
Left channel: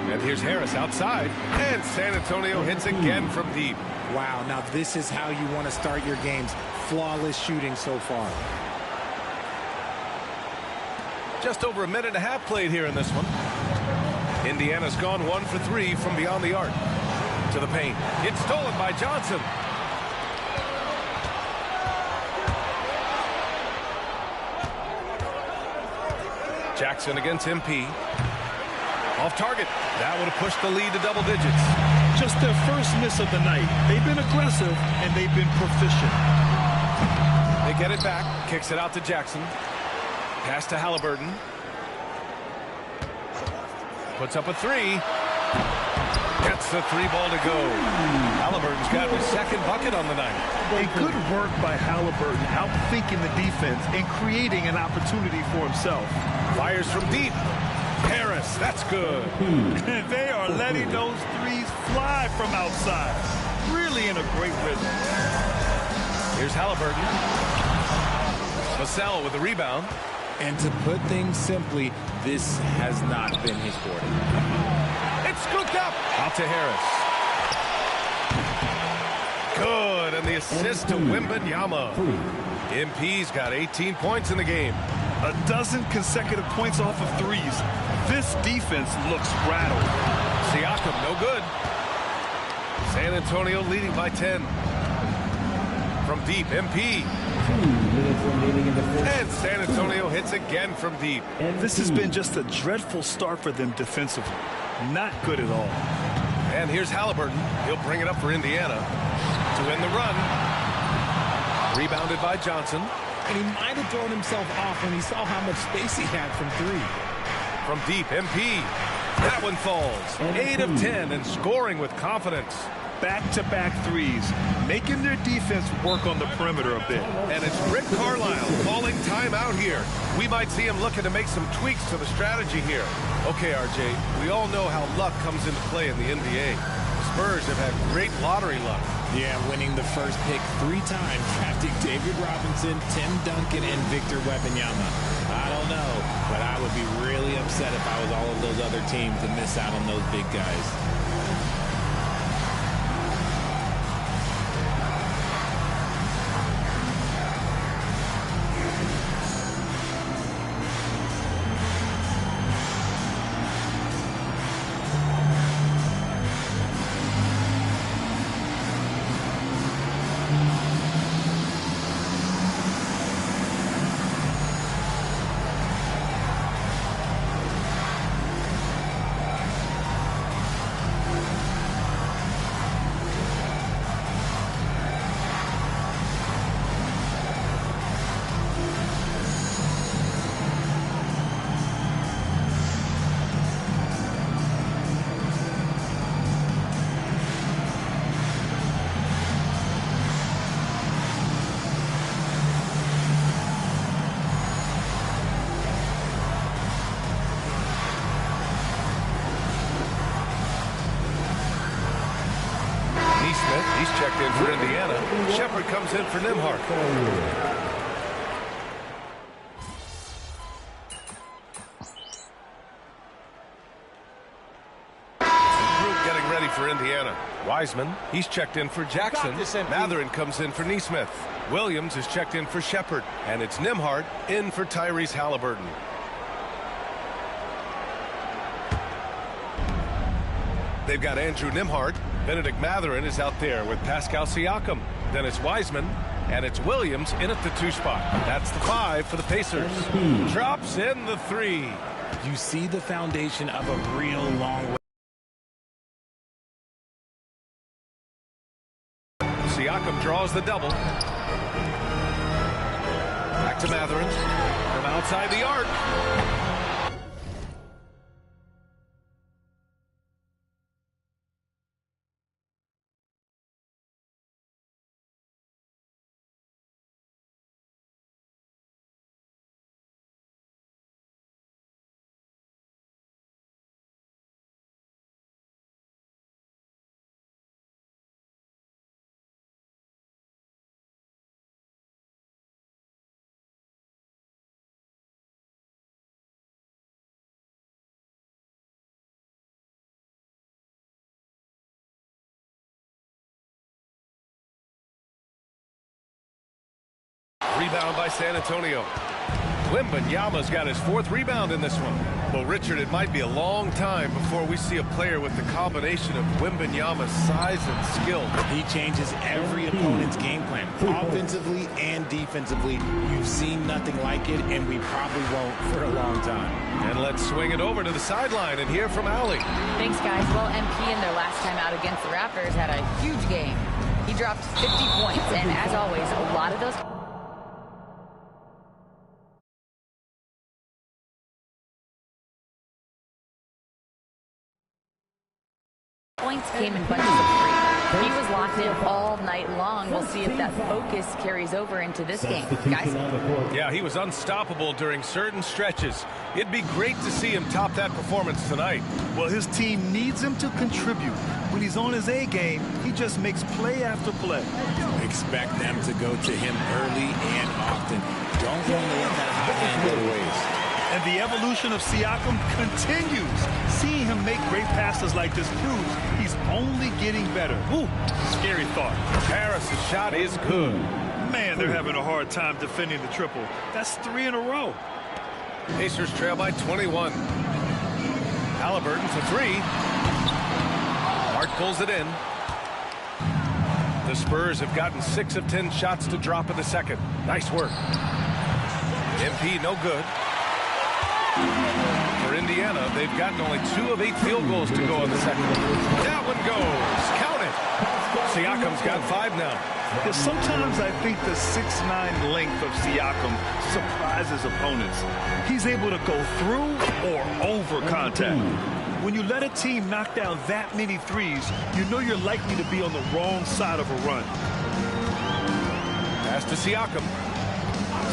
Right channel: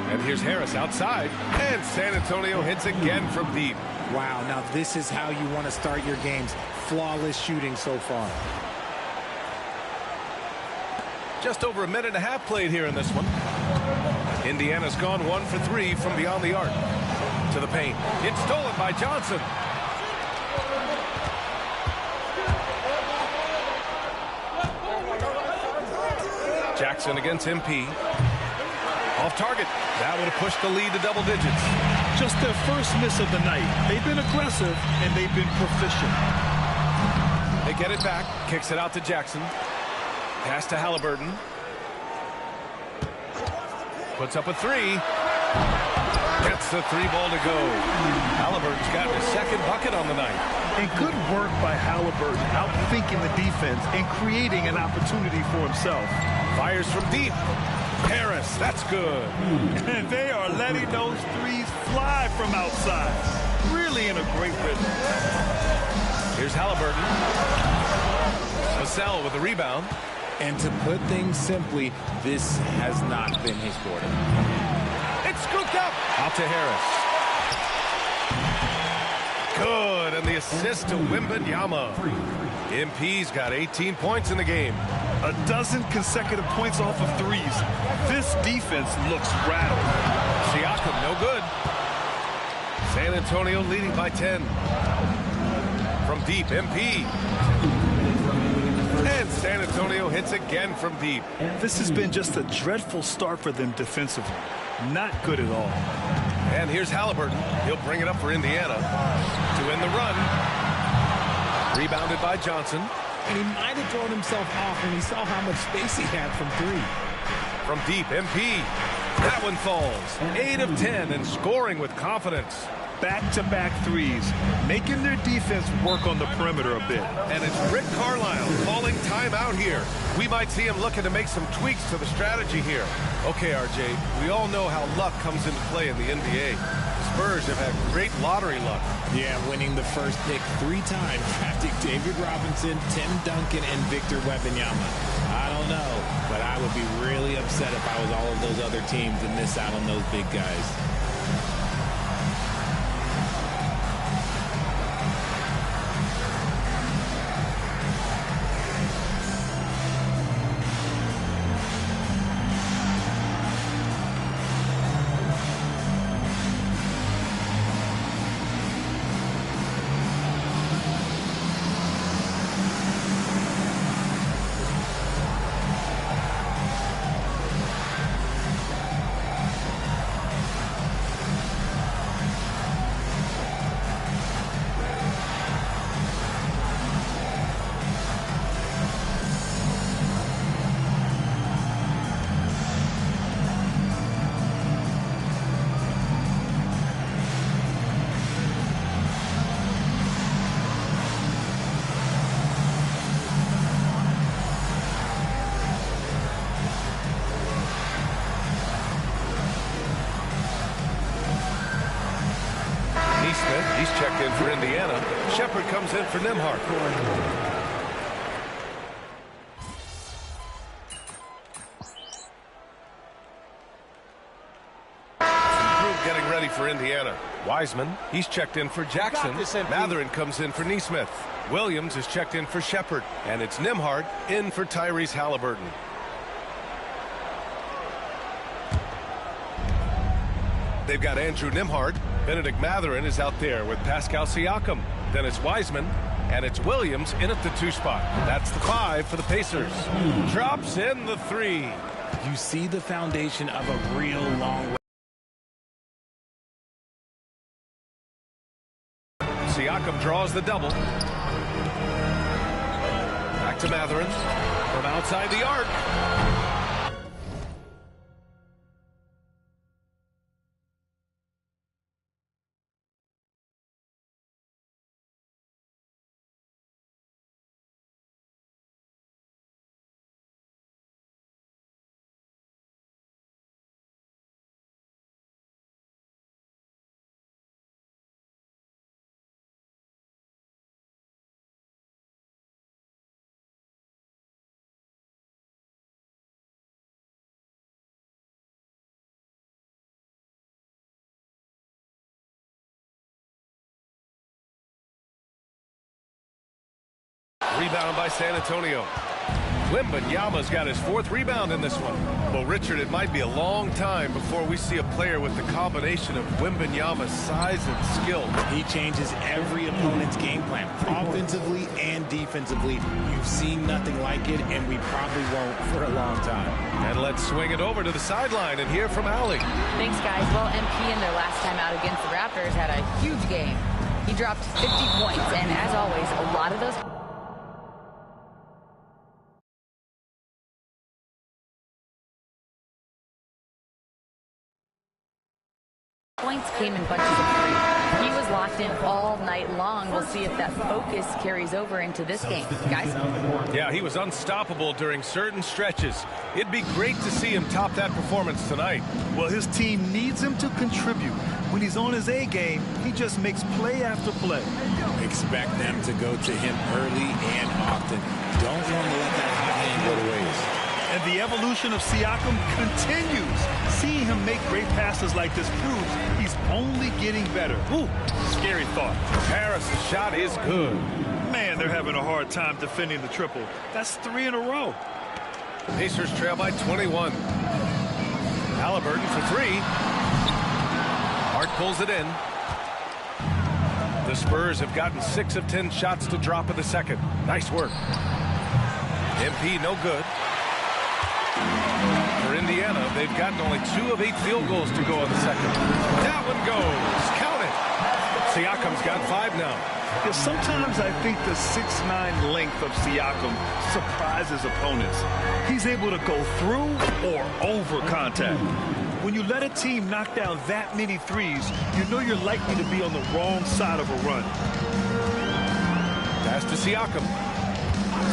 And here's Harris outside. And San Antonio hits again from deep. Wow, now this is how you want to start your games. Flawless shooting so far. Just over a minute and a half played here in this one. Indiana's gone 1 for 3 from beyond the arc. To the paint. It's stolen by Johnson. Jackson against MP. Off target. That would have pushed the lead to double digits. Just their first miss of the night. They've been aggressive, and they've been proficient. They get it back. Kicks it out to Jackson. Pass to Halliburton. Puts up a three. Gets the three ball to go. Halliburton's got his second bucket on the night. And good work by Halliburton, outthinking the defense and creating an opportunity for himself. Fires from deep. Harris, that's good. And they are letting those threes fly from outside. Really in a great rhythm. Here's Halliburton. Vassell with the rebound. And to put things simply, this has not been his quarter. It's scooped up. Out to Harris. Good, and the assist to Wembanyama. MP's got 18 points in the game. A dozen consecutive points off of threes. This defense looks rattled. Siakam, no good. San Antonio leading by 10. From deep, MP. And San Antonio hits again from deep. This has been just a dreadful start for them defensively. Not good at all. And here's Halliburton. He'll bring it up for Indiana to end the run. Rebounded by Johnson. And he might have thrown himself off when he saw how much space he had from three. From deep, MP. That one falls. 8 of 10 and scoring with confidence. Back-to-back threes, making their defense work on the perimeter a bit. And it's Rick Carlisle calling timeout here. We might see him looking to make some tweaks to the strategy here. Okay, RJ, we all know how luck comes into play in the NBA. The Spurs have had great lottery luck. Yeah, winning the first pick 3 times, drafting David Robinson, Tim Duncan, and Victor Wembanyama. I don't know, but I would be really upset if I was all of those other teams to miss out on those big guys. He's checked in for Indiana. Shepard comes in for Nembhard. Group getting ready for Indiana. Wiseman, he's checked in for Jackson. Matherin comes in for Nesmith. Williams is checked in for Shepard. And it's Nembhard in for Tyrese Halliburton. They've got Andrew Nembhard. Benedict Matherin is out there with Pascal Siakam. Then it's Wiseman, and it's Williams in at the 2 spot. That's the 5 for the Pacers. Drops in the 3. You see the foundation of a real long. Siakam draws the double. Back to Matherin from outside the arc. Rebound by San Antonio. Wembanyama's got his 4th rebound in this one. Well, Richard, it might be a long time before we see a player with the combination of Wembanyama's size and skill. He changes every opponent's game plan, offensively and defensively. You've seen nothing like it, and we probably won't for a long time. And let's swing it over to the sideline and hear from Allie. Thanks, guys. Well, MP in their last time out against the Raptors had a huge game. He dropped 50 points, and as always, a lot of those points came in bunches of 3. He was locked in all night long. We'll see if that focus carries over into this game. Guys? Yeah, he was unstoppable during certain stretches. It'd be great to see him top that performance tonight. Well, his team needs him to contribute. When he's on his A game, he just makes play after play. Expect them to go to him early and often. Don't want to let that hot hand go to waste. And the evolution of Siakam continues. Seeing him make great passes like this proves he's only getting better. Ooh, scary thought. Harris' shot is good. Man, they're having a hard time defending the triple. That's 3 in a row. Pacers trail by 21. Halliburton for 3. Hart pulls it in. The Spurs have gotten 6 of 10 shots to drop in the second. Nice work. MP no good. For Indiana, they've gotten only 2 of 8 field goals to go in the second. That one goes. Count it. Siakam's got 5 now. Yeah, sometimes I think the 6'9" length of Siakam surprises opponents. He's able to go through or over contact. When you let a team knock down that many threes, you know you're likely to be on the wrong side of a run. Pass to Siakam.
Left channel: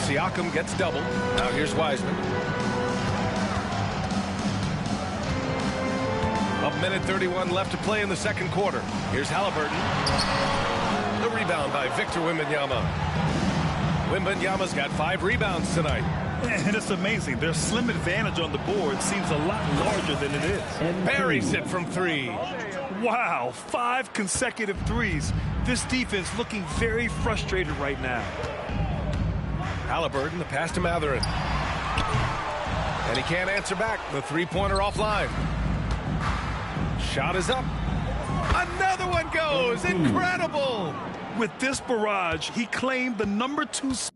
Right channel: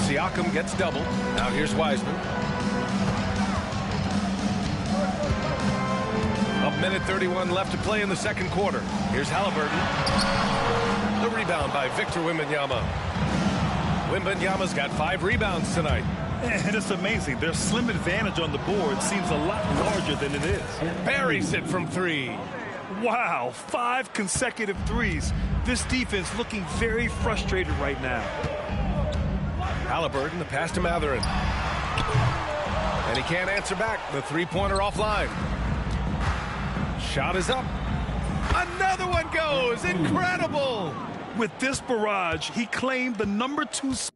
Siakam gets double. Now here's Wiseman. A minute 31 left to play in the second quarter. Here's Halliburton. The rebound by Victor Wembanyama. Wembanyama's got 5 rebounds tonight. And it's amazing. Their slim advantage on the board seems a lot larger than it is. Buries it from 3. Wow, 5 consecutive threes. This defense looking very frustrated right now. Halliburton, the pass to Mathurin. And he can't answer back. The 3-pointer offline. Shot is up. Another one goes. Incredible. With this barrage, he claimed the number 2 spot.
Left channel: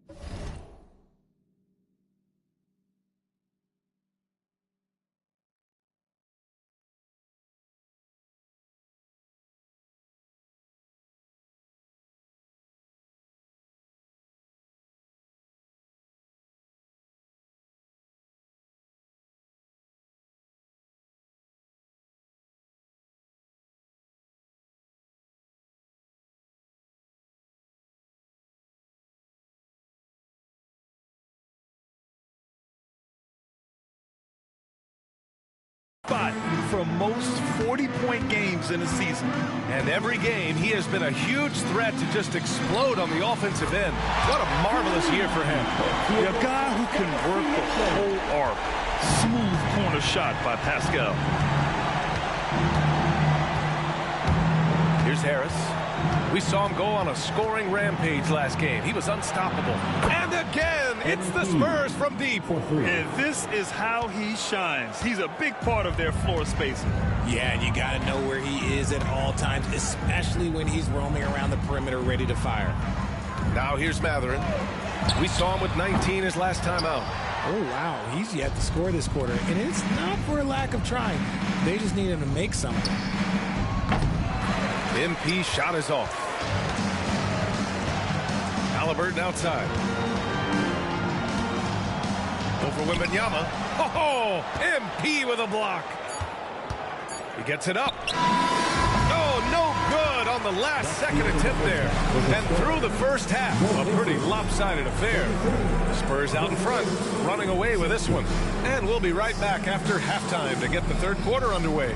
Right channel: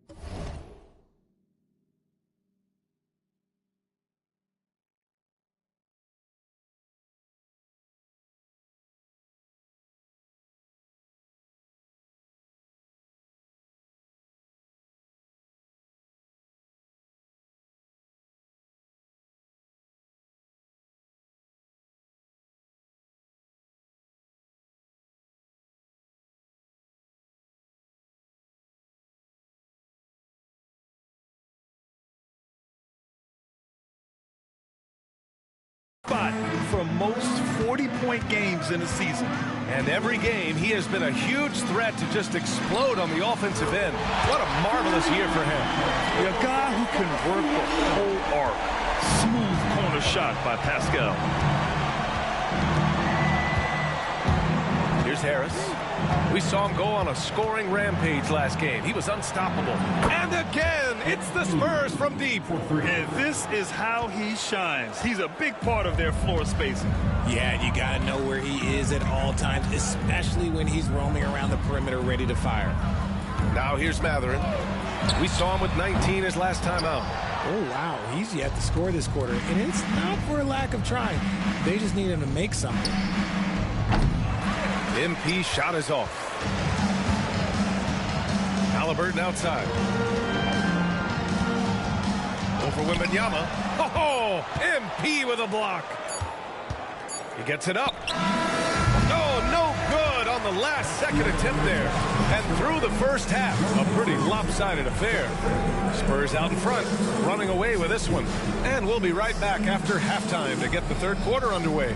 For most 40-point games in a season. And every game, he has been a huge threat to just explode on the offensive end. What a marvelous year for him. A guy who can work the whole arc. Smooth corner shot by Pascal. Here's Harris. We saw him go on a scoring rampage last game. He was unstoppable. And again, it's the Spurs from deep. And this is how he shines. He's a big part of their floor spacing. Yeah, and you got to know where he is at all times, especially when he's roaming around the perimeter ready to fire. Now here's Mathurin. We saw him with 19 his last time out. Oh, wow. He's yet to score this quarter, and it's not for a lack of trying. They just need him to make something. MP shot is off. Halliburton outside. Over Wembanyama. Oh, MP with a block. He gets it up. Oh, no good on the last second attempt there. And through the first half, a pretty lopsided affair. Spurs out in front, running away with this one. And we'll be right back after halftime to get the third quarter underway.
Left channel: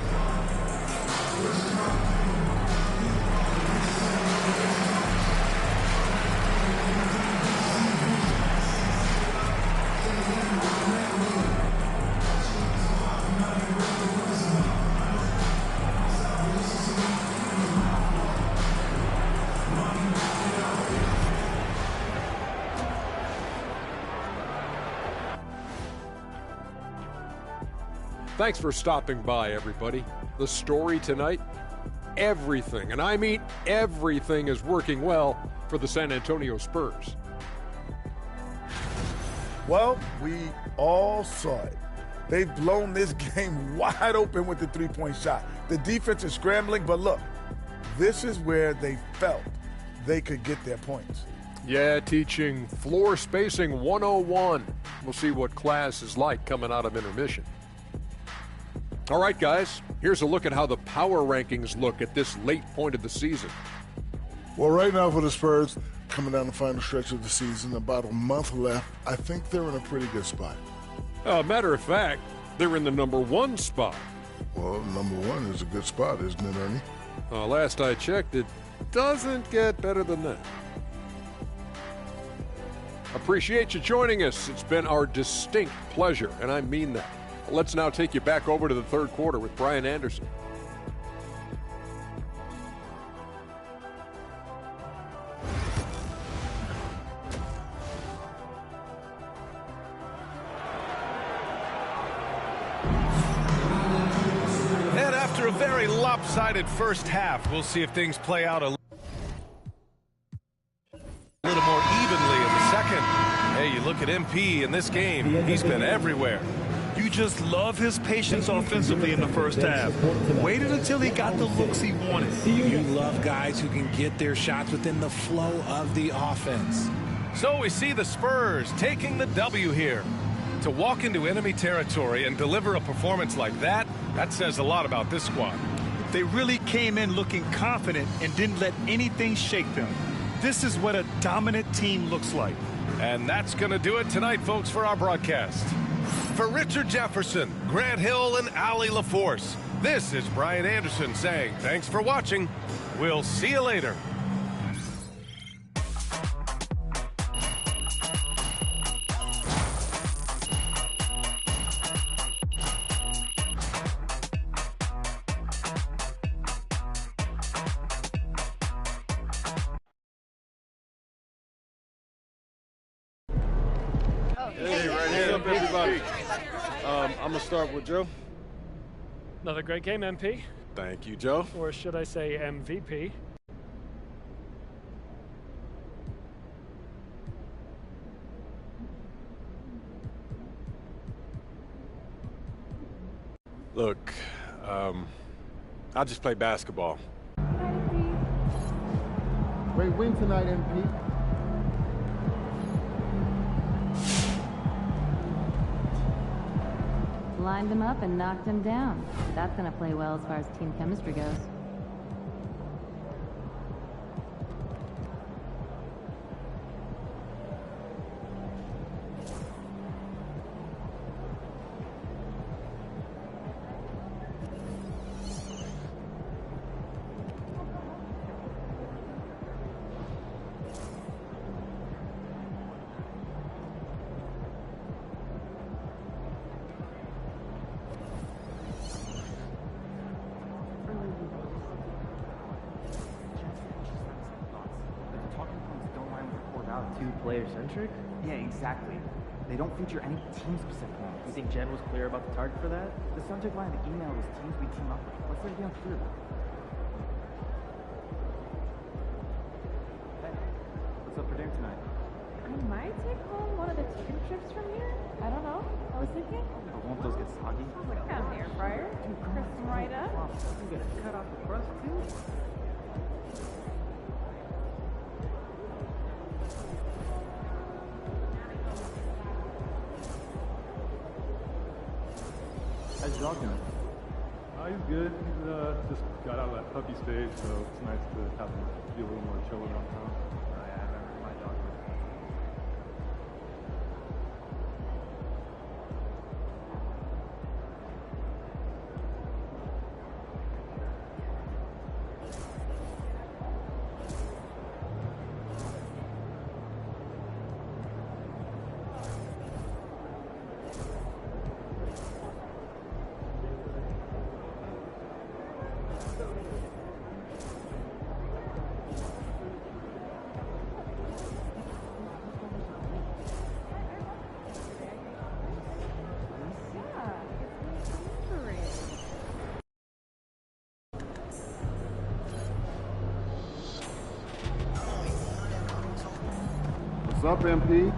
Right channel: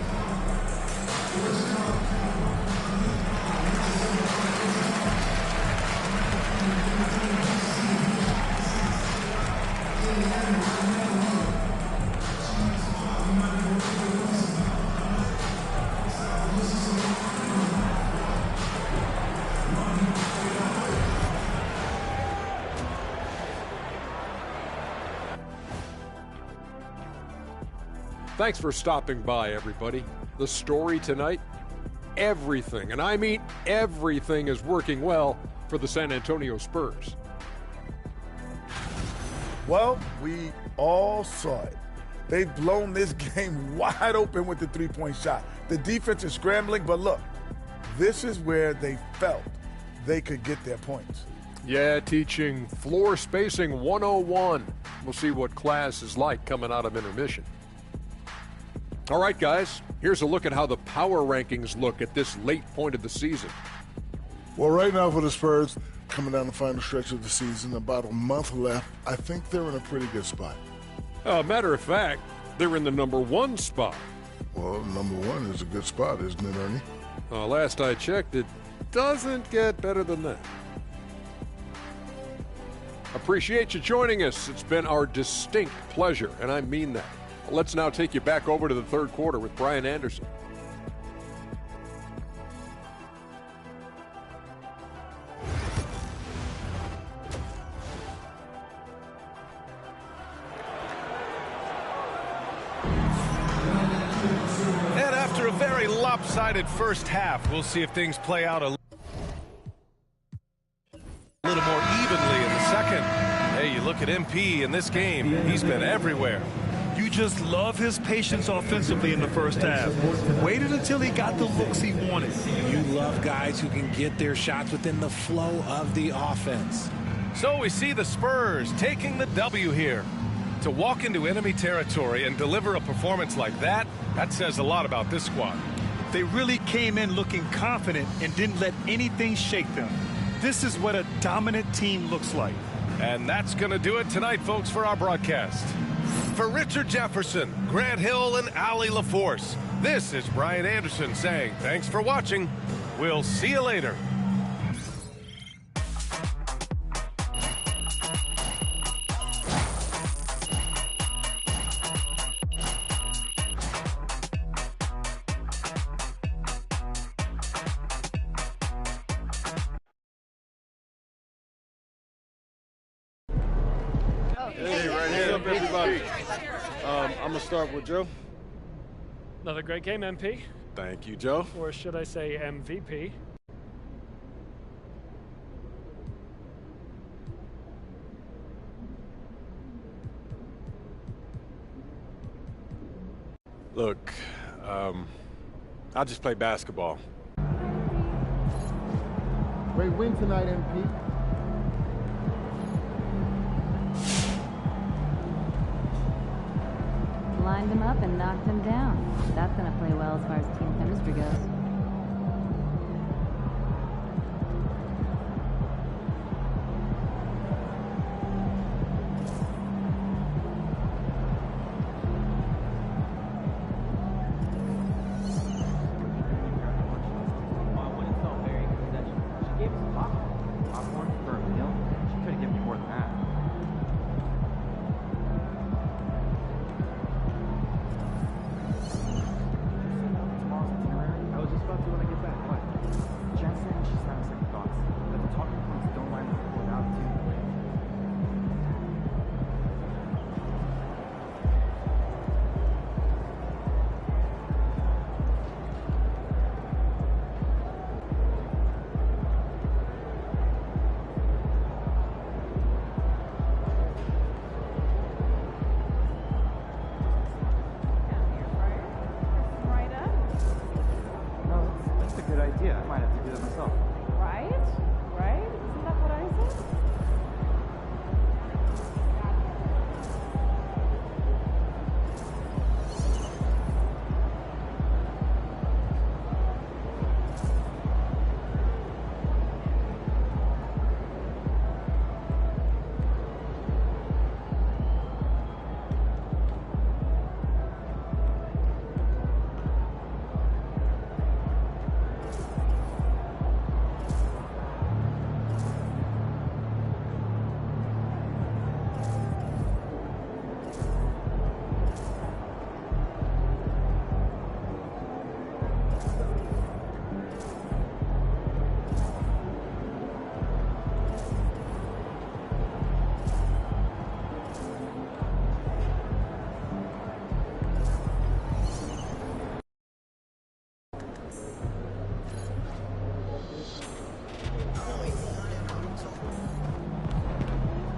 Thanks for stopping by, everybody. The story tonight, everything, and I mean everything, is working well for the San Antonio Spurs. Well, we all saw it. They've blown this game wide open with the three-point shot. The defense is scrambling, but look, this is where they felt they could get their points. Yeah, teaching floor spacing 101. We'll see what class is like coming out of intermission. All right, guys, here's a look at how the power rankings look at this late point of the season. Well, right now for the Spurs, coming down the final stretch of the season, about a month left, I think they're in a pretty good spot. Matter of fact, they're in the number 1 spot. Well, number 1 is a good spot, isn't it, Ernie? Last I checked, it doesn't get better than that. Appreciate you joining us. It's been our distinct pleasure, and I mean that. Let's now take you back over to the third quarter with Brian Anderson. And after a very lopsided first half, we'll see if things play out a little more evenly in the second. Hey, you look at MP in this game, he's been everywhere. You just love his patience offensively in the first half. Waited until he got the looks he wanted. You love guys who can get their shots within the flow of the offense. So we see the Spurs taking the W here. To walk into enemy territory and deliver a performance like that, that says a lot about this squad. They really came in looking confident and didn't let anything shake them. This is what a dominant team looks like. And that's going to do it tonight, folks, for our broadcast. For Richard Jefferson, Grant Hill, and Allie LaForce, this is Brian Anderson saying thanks for watching. We'll see you later. Hey, right here. What's up, everybody? I'm going to start with Joe. Another great game, MP. Thank you, Joe. Or should I say MVP? Look, I just play basketball. Great win tonight, MP. Lined him up and knocked him down. That's going to play well as far as team chemistry goes. What's up, MP?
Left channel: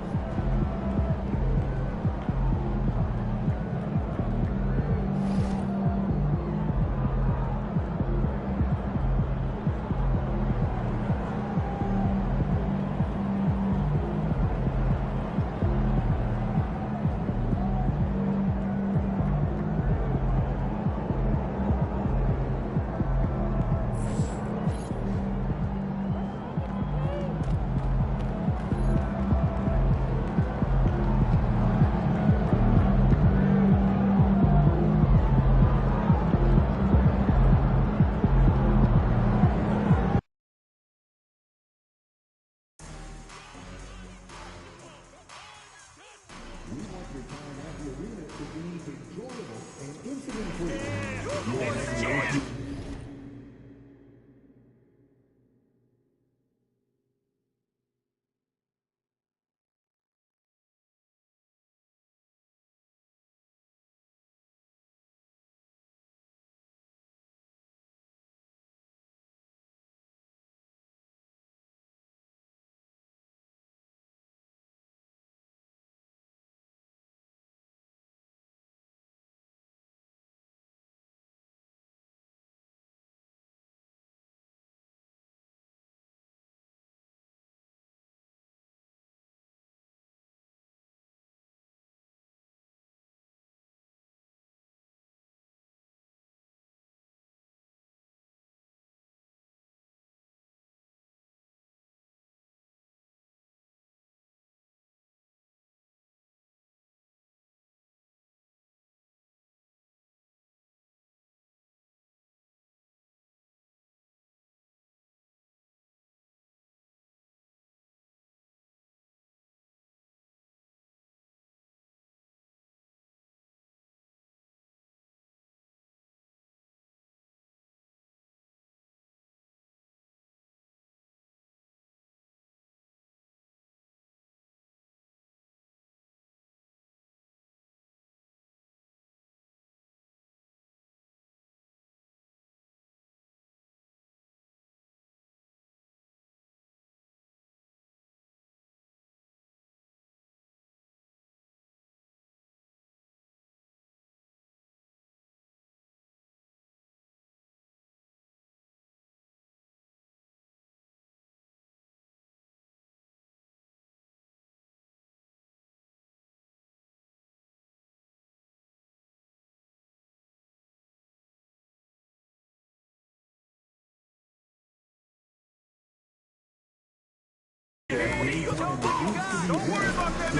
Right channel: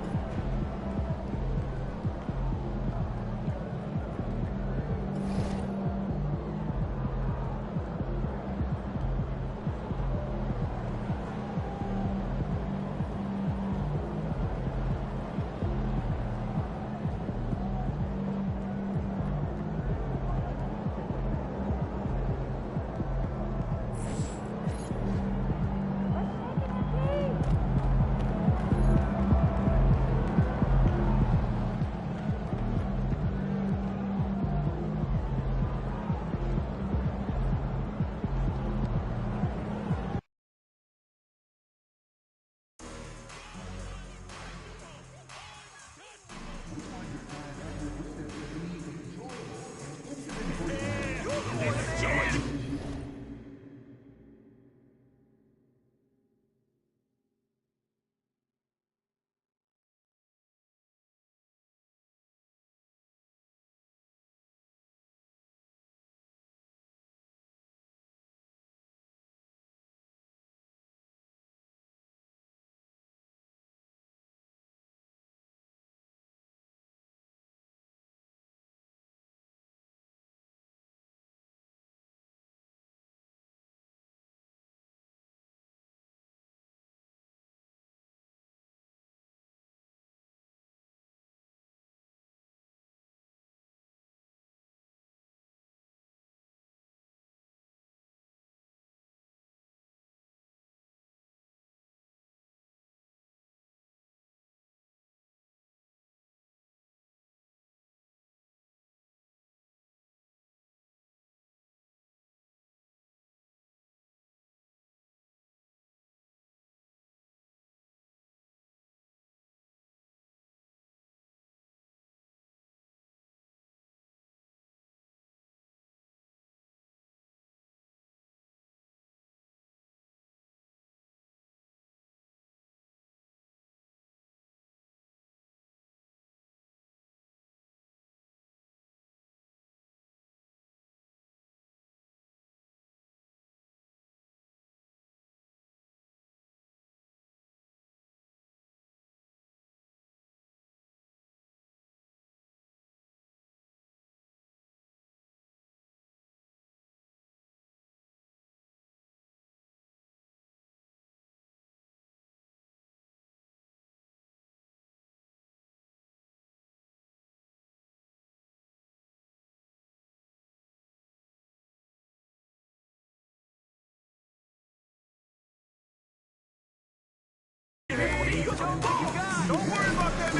Don't worry about that,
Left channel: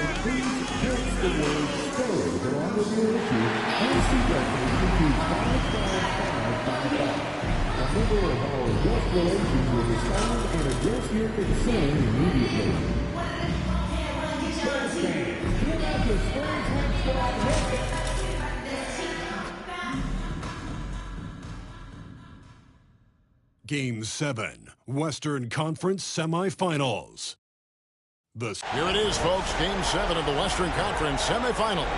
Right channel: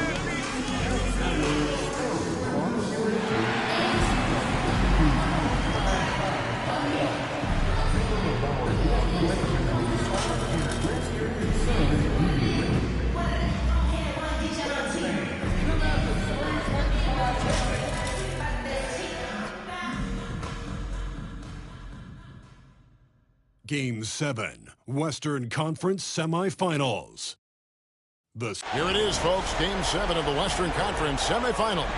Game 7, Western Conference Semifinals. Here it is, folks. Game 7 of the Western Conference semifinals.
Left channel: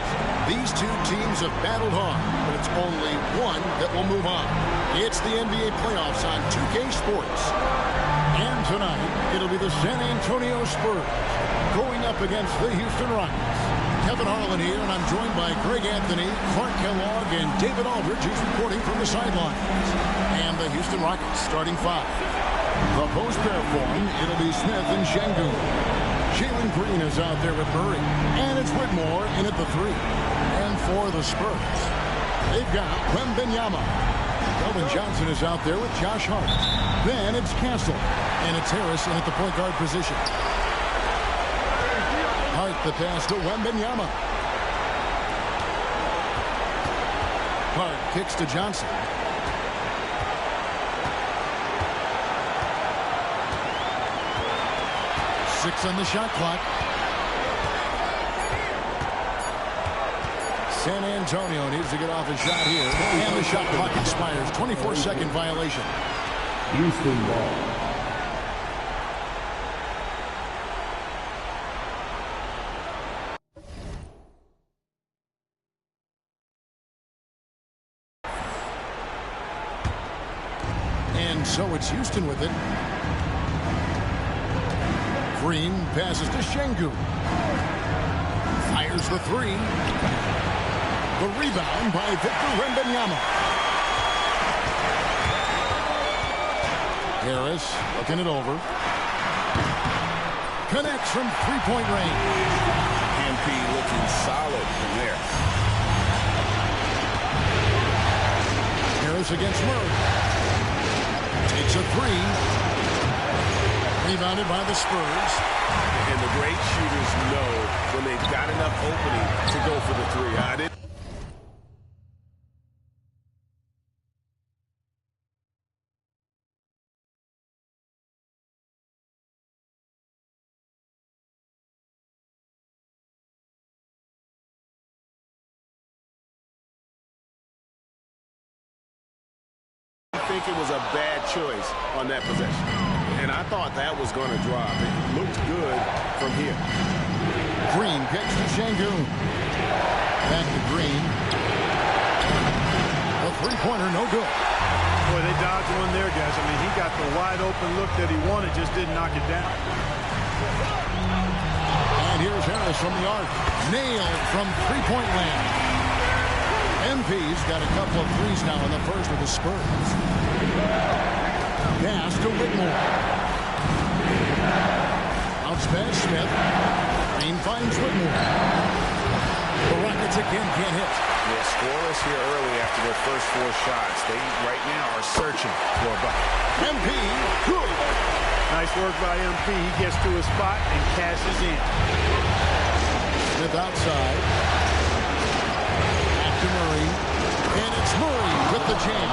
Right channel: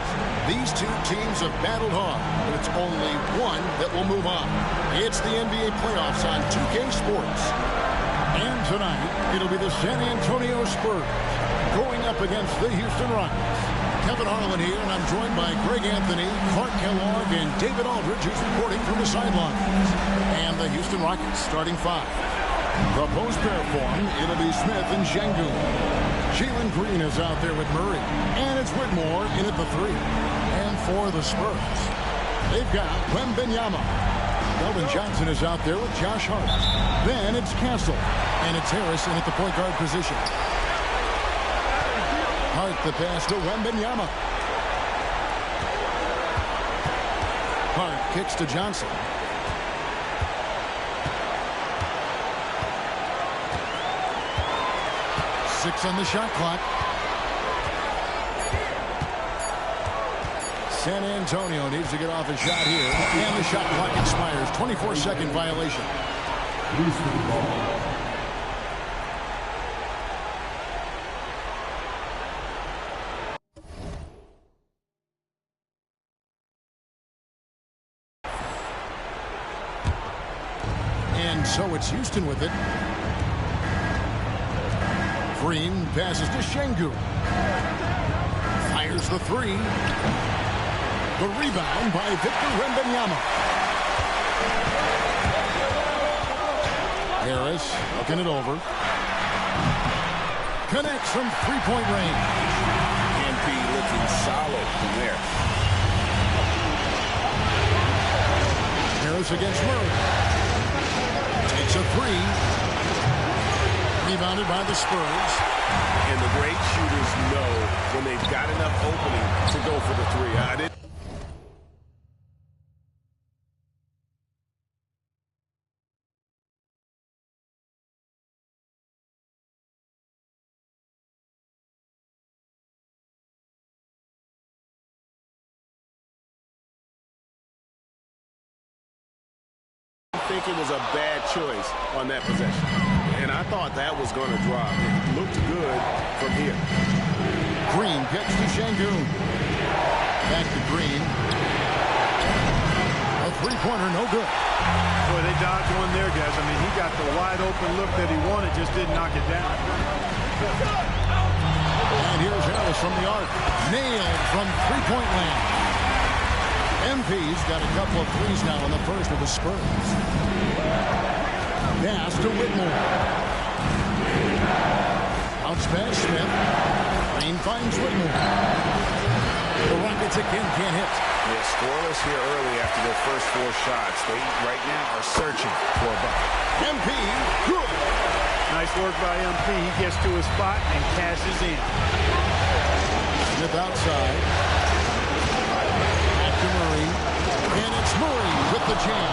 These two teams have battled hard, but it's only one that will move on. It's the NBA playoffs on 2K Sports. And tonight, it'll be the San Antonio Spurs going up against the Houston Rockets. Kevin Harlan here, and I'm joined by Greg Anthony, Clark Kellogg, and David Aldridge, who's reporting from the sidelines. And the Houston Rockets starting 5. The post pair form, it'll be Smith and Şengün. Jalen Green is out there with Murray. And it's Whitmore in at the 3. And for the Spurs, they've got Wembanyama. Keldon Johnson is out there with Josh Hart. Then it's Castle. And it's Harrison at the point guard position. Hart the pass to Wembanyama. Hart kicks to Johnson. Six on the shot clock. San Antonio needs to get off a shot here. And the shot clock expires. 24-second violation. Houston ball. And so it's Houston with it. Green passes to Şengün. Fires the three. The rebound by Victor Wembanyama. Harris looking it over. Connects from three-point range. MP looking solid from there. Harris against Murray. Takes a three. Rebounded by the Spurs. And the great shooters know when they've got enough opening to go for the three. I didn't. I think it was a bad choice on that possession. And I thought that was going to drop. It looked good from here. Green gets to Şengün. Back to Green. A three-pointer, no good. Boy, they dodged one there, guys. I mean, he got the wide open look that he wanted, just didn't knock it down. And here's Harris from the arc. Nailed from three-point land. MP's got a couple of threes now in the first with the Spurs. Pass to Whitmore. Bounce pass Smith. Green finds Whitmore. The Rockets again can't hit. Yeah, scoreless here early after their first four shots. They right now are searching for a bucket. MP, good. Nice work by MP. He gets to his spot and cashes in. Smith outside. Back to Murray. And it's Murray with the jam.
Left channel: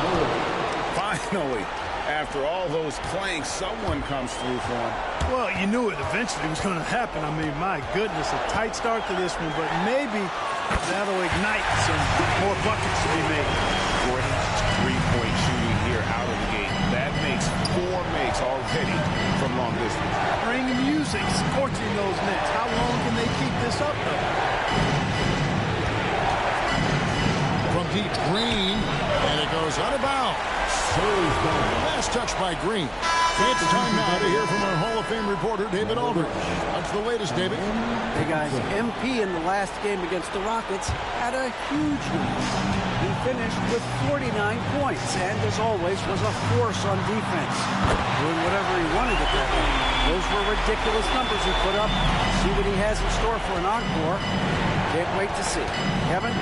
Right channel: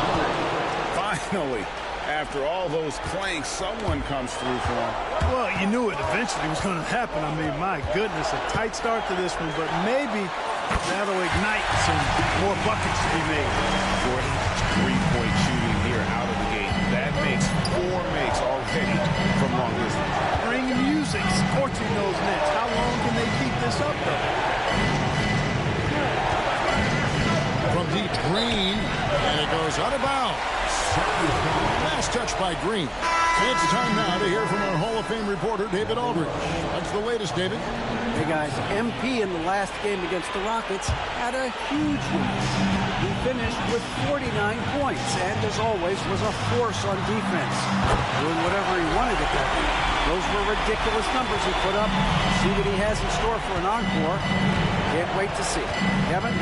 Finally, after all those clanks, someone comes through for him. Well, you knew it eventually was going to happen. I mean, my goodness, a tight start to this one, but maybe that'll ignite some more buckets to be made. Great three-point shooting here out of the gate. That makes 4 makes already from long distance. Bring music, scorching those nets. How long can they keep this up, though? From deep, Green, and it goes out of bounds. Last touch by Green. It's time now to hear from our Hall of Fame reporter, David Aldridge. What's the latest, David? Hey, guys, MP in the last game against the Rockets had a huge night. He finished with 49 points and, as always, was a force on defense, doing whatever he wanted at that end. Those were ridiculous numbers he put up. See what he has in store for an encore. Can't wait to see. Kevin?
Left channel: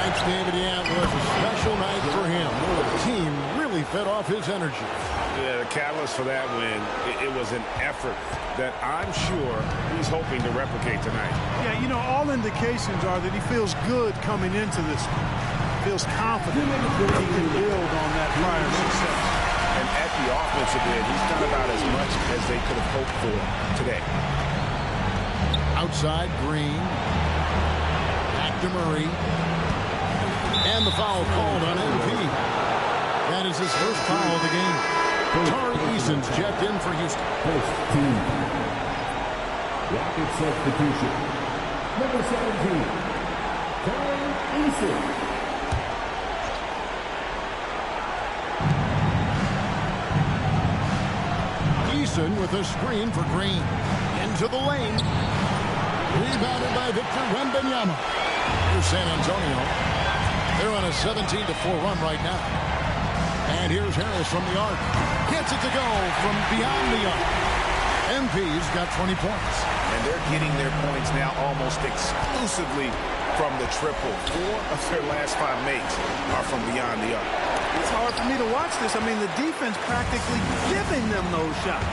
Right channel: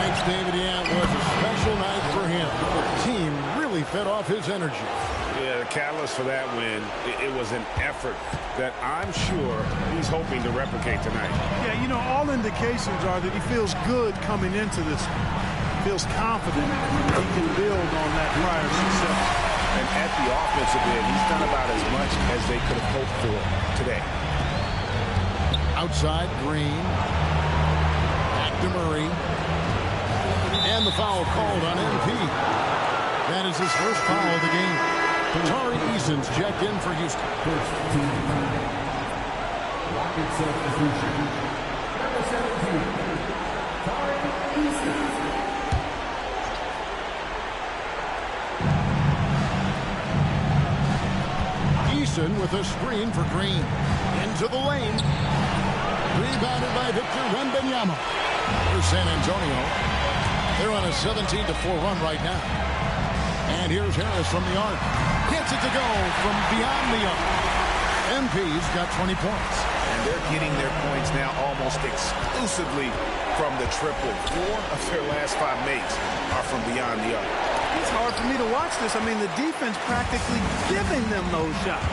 Thanks, David. Yeah, it was a special night for him. The team really fed off his energy. Yeah, the catalyst for that win, it was an effort that I'm sure he's hoping to replicate tonight. Yeah, you know, all indications are that he feels good coming into this one. Feels confident he can build on that prior success. And at the offensive end, he's done about as much as they could have hoped for today. Outside, Green. Back to Murray. And the foul called on MP. That is his first foul of the game. Tari Eason's checked in for Houston. First team. Rocket substitution. Number 17. Tari Eason. Eason with a screen for Green. Into the lane. Rebounded by Victor Wembanyama. Here's San Antonio. They're on a 17-4 run right now. And here's Harris from the arc. Gets it to go from beyond the arc. MP's got 20 points. And they're getting their points now almost exclusively from the triple. 4 of their last 5 makes are from beyond the arc. It's hard for me to watch this. I mean, the defense practically giving them those shots.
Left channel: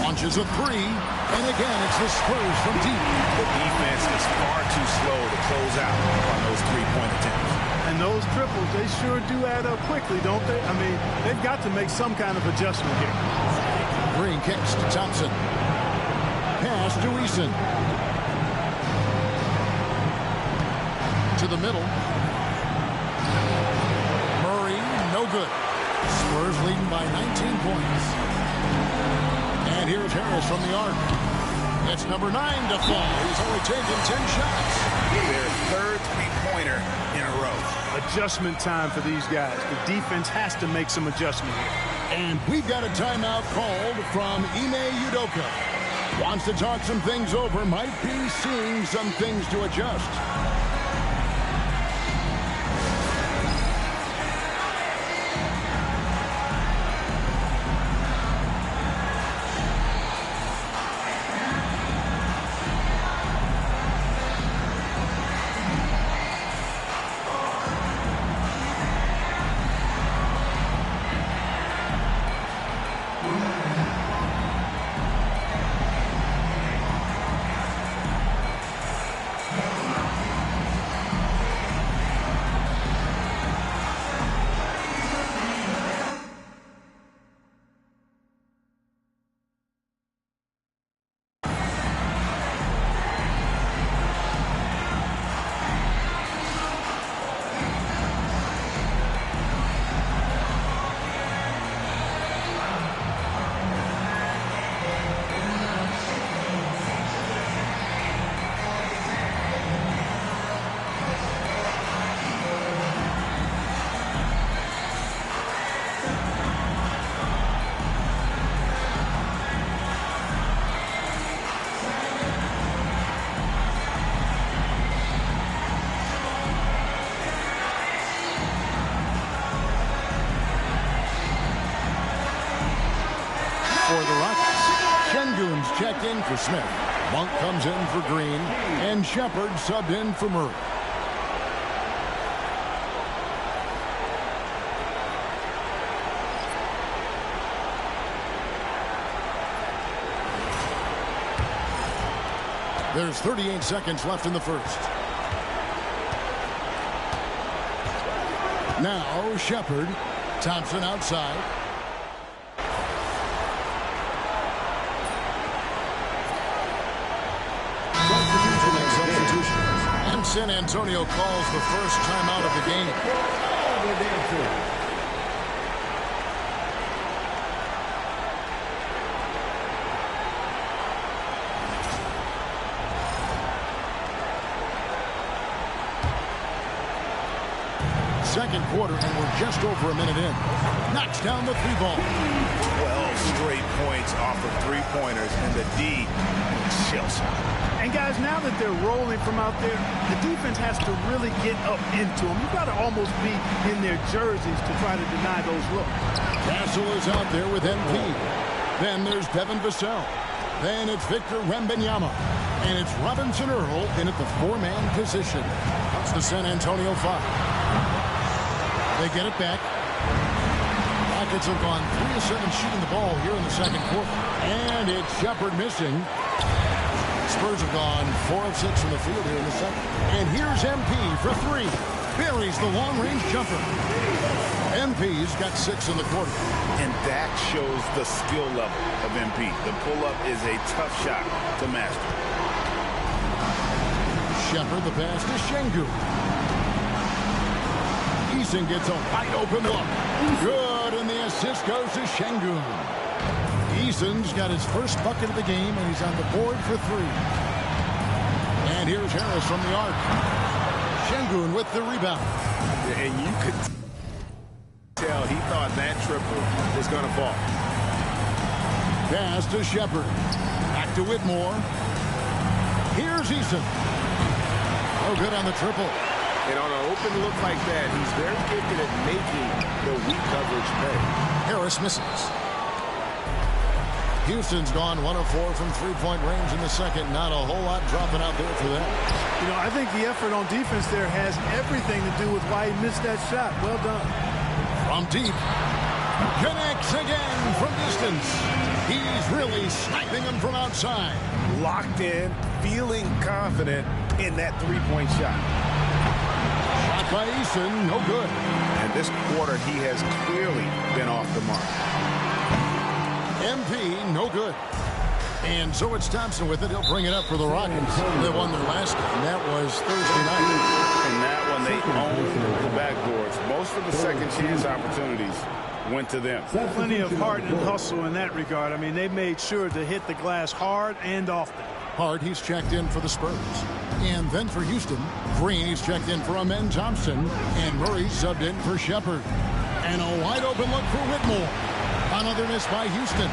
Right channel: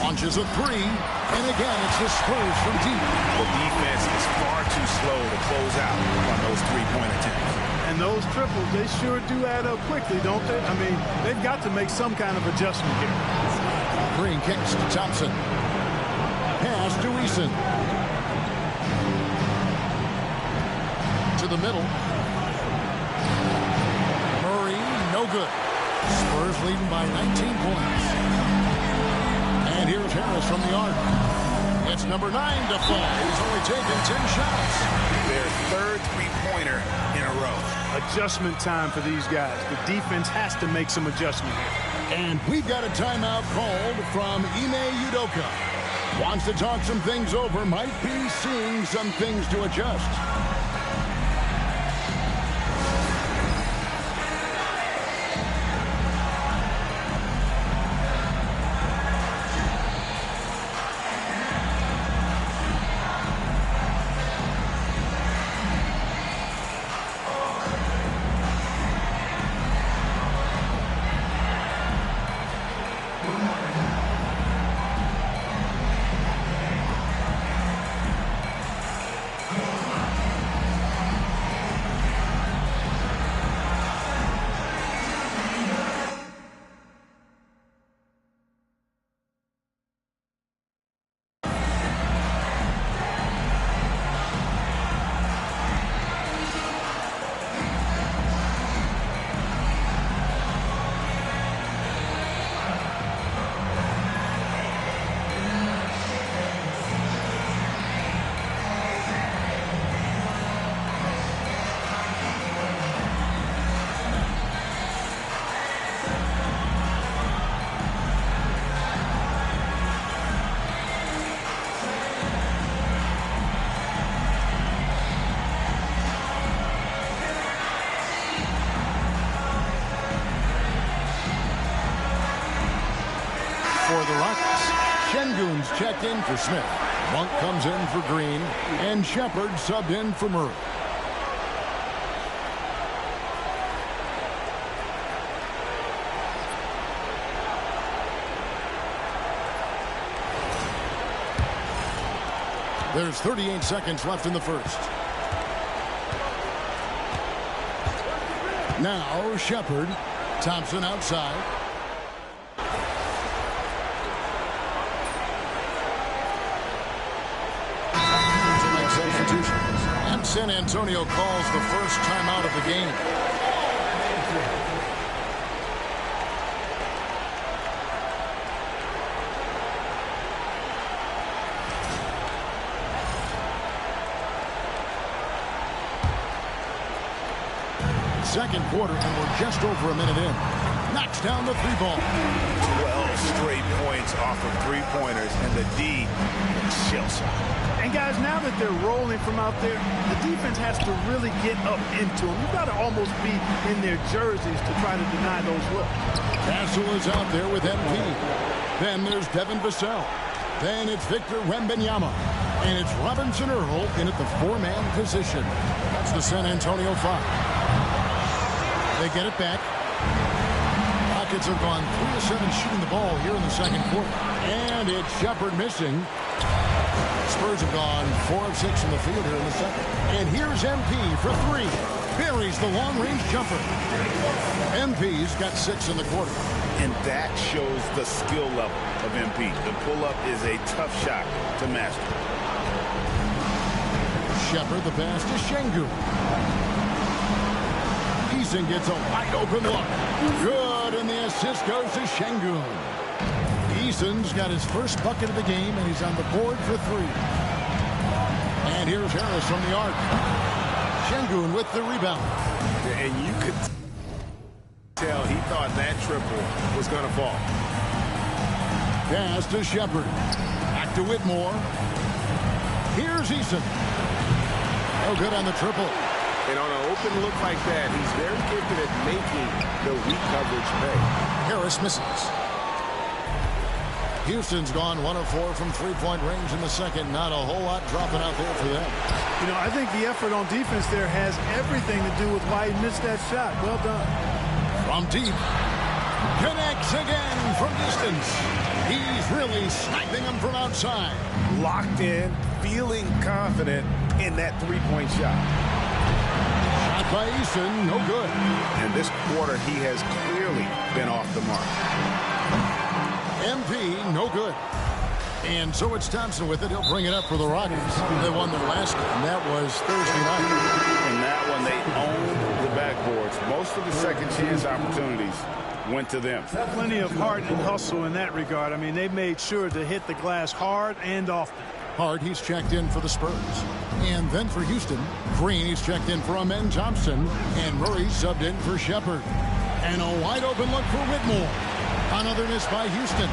Launches a three, and again, it's the Spurs from deep. The defense is far too slow to close out on those three-point attempts. And those triples, they sure do add up quickly, don't they? I mean, they've got to make some kind of adjustment here. Green kicks to Thompson. Pass to Eason. To the middle. Murray, no good. Spurs leading by 19 points. And here's Harris from the arc. It's number 9 to fall. He's only taken 10 shots. Their third three-pointer in a row. Adjustment time for these guys. The defense has to make some adjustment here. And we've got a timeout called from Ime Udoka. Wants to talk some things over, might be seeing some things to adjust. For the Rockets, Şengün's checked in for Smith. Monk comes in for Green, and Shepard subbed in for Murray. There's 38 seconds left in the first. Now Shepard, Thompson outside. Substitutions. And San Antonio calls the first timeout of the game. Second quarter, and we're just over a minute in. Knocks down the three ball. 12 straight points off of three-pointers, and the D looks shell-shocked. And guys, now that they're rolling from out there, the defense has to really get up into them. You've got to almost be in their jerseys to try to deny those looks. Castle is out there with MP. Then there's Devin Vassell. Then it's Victor Wembanyama. And it's Robinson Earl in at the four-man position. That's the San Antonio 5. They get it back. Rockets have gone 3 of 7 shooting the ball here in the second quarter. And it's Shepard missing. Spurs have gone 4 of 6 from the field here in the second. And here's MP for 3. Buries the long-range jumper. MP's got 6 in the quarter. And that shows the skill level of MP. The pull-up is a tough shot to master. Shepard, the pass to Şengün. Eason gets a wide-open look. Good, and the assist goes to Şengün. Eason's got his first bucket of the game, and he's on the board for 3. And here's Harris from the arc. Şengün with the rebound. And you could tell he thought that triple was going to fall. Pass to Shepard. Back to Whitmore. Here's Eason. No good on the triple. And on an open look like that, he's very gifted at making the weak coverage pay. Harris misses. Houston's gone 1 of 4 from three-point range in the second. Not a whole lot dropping out there for them. You know, I think the effort on defense there has everything to do with why he missed that shot. Well done. From deep. Connects again from distance. He's really sniping them from outside. Locked in, feeling confident in that three-point shot. Shot by Eason, no good. And this quarter, he has clearly been off the mark. MP, no good. And so it's Thompson with it. He'll bring it up for the Rockets. They won their last game. That was Thursday night. And that one, they owned the backboards. Most of the second chance opportunities went to them. Plenty of heart and hustle in that regard. I mean, they made sure to hit the glass hard and often. Hard, he's checked in for the Spurs. And then for Houston, Green, he's checked in for Amen Thompson. And Murray subbed in for Shepard. And a wide open look for Whitmore. Another miss by Houston.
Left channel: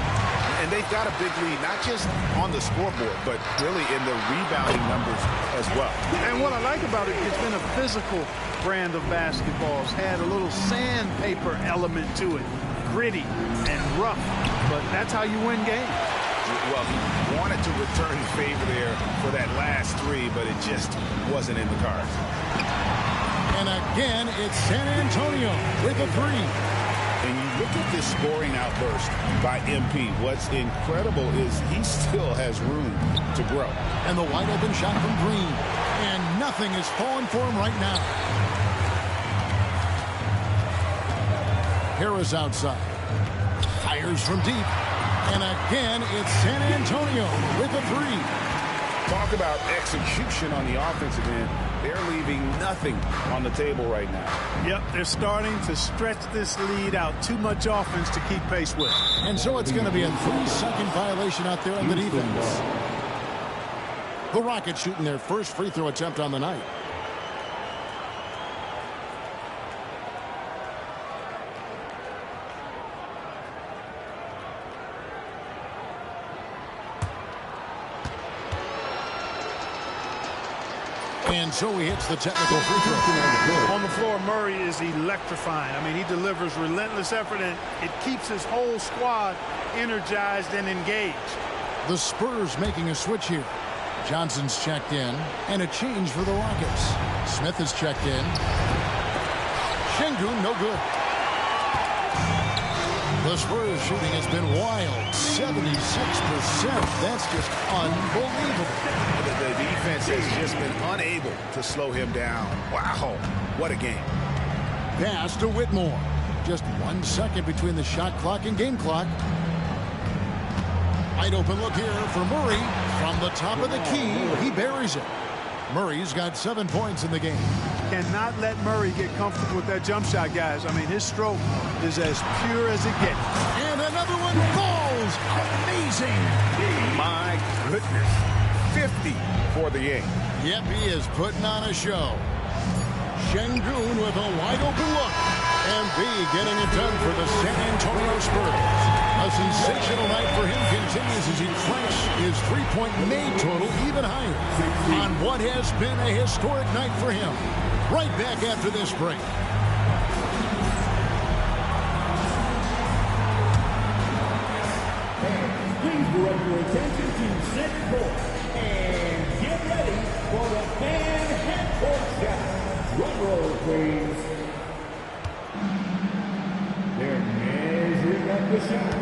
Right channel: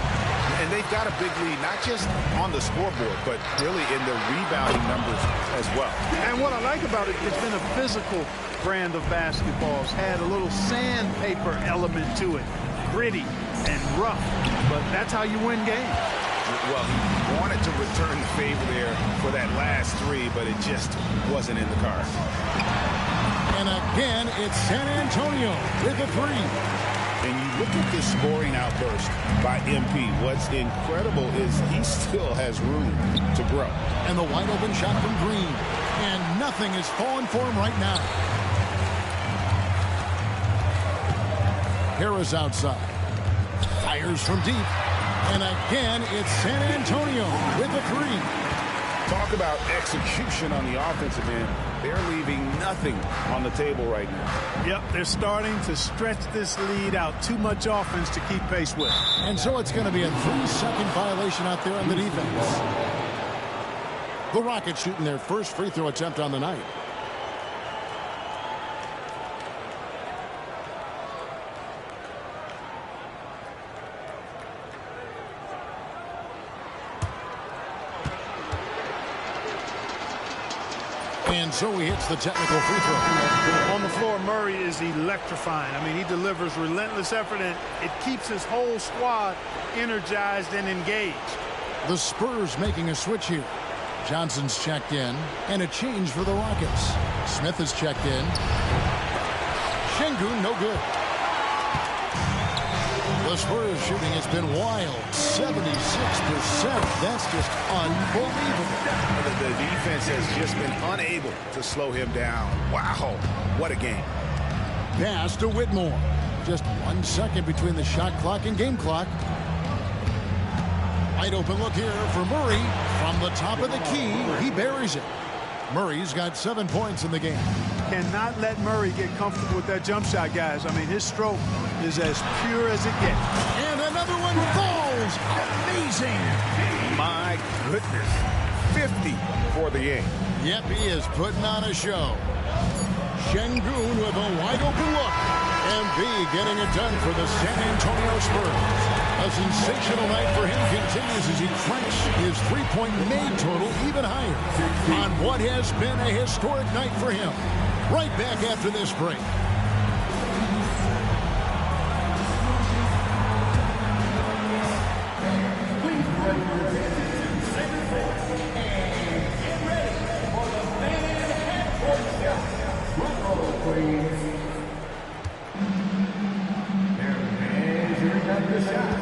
And they've got a big lead, not just on the scoreboard, but really in the rebounding numbers as well. And what I like about it, it's been a physical brand of basketball. It's had a little sandpaper element to it, gritty and rough, but that's how you win games. Well, he wanted to return the favor there for that last three, but it just wasn't in the cards. And again, it's San Antonio with a three. And you look at this scoring outburst by MP. What's incredible is he still has room to grow. And the wide open shot from Green. And nothing is falling for him right now. Harris outside. Fires from deep. And again, it's San Antonio with a three. Talk about execution on the offensive end. They're leaving nothing on the table right now. Yep, they're starting to stretch this lead out. Too much offense to keep pace with. And so it's going to be a 3-second violation out there on the defense. The Rockets shooting their first free throw attempt on the night. And so he hits the technical free throw. On the floor, Murray is electrifying. I mean, he delivers relentless effort, and it keeps his whole squad energized and engaged. The Spurs making a switch here. Johnson's checked in, and a change for the Rockets. Smith is checked in. Şengün, no good. The Spurs shooting has been wild. 76%. That's just unbelievable. The defense has just been unable to slow him down. Wow, what a game. Pass to Whitmore. Just 1 second between the shot clock and game clock. Wide open look here for Murray. From the top of the key, he buries it. Murray's got 7 points in the game. Cannot let Murray get comfortable with that jump shot, guys. I mean, his stroke is as pure as it gets. And another one falls. Amazing. My goodness. 50 for the game. Yep, he is putting on a show. Şengün with a wide open look. MB getting it done for the San Antonio Spurs. A sensational night for him continues as he cranks his three-point made total even higher on what has been a historic night for him. Right back after this break. Please direct your attention to center court and get ready for the fan half-court shot. Drum roll, please. They're measuring up the shot.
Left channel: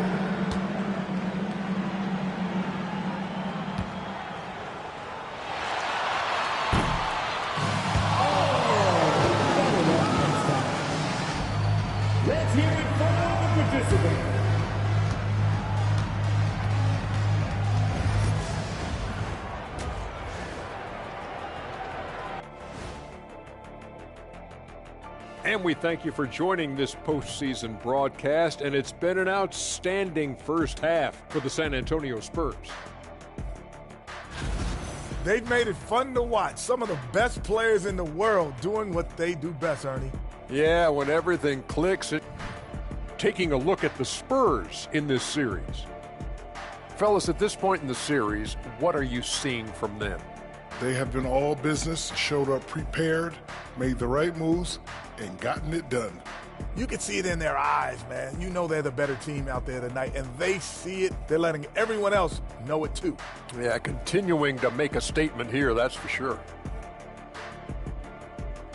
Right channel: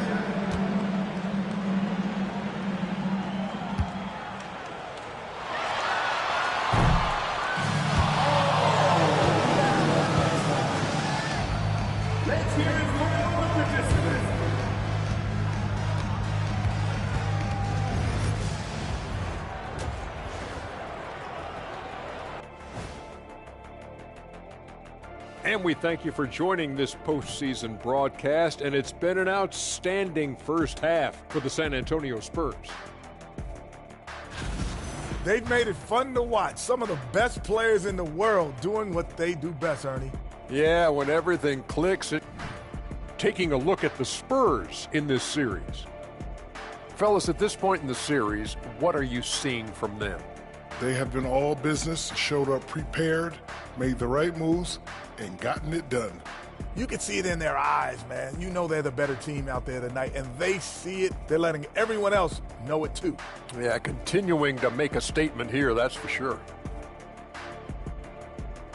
Let's hear it for all the participants. And we thank you for joining this postseason broadcast, and it's been an outstanding first half for the San Antonio Spurs. They've made it fun to watch. Some of the best players in the world doing what they do best, Ernie. Yeah, when everything clicks, taking a look at the Spurs in this series. Fellas, at this point in the series, what are you seeing from them? They have been all business, showed up prepared, made the right moves, and gotten it done. You can see it in their eyes, man. You know they're the better team out there tonight, and they see it. They're letting everyone else know it too. Yeah, continuing to make a statement here, that's for sure.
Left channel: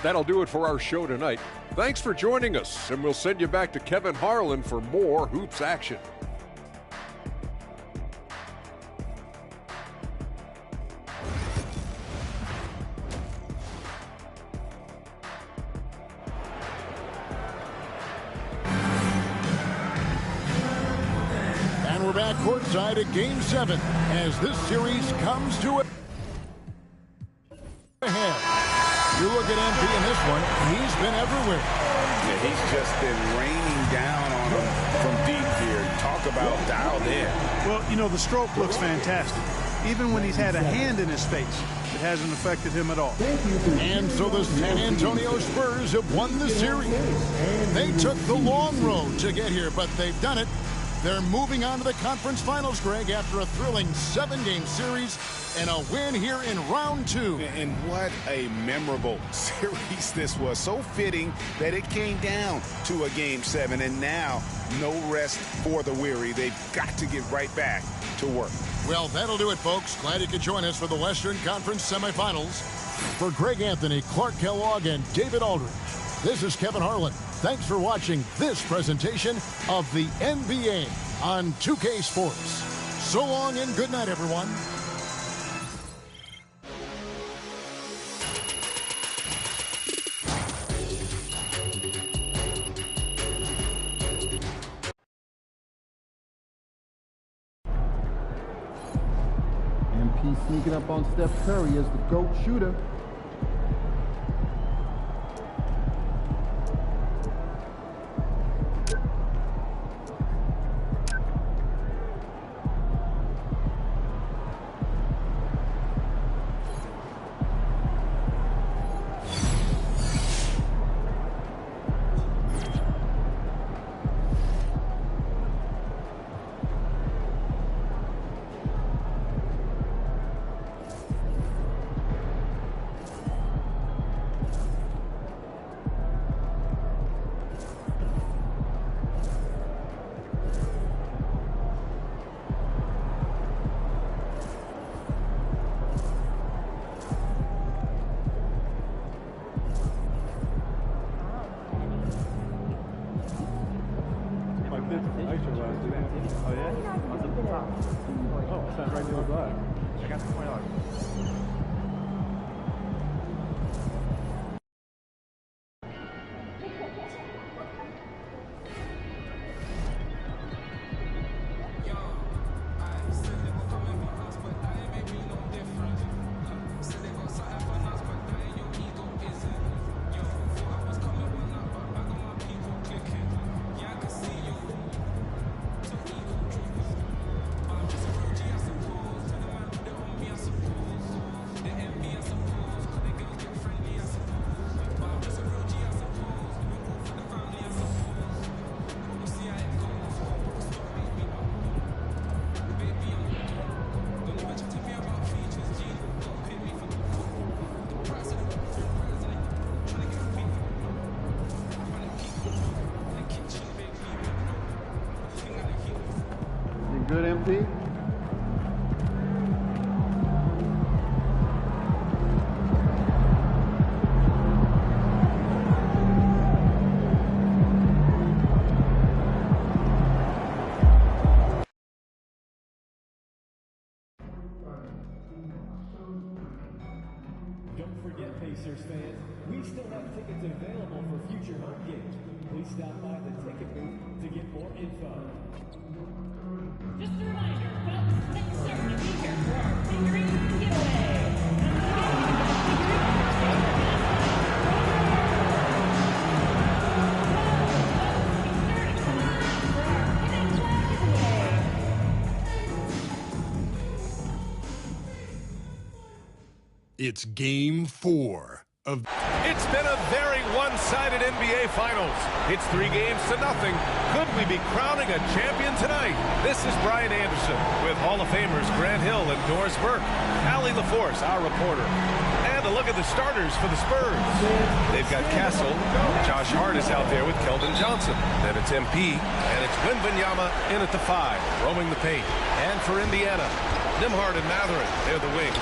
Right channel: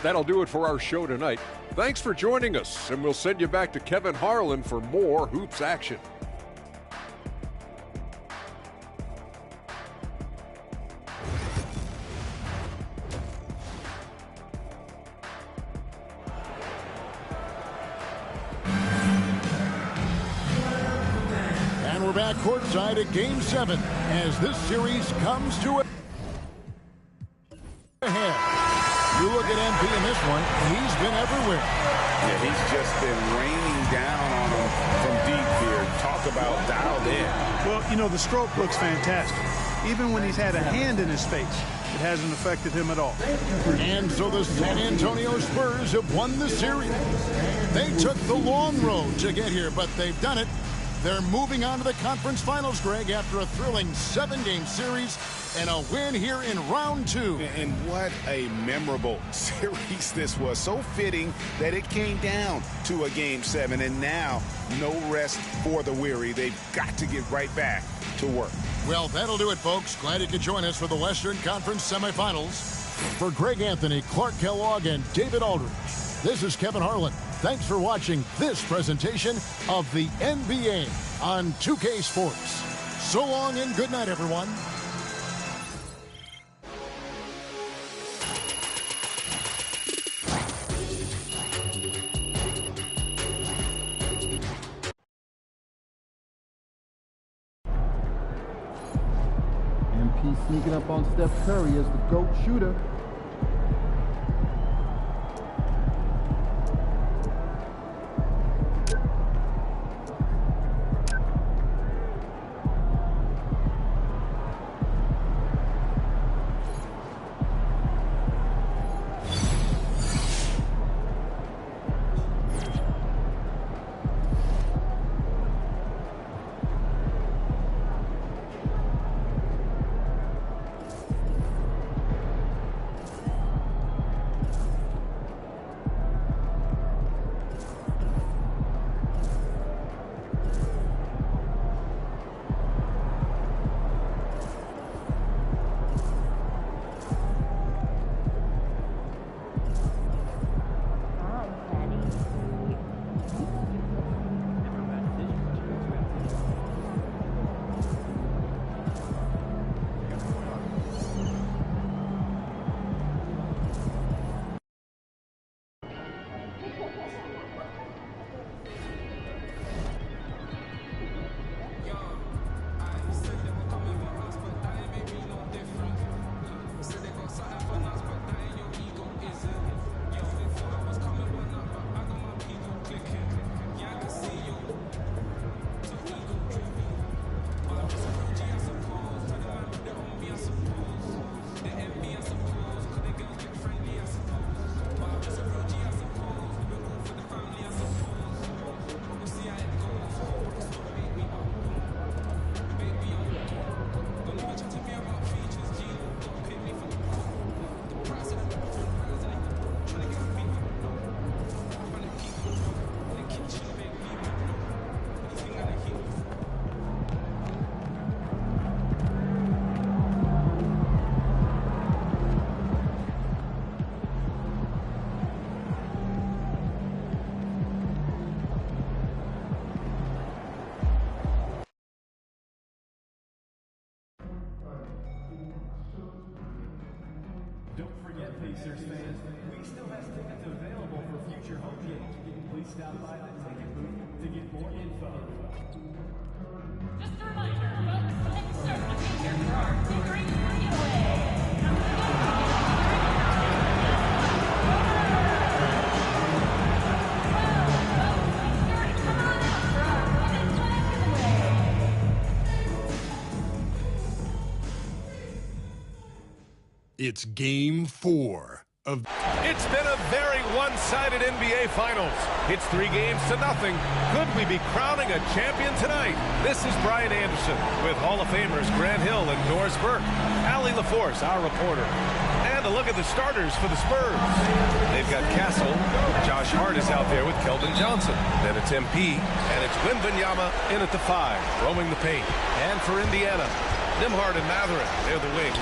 That'll do it for our show tonight. Thanks for joining us, and we'll send you back to Kevin Harlan for more Hoops action. And we're back courtside at Game 7 as this series comes to a head. You look at MP in this one, he's been everywhere. Yeah, he's just been raining down on him from deep here. Talk about dialed in. Well, you know, the stroke looks fantastic. Even when he's had a hand in his face, it hasn't affected him at all. And so the San Antonio Spurs have won the series. They took the long road to get here, but they've done it. They're moving on to the conference finals, Greg, after a thrilling 7-game series and a win here in round 2. And what a memorable series this was. So fitting that it came down to a Game 7, and now no rest for the weary. They've got to get right back to work. Well, that'll do it, folks. Glad you could join us for the Western Conference semifinals. For Greg Anthony, Clark Kellogg, and David Aldridge, this is Kevin Harlan. Thanks for watching this presentation of the NBA on 2K Sports. So long and good night, everyone. MP sneaking up on Steph Curry as the GOAT shooter. Good, MP. Don't forget, Pacers fans, we still have tickets available for future home games. Please stop by the ticket booth to get more info. Just a reminder, folks, make certain to be here for our figurine giveaway. It's Game 4 of... It's been a very one-sided NBA Finals. It's 3-0. Could we be crowning a champion tonight? This is Brian Anderson with Hall of Famers Grant Hill and Doris Burke. Allie LaForce, our reporter. And a look at the starters for the Spurs. They've got Castle. Josh Hart is out there with Keldon Johnson. Then it's MP, and it's Wembanyama in at the 5, roaming the paint. And for Indiana, Nembhard and Mathurin, they're the wings.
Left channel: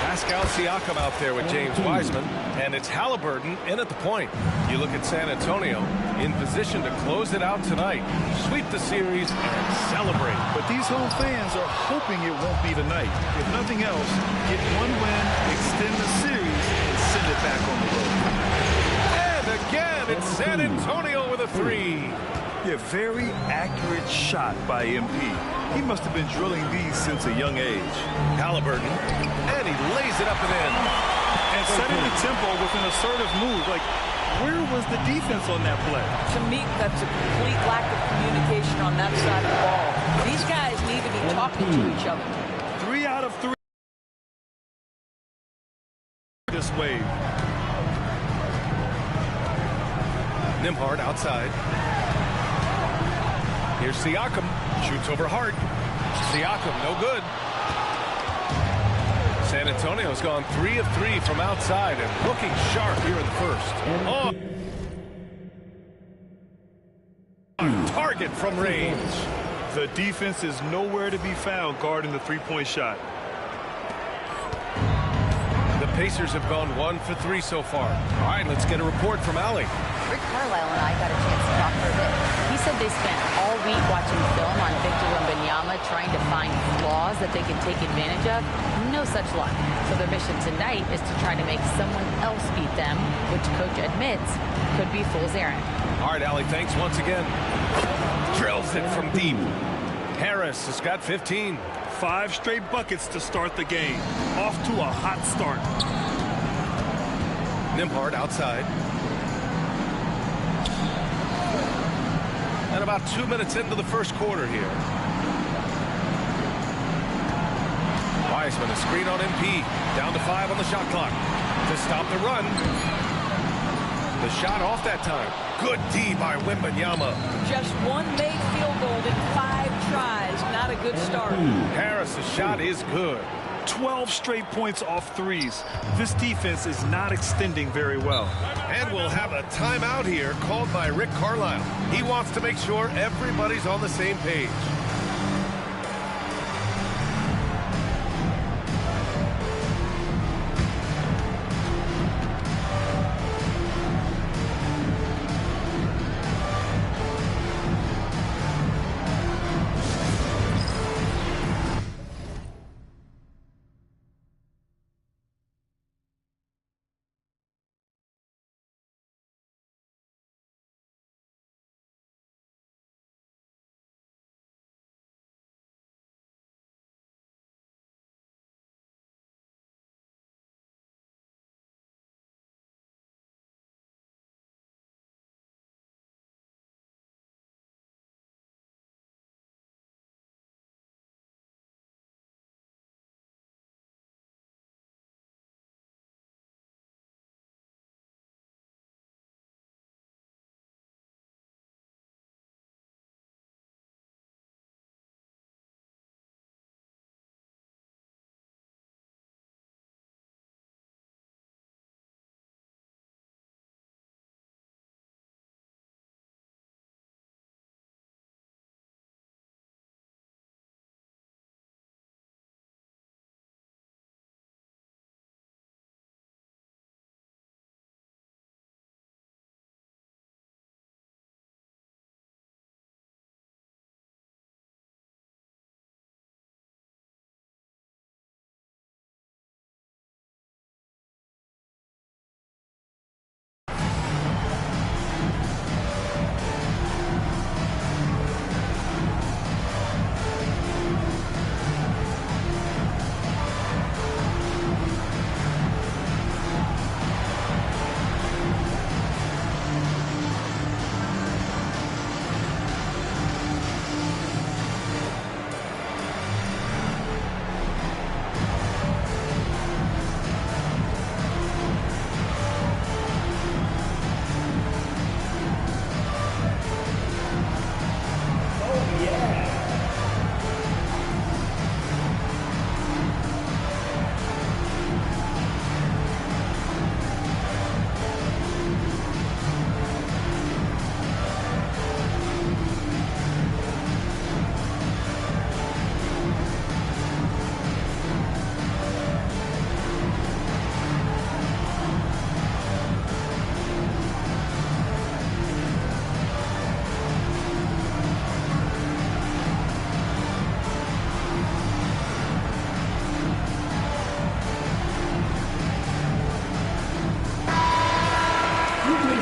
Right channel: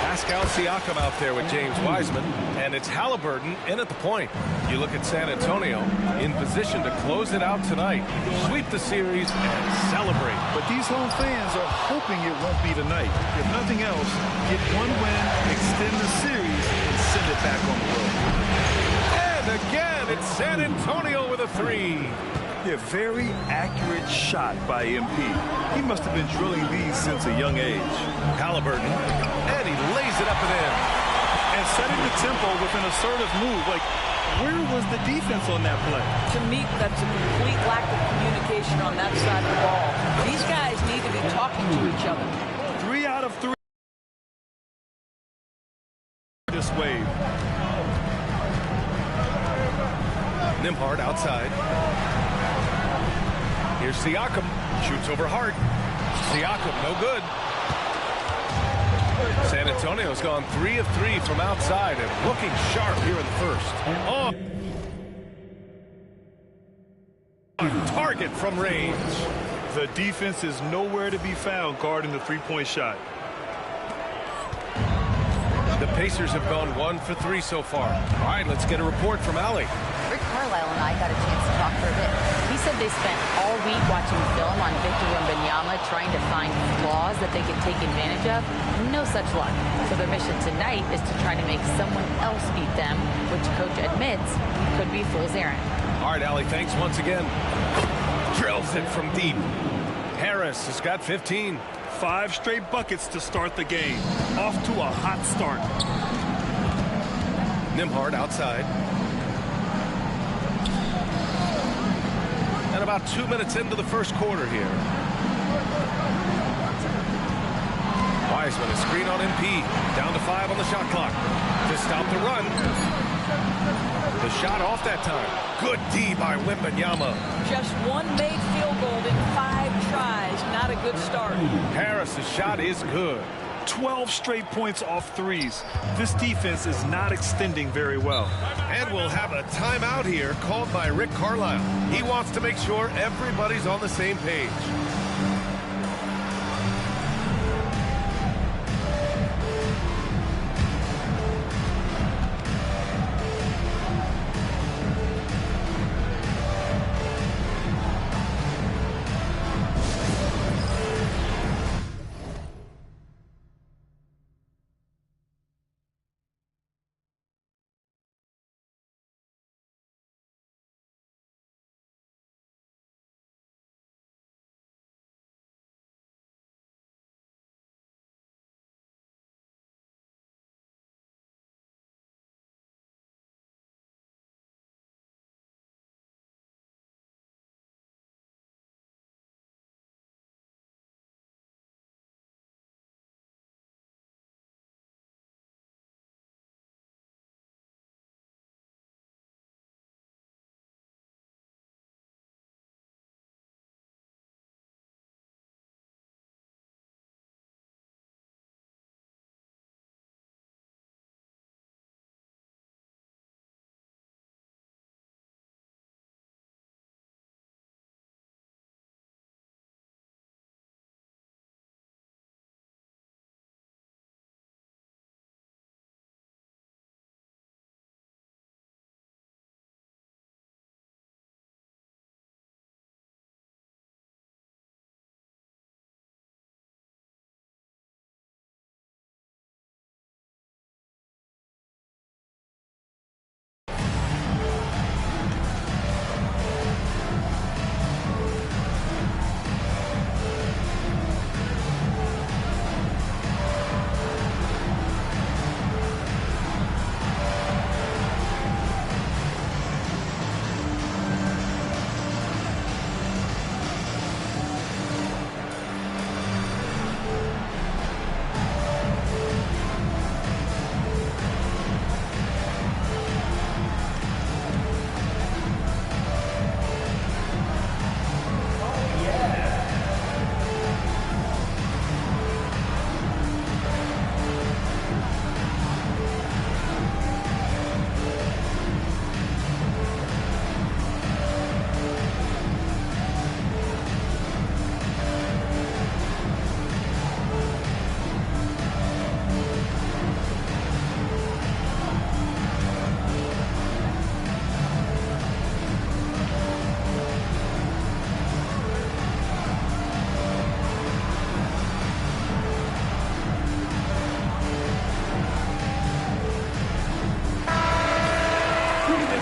Pascal Siakam out there with James Wiseman, and it's Halliburton in at the point. You look at San Antonio, in position to close it out tonight, sweep the series, and celebrate. But these home fans are hoping it won't be tonight. If nothing else, get one win, extend the series, and send it back on the road. And again, it's San Antonio with a 3. Yeah, very accurate shot by MP. He must have been drilling these since a young age. Halliburton, and he lays it up and in. And setting the tempo with an assertive move. Like, where was the defense on that play? To me, that's a complete lack of communication on that side of the ball. These guys need to be talking to each other. 3 out of 3. This wave. Nembhard outside. Here's Siakam. Shoots over Hart. Siakam, no good. San Antonio's gone 3 of 3 from outside and looking sharp here in the first. Oh. On target from range. The defense is nowhere to be found guarding the three-point shot. The Pacers have gone 1 for 3 so far. All right, let's get a report from Allie. Rick Carlisle and I got a chance to talk for a bit. He said they spent all week watching film on Victor Wembanyama, trying to find flaws that they could take advantage of. No such luck. So their mission tonight is to try to make someone else beat them, which coach admits could be fool's errand. All right, Allie, thanks once again. Drills it from deep. Harris has got 15. 5 straight buckets to start the game. Off to a hot start. Nembhard outside. And about 2 minutes into the first quarter here. Wiseman, a screen on MP. Down to 5 on the shot clock. To stop the run. The shot off that time. Good D by Wembanyama. Just one made field goal in 5 tries. Not a good start. Harris' shot is good. 12 straight points off threes. This defense is not extending very well. And we'll have a timeout here called by Rick Carlisle. He wants to make sure everybody's on the same page.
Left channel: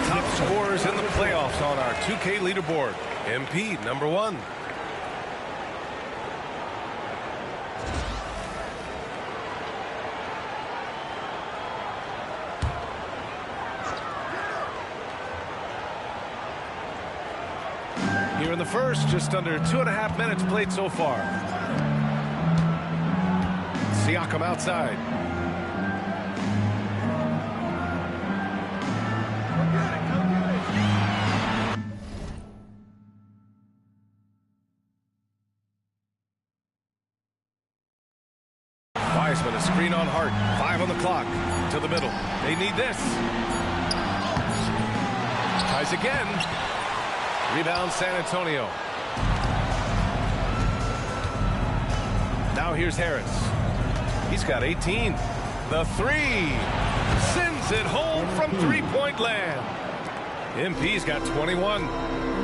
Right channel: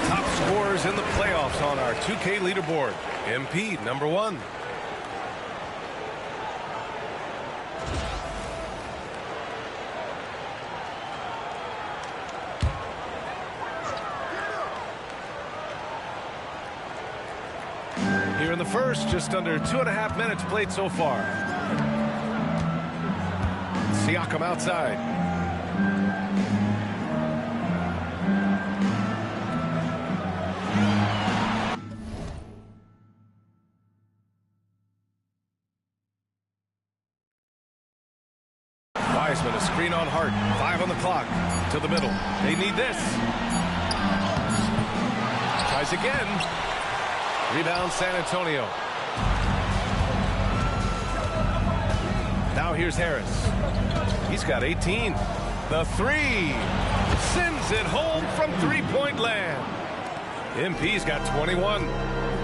Top scorers in the playoffs on our 2K leaderboard. MP, number 1. Here in the first, just under 2.5 minutes played so far. Siakam outside. Wiseman, a screen on Hart. 5 on the clock. To the middle. They need this. Tries again. Rebound San Antonio. Now here's Harris. He's got 18. The three. Sends it home from three-point land. MP's got 21.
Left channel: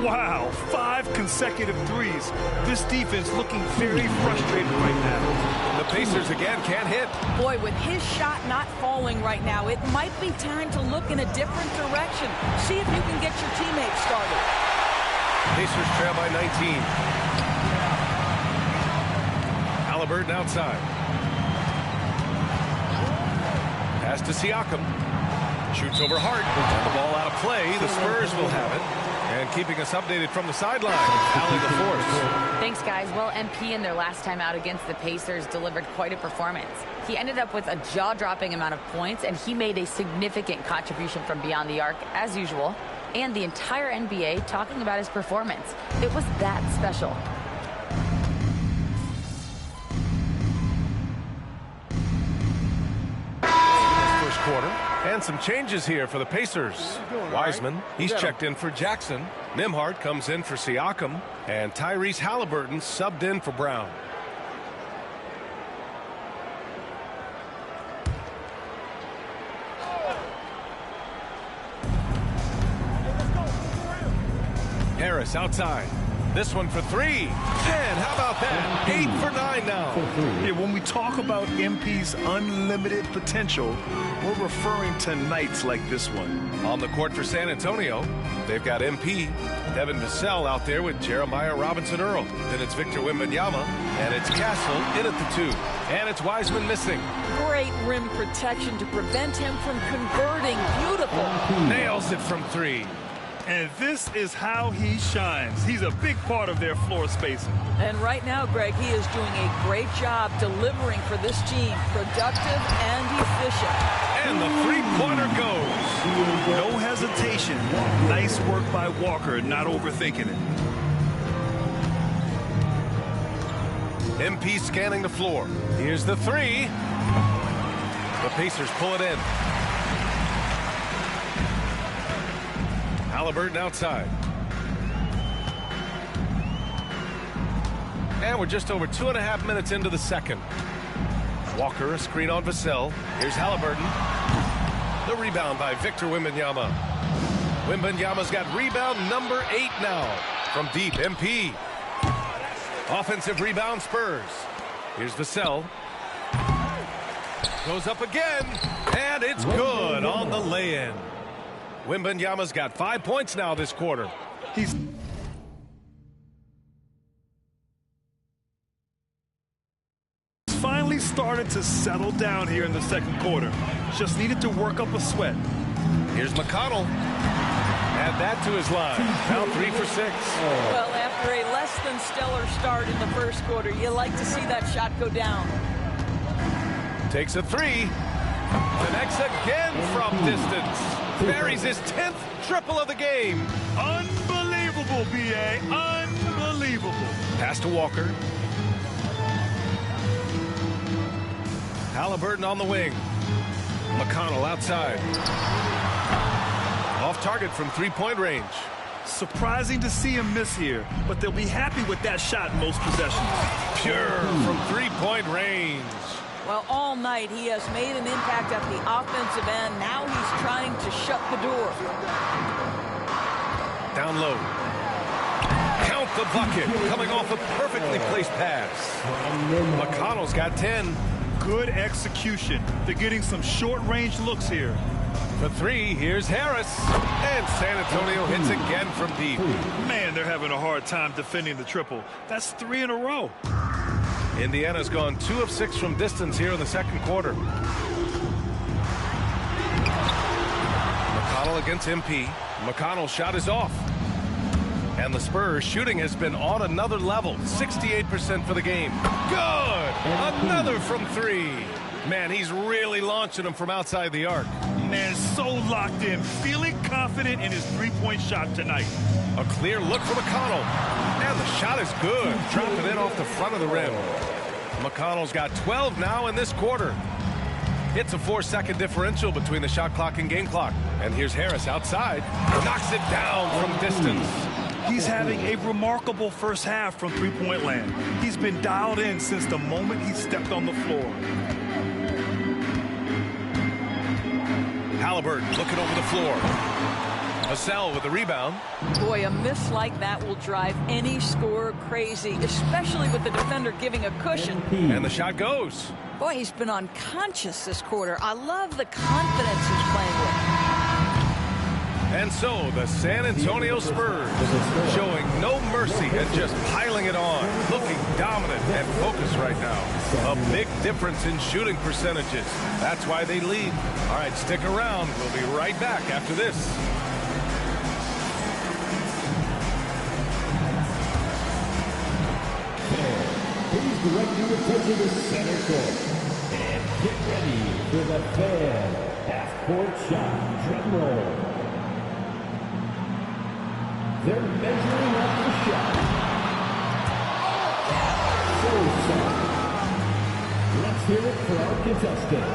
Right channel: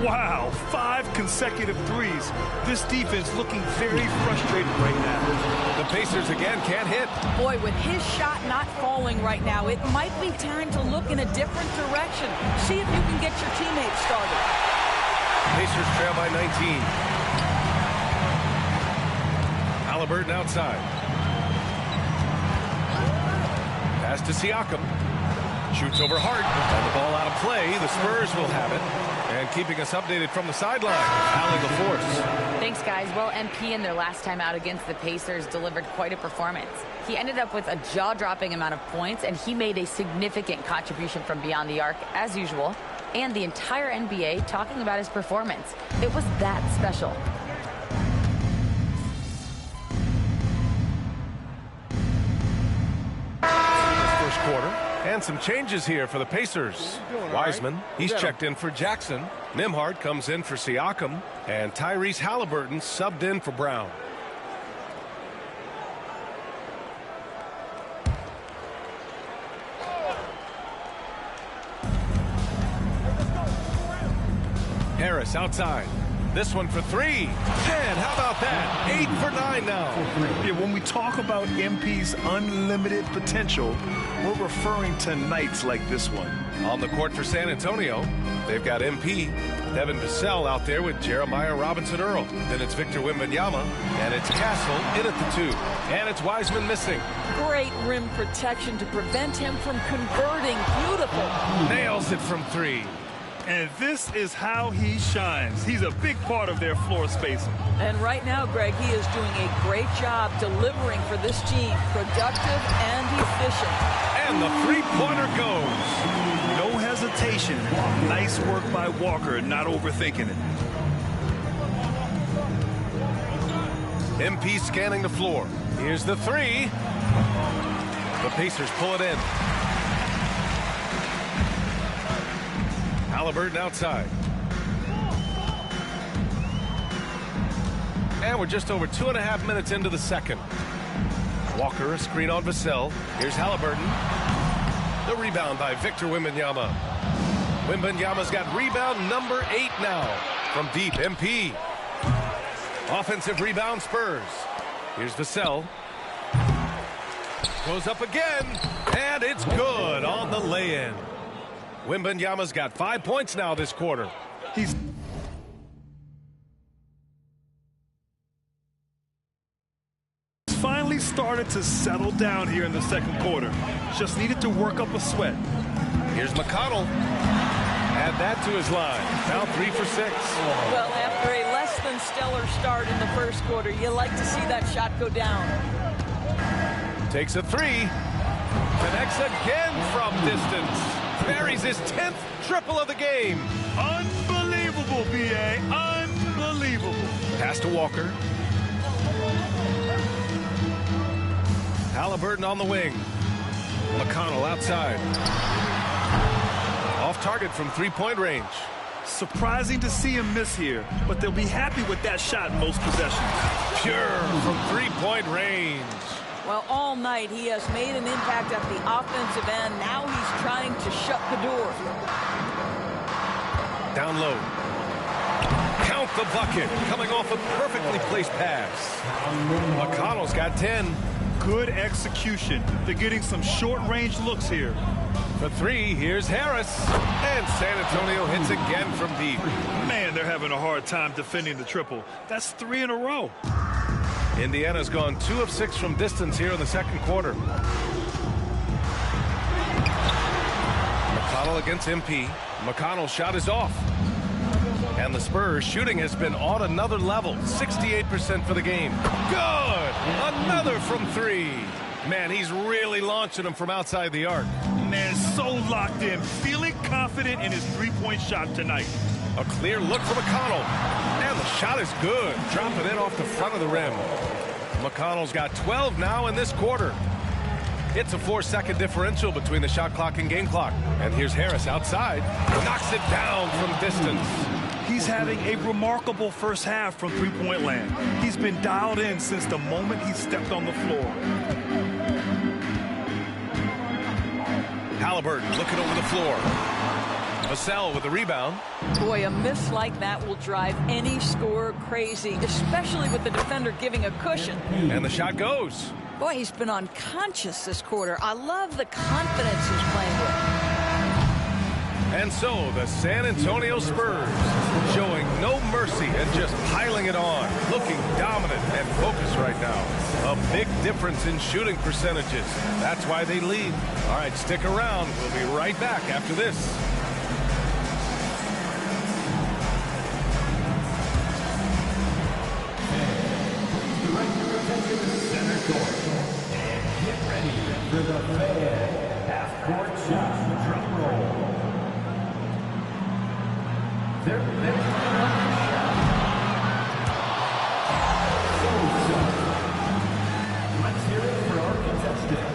Wow, 5 consecutive threes. This defense looking very frustrated right now. The Pacers again can't hit. Boy, with his shot not falling right now, it might be time to look in a different direction. See if you can get your teammates started. Pacers trail by 19. Halliburton outside. Pass to Siakam. Shoots over Hart. And the ball out of play. The Spurs will have it. And keeping us updated from the sideline, Allie LaForce. Thanks, guys. Well, MP in their last time out against the Pacers delivered quite a performance. He ended up with a jaw-dropping amount of points, and he made a significant contribution from beyond the arc, as usual. And the entire NBA talking about his performance. It was that special. First quarter. And some changes here for the Pacers. Wiseman, he's checked in for Jackson. Nembhard comes in for Siakam. And Tyrese Halliburton subbed in for Brown. Harris outside. This one for 3. And how about that? 8 for 9 now. Yeah, when we talk about MP's unlimited potential, we're referring to nights like this one. On the court for San Antonio, they've got MP, Devin Vassell out there with Jeremiah Robinson-Earl. Then it's Victor Wembanyama, and it's Castle in at the 2. And it's Wiseman missing. Great rim protection to prevent him from converting. Beautiful. Nails it from 3. And this is how he shines. He's a big part of their floor spacing. And right now, Greg, he is doing a great job delivering for this team. Productive and efficient. And the three-pointer goes. No hesitation. Nice work by Walker, not overthinking it. MP scanning the floor. Here's the 3. The Pacers pull it in. Halliburton outside. And we're just over 2.5 minutes into the second. Walker, a screen on Vassell. Here's Halliburton. The rebound by Victor Wembanyama. Wembanyama's got rebound number 8 now. From deep, MP. Offensive rebound, Spurs. Here's Vassell. Goes up again. And it's good on the lay-in. Wembanyama's got 5 points now this quarter. He's finally started to settle down here in the second quarter. Just needed to work up a sweat. Here's McConnell. Add that to his line. Now 3 for 6. Well, after a less than stellar start in the first quarter, you like to see that shot go down. Takes a 3. Connects again from distance. Buries his 10th triple of the game. Unbelievable, B.A. Unbelievable. Pass to Walker. Halliburton on the wing. McConnell outside. Off target from three-point range. Surprising to see him miss here, but they'll be happy with that shot most possessions. Pure from three-point range. Well, all night he has made an impact at the offensive end. Now he's trying to shut the door. Down low. Count the bucket. Coming off a perfectly placed pass. McConnell's got 10. Good execution. They're getting some short-range looks here. For 3, here's Harris. And San Antonio hits again from deep. Man, they're having a hard time defending the triple. That's 3 in a row. Indiana's gone 2 of 6 from distance here in the second quarter. McConnell against MP. McConnell's shot is off. And the Spurs shooting has been on another level. 68% for the game. Good! Another from 3. Man, he's really launching them from outside the arc. Man, so locked in. Feeling confident in his three-point shot tonight. A clear look for McConnell. And the shot is good. Dropping it off the front of the rim. McConnell's got 12 now in this quarter. It's a 4-second differential between the shot clock and game clock. And here's Harris outside. Knocks it down from distance. He's having a remarkable first half from three-point land. He's been dialed in since the moment he stepped on the floor. Halliburton looking over the floor. Vassell with the rebound. Boy, a miss like that will drive any scorer crazy, especially with the defender giving a cushion. And the shot goes. Boy, he's been unconscious this quarter. I love the confidence he's playing with. And so the San Antonio Spurs showing no mercy and just piling it on, looking dominant and focused right now. A big difference in shooting percentages. That's why they lead. All right, stick around. We'll be right back after this. Please direct your attention to center court. And get ready for the Fan half-court shot drum roll. They're measuring up the shot. So sorry. Let's hear it for our contestant.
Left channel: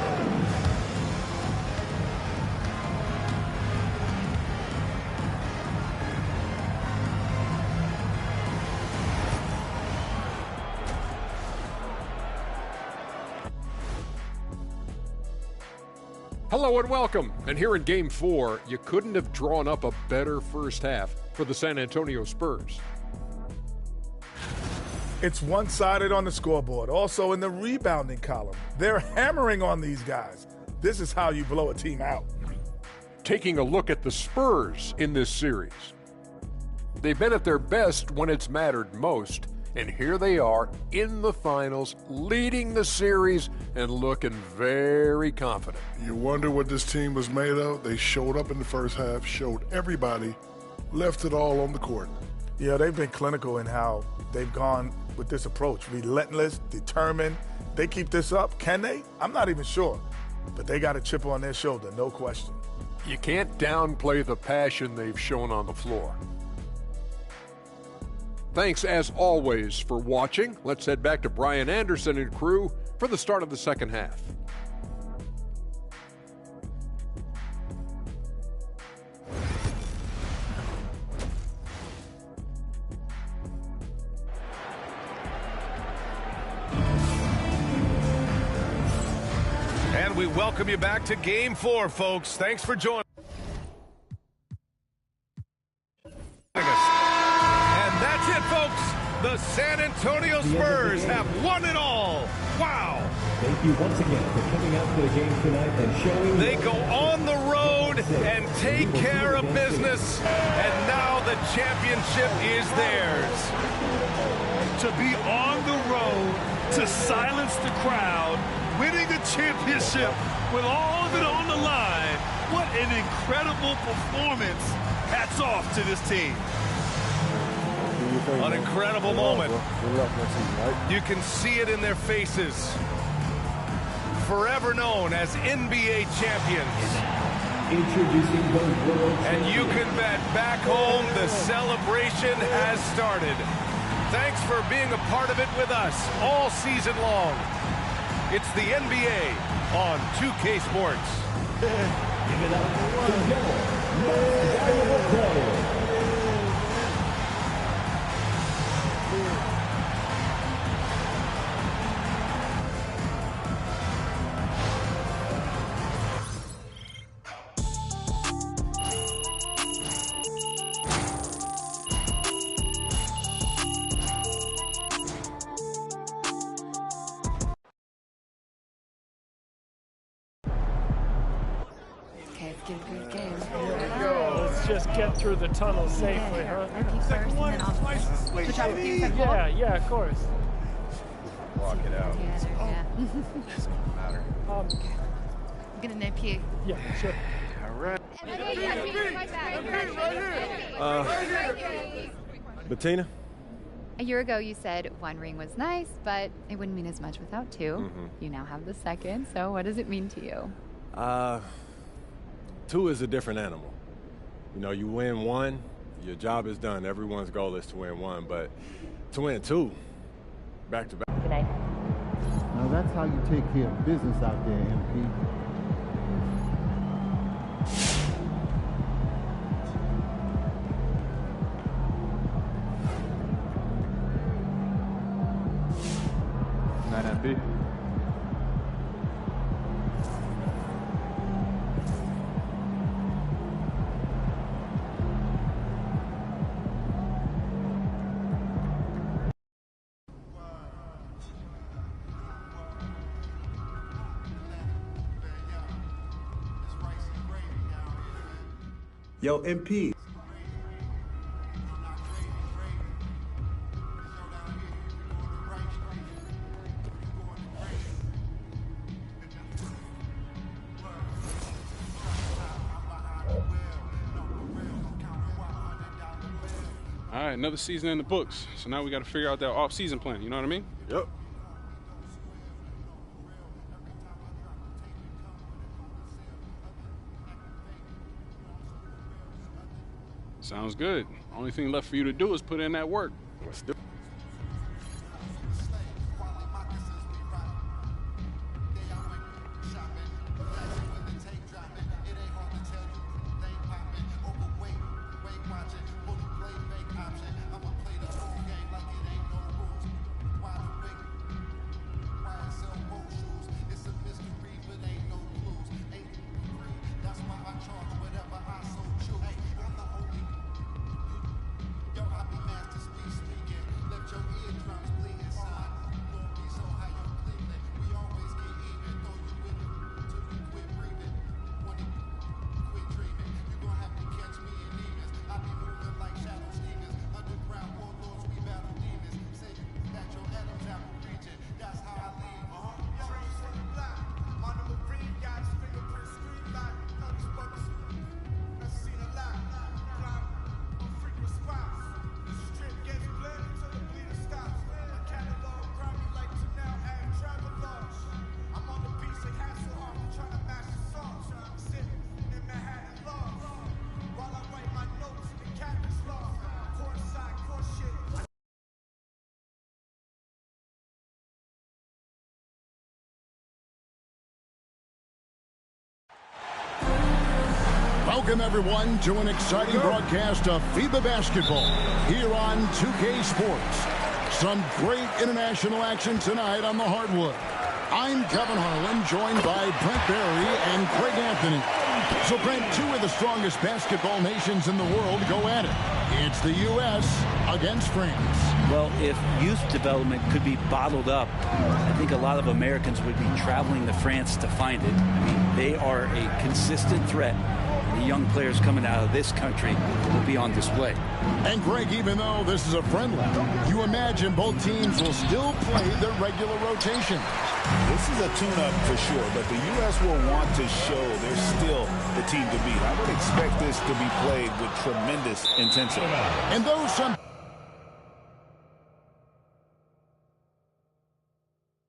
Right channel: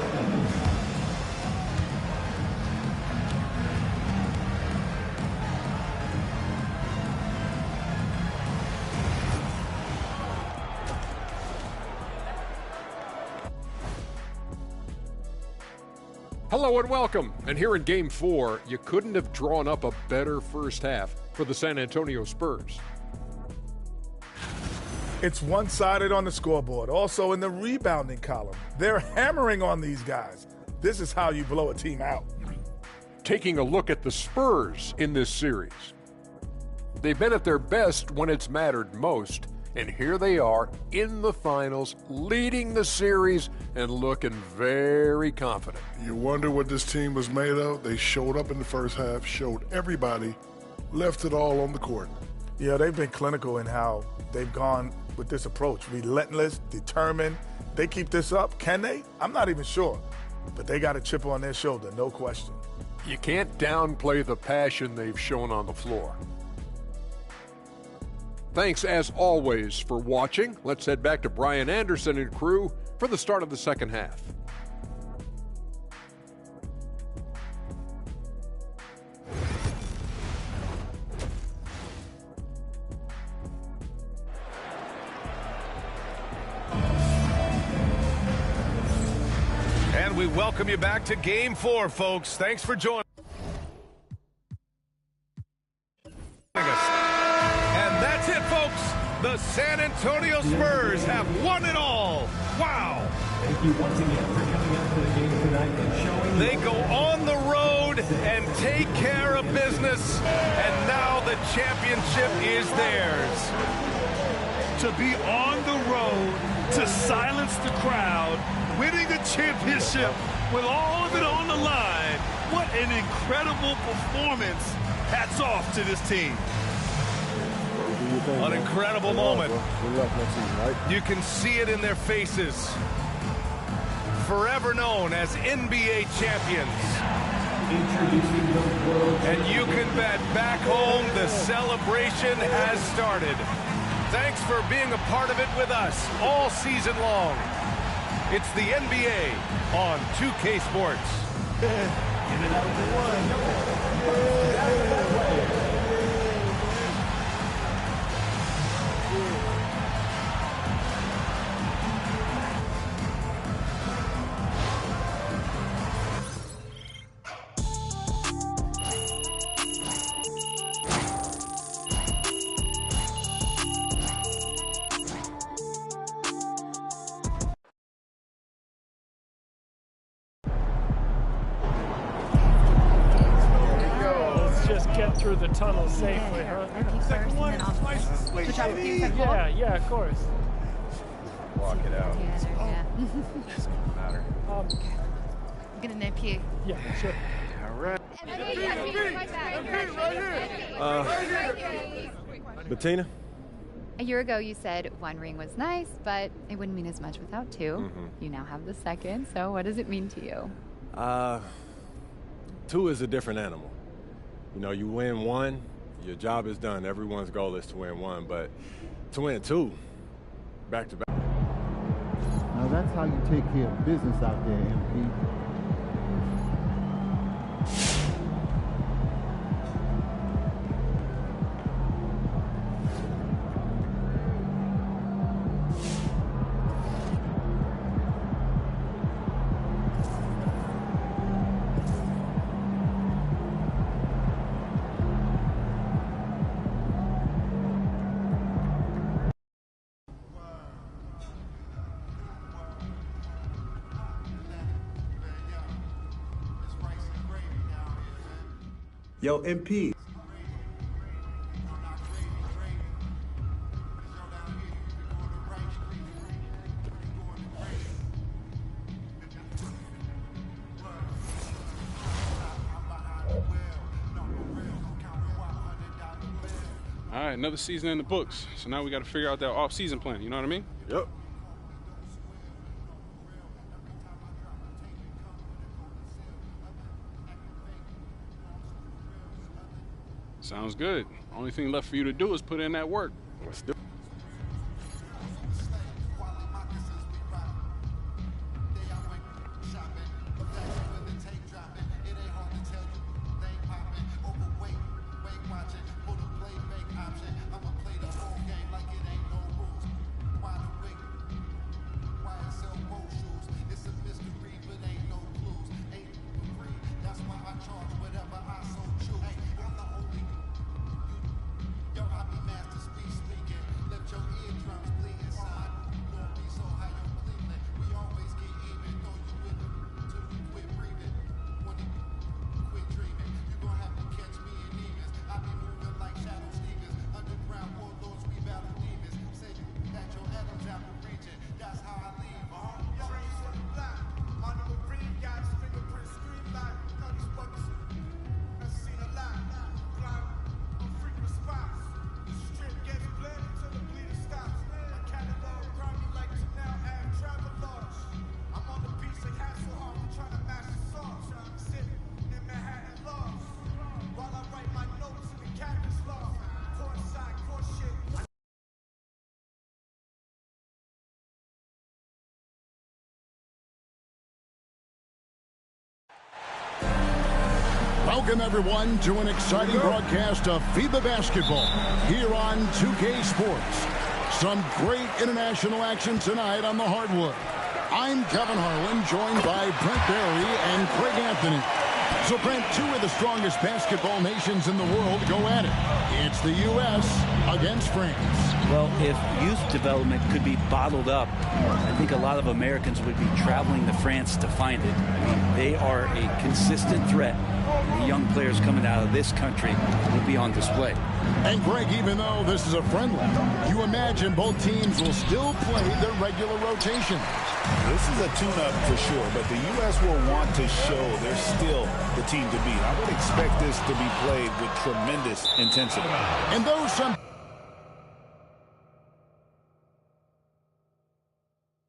Hello and welcome. And here in Game 4, you couldn't have drawn up a better first half for the San Antonio Spurs. It's one-sided on the scoreboard. Also in the rebounding column, they're hammering on these guys. This is how you blow a team out. Taking a look at the Spurs in this series. They've been at their best when it's mattered most. And here they are in the finals, leading the series and looking very confident. You wonder what this team was made of? They showed up in the first half, showed everybody, left it all on the court. Yeah, they've been clinical in how they've gone with this approach. Relentless, determined. They keep this up. Can they? I'm not even sure. But they got a chip on their shoulder, no question. You can't downplay the passion they've shown on the floor. Thanks, as always, for watching. Let's head back to Brian Anderson and crew for the start of the second half. And we welcome you back to Game 4, folks. Thanks for joining us. And that's it, folks. The San Antonio Spurs have won it all. Wow. Thank you once again for coming out to the game tonight and showing. They go on the road and take care of business, and now the championship is theirs. To be on the road, to silence the crowd, winning the championship with all of it on the line. What an incredible performance. Hats off to this team. An incredible moment. Good luck next season, right? You can see it in their faces. Forever known as NBA champions. Introducing the world. And you can bet back home the celebration has started. Thanks for being a part of it with us all season long. It's the NBA on 2K Sports. Give it out for one. Most valuable player. Just get through the tunnel safely, huh? Second one, switch out with you, second ball. Yeah, of course. Walk it out. Doesn't matter. I'm gonna nip you. Yeah, sure. All right. Bettina? A year ago, you said one ring was nice, but it wouldn't mean as much without two. Mm-hmm. You now have the second, so what does it mean to you? Two is a different animal. You know, you win one, your job is done. Everyone's goal is to win one, but to win two, back to back. That's how you take care of business out there, MP. Yo, MP. All right, another season in the books. So now we got to figure out that off-season plan. You know what I mean? Yep. Sounds good. Only thing left for you to do is put in that work. Let's do it. Welcome, everyone, to an exciting broadcast of FIBA basketball here on 2K Sports. Some great international action tonight on the hardwood. I'm Kevin Harlan, joined by Brent Barry and Craig Anthony. So, Brent, two of the strongest basketball nations in the world go at it. It's the U.S. against France. Well, if youth development could be bottled up, I think a lot of Americans would be traveling to France to find it. I mean, they are a consistent threat. The young players coming out of this country will be on display. And Greg, even though this is a friendly, you imagine both teams will still play their regular rotation. This is a tune-up for sure, but the U.S. will want to show they're still the team to beat. I would expect this to be played with tremendous intensity. And though some